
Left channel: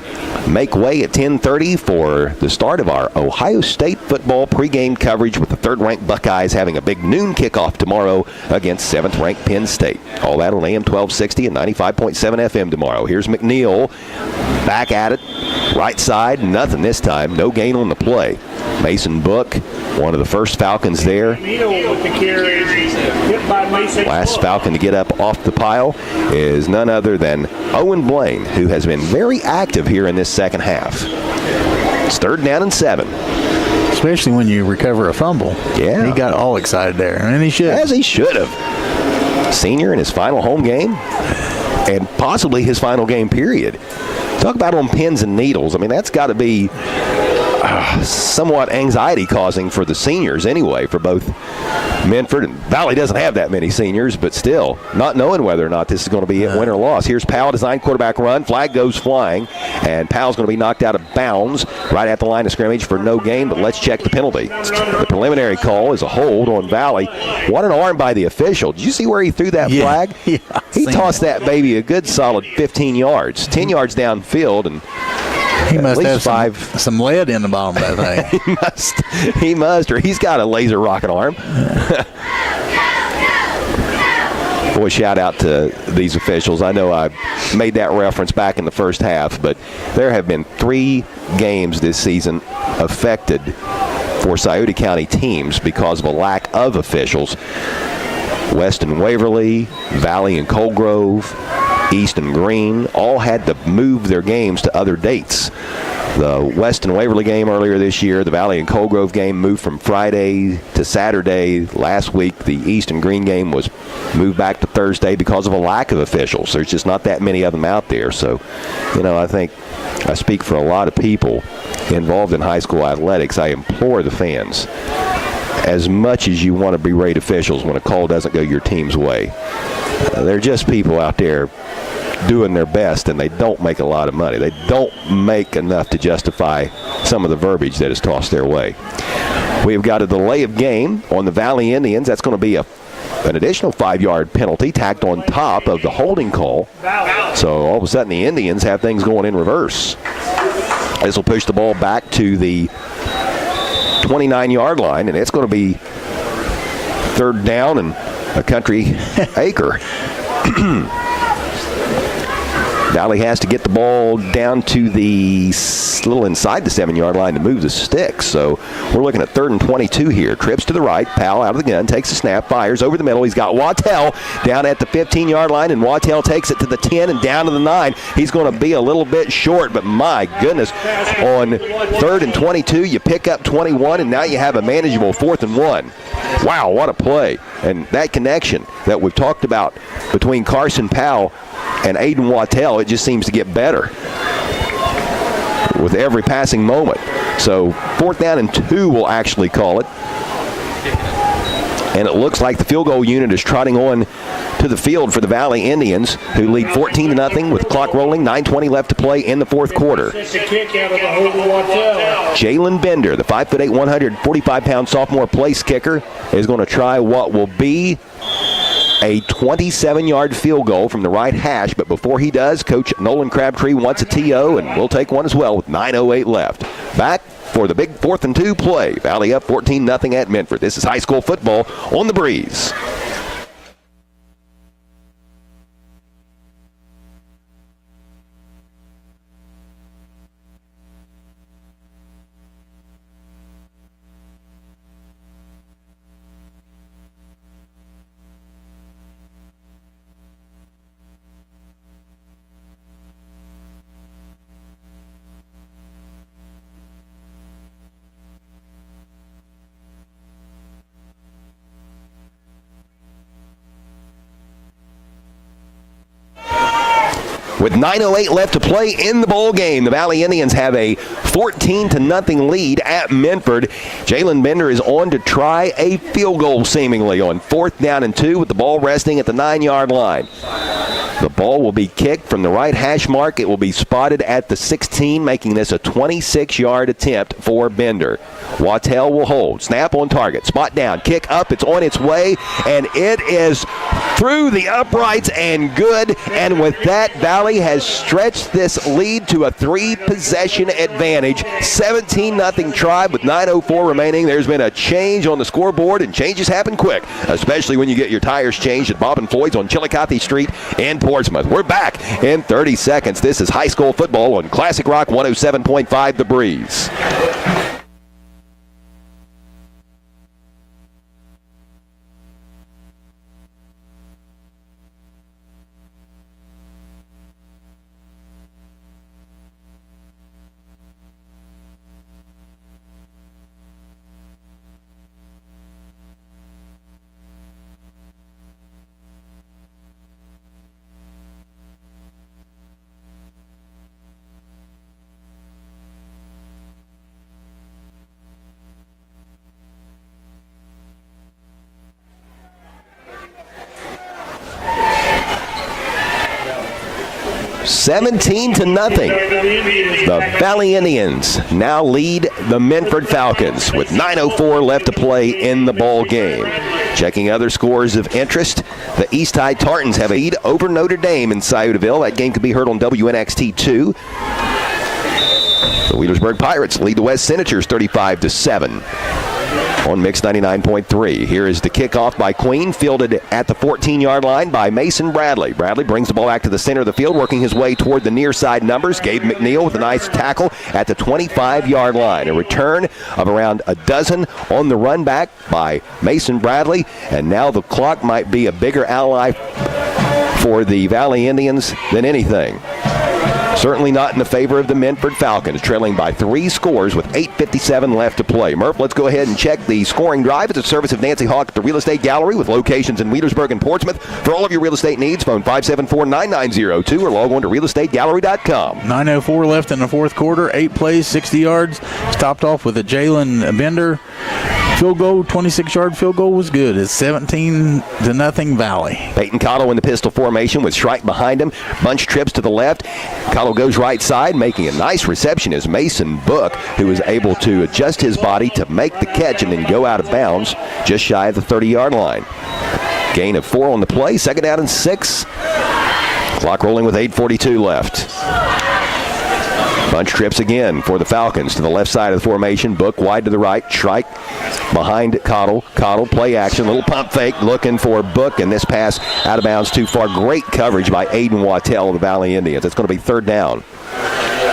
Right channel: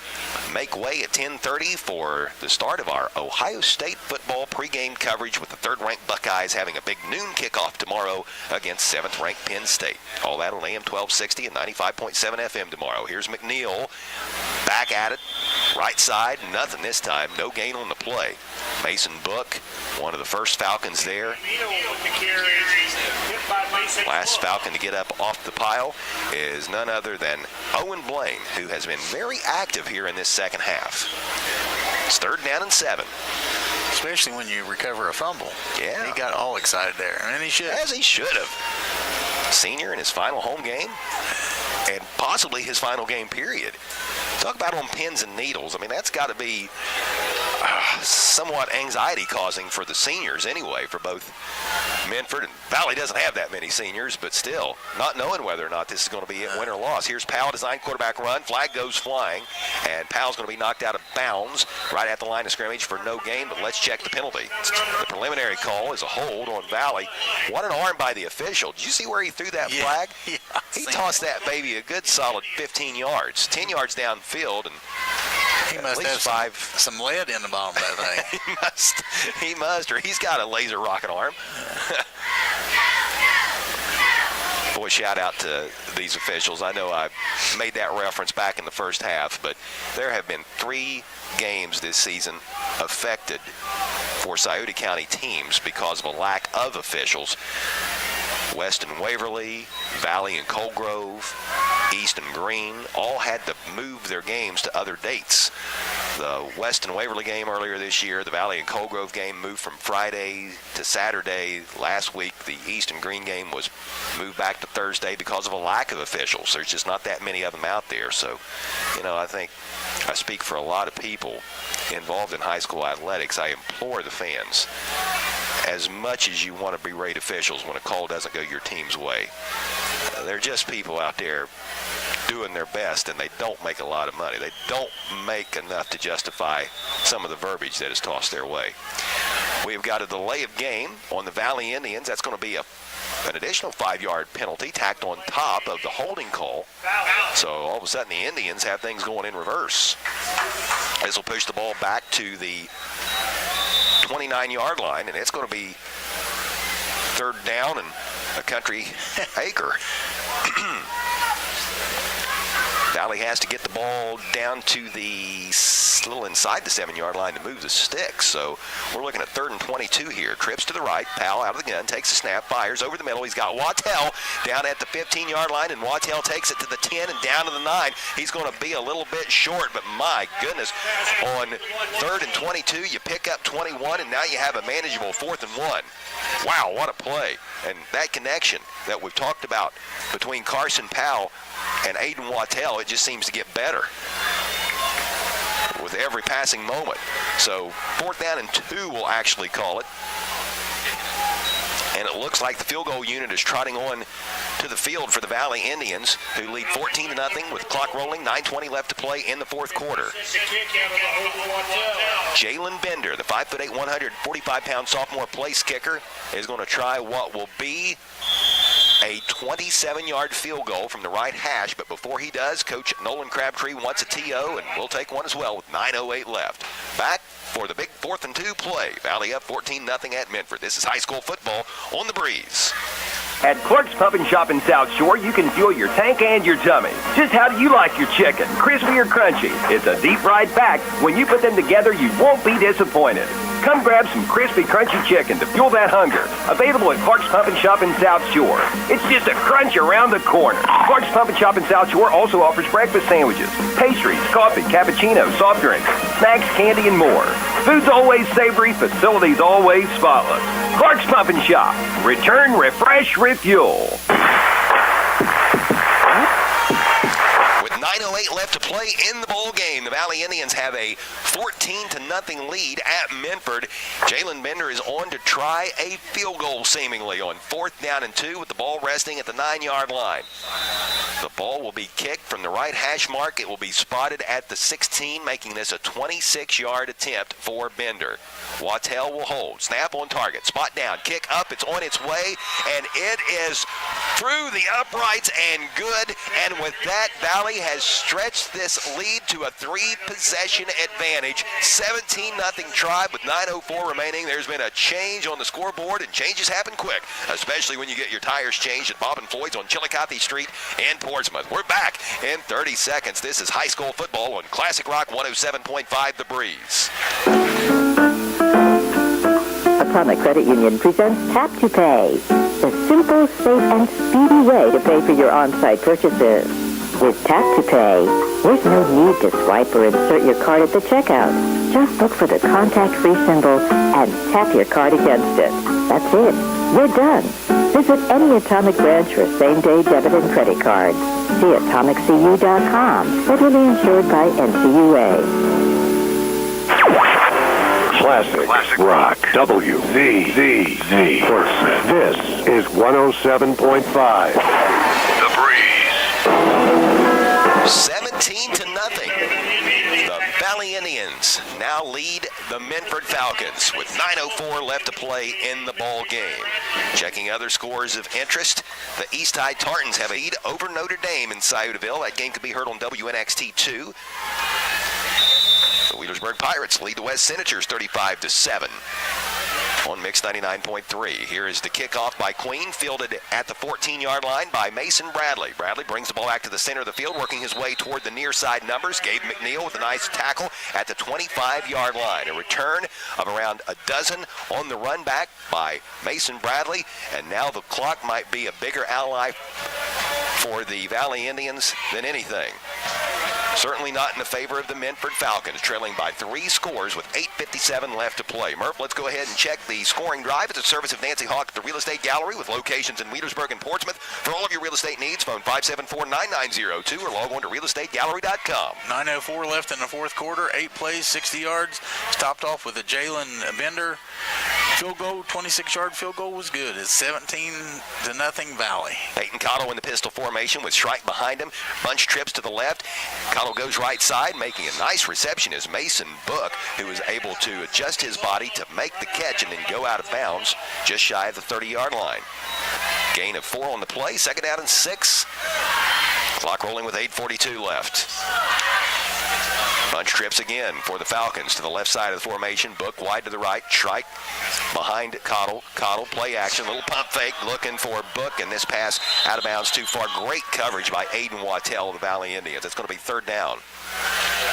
make way at 10:30 for the start of our Ohio State football pregame coverage, with the 3rd-ranked Buckeyes having a big noon kickoff tomorrow against 7th-ranked Penn State. All that on AM 1260 and 95.7 FM tomorrow. Here's McNeil back at it, right side, nothing this time, no gain on the play. Mason Book, one of the first Falcons there. Last Falcon to get up off the pile is none other than Owen Blaine, who has been very active here in this second half. It's 3rd down and 7. Especially when you recover a fumble. Yeah. He got all excited there, and he should. As he should have. Senior in his final home game, and possibly his final game, period. Talk about on pins and needles. I mean, that's got to be somewhat anxiety-causing for the seniors anyway, for both Minford and Valley. Doesn't have that many seniors, but still, not knowing whether or not this is going to be a win or loss. Here's Powell, designed quarterback run. Flag goes flying, and Powell's going to be knocked out of bounds right at the line of scrimmage for no gain, but let's check the penalty. The preliminary call is a hold on Valley. What an arm by the official. Did you see where he threw that flag? Yeah, he tossed that baby a good solid 15 yards, 10 yards downfield, and he must have some lead in the bottom of that thing. He must, or he's got a laser rocket arm. Boy, shout out to these officials. I know I made that reference back in the first half, but there have been 3 games this season affected for Scioto County teams because of a lack of officials. West and Waverly, Valley and Cold Grove, East and Green all had to move their games to other dates. The West and Waverly game earlier this year, the Valley and Cold Grove game moved from Friday to Saturday. Last week, the East and Green game was moved back to Thursday because of a lack of officials. There's just not that many of them out there. So, I think I speak for a lot of people involved in high school athletics. I implore the fans, as much as you want to berate officials when a call doesn't go your team's way, they're just people out there doing their best, and they don't make a lot of money. They don't make enough to justify some of the verbiage that is tossed their way. We've got a delay of game on the Valley Indians. That's going to be an additional 5-yard penalty tacked on top of the holding call. So all of a sudden the Indians have things going in reverse. This will push the ball back to the 29-yard line, and it's going to be 3rd down and a country acre. Valley has to get the ball down to the little inside the 7-yard line to move the sticks. So we're looking at 3rd and 22 here. Trips to the right. Powell out of the gun, takes a snap, fires over the middle. He's got Wattell down at the 15-yard line, and Wattell takes it to the 10 and down to the 9. He's going to be a little bit short, but my goodness, on 3rd and 22, you pick up 21, and now you have a manageable 4th and 1. Wow, what a play. And that connection that we've talked about between Carson Powell and Aiden Wattell, it just seems to get better with every passing moment. So 4th down and 2 will actually call it. And it looks like the field goal unit is trotting on to the field for the Valley Indians, who lead 14-0 with clock rolling, 9:20 left to play in the 4th quarter. Jalen Bender, the 5'8", 145-pound sophomore place kicker, is going to try what will be a 27-yard field goal from the right hash. But before he does, Coach Nolan Crabtree wants a TO, and we'll take one as well with 9:08 left. Back for the big 4th and 2 play. Valley up 14-0 at Minford. This is high school football on the Breeze. At Clark's Pub and Shop in South Shore, you can fuel your tank and your tummy. Just how do you like your chicken? Crispy or crunchy? It's a deep-fried fact. When you put them together, you won't be disappointed. Come grab some crispy, crunchy chicken to fuel that hunger. Available at Clark's Pub and Shop in South Shore. It's just a crunch around the corner. Clark's Pub and Shop in South Shore also offers breakfast sandwiches, pastries, coffee, cappuccino, soft drinks, snacks, candy, and more. Food's always savory, facilities always spotless. Clark's Pub and Shop. Return, refresh, refuel. With 9:08 left to play in the bowl game, the Valley Indians have a 14-0 lead at Minford. Jalen Bender is on to try a field goal seemingly on 4th down and 2 with the ball resting at the 9-yard line. The ball will be kicked from the right hash mark. It will be spotted at the 16, making this a 26-yard attempt for Bender. Wattell will hold. Snap on target. Spot down. Kick up. It's on its way, and it is through the uprights and good. And with that, Valley has stretched this lead to a 3-possession advantage. 17-0 Tribe with 9:04 remaining. There's been a change on the scoreboard, and changes happen quick, especially when you get your tires changed at Bob and Floyd's on Chillicothe Street in Portsmouth. We're back in 30 seconds. This is high school football on Classic Rock 107.5 The Breeze. Atomic Credit Union presents Tap to Pay, the simple, safe, and speedy way to pay for your on-site purchases. With Tap to Pay, there's no need to swipe or insert your card at the checkout. Just look for the contact-free symbol and tap your card against it. That's it. You're done. Visit any Atomic branch for same-day debit and credit cards. See atomiccu.com. Federally insured by NCUA. Classic Rock WZZZ Portsmouth. This is 107.5. 17-0. The Valley Indians now lead the Minford Falcons with 9:04 left to play in the ball game. Checking other scores of interest, the East High Tartans have a lead over Notre Dame in Sciotoville. That game can be heard on WNXT 2. The Wheelersburg Pirates lead the West Senators 35-7 on Mix 99.3. Here is the kickoff by Queen, fielded at the 14-yard line by Mason Bradley. Bradley brings the ball back to the center of the field, working his way toward the near side numbers. Gabe McNeil with a nice tackle at the 25-yard line. A return of around a dozen on the run back by Mason Bradley. And now the clock might be a bigger ally for the Valley Indians than anything. Certainly not in the favor of the Minford Falcons, trailing by 3 scores with 8:57 left to play. Murph, let's go ahead and check the scoring drive. It's a service of Nancy Hawk at the Real Estate Gallery with locations in Wheelersburg and Portsmouth. For all of your real estate needs, phone 574-9902 or log on to realestategallery.com. 9:04 left in the 4th quarter. 8 plays, 60 yards. Stopped off with a Jalen Bender field goal. 26-yard field goal was good. It's 17-0 Valley. Peyton Cottle in the pistol formation with Shrike behind him. Bunch trips to the left. Cottle goes right side, making a nice reception is Mason Book, who is able to adjust his body to make the catch and then go out of bounds just shy of the 30-yard line. Gain of 4 on the play, 2nd down and 6. Clock rolling with 8:42 left. Bunch trips again for the Falcons to the left side of the formation. Book wide to the right. Shrike behind Cottle. Cottle play action. Little pump fake looking for Book, and this pass out of bounds too far. Great coverage by Aiden Wattell of the Valley Indians. It's going to be third down.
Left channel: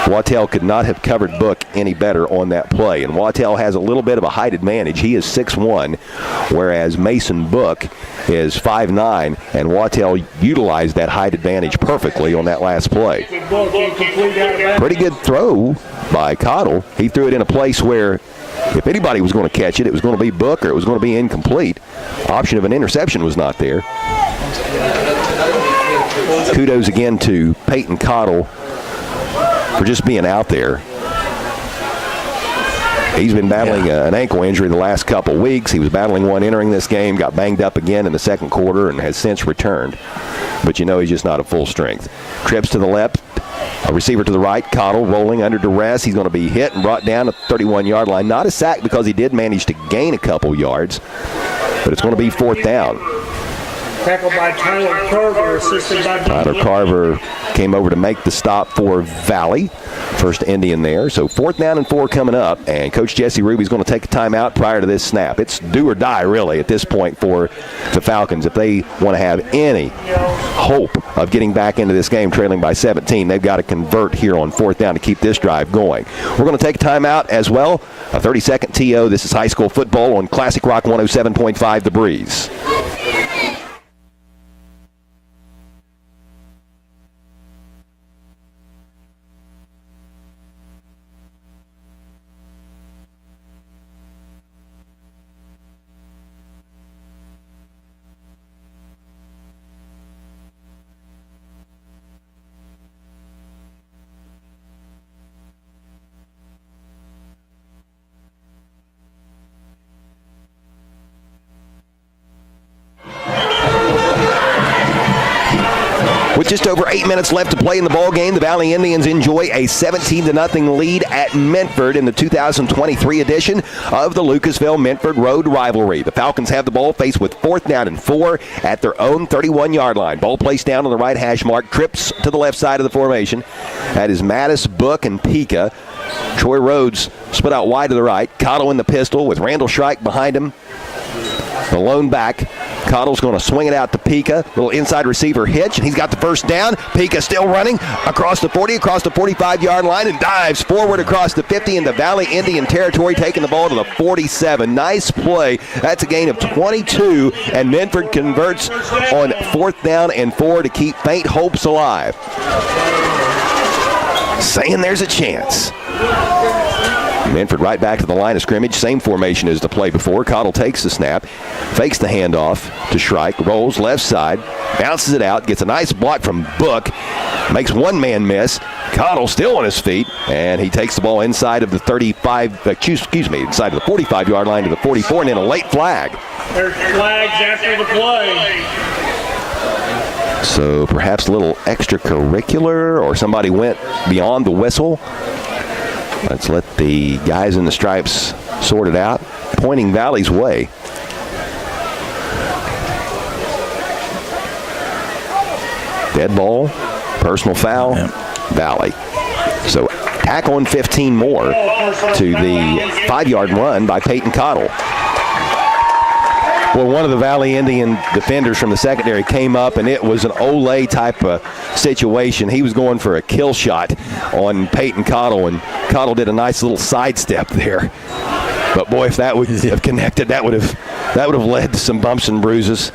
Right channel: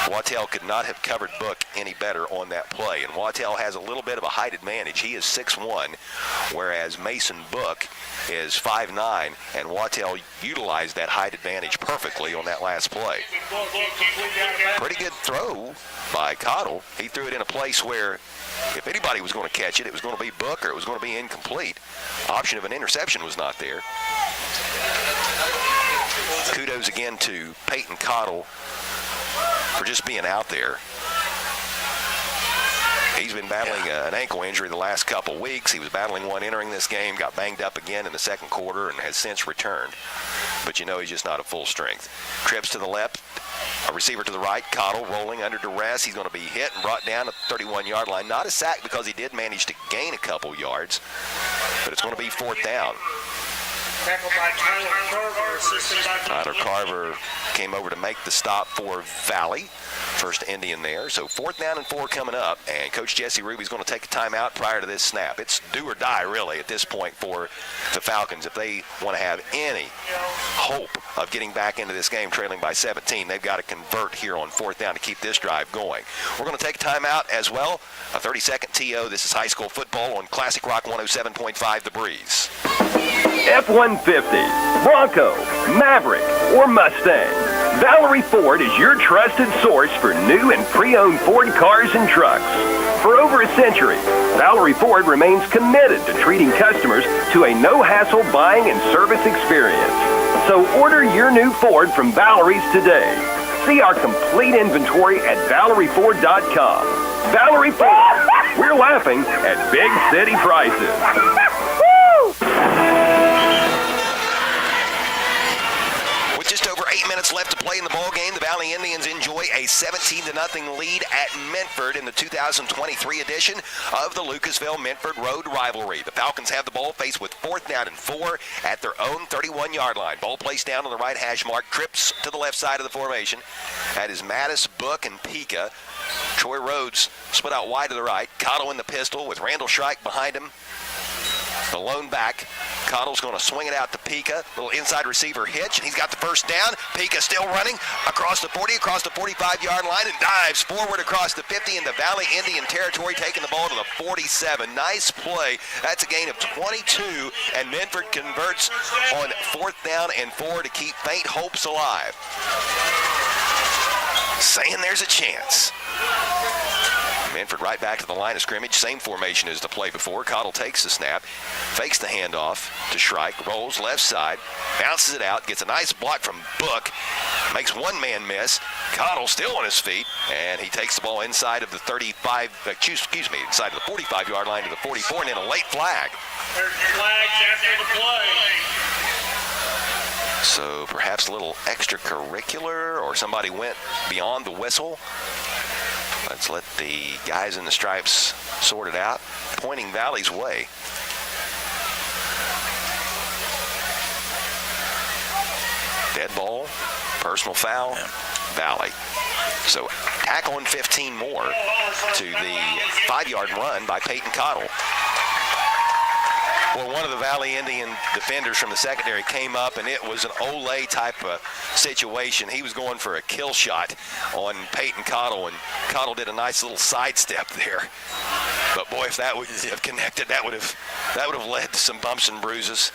Wattell could not have covered Book any better on that play. And Wattell has a little bit of a height advantage. He is 6'1", whereas Mason Book is 5'9", and Wattell utilized that height advantage perfectly on that last play. Pretty good throw by Cottle. He threw it in a place where if anybody was going to catch it, it was going to be Book or it was going to be incomplete. Option of an interception was not there. Kudos again to Peyton Cottle for just being out there. He's been battling an ankle injury the last couple weeks. He was battling one entering this game, got banged up again in the second quarter, and has since returned. But you know he's just not at full strength. Trips to the left, a receiver to the right. Cottle rolling under duress. He's going to be hit and brought down at the 31-yard line. Not a sack because he did manage to gain a couple yards, but it's going to be fourth down. Tackled by Tyler Carver, assisted by Tyler Carver came over to make the stop for Valley. First Indian there. So fourth down and 4 coming up, and Coach Jesse Ruby's going to take a timeout prior to this snap. It's do or die, really, at this point for the Falcons. If they want to have any hope of getting back into this game trailing by 17, they've got to convert here on fourth down to keep this drive going. We're going to take a timeout as well. A 30-second TO. This is high school football on Classic Rock 107.5 The Breeze. F-150, Bronco, Maverick, or Mustang. Valerie Ford is your trusted source for new and pre-owned Ford cars and trucks. For over a century, Valerie Ford remains committed to treating customers to a no-hassle buying and service experience. So order your new Ford from Valerie's today. See our complete inventory at ValerieFord.com. Valerie Ford, we're laughing at big city prices. With just over 8 minutes left to play in the ball game, the Valley Indians enjoy a 17-0 lead at Minford in the 2023 edition of the Lucasville-Minford Road Rivalry. The Falcons have the ball, faced with fourth down and 4 at their own 31-yard line. Ball placed down on the right hash mark, trips to the left side of the formation. That is Mattis, Book, and Pika. Troy Rhodes split out wide to the right. Cottle in the pistol with Randall Shrike behind him. The lone back. Cottle's going to swing it out to Pika. Little inside receiver hitch, and he's got the first down. Pika still running across the 40, across the 45-yard line, and dives forward across the 50 into Valley Indian territory, taking the ball to the 47. Nice play. That's a gain of 22, and Minford converts on fourth down and 4 to keep faint hopes alive. Saying there's a chance. Minford right back to the line of scrimmage. Same formation as the play before. Cottle takes the snap, fakes the handoff to Shrike, rolls left side, bounces it out, gets a nice block from Book, makes one man miss. Cottle still on his feet, and he takes the ball inside of the inside of the 45-yard line to the 44, and then a late flag. There's flags after the play. So perhaps a little extracurricular, or somebody went beyond the whistle. Let's let the guys in the stripes sort it out. Pointing Valley's way. Dead ball, personal foul, Valley. So tack on 15 more to the 5-yard run by Peyton Cottle. Well, one of the Valley Indian defenders from the secondary came up, and it was an Olay type of situation. He was going for a kill shot on Peyton Cottle, and Cottle did a nice little sidestep there. But boy, if that would have connected, that would have led to some bumps and bruises.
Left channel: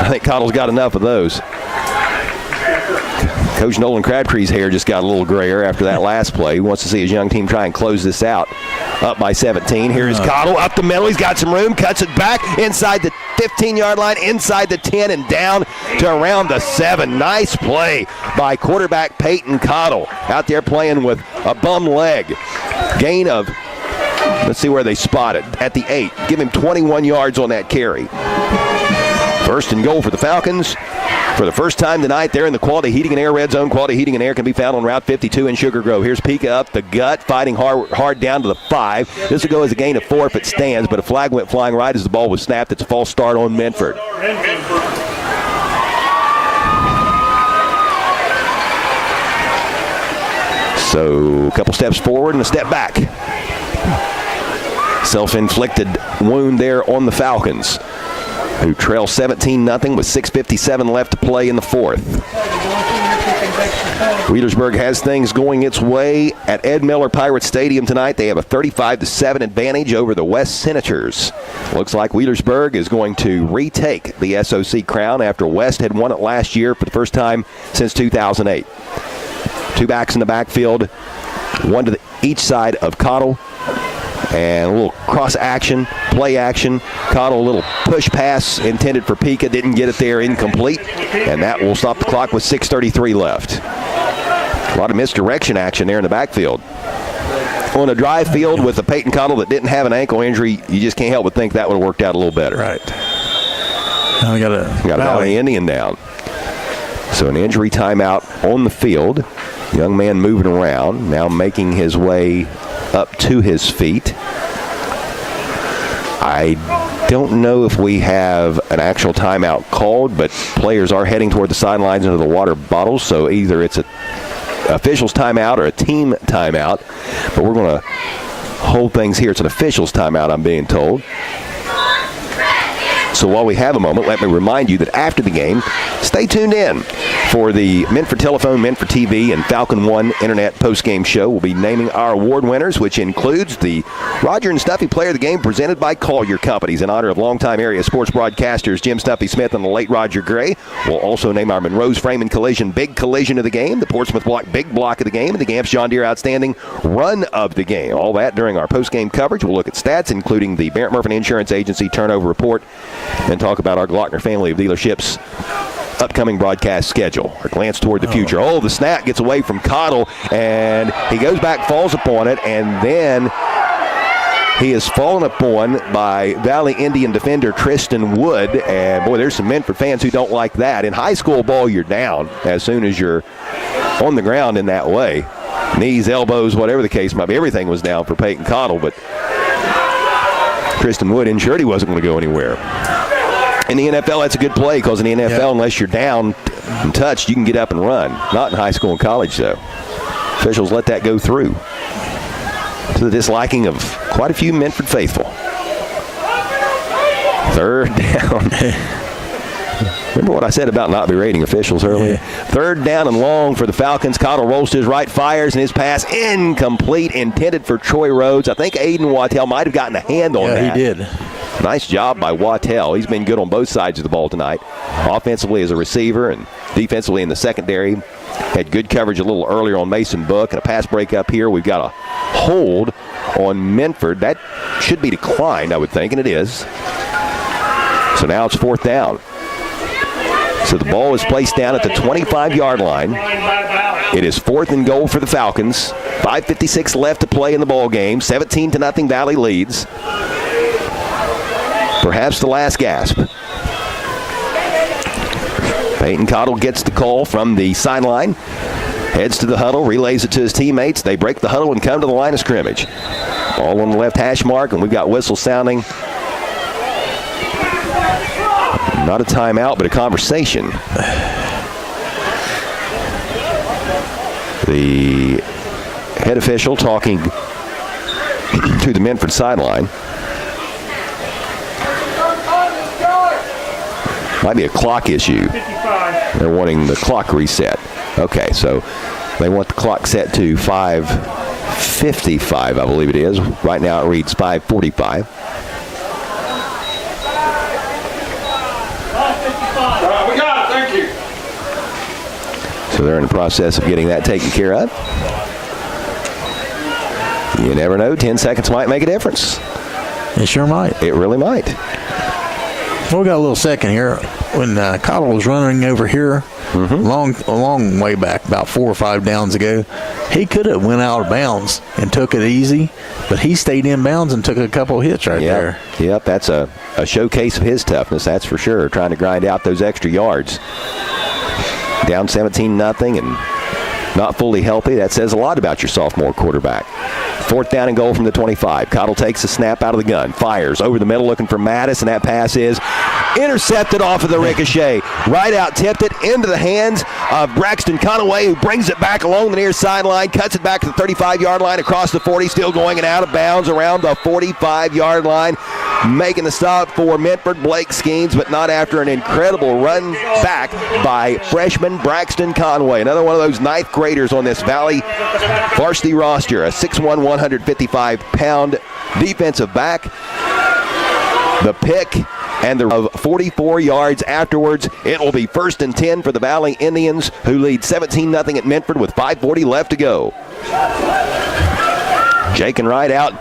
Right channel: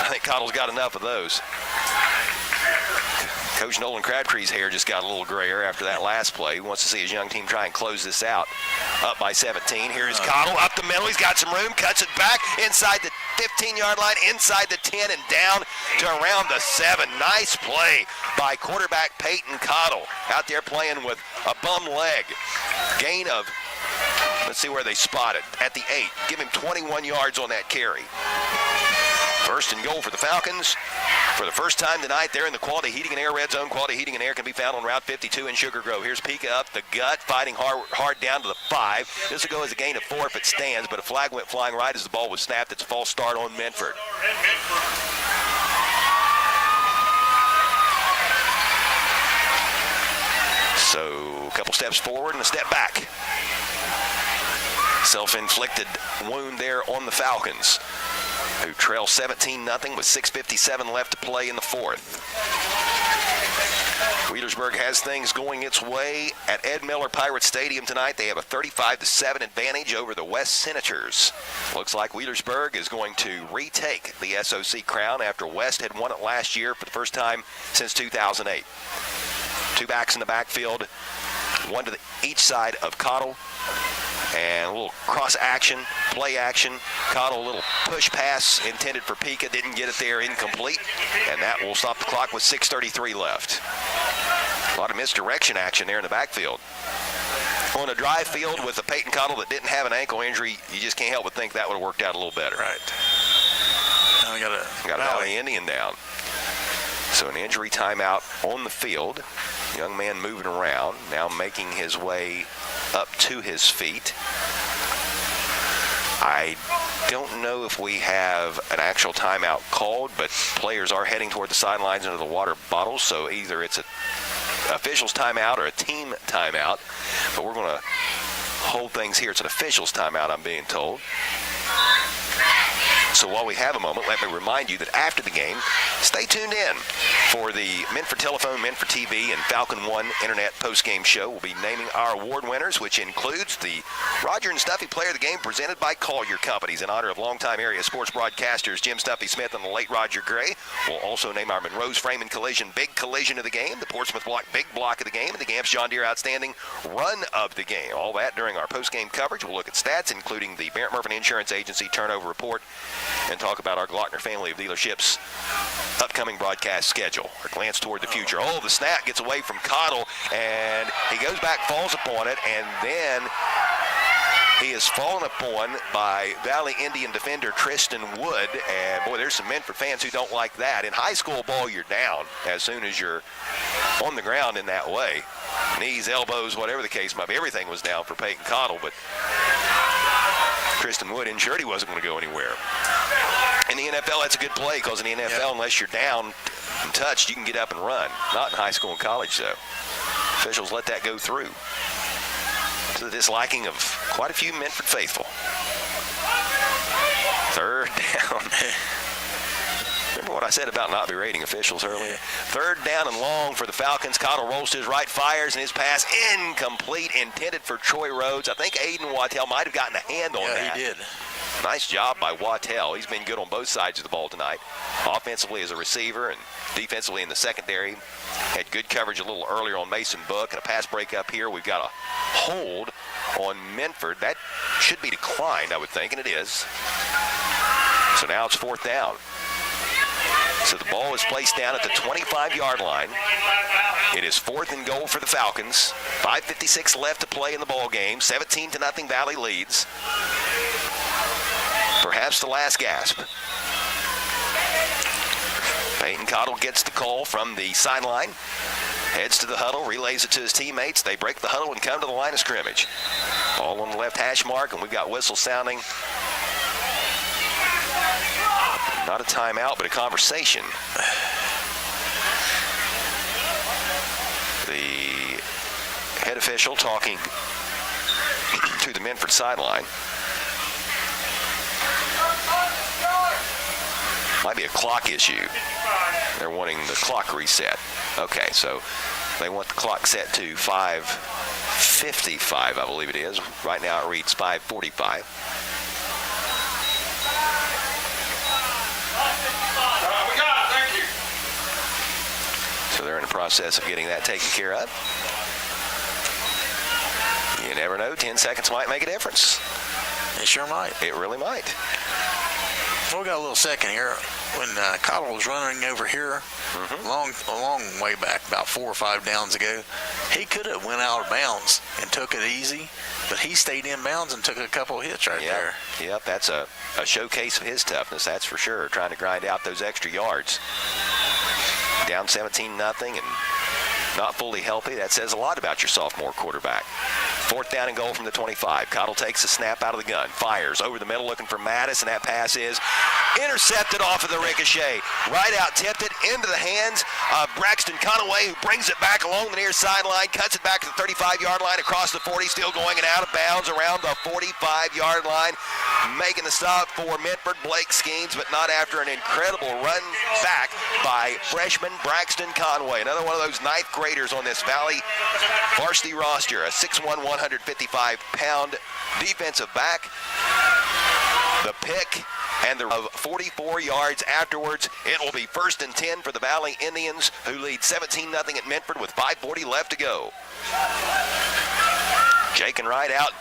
I think Cottle's got enough of those. Coach Nolan Crabtree's hair just got a little grayer after that last play. He wants to see his young team try and close this out. Up by 17. Here's Cottle up the middle. He's got some room. Cuts it back inside the 15-yard line, inside the 10, and down to around the 7. Nice play by quarterback Peyton Cottle. Out there playing with a bum leg. Gain of, let's see where they spot it, at the 8. Give him 21 yards on that carry. First and goal for the Falcons. For the first time tonight, they're in the Quality Heating and Air Red Zone. Quality Heating and Air can be found on Route 52 in Sugar Grove. Here's Pika up the gut, fighting hard down to the 5. This will go as a gain of 4 if it stands, but a flag went flying right as the ball was snapped. It's a false start on Minford. So a couple steps forward and a step back. Self-inflicted wound there on the Falcons, who trail 17-0 with 6:57 left to play in the fourth. Wheelersburg has things going its way at Ed Miller Pirate Stadium tonight. They have a 35-7 advantage over the West Senators. Looks like Wheelersburg is going to retake the SOC crown after West had won it last year for the first time since 2008. Two backs in the backfield, one to each side of Cottle. And a little cross action, play action. Cottle, a little push pass intended for Pika. Didn't get it there, incomplete. And that will stop the clock with 6:33 left. A lot of misdirection action there in the backfield. On a dry field with a Peyton Cottle that didn't have an ankle injury, you just can't help but think that would have worked out a little better. Right. Now we got a Valley Indian down. So an injury timeout on the field. Young man moving around, now making his way up to his feet. I don't know if we have an actual timeout called, but players are heading toward the sidelines into the water bottles, so either it's an official's timeout or a team timeout, but we're going to hold things here. It's an official's timeout, I'm being told. So while we have a moment, let me remind you that after the game, stay tuned in for the Minford Telephone, Minford TV, and Falcon One Internet postgame show. We'll be naming our award winners, which includes the Roger and Snuffy Player of the Game presented by Collier Companies in honor of longtime area sports broadcasters Jim Snuffy Smith and the late Roger Gray. We'll also name our Monroe's Frame and Collision Big Collision of the Game, the Portsmouth Block Big Block of the Game, and the Gamps John Deere Outstanding Run of the Game. All that during our postgame coverage. We'll look at stats, including the Barrett Murphy Insurance Agency turnover report, and talk about our Glockner family of dealerships' upcoming broadcast schedule. A glance toward the future. Oh, the snap gets away from Cottle, and he goes back, falls upon it, and then he is fallen upon by Valley Indian defender Tristan Wood. And, boy, there's some Minford fans who don't like that. In high school ball, you're down as soon as you're on the ground in that way. Knees, elbows, whatever the case might be. Everything was down for Peyton Cottle, but Tristan Wood ensured he wasn't going to go anywhere. In the NFL, that's a good play because in the NFL, unless you're down and touched, you can get up and run. Not in high school and college, though. Officials let that go through, to the disliking of quite a few Minford faithful. Third down. Remember what I said about not berating officials earlier? Third down and long for the Falcons. Cottle rolls to his right, fires, and his pass incomplete, intended for Troy Rhodes. I think Aiden Wattell might have gotten a hand on that. Yeah, he did. Nice job by Wattell. He's been good on both sides of the ball tonight. Offensively as a receiver and defensively in the secondary. Had good coverage a little earlier on Mason Book, and a pass break up here. We've got a hold on Minford. That should be declined, I would think, and it is. So now it's fourth down. So the ball is placed down at the 25-yard line. It is 4th and goal for the Falcons. 5:56 left to play in the ball game. 17-0 Valley leads. Perhaps the last gasp. Peyton Cottle gets the call from the sideline. Heads to the huddle, relays it to his teammates. They break the huddle and come to the line of scrimmage. Ball on the left hash mark, and we've got whistle sounding. Not a timeout, but a conversation. The head official talking to the Minford sideline. Might be a clock issue. 55. They're wanting the clock reset. Okay, so they want the clock set to 5:55, I believe it is. Right now it reads 5:45. We got it, thank you. So they're in the process of getting that taken care of. You never know. 10 seconds might make a difference. It sure might. It really might. Well, we got a little second here. When Cottle was running over here, a long way back, about 4 or 5 downs ago, he could have went out of bounds and took it easy, but he stayed in bounds and took a couple hits right there. Yep, that's a showcase of his toughness, that's for sure, trying to grind out those extra yards. Down 17-0, and not fully healthy. That says a lot about your sophomore quarterback. 4th down and goal from the 25. Cottle takes a snap out of the gun, fires over the middle looking for Mattis, and that pass is intercepted off of the ricochet. Right out, tipped it into the hands of Braxton Conaway, who brings it back along the near sideline, cuts it back to the 35-yard line, across the 40, still going and out of bounds around the 45-yard line. Making the stop for Minford. Blake schemes, but not after an incredible run back by freshman Braxton Conway. Another one of those 9th graders on this Valley varsity roster. A 6'1", 155-pound defensive back. The pick and the 44 yards afterwards. It will be 1st and 10 for the Valley Indians, who lead 17-0 at Minford with 5:40 left to go. Jake and Wright out.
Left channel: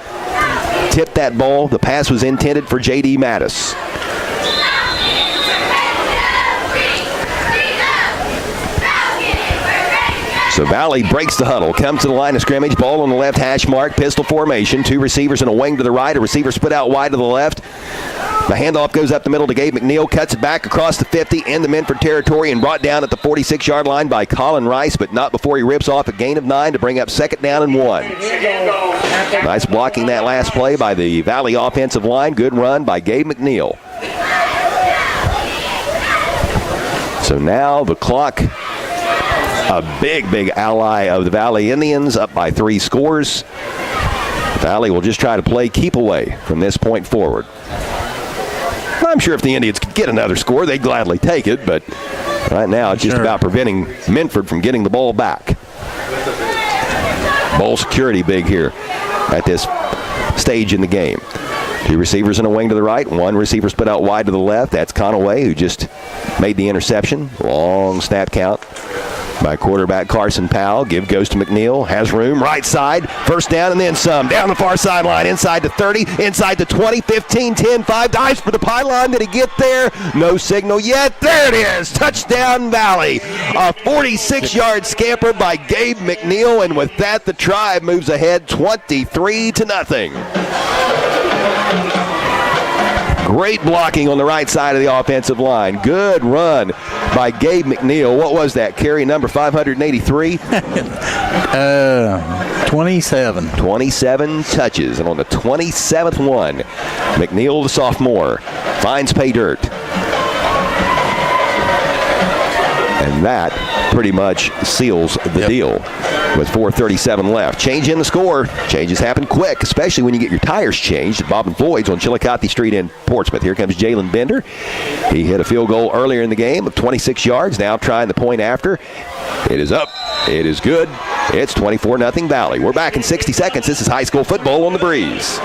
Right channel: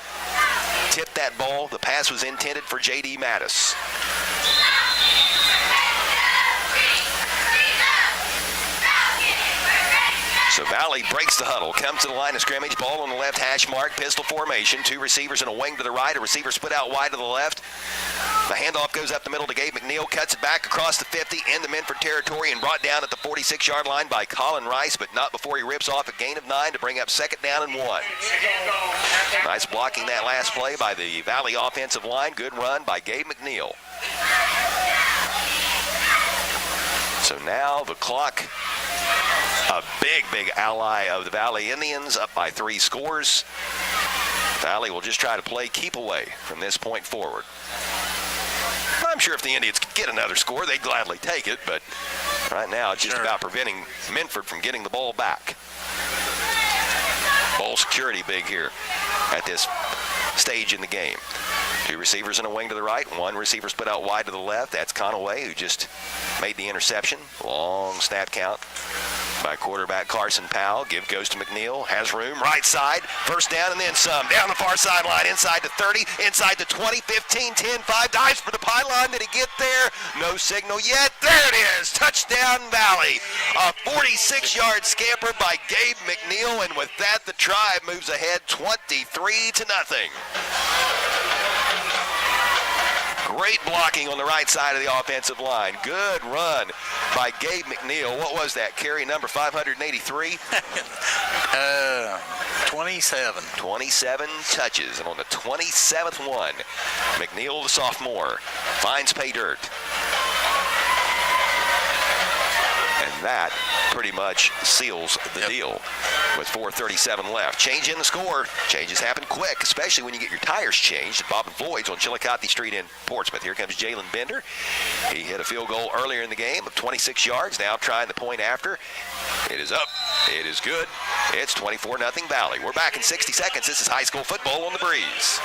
Tipped that ball. The pass was intended for J.D. Mattis. So Valley breaks the huddle, comes to the line of scrimmage, ball on the left hash mark, pistol formation, 2 receivers and a wing to the right, a receiver split out wide to the left. The handoff goes up the middle to Gabe McNeil, cuts it back across the 50 into Minford territory and brought down at the 46-yard line by Colin Rice, but not before he rips off a gain of 9 to bring up 2nd down and 1. Nice blocking that last play by the Valley offensive line. Good run by Gabe McNeil. So now the clock, a big ally of the Valley Indians, up by 3 scores. Valley will just try to play keep away from this point forward. I'm sure if the Indians could get another score, they'd gladly take it, but right now it's just about preventing Minford from getting the ball back. Ball security big here at this stage in the game. 2 receivers and a wing to the right, 1 receiver split out wide to the left. That's Conaway, who just made the interception. Long snap count by quarterback Carson Powell. Give goes to McNeil. Has room. Right side. 1st down and then some. Down the far sideline. Inside to 30. Inside to 20. 15, 10, 5. Dives for the pylon. Did he get there? No signal yet. There it is. Touchdown Valley. A 46-yard scamper by Gabe McNeil. And with that, the Tribe moves ahead 23-0. Great blocking on the right side of the offensive line. Good run by Gabe McNeil. What was that? Carry number 583? 27. 27 touches. And on the 27th one, McNeil, the sophomore, finds pay dirt. And that pretty much seals the deal with 4:37 left. Change in the score. Changes happen quick, especially when you get your tires changed at Bob and Floyd's on Chillicothe Street in Portsmouth. Here comes Jalen Bender. He hit a field goal earlier in the game of 26 yards. Now trying the point after. It is up. It is good. It's 24-0 Valley. We're back in 60 seconds. This is high school football on the Breeze.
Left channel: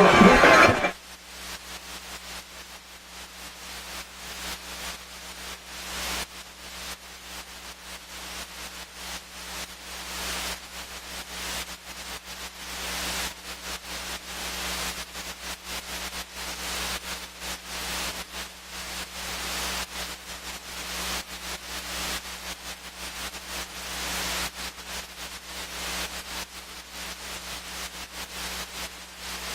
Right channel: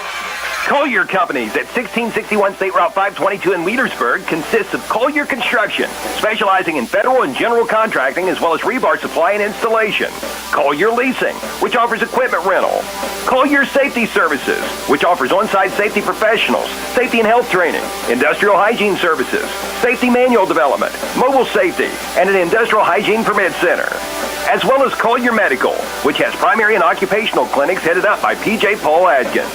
Collier Companies at 1661 State Route 522 in Leadersburg consists of Collier Construction, specializing in federal and general contracting as well as rebar supply and installation. Collier Leasing, which offers equipment rental. Collier Safety Services, which offers on-site safety professionals, safety and health training, industrial hygiene services, safety manual development, mobile safety, and an industrial hygiene permit center. As well as Collier Medical, which has primary and occupational clinics headed up by P.J. Paul Adkins.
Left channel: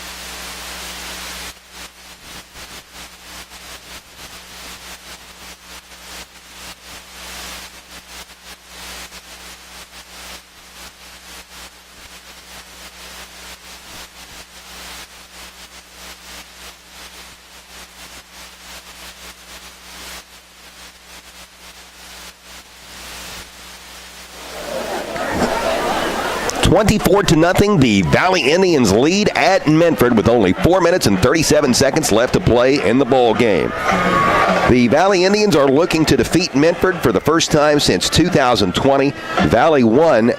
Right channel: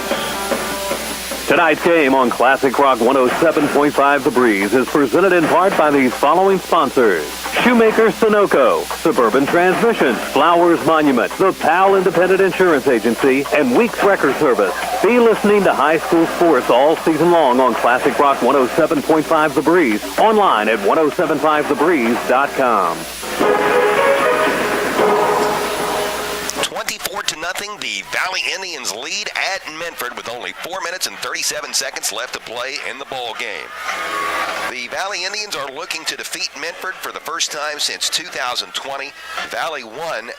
Tonight's game on Classic Rock 107.5 The Breeze is presented in part by these following sponsors: Shoemaker Sunoco, Suburban Transmission, Flowers Monument, the PAL Independent Insurance Agency, and Weeks Record Service. Be listening to high school sports all season long on Classic Rock 107.5 The Breeze, online at 1075thebreeze.com. 24-0, the Valley Indians lead at Minford with only 4 minutes and 37 seconds left to play in the ball game. The Valley Indians are looking to defeat Minford for the first time since 2020. Valley won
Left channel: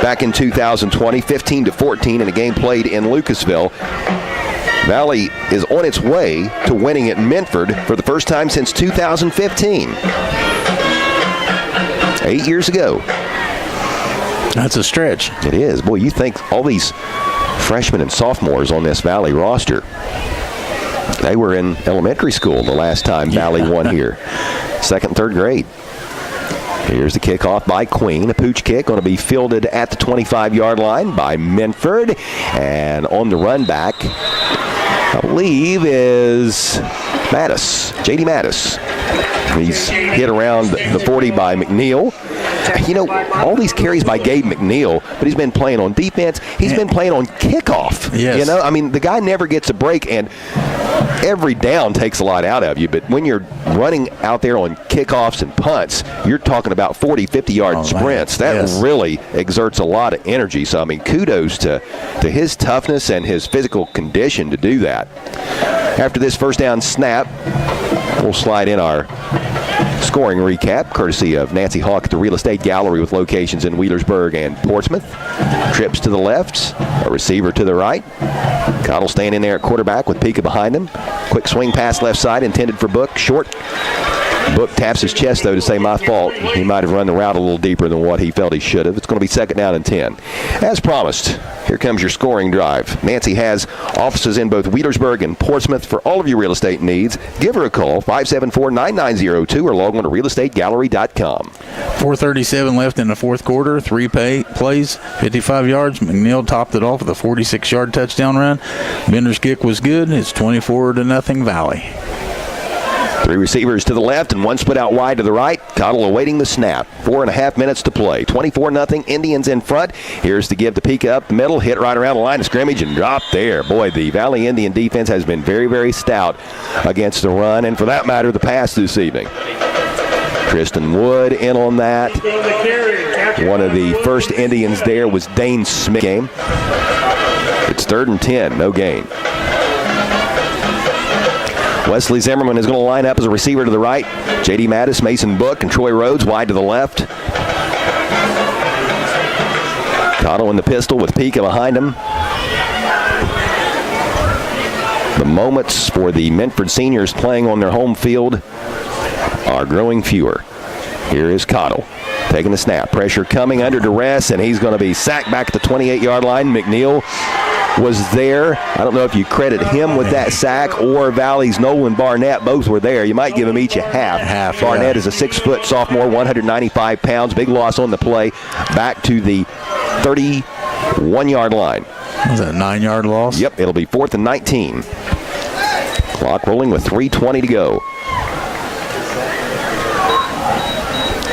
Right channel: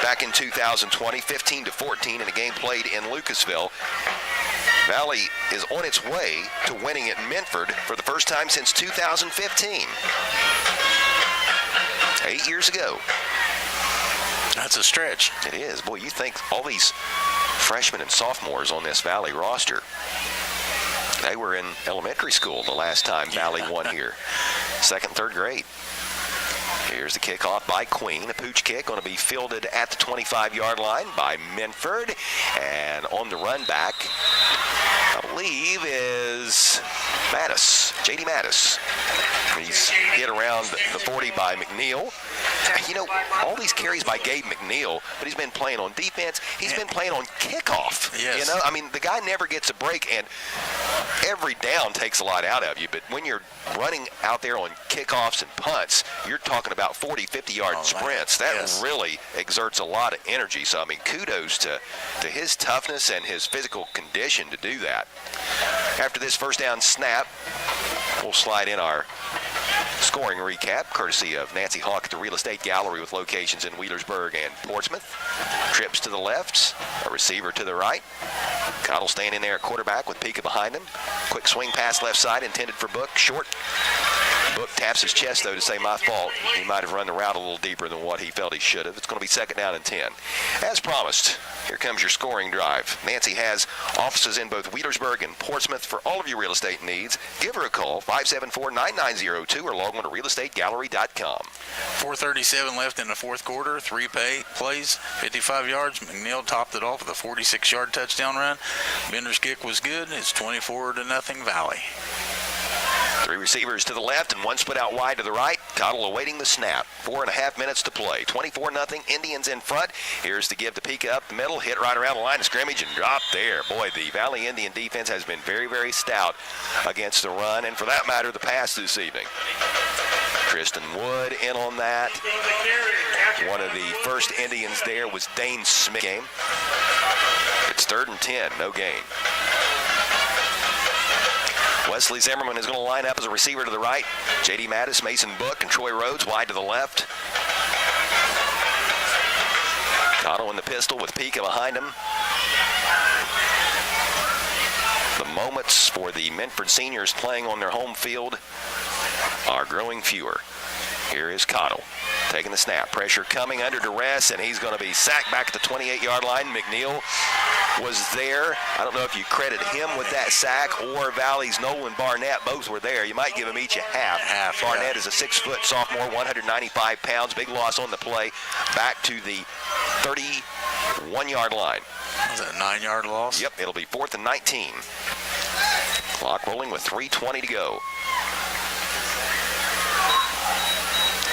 back in 2020, 15-14 in a game played in Lucasville. Valley is on its way to winning at Minford for the first time since 2015. 8 years ago. That's a stretch. It is. Boy, you think all these freshmen and sophomores on this Valley roster, they were in elementary school the last time Valley won here. 2nd, 3rd grade. Here's the kickoff by Queen. A pooch kick going to be fielded at the 25-yard line by Minford. And on the run back, I believe, is Mattis, J.D. Mattis. He's hit around the 40 by McNeil. all these carries by Gabe McNeil, but he's been playing on defense. He's been playing on kickoff. Yes. The guy never gets a break, and every down takes a lot out of you. But when you're running out there on kickoffs and punts, you're talking about 40, 50-yard sprints. That really exerts a lot of energy. So, kudos to his toughness and his physical condition to do that. After this first down snap, we'll slide in our scoring recap, courtesy of Nancy Hawk at the Real Estate Gallery with locations in Wheelersburg and Portsmouth. Trips to the left, a receiver to the right. Cottle staying in there at quarterback with Pika behind him. Quick swing pass left side intended for Book, short. Book taps his chest, though, to say, my fault. He might have run the route a little deeper than what he felt he should have. It's going to be 2nd down and 10. As promised, here comes your scoring drive. Nancy has offices in both Wheelersburg and Portsmouth for all of your real estate needs. Give her a call, 574-9902, or log on to realestategallery.com. 4:37 left in the fourth quarter. 3 plays, 55 yards. McNeil topped it off with a 46-yard touchdown run. Bender's kick was good. It's 24-0 Valley. 3 receivers to the left and 1 split out wide to the right. Cottle awaiting the snap. 4.5 minutes to play. 24-0 Indians in front. Here's to give to Pika up the middle. Hit right around the line of scrimmage and drop there. Boy, the Valley Indian defense has been very, very stout against the run and, for that matter, the pass this evening. Kristen Wood in on that. One of the first Indians there was Dane Smith. It's 3rd and 10. No gain. Wesley Zimmerman is going to line up as a receiver to the right. J.D. Mattis, Mason Book, and Troy Rhodes wide to the left. Cottle in the pistol with Pika behind him. The moments for the Minford seniors playing on their home field are growing fewer. Here is Cottle taking the snap. Pressure coming under duress, and he's going to be sacked back at the 28-yard line. McNeil was there. I don't know if you credit him with that sack or Valley's Nolan Barnett. Both were there. You might give them each a half. Barnett is a 6-foot sophomore, 195 pounds. Big loss on the play. Back to the 31-yard line. Was that a 9-yard loss? Yep, it'll be 4th and 19. Clock rolling with 3:20 to go.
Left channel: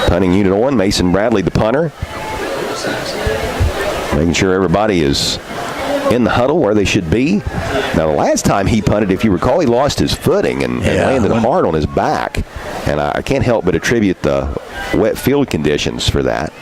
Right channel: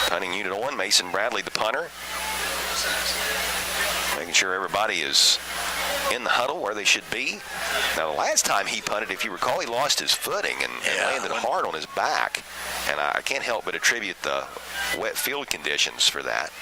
Punting unit on, Mason Bradley, the punter. Making sure everybody is in the huddle where they should be. Now, the last time he punted, if you recall, he lost his footing and landed hard on his back. And I can't help but attribute the wet field conditions for that.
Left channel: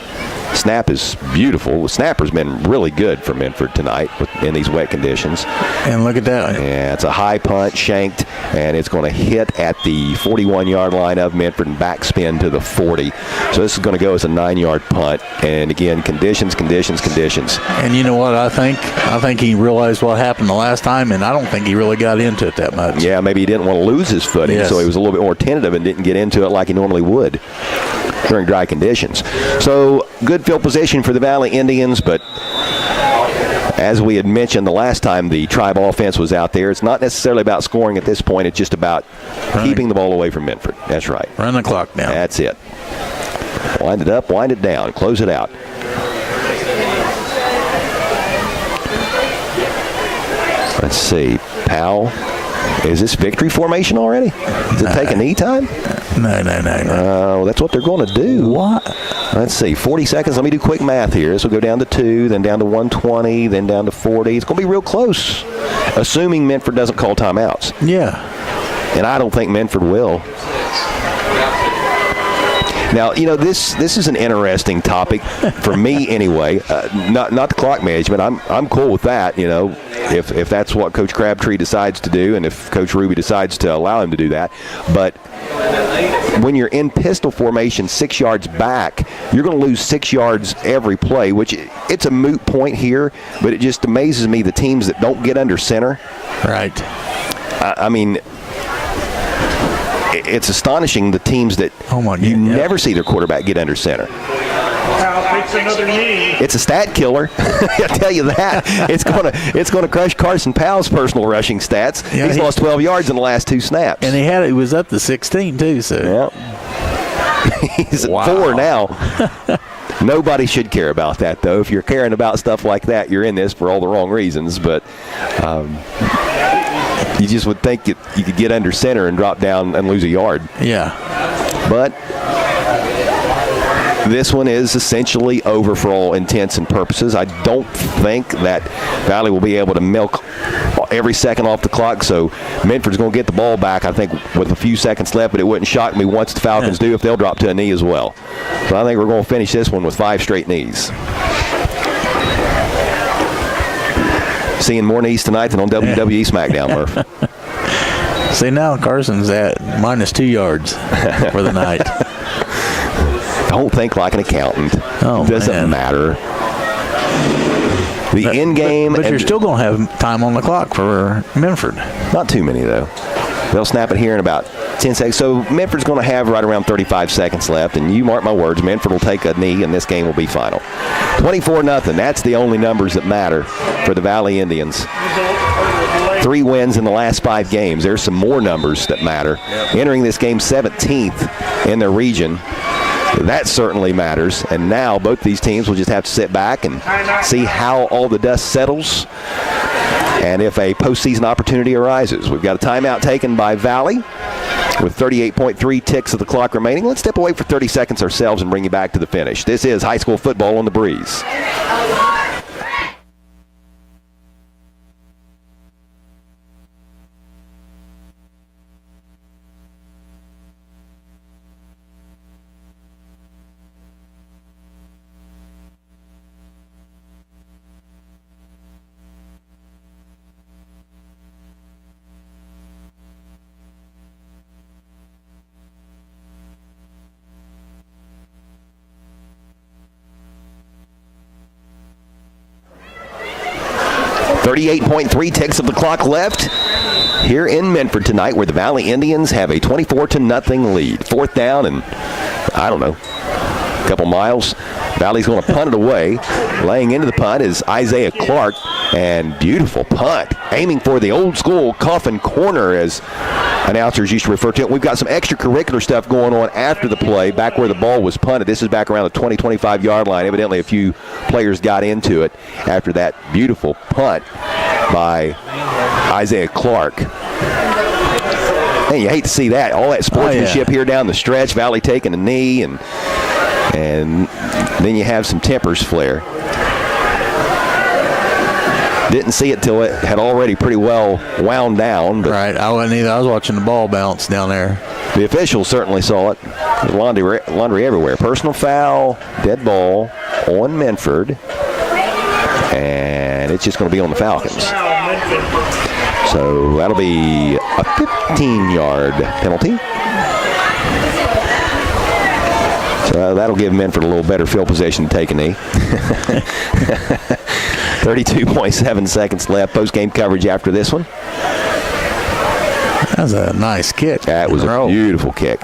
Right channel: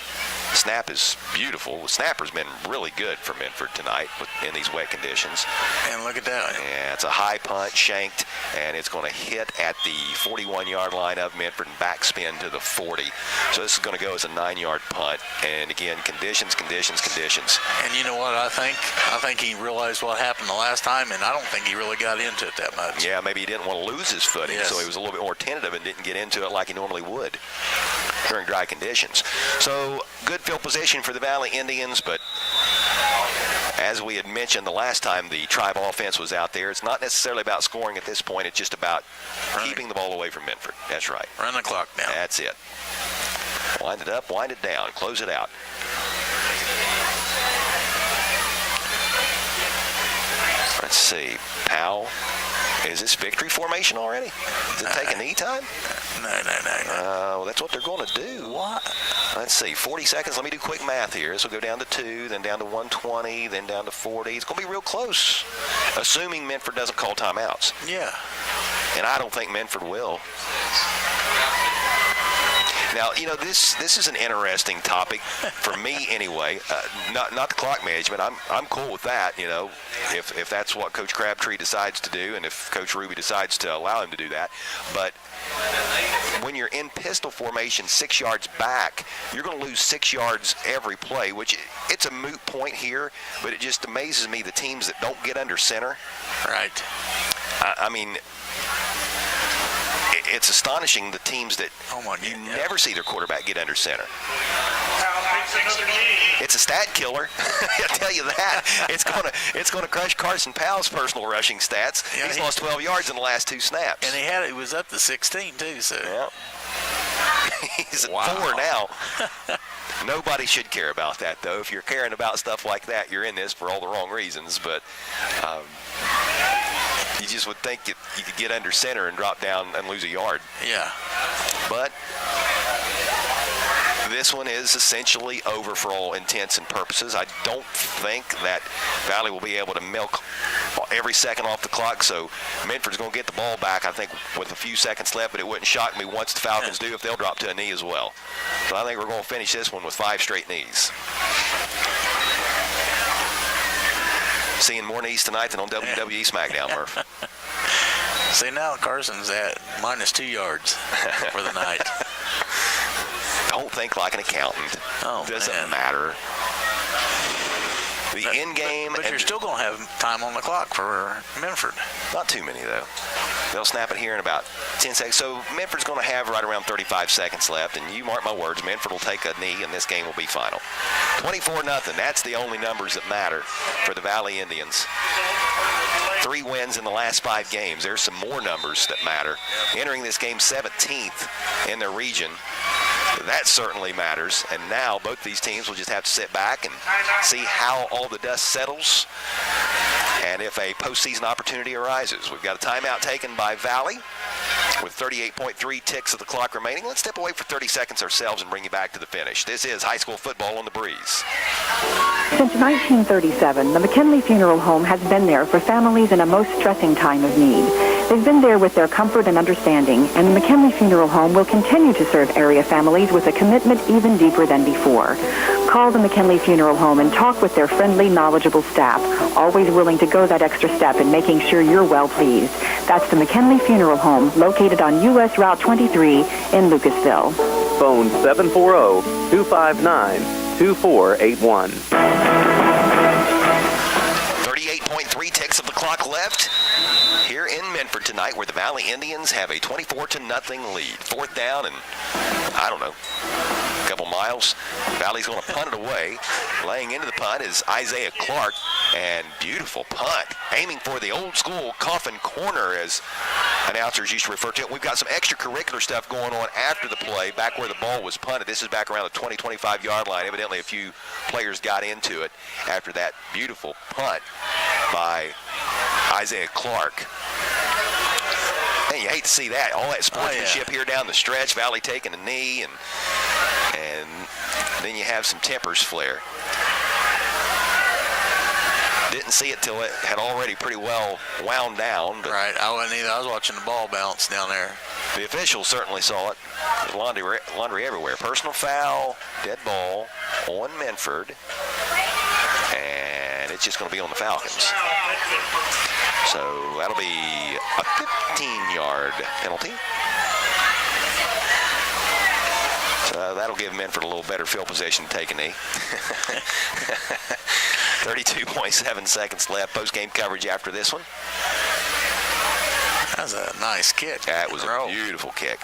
Snap is beautiful. The snapper's been really good for Minford tonight in these wet conditions. And look at that. Yeah, it's a high punt, shanked, and it's going to hit at the 41-yard line of Minford and backspin to the 40. So this is going to go as a 9-yard punt. And again, conditions. And you know what I think? I think he realized what happened the last time, and I don't think he really got into it that much. Yeah, maybe he didn't want to lose his footing, so he was a little bit more tentative and didn't get into it like he normally would during dry conditions. So good field position for the Valley Indians, but as we had mentioned the last time the Tribe offense was out there, it's not necessarily about scoring at this point. It's just about keeping the ball away from Minford. That's right. Run the clock down. That's it. Wind it up, wind it down, close it out. Let's see. Powell. Is this victory formation already? Does it take a knee time? No. That's what they're going to do. What? Let's see. 40 seconds. Let me do quick math here. This will go down to 2, then down to 120, then down to 40. It's going to be real close, assuming Minford doesn't call timeouts. Yeah. And I don't think Minford will. Now, this is an interesting topic for me anyway. Not the clock management. I'm cool with that, if that's what Coach Crabtree decides to do and if Coach Ruby decides to allow him to do that. But when you're in pistol formation 6 yards back, you're going to lose 6 yards every play, which it's a moot point here, but it just amazes me the teams that don't get under center. Right. I mean, it's astonishing the teams that never see their quarterback get under center. Another knee. It's a stat killer. I tell you that. It's going to crush Carson Powell's personal rushing stats. Yeah, He's lost 12 yards in the last 2 snaps. And he was up to 16 too. So he's at 4 now. Nobody should care about that, though. If you're caring about stuff like that, you're in this for all the wrong reasons. But you just would think you could get under center and drop down and lose a yard. Yeah. But this one is essentially over for all intents and purposes. I don't think that Valley will be able to milk every second off the clock, so Minford's going to get the ball back, I think, with a few seconds left, but it wouldn't shock me once the Falcons do if they'll drop to a knee as well. So I think we're going to finish this one with 5 straight knees. Seeing more knees tonight than on WWE SmackDown, Murph. See, now Carson's at -2 yards for the night. Don't think like an accountant. Doesn't matter. The end game. But you're still going to have time on the clock for Minford. Not too many, though. They'll snap it here in about 10 seconds. So Minford's going to have right around 35 seconds left. And you mark my words, Minford will take a knee, and this game will be final. 24-0. That's the only numbers that matter for the Valley Indians. 3 wins in the last 5 games. There's some more numbers that matter. Entering this game 17th in their region. That certainly matters. And now both these teams will just have to sit back and see how all the dust settles and if a postseason opportunity arises. We've got a timeout taken by Valley with 38.3 ticks of the clock remaining. Let's step away for 30 seconds ourselves and bring you back to the finish. This is high school football on the Breeze. Since 1937, the McKinley Funeral Home has been there for families in a most stressing time of need. They've been there with their comfort and understanding, and the McKinley Funeral Home will continue to serve area families with a commitment even deeper than before. Call the McKinley Funeral Home and talk with their friendly, knowledgeable staff, always willing to go that extra step in making sure you're well pleased. That's the McKinley Funeral Home, located on U.S. Route 23 in Lucasville. Phone 740-259-2481. 38.3 ticks of the clock left here in Minford tonight, where the Valley Indians have a 24-0 lead. 4th down and, I don't know, a couple miles. Valley's going to punt it away. Laying into the punt is Isaiah Clark, and beautiful punt. Aiming for the old school coffin corner, as announcers used to refer to it. We've got some extracurricular stuff going on after the play, back where the ball was punted. This is back around the 20-25 yard line. Evidently a few players got into it after that beautiful punt by Isaiah Clark. And you hate to see that. All that sportsmanship here down the stretch. Valley taking a knee, and then you have some tempers flare. Didn't see it till it had already pretty well wound down. But right, I wasn't either. I was watching the ball bounce down there. The officials certainly saw it. There's laundry everywhere. Personal foul, dead ball on Minford, and it's just going to be on the Falcons. So that'll be a 15-yard penalty. So that'll give Minford a little better field position to take a knee. 32.7 seconds left. Post-game coverage after this one. That was a nice kick. That was a beautiful kick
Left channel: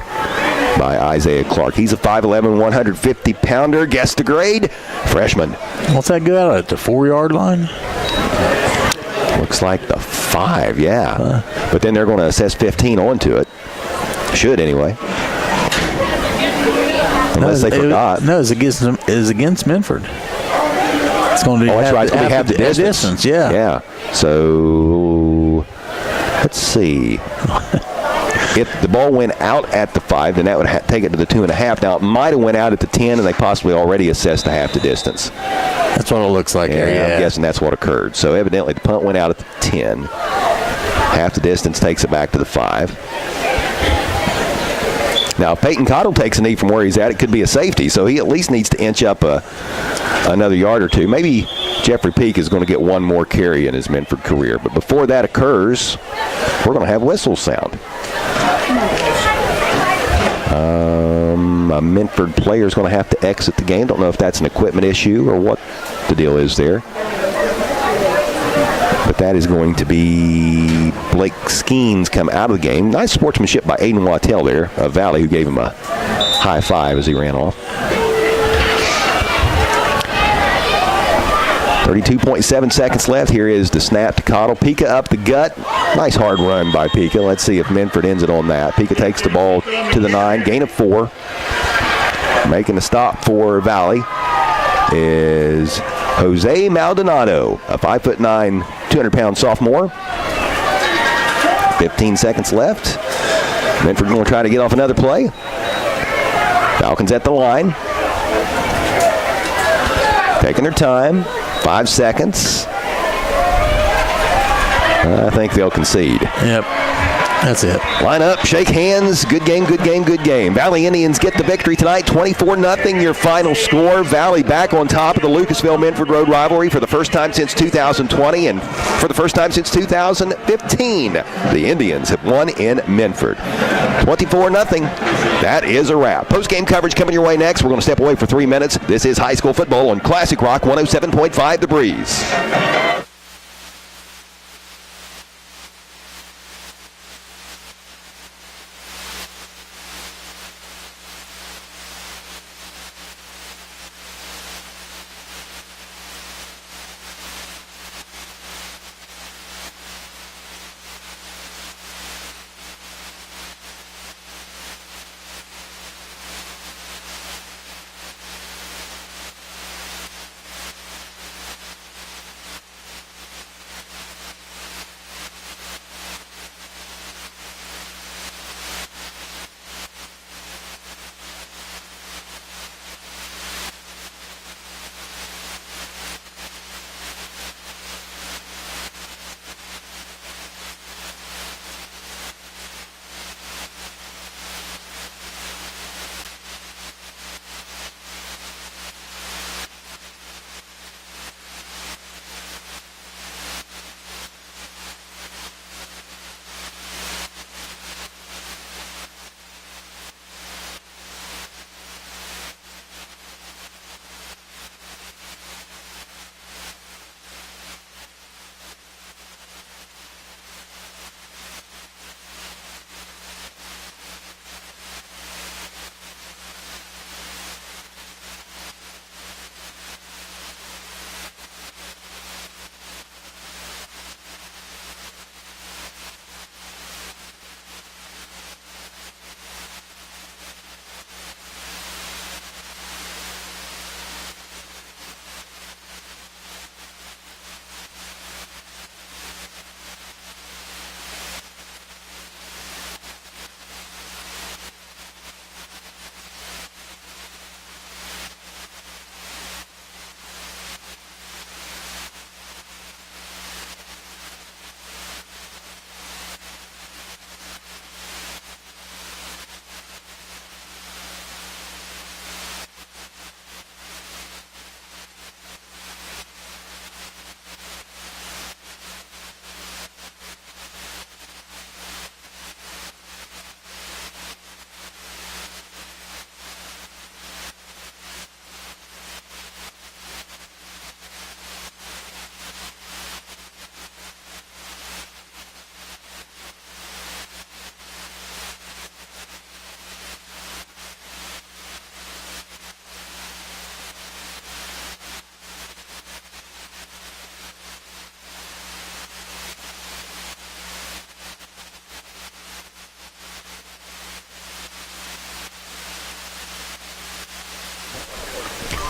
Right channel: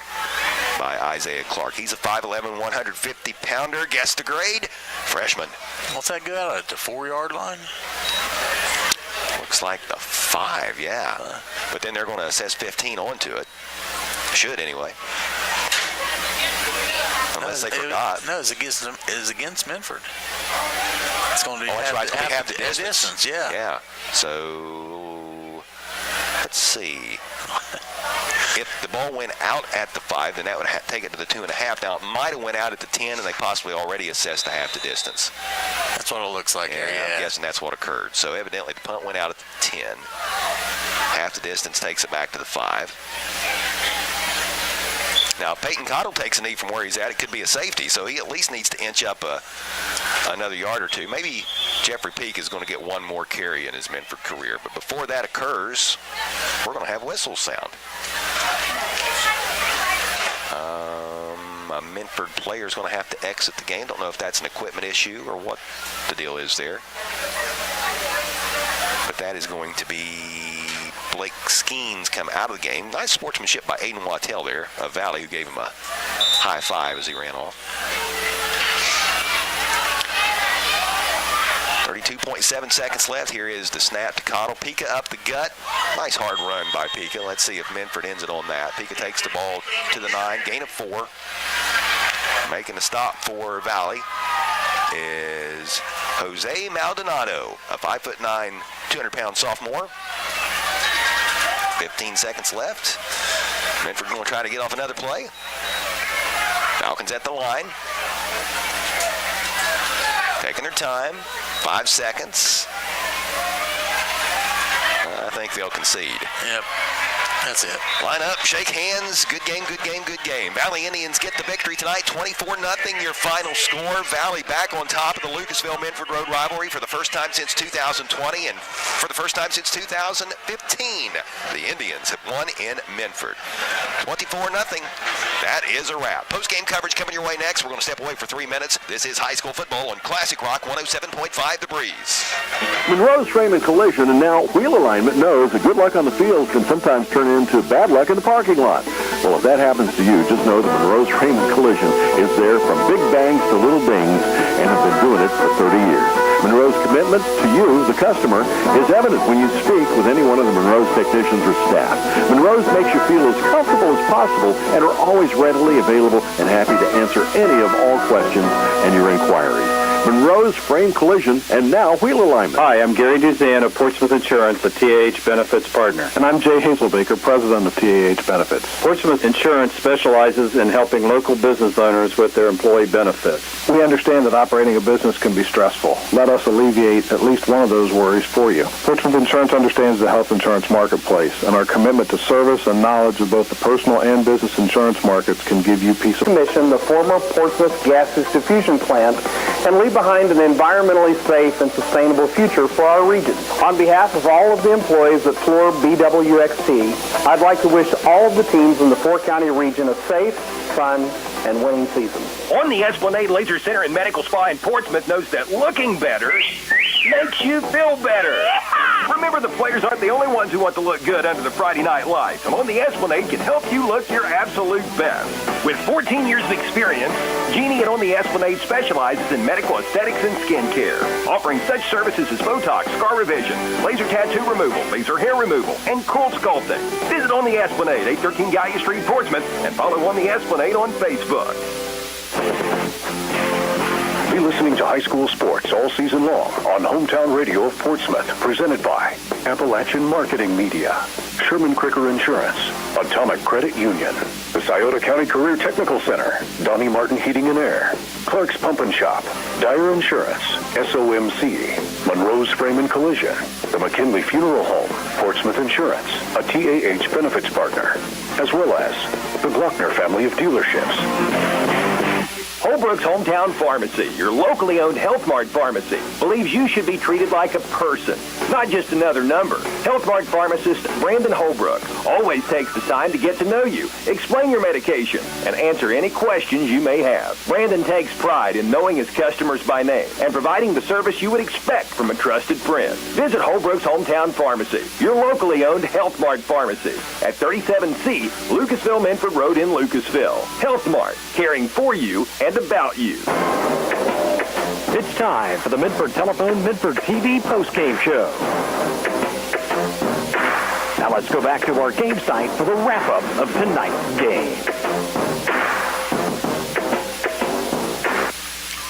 by Isaiah Clark. He's a 5'11", 150-pounder. Guess the grade? Freshman. What's that go out at the 4-yard line? Looks like the 5, yeah. But then they're going to assess 15 onto it. Should anyway. Unless they forgot. No, it's against Minford. It's going to be that's right. It's going to have the distance. Yeah. So let's see. If the ball went out at the 5, then that would take it to the 2.5. Now, it might have went out at the 10, and they possibly already assessed the half the distance. That's what it looks like here, yeah. I'm guessing that's what occurred. So evidently the punt went out at the 10. Half the distance takes it back to the 5. Now, if Peyton Cottle takes a knee from where he's at, it could be a safety. So he at least needs to inch up another yard or two. Maybe Jeffrey Peak is going to get one more carry in his Minford career. But before that occurs, we're going to have whistle sound. A Minford player is going to have to exit the game. Don't know if that's an equipment issue or what the deal is there. But that is going to be Blake Skeens come out of the game. Nice sportsmanship by Aiden Wattell there of Valley, who gave him a high five as he ran off. 32.7 seconds left. Here is the snap to Cottle. Pika up the gut. Nice hard run by Pika. Let's see if Minford ends it on that. Pika takes the ball to the 9. Gain of 4. Making the stop for Valley is Jose Maldonado, a 5'9", 200-pound sophomore. 15 seconds left. Minford going to try to get off another play. Falcons at the line. Taking their time. 5 seconds. I think they'll concede. Yep. That's it. Line up, shake hands. Good game, good game, good game. Valley Indians get the victory tonight, 24-0 your final score. Valley back on top of the Lucasville-Minford Road rivalry for the first time since 2020 and for the first time since 2015. The Indians have won in Minford. 24-0. That is a wrap. Post-game coverage coming your way next. We're going to step away for 3 minutes. This is high school football on Classic Rock 107.5 The Breeze. Monroe's Frame and Collision and now Wheel Alignment knows that good luck on the field can sometimes turn into bad luck in the parking lot. Well, if that happens to you, just know that Monroe's Frame and Collision is there from big bangs to little dings and have been doing it for 30 years. Monroe's commitment to you, the customer, is evident when you speak with any one of the Monroe's technicians or staff. Monroe's makes you feel as comfortable as possible and are always readily available and happy to answer any of all questions and your inquiries. Monroe's Frame Collision, and now Wheel Alignment. Hi, I'm Gary Duzan of Portsmouth Insurance, the TAH Benefits partner. And I'm Jay Hazelbaker, president of TAH Benefits. Portsmouth Insurance specializes in helping local business owners with their employee benefits. We understand that operating a business can be stressful. Let us alleviate at least one of those worries for you. Portsmouth Insurance understands the health insurance marketplace, and our commitment to service and knowledge of both the personal and business insurance markets can give you peace of mind. Mission, the former Portsmouth gas distribution plant, and leave behind an environmentally safe and sustainable future for our region. On behalf of all of the employees at Floor BWXT, I'd like to wish all of the teams in the four-county region a safe, fun, and winning season. On the Esplanade Laser Center and Medical Spa in Portsmouth knows that looking better makes you feel better. Remember, the players aren't the only ones who want to look good under the Friday night lights. And On the Esplanade can help you look your absolute best. With 14 years of experience, Jeannie at On the Esplanade specializes in medical aesthetics and skincare, offering such services as Botox, scar revision, laser tattoo removal, laser hair removal, and cool sculpting. Visit On the Esplanade, 813 Gallia Street, Portsmouth, and follow On the Esplanade on Facebook. Be listening to high school sports all season long on Hometown Radio of Portsmouth, presented by Appalachian Marketing Media, Sherman Cricker Insurance, Atomic Credit Union, the Scioto County Career Technical Center, Donnie Martin Heating and Air, Clark's Pump and Shop, Dyer Insurance, SOMC, Monroe's Frame and Collision, the McKinley Funeral Home, Portsmouth Insurance, a TAH Benefits partner, as well as the Glockner family of dealerships. Holbrook's Hometown Pharmacy, your locally owned Health Mart pharmacy, believes you should be treated like a person, not just another number. Health Mart pharmacist Brandon Holbrook always takes the time to get to know you, explain your medication, and answer any questions you may have. Brandon takes pride in knowing his customers by name and providing the service you would expect from a trusted friend. Visit Holbrook's Hometown Pharmacy, your locally owned Health Mart pharmacy, at 37C Lucasville Minford Road in Lucasville. Health Mart, caring for you and about you. It's time for the Minford Telephone Minford TV postgame show. Now let's go back to our game site for the wrap-up of tonight's game.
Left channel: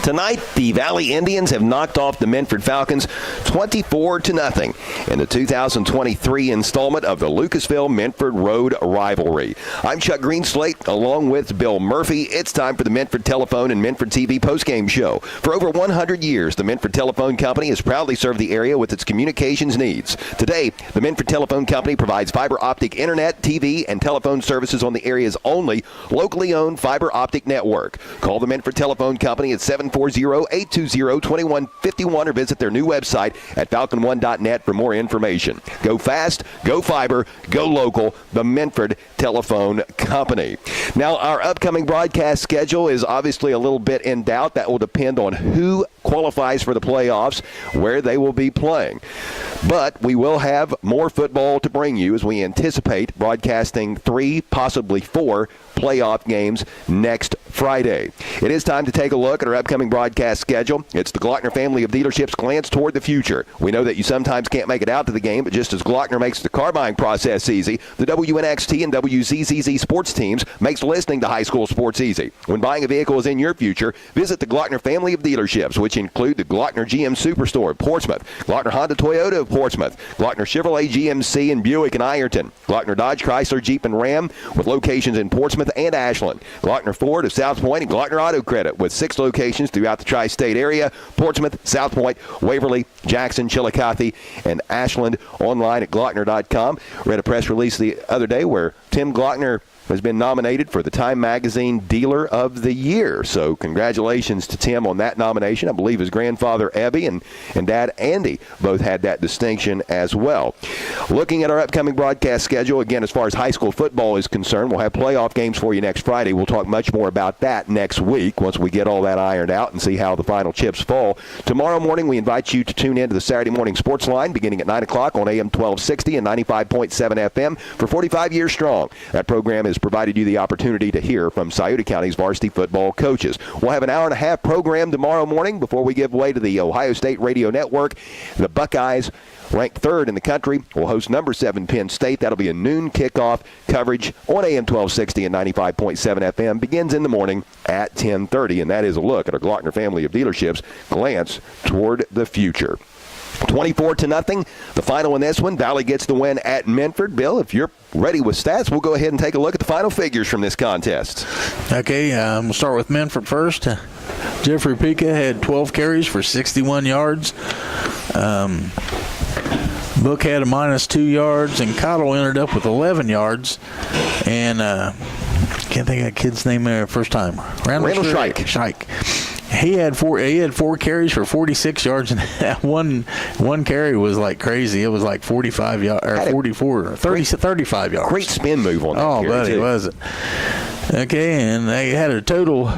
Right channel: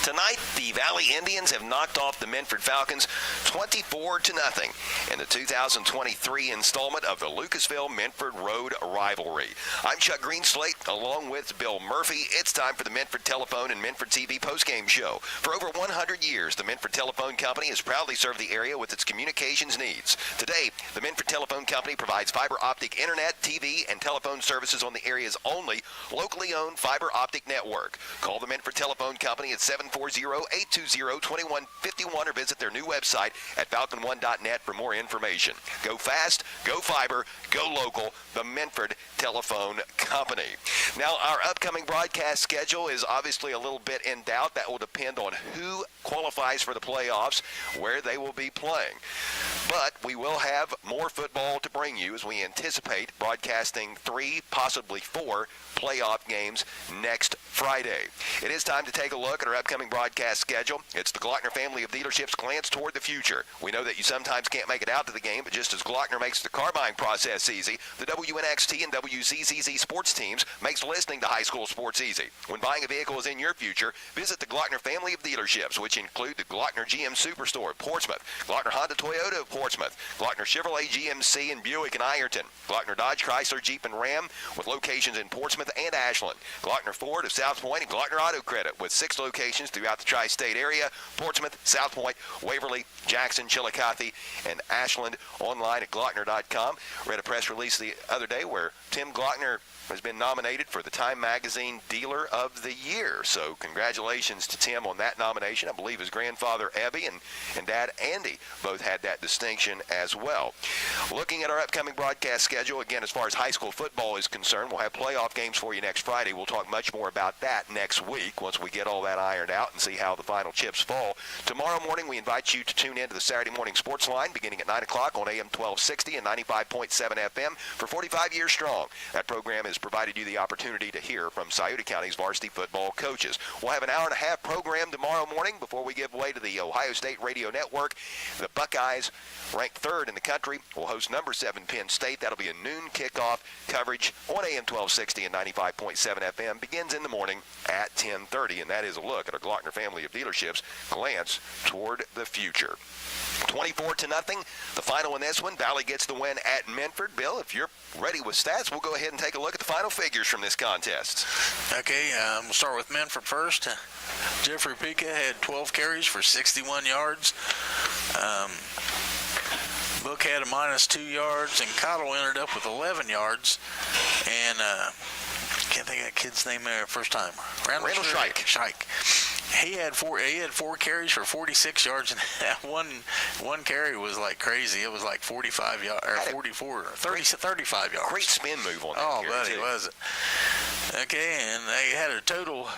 Tonight, the Valley Indians have knocked off the Minford Falcons 24-0 in the 2023 installment of the Lucasville-Minford Road rivalry. I'm Chuck Greenslate, along with Bill Murphy. It's time for the Minford Telephone and Minford TV postgame show. For over 100 years, the Minford Telephone Company has proudly served the area with its communications needs. Today, the Minford Telephone Company provides fiber optic internet, TV, and telephone services on the area's only locally owned fiber optic network. Call the Minford Telephone Company at 740-820-2151 or visit their new website at falcon1.net for more information. Go fast, go fiber, go local, the Minford Telephone Company. Now, our upcoming broadcast schedule is obviously a little bit in doubt. That will depend on who qualifies for the playoffs, where they will be playing. But we will have more football to bring you as we anticipate broadcasting 3, possibly 4 playoff games next Friday. It is time to take a look at our upcoming broadcast schedule. It's the Glockner family of dealerships glance toward the future. We know that you sometimes can't make it out to the game, but just as Glockner makes the car buying process easy, the WNXT and WZZZ sports teams makes listening to high school sports easy. When buying a vehicle is in your future, visit the Glockner family of dealerships, which include the Glockner GM Superstore of Portsmouth, Glockner Honda Toyota of Portsmouth. Glockner Chevrolet, GMC, and Buick in Ironton. Glockner Dodge, Chrysler, Jeep, and Ram with locations in Portsmouth and Ashland. Glockner Ford of South Point and Glockner Auto Credit with 6 locations throughout the tri-state area: Portsmouth, South Point, Waverly, Jackson, Chillicothe, and Ashland. Online at Glockner.com. Read a press release the other day where Tim Glockner has been nominated for the Time Magazine Dealer of the Year. So congratulations to Tim on that nomination. I believe his grandfather, Ebby, and dad, Andy, both had that distinction as well. Looking at our upcoming broadcast schedule, again, as far as high school football is concerned, we'll have playoff games for you next Friday. We'll talk much more about that next week once we get all that ironed out and see how the final chips fall. Tomorrow morning, we invite you to tune in to the Saturday Morning Sports Line beginning at 9 o'clock on AM 1260 and 95.7 FM for 45 Years Strong. That program has provided you the opportunity to hear from Scioto County's varsity football coaches. We'll have an hour-and-a-half program tomorrow morning before we give way to the Ohio State Radio Network. The Buckeyes, ranked 3rd in the country, will host number 7 Penn State. That'll be a noon kickoff. Coverage on AM 1260 and 95.7 FM begins in the morning at 10:30, and that is a look at our Glockner family of dealerships. Glance toward the future. 24-0, the final in this one. Valley gets the win at Minford. Bill, if you're ready with stats, we'll go ahead and take a look at the final figures from this contest. Okay, we'll start with Minford first. Jeffrey Pica had 12 carries for 61 yards. Book had a -2 yards, and Cottle ended up with 11 yards. And can't think of that kid's name there first time. Randall Shike. He had four carries for 46 yards, and that one carry was like crazy. It was like 45 yards, or 44, 35 yards. Great spin move on that carry, buddy, was it? Okay, and they had a total.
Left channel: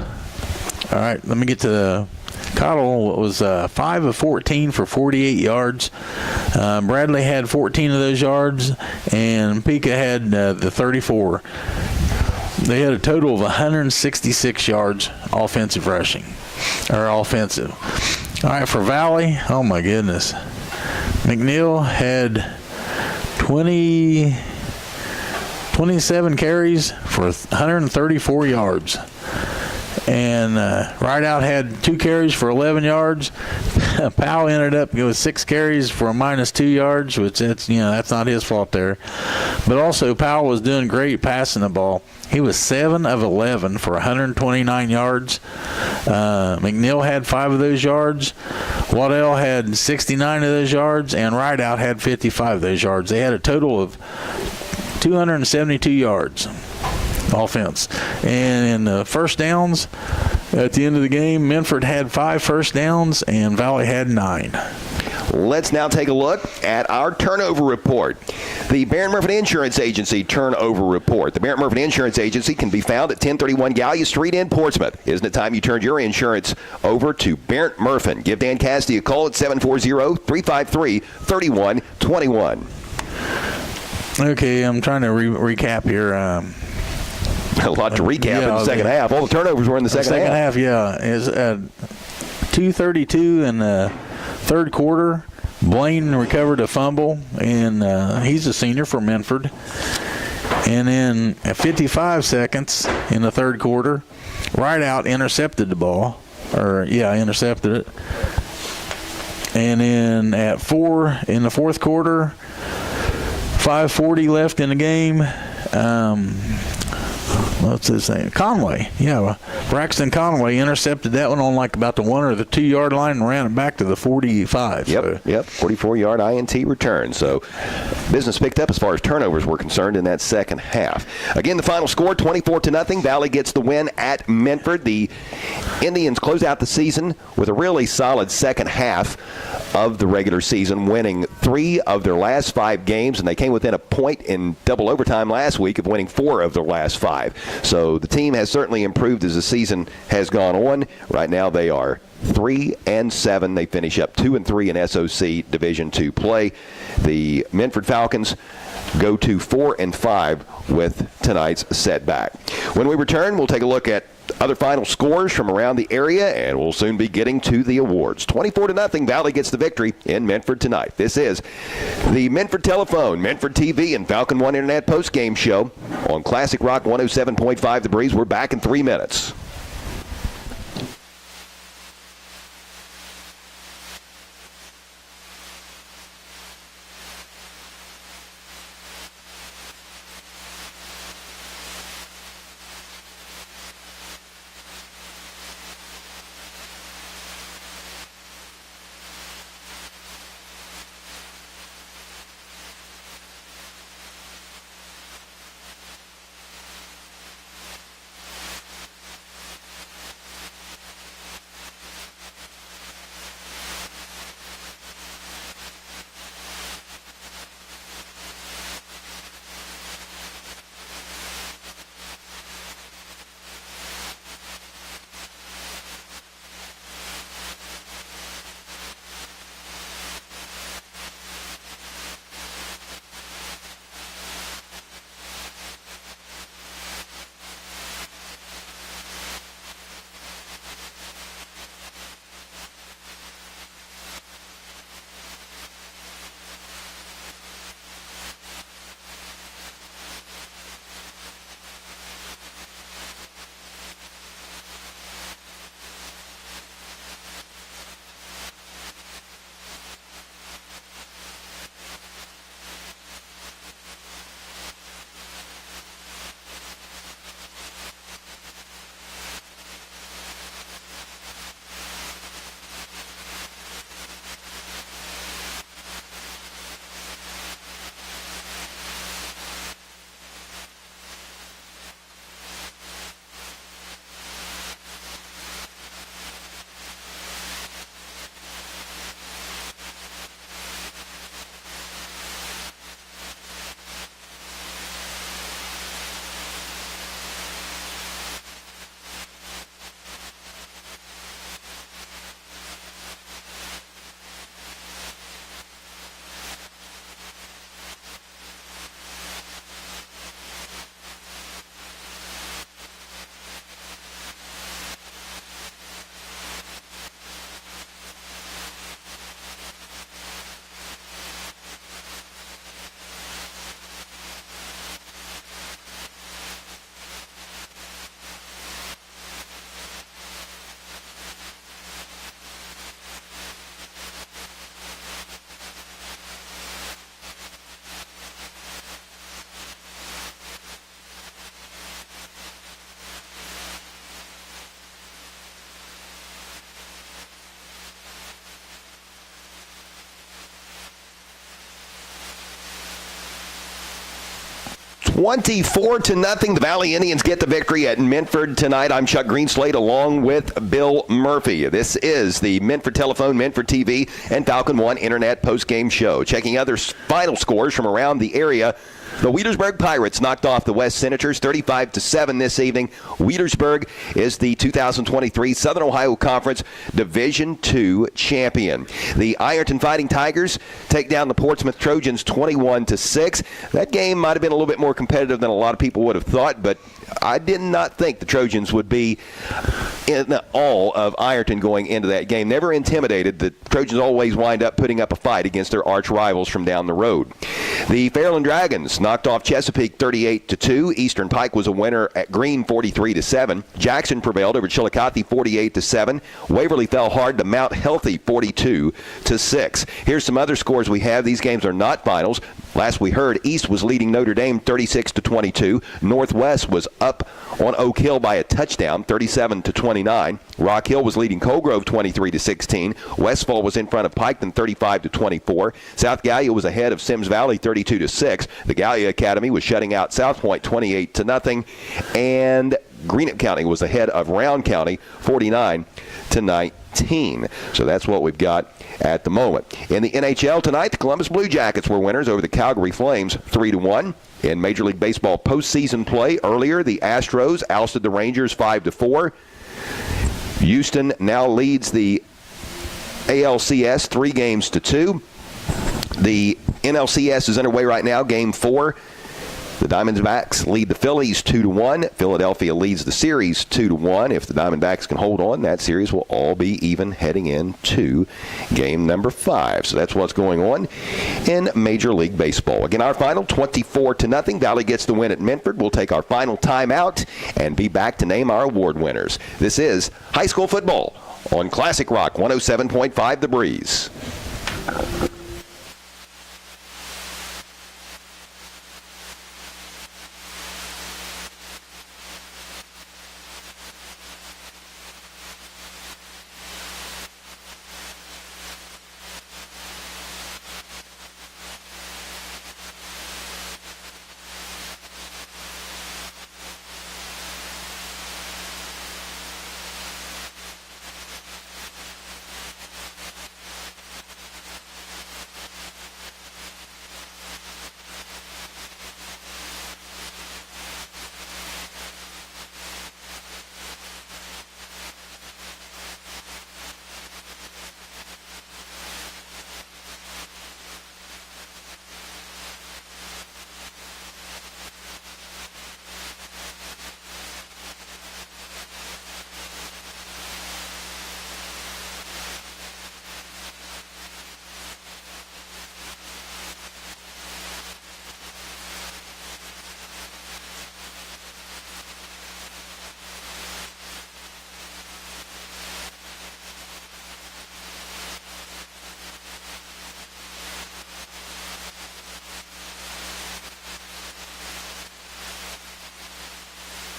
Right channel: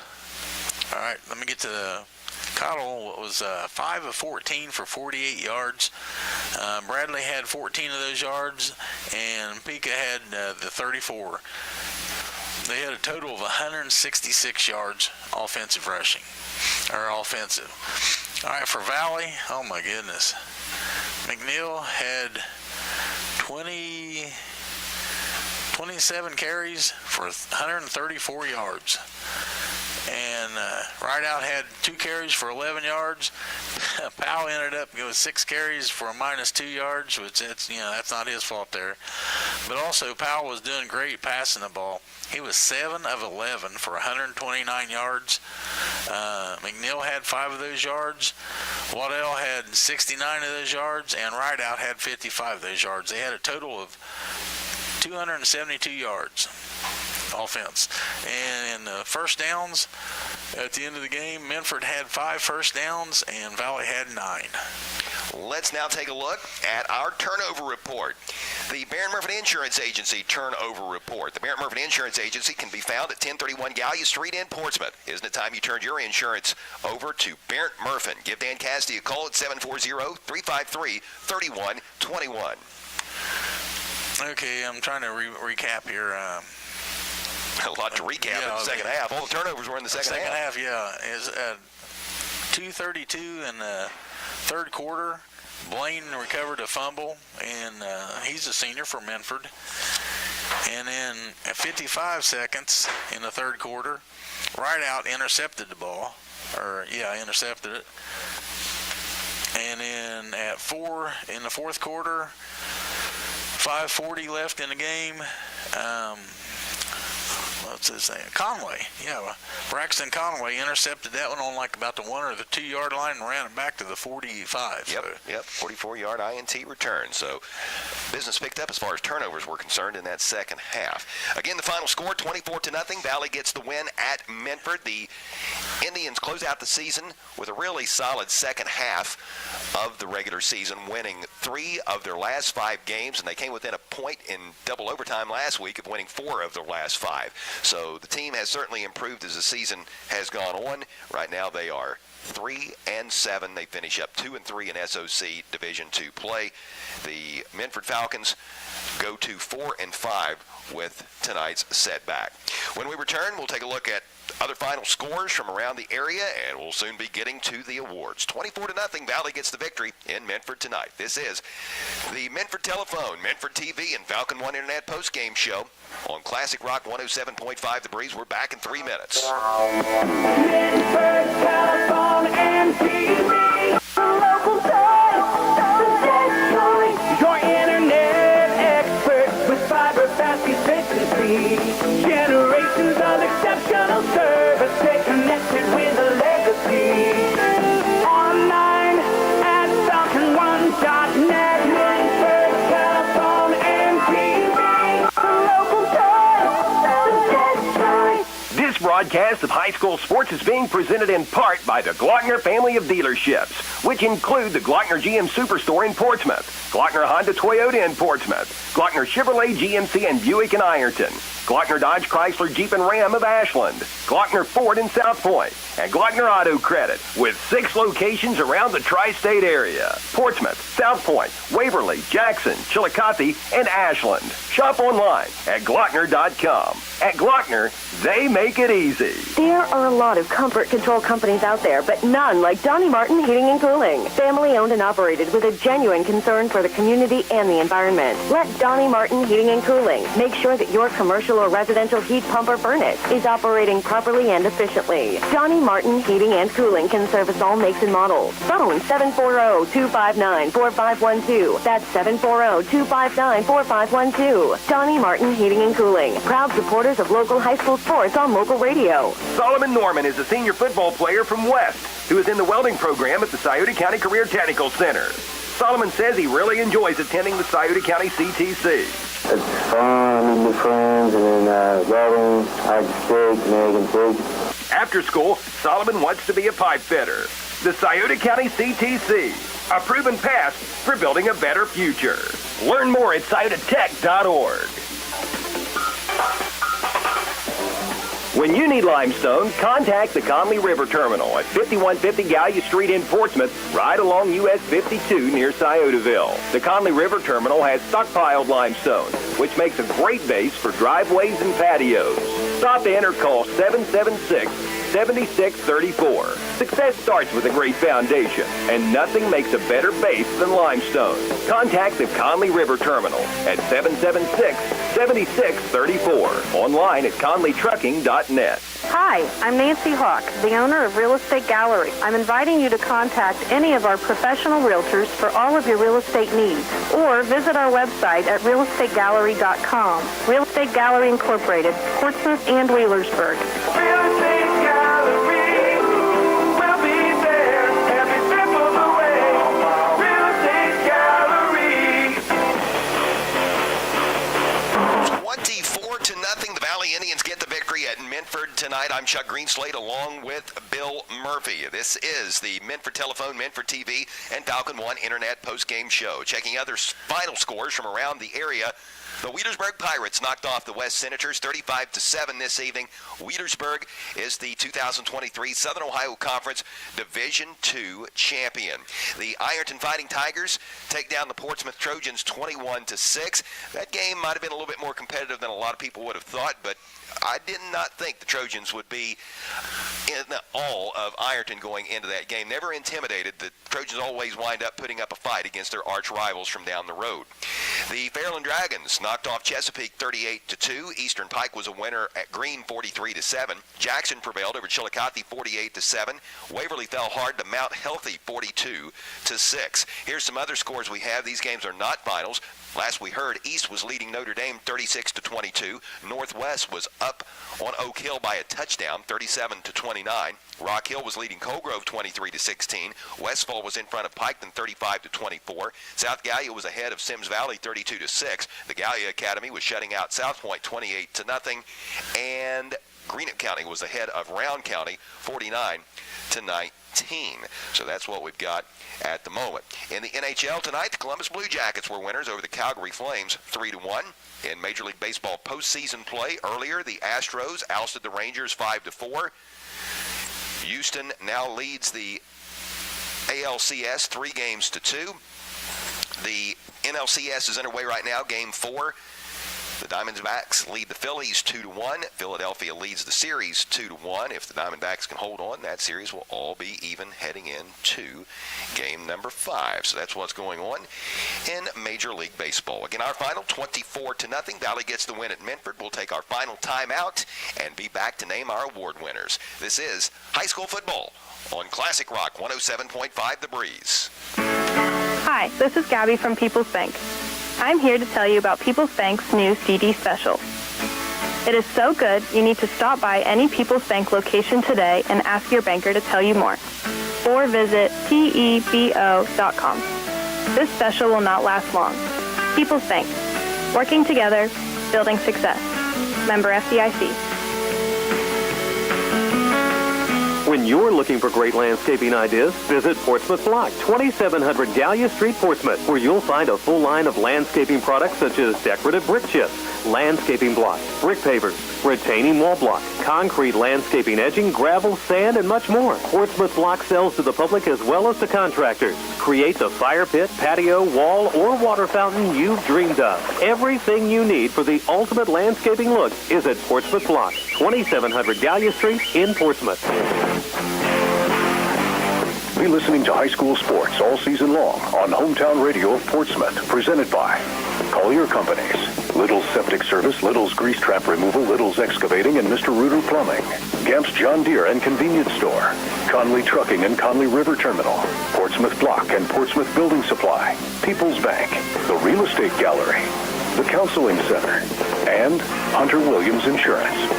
All right, let me get to the Cottle. Was 5 of 14 for 48 yards. Bradley had 14 of those yards, and Pica had the 34. They had a total of 166 yards offensive rushing, or offensive. All right, for Valley, oh my goodness. McNeil had 27 carries for 134 yards. And Rideout had 2 carries for 11 yards. Powell ended up with 6 carries for a -2 yards, which that's not his fault there. But also Powell was doing great passing the ball. He was 7 of 11 for 129 yards. McNeil had 5 of those yards. Waddell had 69 of those yards, and Rideout had 55 of those yards. They had a total of 272 yards. Offense. And in the first downs at the end of the game, Minford had 5 first downs and Valley had 9. Let's now take a look at our turnover report. The Barron Murphy Insurance Agency turnover report. The Barron Murphy Insurance Agency can be found at 1031 Gallia Street in Portsmouth. Isn't it time you turned your insurance over to Barron Murphy? Give Dan Cassidy a call at 740-353-3121. Okay, I'm trying to recap here. A lot to recap in the second half. All the turnovers were in the second half. Yeah. Is 2:32 in the third quarter. Blaine recovered a fumble, and he's a senior for Minford. And then at 55 seconds in the third quarter, Rideout intercepted the ball. Intercepted it. And then at 4 in the fourth quarter, 5:40 left in the game. What's his name? Conway. Yeah, Braxton Conway intercepted that one on like about the 1 or the 2 yard line and ran it back to the 45. Yep, 44-yard INT return. So business picked up as far as turnovers were concerned in that second half. Again, the final score, 24-0. Valley gets the win at Minford. The Indians close out the season with a really solid second half of the regular season, winning 3 of their last 5 games, and they came within a point in double overtime last week of winning 4 of their last 5. So the team has certainly improved as the season has gone on. Right now they are 3-7. They finish up 2-3 in SOC Division II play. The Minford Falcons go to 4-5 with tonight's setback. When we return, we'll take a look at other final scores from around the area, and we'll soon be getting to the awards. 24-0, Valley gets the victory in Minford tonight. This is the Minford Telephone, Minford TV, and Falcon One Internet postgame show on Classic Rock 107.5 The Breeze. We're back in 3 minutes. Telephone and TV, local broadcast of high school sports is being presented in part by the Glockner family of dealerships, which include the Glockner GM Superstore in Portsmouth, Glockner Honda Toyota in Portsmouth, Glockner Chevrolet GMC and Buick in Ironton, Glockner Dodge Chrysler Jeep and Ram of Ashland, Glockner Ford in South Point, and Glockner Auto Credit, with 6 locations around the tri-state area: Portsmouth, South Point, Waverly, Jackson, Chillicothe, and Ashland. Shop online at Glockner.com. At Glockner, they make it easy. There are a lot of comfort control companies out there, but none like Donnie Martin Heating and Cooling. Family owned and operated with a genuine concern for the community and the environment. Let Donnie Martin Heating and Cooling make sure that your commercial or residential heat pump or furnace is operating properly and efficiently. Donnie Martin Heating and Cooling can service all makes and models. Phone 740-259-4512. That's 740-259-4512. Donnie Martin Heating and Cooling. Proud supporters of local high school sports on local radio. Solomon Norman is a senior football player from West who is in the welding program at the Scioto County Career Technical Center. Solomon says he really enjoys attending the Scioto County CTC. It's fun, meeting new friends, and then welding, hide and seek, and egg and pig. After school, Solomon wants to be a pipe fitter. The Scioto County CTC, a proven path for building a better future. Learn more at sciototech.org. When you need limestone, contact the Conley River Terminal at 5150 Gallia Street in Portsmouth, right along US 52 near Sciotaville. The Conley River Terminal has stockpiled limestone, which makes a great base for driveways and patios. Stop in or call 776-7634. Success starts with a great foundation, and nothing makes a better base than limestone. Contact the Conley River Terminal at 776-7634. Online at conleytrucking.net. Hi, I'm Nancy Hawk, the owner of Real Estate Gallery. I'm inviting you to contact any of our professional realtors for all of your real estate needs, or visit our website at realestategallery.com. Real Estate Gallery Incorporated, Portsmouth and Wheelersburg. Real Estate Gallery, we'll be there every step of the way. Real Estate Gallery. 24-0, the Valley Indians get the victory at Minford tonight. I'm Chuck Greenslade along with Bill Murphy. This is the Minford Telephone, Minford TV, and Falcon One Internet postgame show. Checking other final scores from around the area. The Wheelersburg Pirates knocked off the West Senators 35-7 this evening. Wheelersburg is the 2023 Southern Ohio Conference Division II champion. The Ironton Fighting Tigers take down the Portsmouth Trojans 21-6. That game might have been a little bit more competitive than a lot of people would have thought, but I did not think the Trojans would be in all of Ironton going into that game. Never intimidated. The Trojans always wind up putting up a fight against their arch rivals from down the road. The Fairland Dragons knocked off Chesapeake 38-2. Eastern Pike was a winner at Greene 43-7. Jackson prevailed over Chillicothe 48-7. Waverly fell hard to Mount Healthy 42-6. Here's some other scores we have. These games are not finals. Last we heard, East was leading Notre Dame 36-22. Northwest was up on Oak Hill by a touchdown, 37-29. Rock Hill was leading Colgrove 23-16. Westfall was in front of Piketon 35-24. South Gallia was ahead of Sims Valley 32-6. The Gallia Academy was shutting out South Point 28-0. And Greenup County was ahead of Round County 49-19. So that's what we've got at the moment. In the NHL tonight, the Columbus Blue Jackets were winners over the Calgary Flames 3-1. In Major League Baseball postseason play earlier, the Astros ousted the Rangers 5-4. Houston now leads the ALCS 3-2. The NLCS is underway right now, Game 4. The Diamondbacks lead the Phillies 2-1. Philadelphia leads the series 2-1. If the Diamondbacks can hold on, that series will all be even heading into game number 5. So that's what's going on in Major League Baseball. Again, our final 24-0. Valley gets the win at Minford. We'll take our final timeout and be back to name our award winners. This is high school football on Classic Rock 107.5 The Breeze. Hi, this is Gabby from People's Bank. I'm here to tell you about People's Bank's new CD special. It is so good, you need to stop by any People's Bank location today and ask your banker to tell you more. Or visit pebo.com. This special will not last long. People's Bank. Working together, building success. Member FDIC. When you're looking for great landscaping ideas, visit Portsmouth Block, 2700 Gallia Street, Portsmouth, where you'll find a full line of landscaping products such as decorative brick chips, landscaping blocks, brick pavers, retaining wall blocks, concrete landscaping edging, gravel, sand, and much more. Portsmouth Block sells to the public as well as to contractors. Create the fire pit, patio, wall, or water fountain you've dreamed of. Everything you need for the ultimate landscaping look is at Portsmouth Block, 2700 Gallia Street in Portsmouth. Be listening to high school sports all season long on Hometown Radio of Portsmouth, presented by Collier Companies, Little's Septic Service, Little's Grease Trap Removal, Little's Excavating, and Mr. Reuter Plumbing, Gamp's John Deere and Convenience Store, Conley Trucking and Conley River Terminal, Portsmouth Block and Portsmouth Building Supply, People's Bank, the Real Estate Gallery, the Counseling Center, and Hunter Williams Insurance.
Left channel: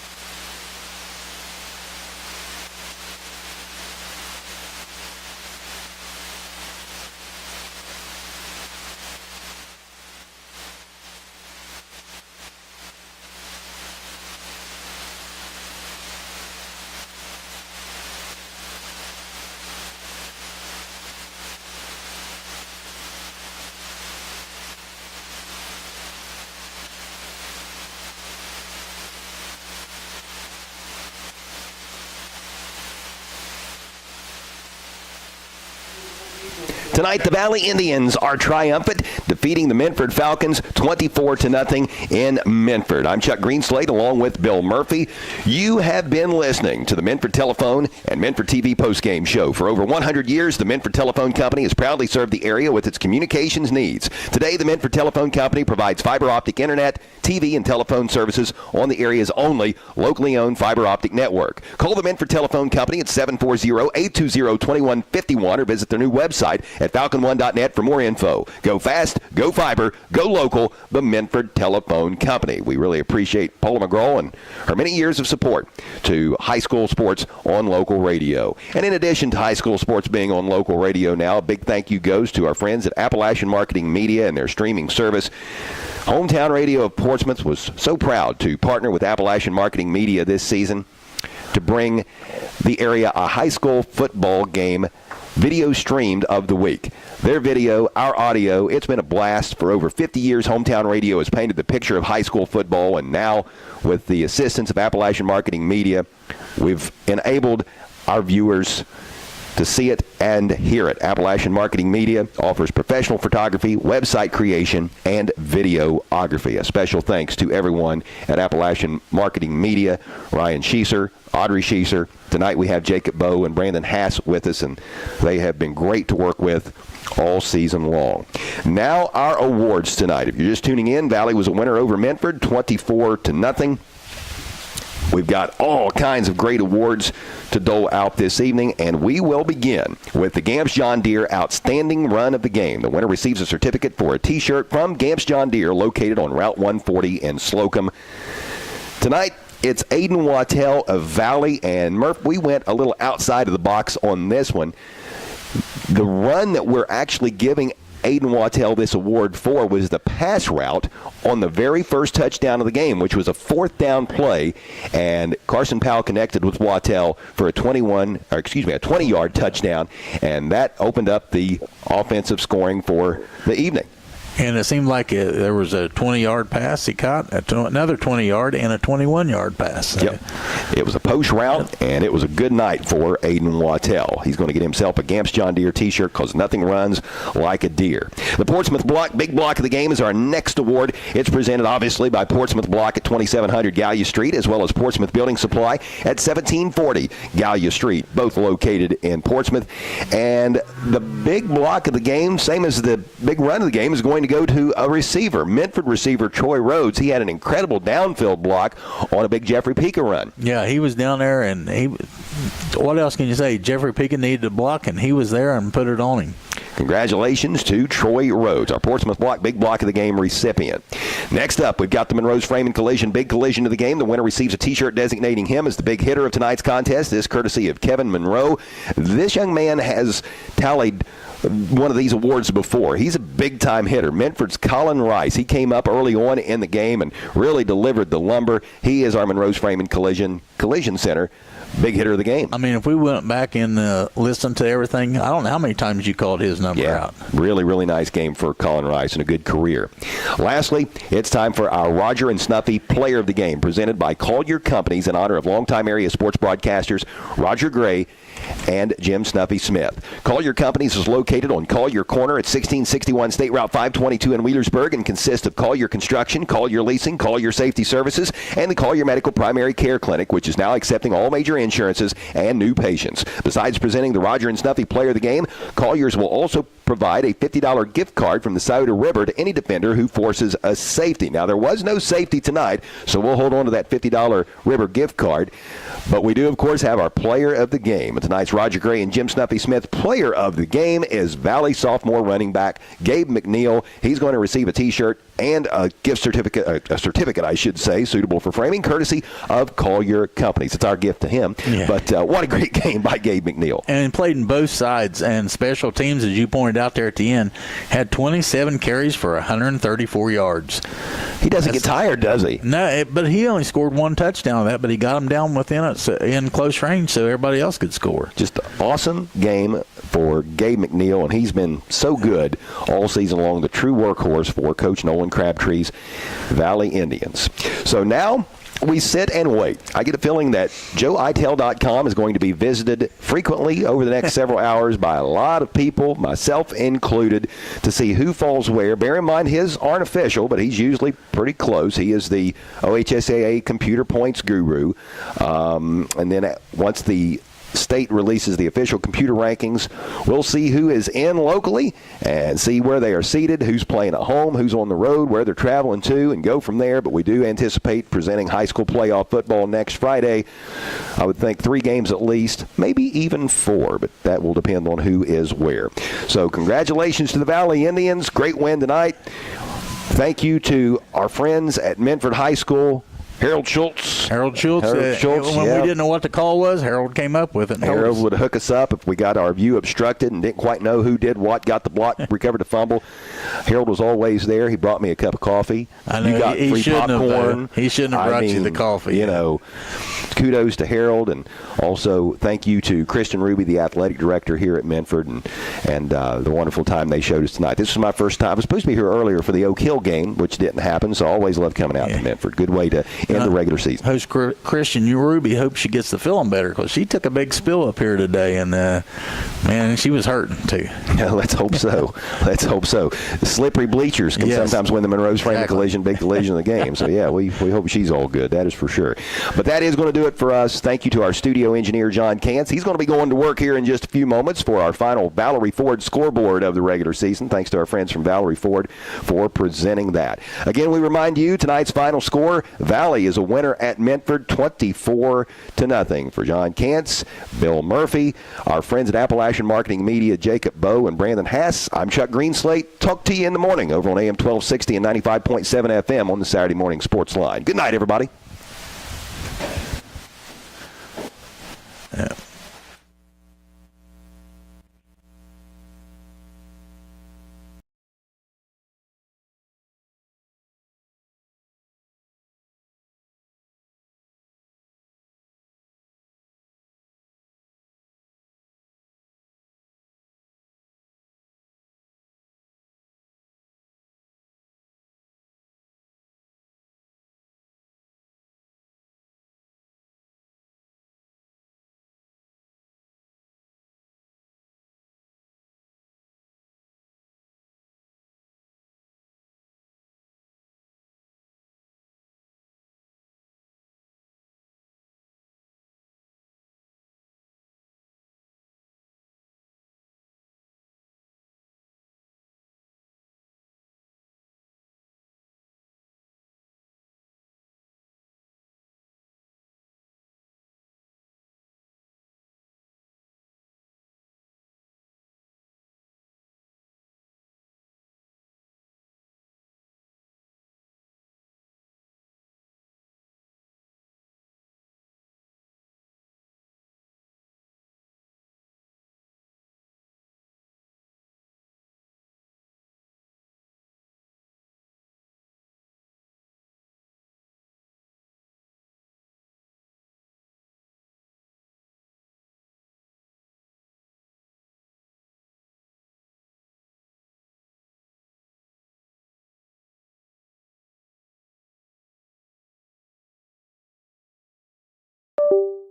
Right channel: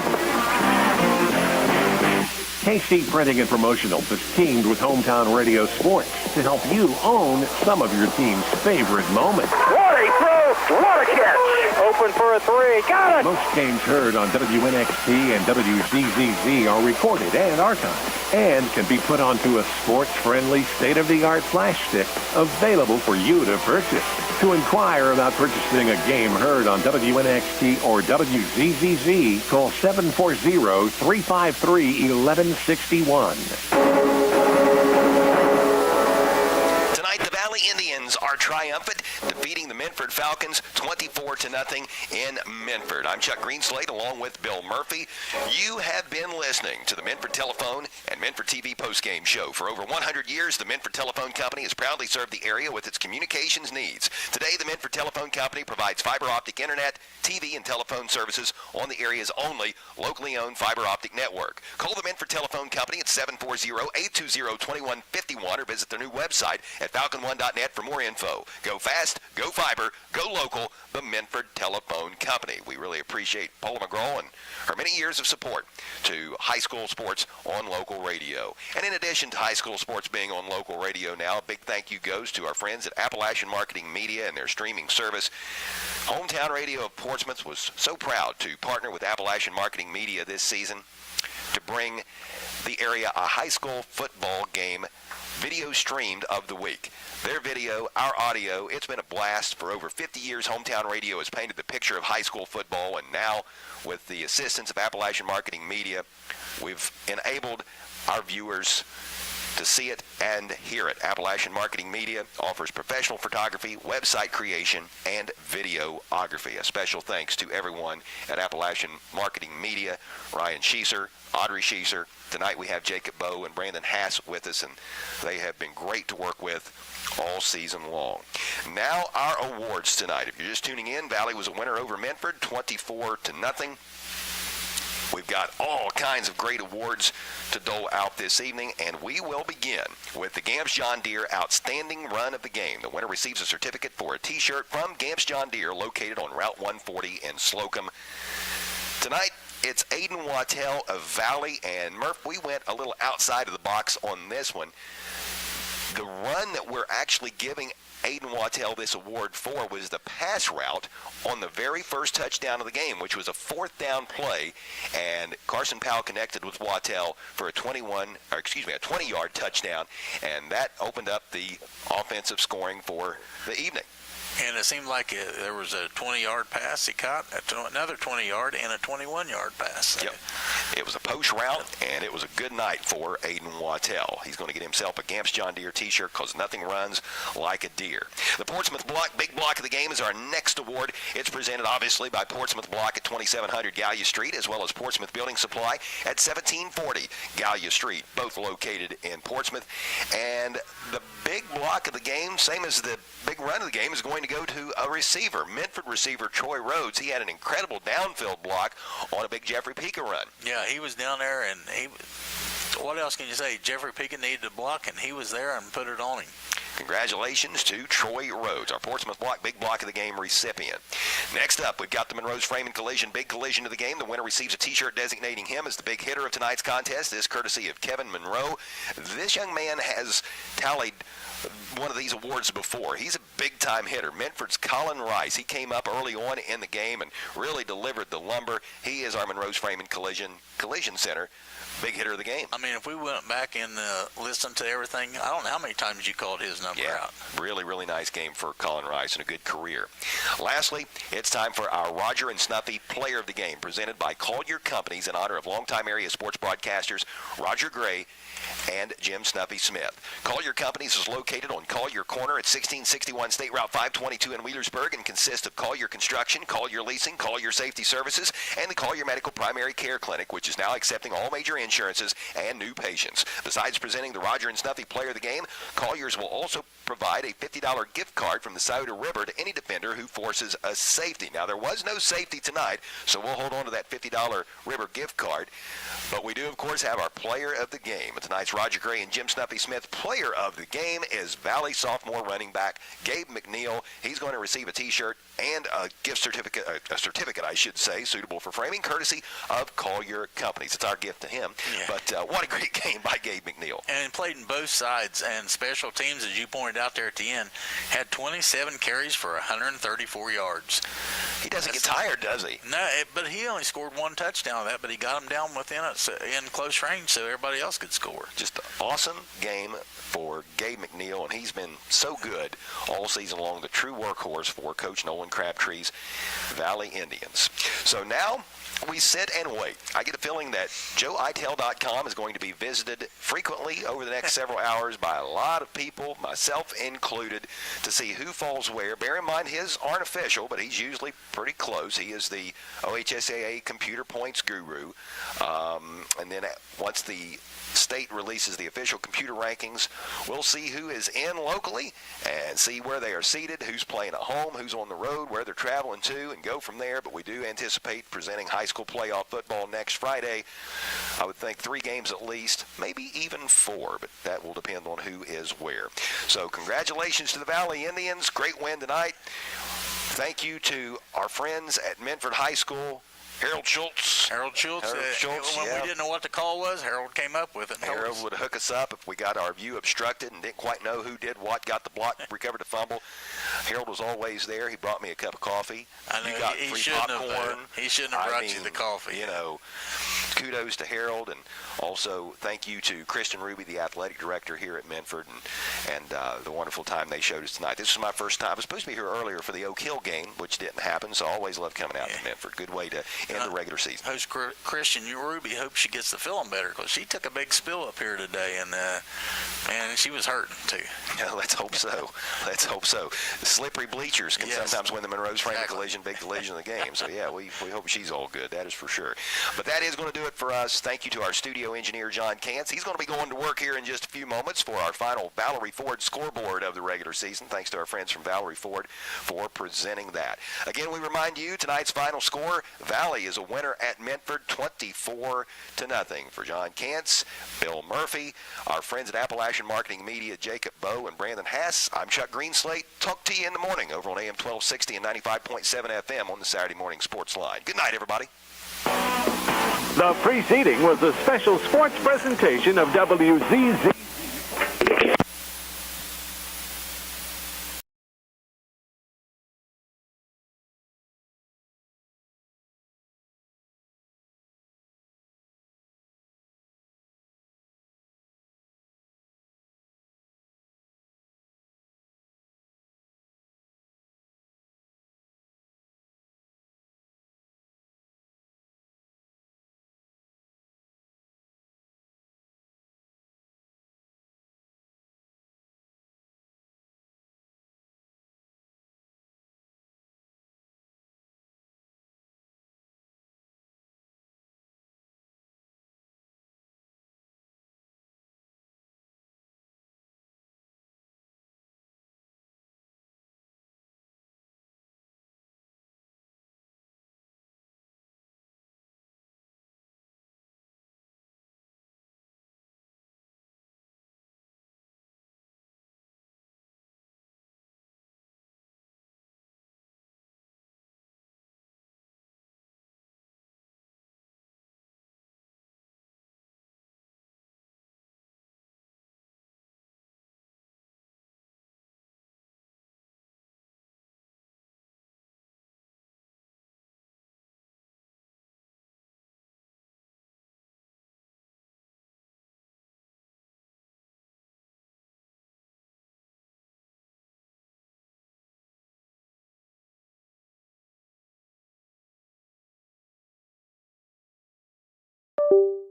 KC Printing and Promotionals is teamed with Hometown Radio Sports to help you own some of your team's favorite moments. What a throw! What a catch! Open for a three. Got it! Most games heard on WNXT and WZZZ are recorded and archived and can be put onto a sports-friendly, state-of-the-art flash stick available for you to purchase. To inquire about purchasing a game heard on WNXT or WZZZ, call 740-353-1161. Tonight, the Valley Indians are triumphant, defeating the Minford Falcons 24-0 in Minford. I'm Chuck Greenslade along with Bill Murphy. You have been listening to the Minford Telephone and Minford TV postgame show. For over 100 years, the Minford Telephone Company has proudly served the area with its communications needs. Today, the Minford Telephone Company provides fiber optic internet, TV, and telephone services on the area's only locally owned fiber optic network. Call the Minford Telephone Company at 740-820-2151 or visit their new website at falcon1.net for more info. Go fast, go fiber, go local, the Minford Telephone Company. We really appreciate Paula McGraw and her many years of support to high school sports on local radio. And in addition to high school sports being on local radio now, a big thank you goes to our friends at Appalachian Marketing Media and their streaming service. Hometown Radio of Portsmouth was so proud to partner with Appalachian Marketing Media this season to bring the area a high school football game video streamed of the week. Their video, our audio, it's been a blast. For over 50 years, Hometown Radio has painted the picture of high school football, and now with the assistance of Appalachian Marketing Media, we've enabled our viewers to see it and hear it. Appalachian Marketing Media offers professional photography, website creation, and videography. A special thanks to everyone at Appalachian Marketing Media, Ryan Schieser, Audrey Schieser. Tonight we have Jacob Bowe and Brandon Hass with us, and they have been great to work with all season long. Now our awards tonight. If you're just tuning in, Valley was a winner over Minford, 24-0. We've got all kinds of great awards to dole out this evening, and we will begin with the Gamps John Deere Outstanding Run of the Game. The winner receives a certificate for a T-shirt from Gamps John Deere, located on Route 140 in Slocum. Tonight, it's Aiden Wattell of Valley, and Murph, we went a little outside of the box on this one. The run that we're actually giving Aiden Wattell this award for was the pass route on the very first touchdown of the game, which was a fourth down play, and Carson Powell connected with Wattell for a 20-yard touchdown, and that opened up the offensive scoring for the evening. And it seemed like there was a 20-yard pass he caught, another 20-yard, and a 21-yard pass. Yep. It was a post route, and it was a good night for Aiden Wattell. He's going to get himself a Gamps John Deere T-shirt because nothing runs like a deer. The Portsmouth Block, big block of the game, is our next award. It's presented, obviously, by Portsmouth Block at 2700 Gallia Street, as well as Portsmouth Building Supply at 1740 Gallia Street, both located in Portsmouth. And the big block of the game, same as the big run of the game, is going to go to a receiver, Minford receiver Troy Rhodes. He had an incredible downfield block on a big Jeffrey Pika run. Yeah, he was down there, and what else can you say? Jeffrey Pika needed a block, and he was there and put it on him. Congratulations to Troy Rhodes, our Portsmouth Block big block of the game recipient. Next up, we've got the Monroe's Frame and Collision big collision of the game. The winner receives a T-shirt designating him as the big hitter of tonight's contest. This courtesy of Kevin Monroe. This young man has tallied one of these awards before. He's a big-time hitter. Minford's Colin Rice. He came up early on in the game and really delivered the lumber. He is our Monroe's Frame and Collision Center big hitter of the game. I mean, if we went back and listened to everything, I don't know how many times you called his number out. Really, really nice game for Colin Rice and a good career. Lastly, it's time for our Roger and Snuffy Player of the Game, presented by Collier Companies in honor of longtime area sports broadcasters Roger Gray and Jim Snuffy Smith. Collier Companies is located on Collier Corner at 1661 State Route 522 in Wheelersburg and consists of Collier Construction, Collier Leasing, Collier Safety Services, and the Collier Medical Primary Care Clinic, which is now accepting all major insurances and new patients. Besides presenting the Roger and Snuffy Player of the Game, Colliers will also provide a $50 gift card from the Scioto River to any defender who forces a safety. Now, there was no safety tonight, so we'll hold on to that $50 River gift card. But we do, of course, have our Player of the Game. Tonight's Roger Gray and Jim Snuffy Smith Player of the Game is Valley sophomore running back Gabe McNeil. He's going to receive a T-shirt and a gift certificate, a certificate, I should say, suitable for framing, courtesy of Collier Companies. It's our gift to him. Yeah. But what a great game by Gabe McNeil. And played in both sides, and special teams, as you pointed out there at the end, had 27 carries for 134 yards. He doesn't get tired, does he? No, but he only scored one touchdown of that, but he got him down within it in close range so everybody else could score. Just an awesome game for Gabe McNeil, and he's been so good all season long, the true workhorse for Coach Nolan Crabtree's Valley Indians. So now we sit and wait. I get a feeling that JoeItel.com is going to be visited frequently over the next several hours by a lot of people, myself included, to see who falls where. Bear in mind, his aren't official, but he's usually pretty close. He is the OHSAA computer points guru. And then once the state releases the official computer rankings, we'll see who is in locally and see where they are seated, who's playing at home, who's on the road, where they're traveling to, and go from there. But we do anticipate presenting high school playoff football next Friday. I would think 3 games at least, maybe even 4, but that will depend on who is where. So congratulations to the Valley Indians. Great win tonight. Thank you to our friends at Minford High School. Harold Schultz. When we didn't know what the call was, Harold came up with it. Harold would hook us up if we got our view obstructed and didn't quite know who did what, got the block, recovered the fumble. Harold was always there. He brought me a cup of coffee. I know, you got free popcorn. He shouldn't have brought you the coffee. You know, kudos to Harold, and also thank you to Kristen Ruby, the athletic director here at Minford, and the wonderful time they showed us tonight. This was my first time. I was supposed to be here earlier for the Oak Hill game, which didn't happen, so I always love coming out to Minford. Good way to end the regular season. Host Christian Ruby hopes she gets the feeling better, because she took a big spill up here today, and man, she was hurting too. Yeah, let's hope so. Let's hope so. Slippery bleachers can sometimes win the Monroe's Frame Collision, big collision of the game. So yeah, we hope she's all good. That is for sure. But that is going to do it for us. Thank you to our studio engineer John Kantz. He's going to be going to work here in just a few moments for our final Valerie Ford scoreboard of the regular season. Thanks to our friends from Valerie Ford for presenting that. Again, we remind you tonight's final score: Valley is a winner at Minford, 24-0. For John Kantz, Bill Murphy, our friends at Appalachian Marketing Media, Jacob Bowe and Brandon Hass, I'm Chuck Greenslate. Talk to you in the morning over on AM 1260 and 95.7 FM on the Saturday Morning Sports Line. Good night, everybody. The preceding was a special sports presentation of WZZ. you.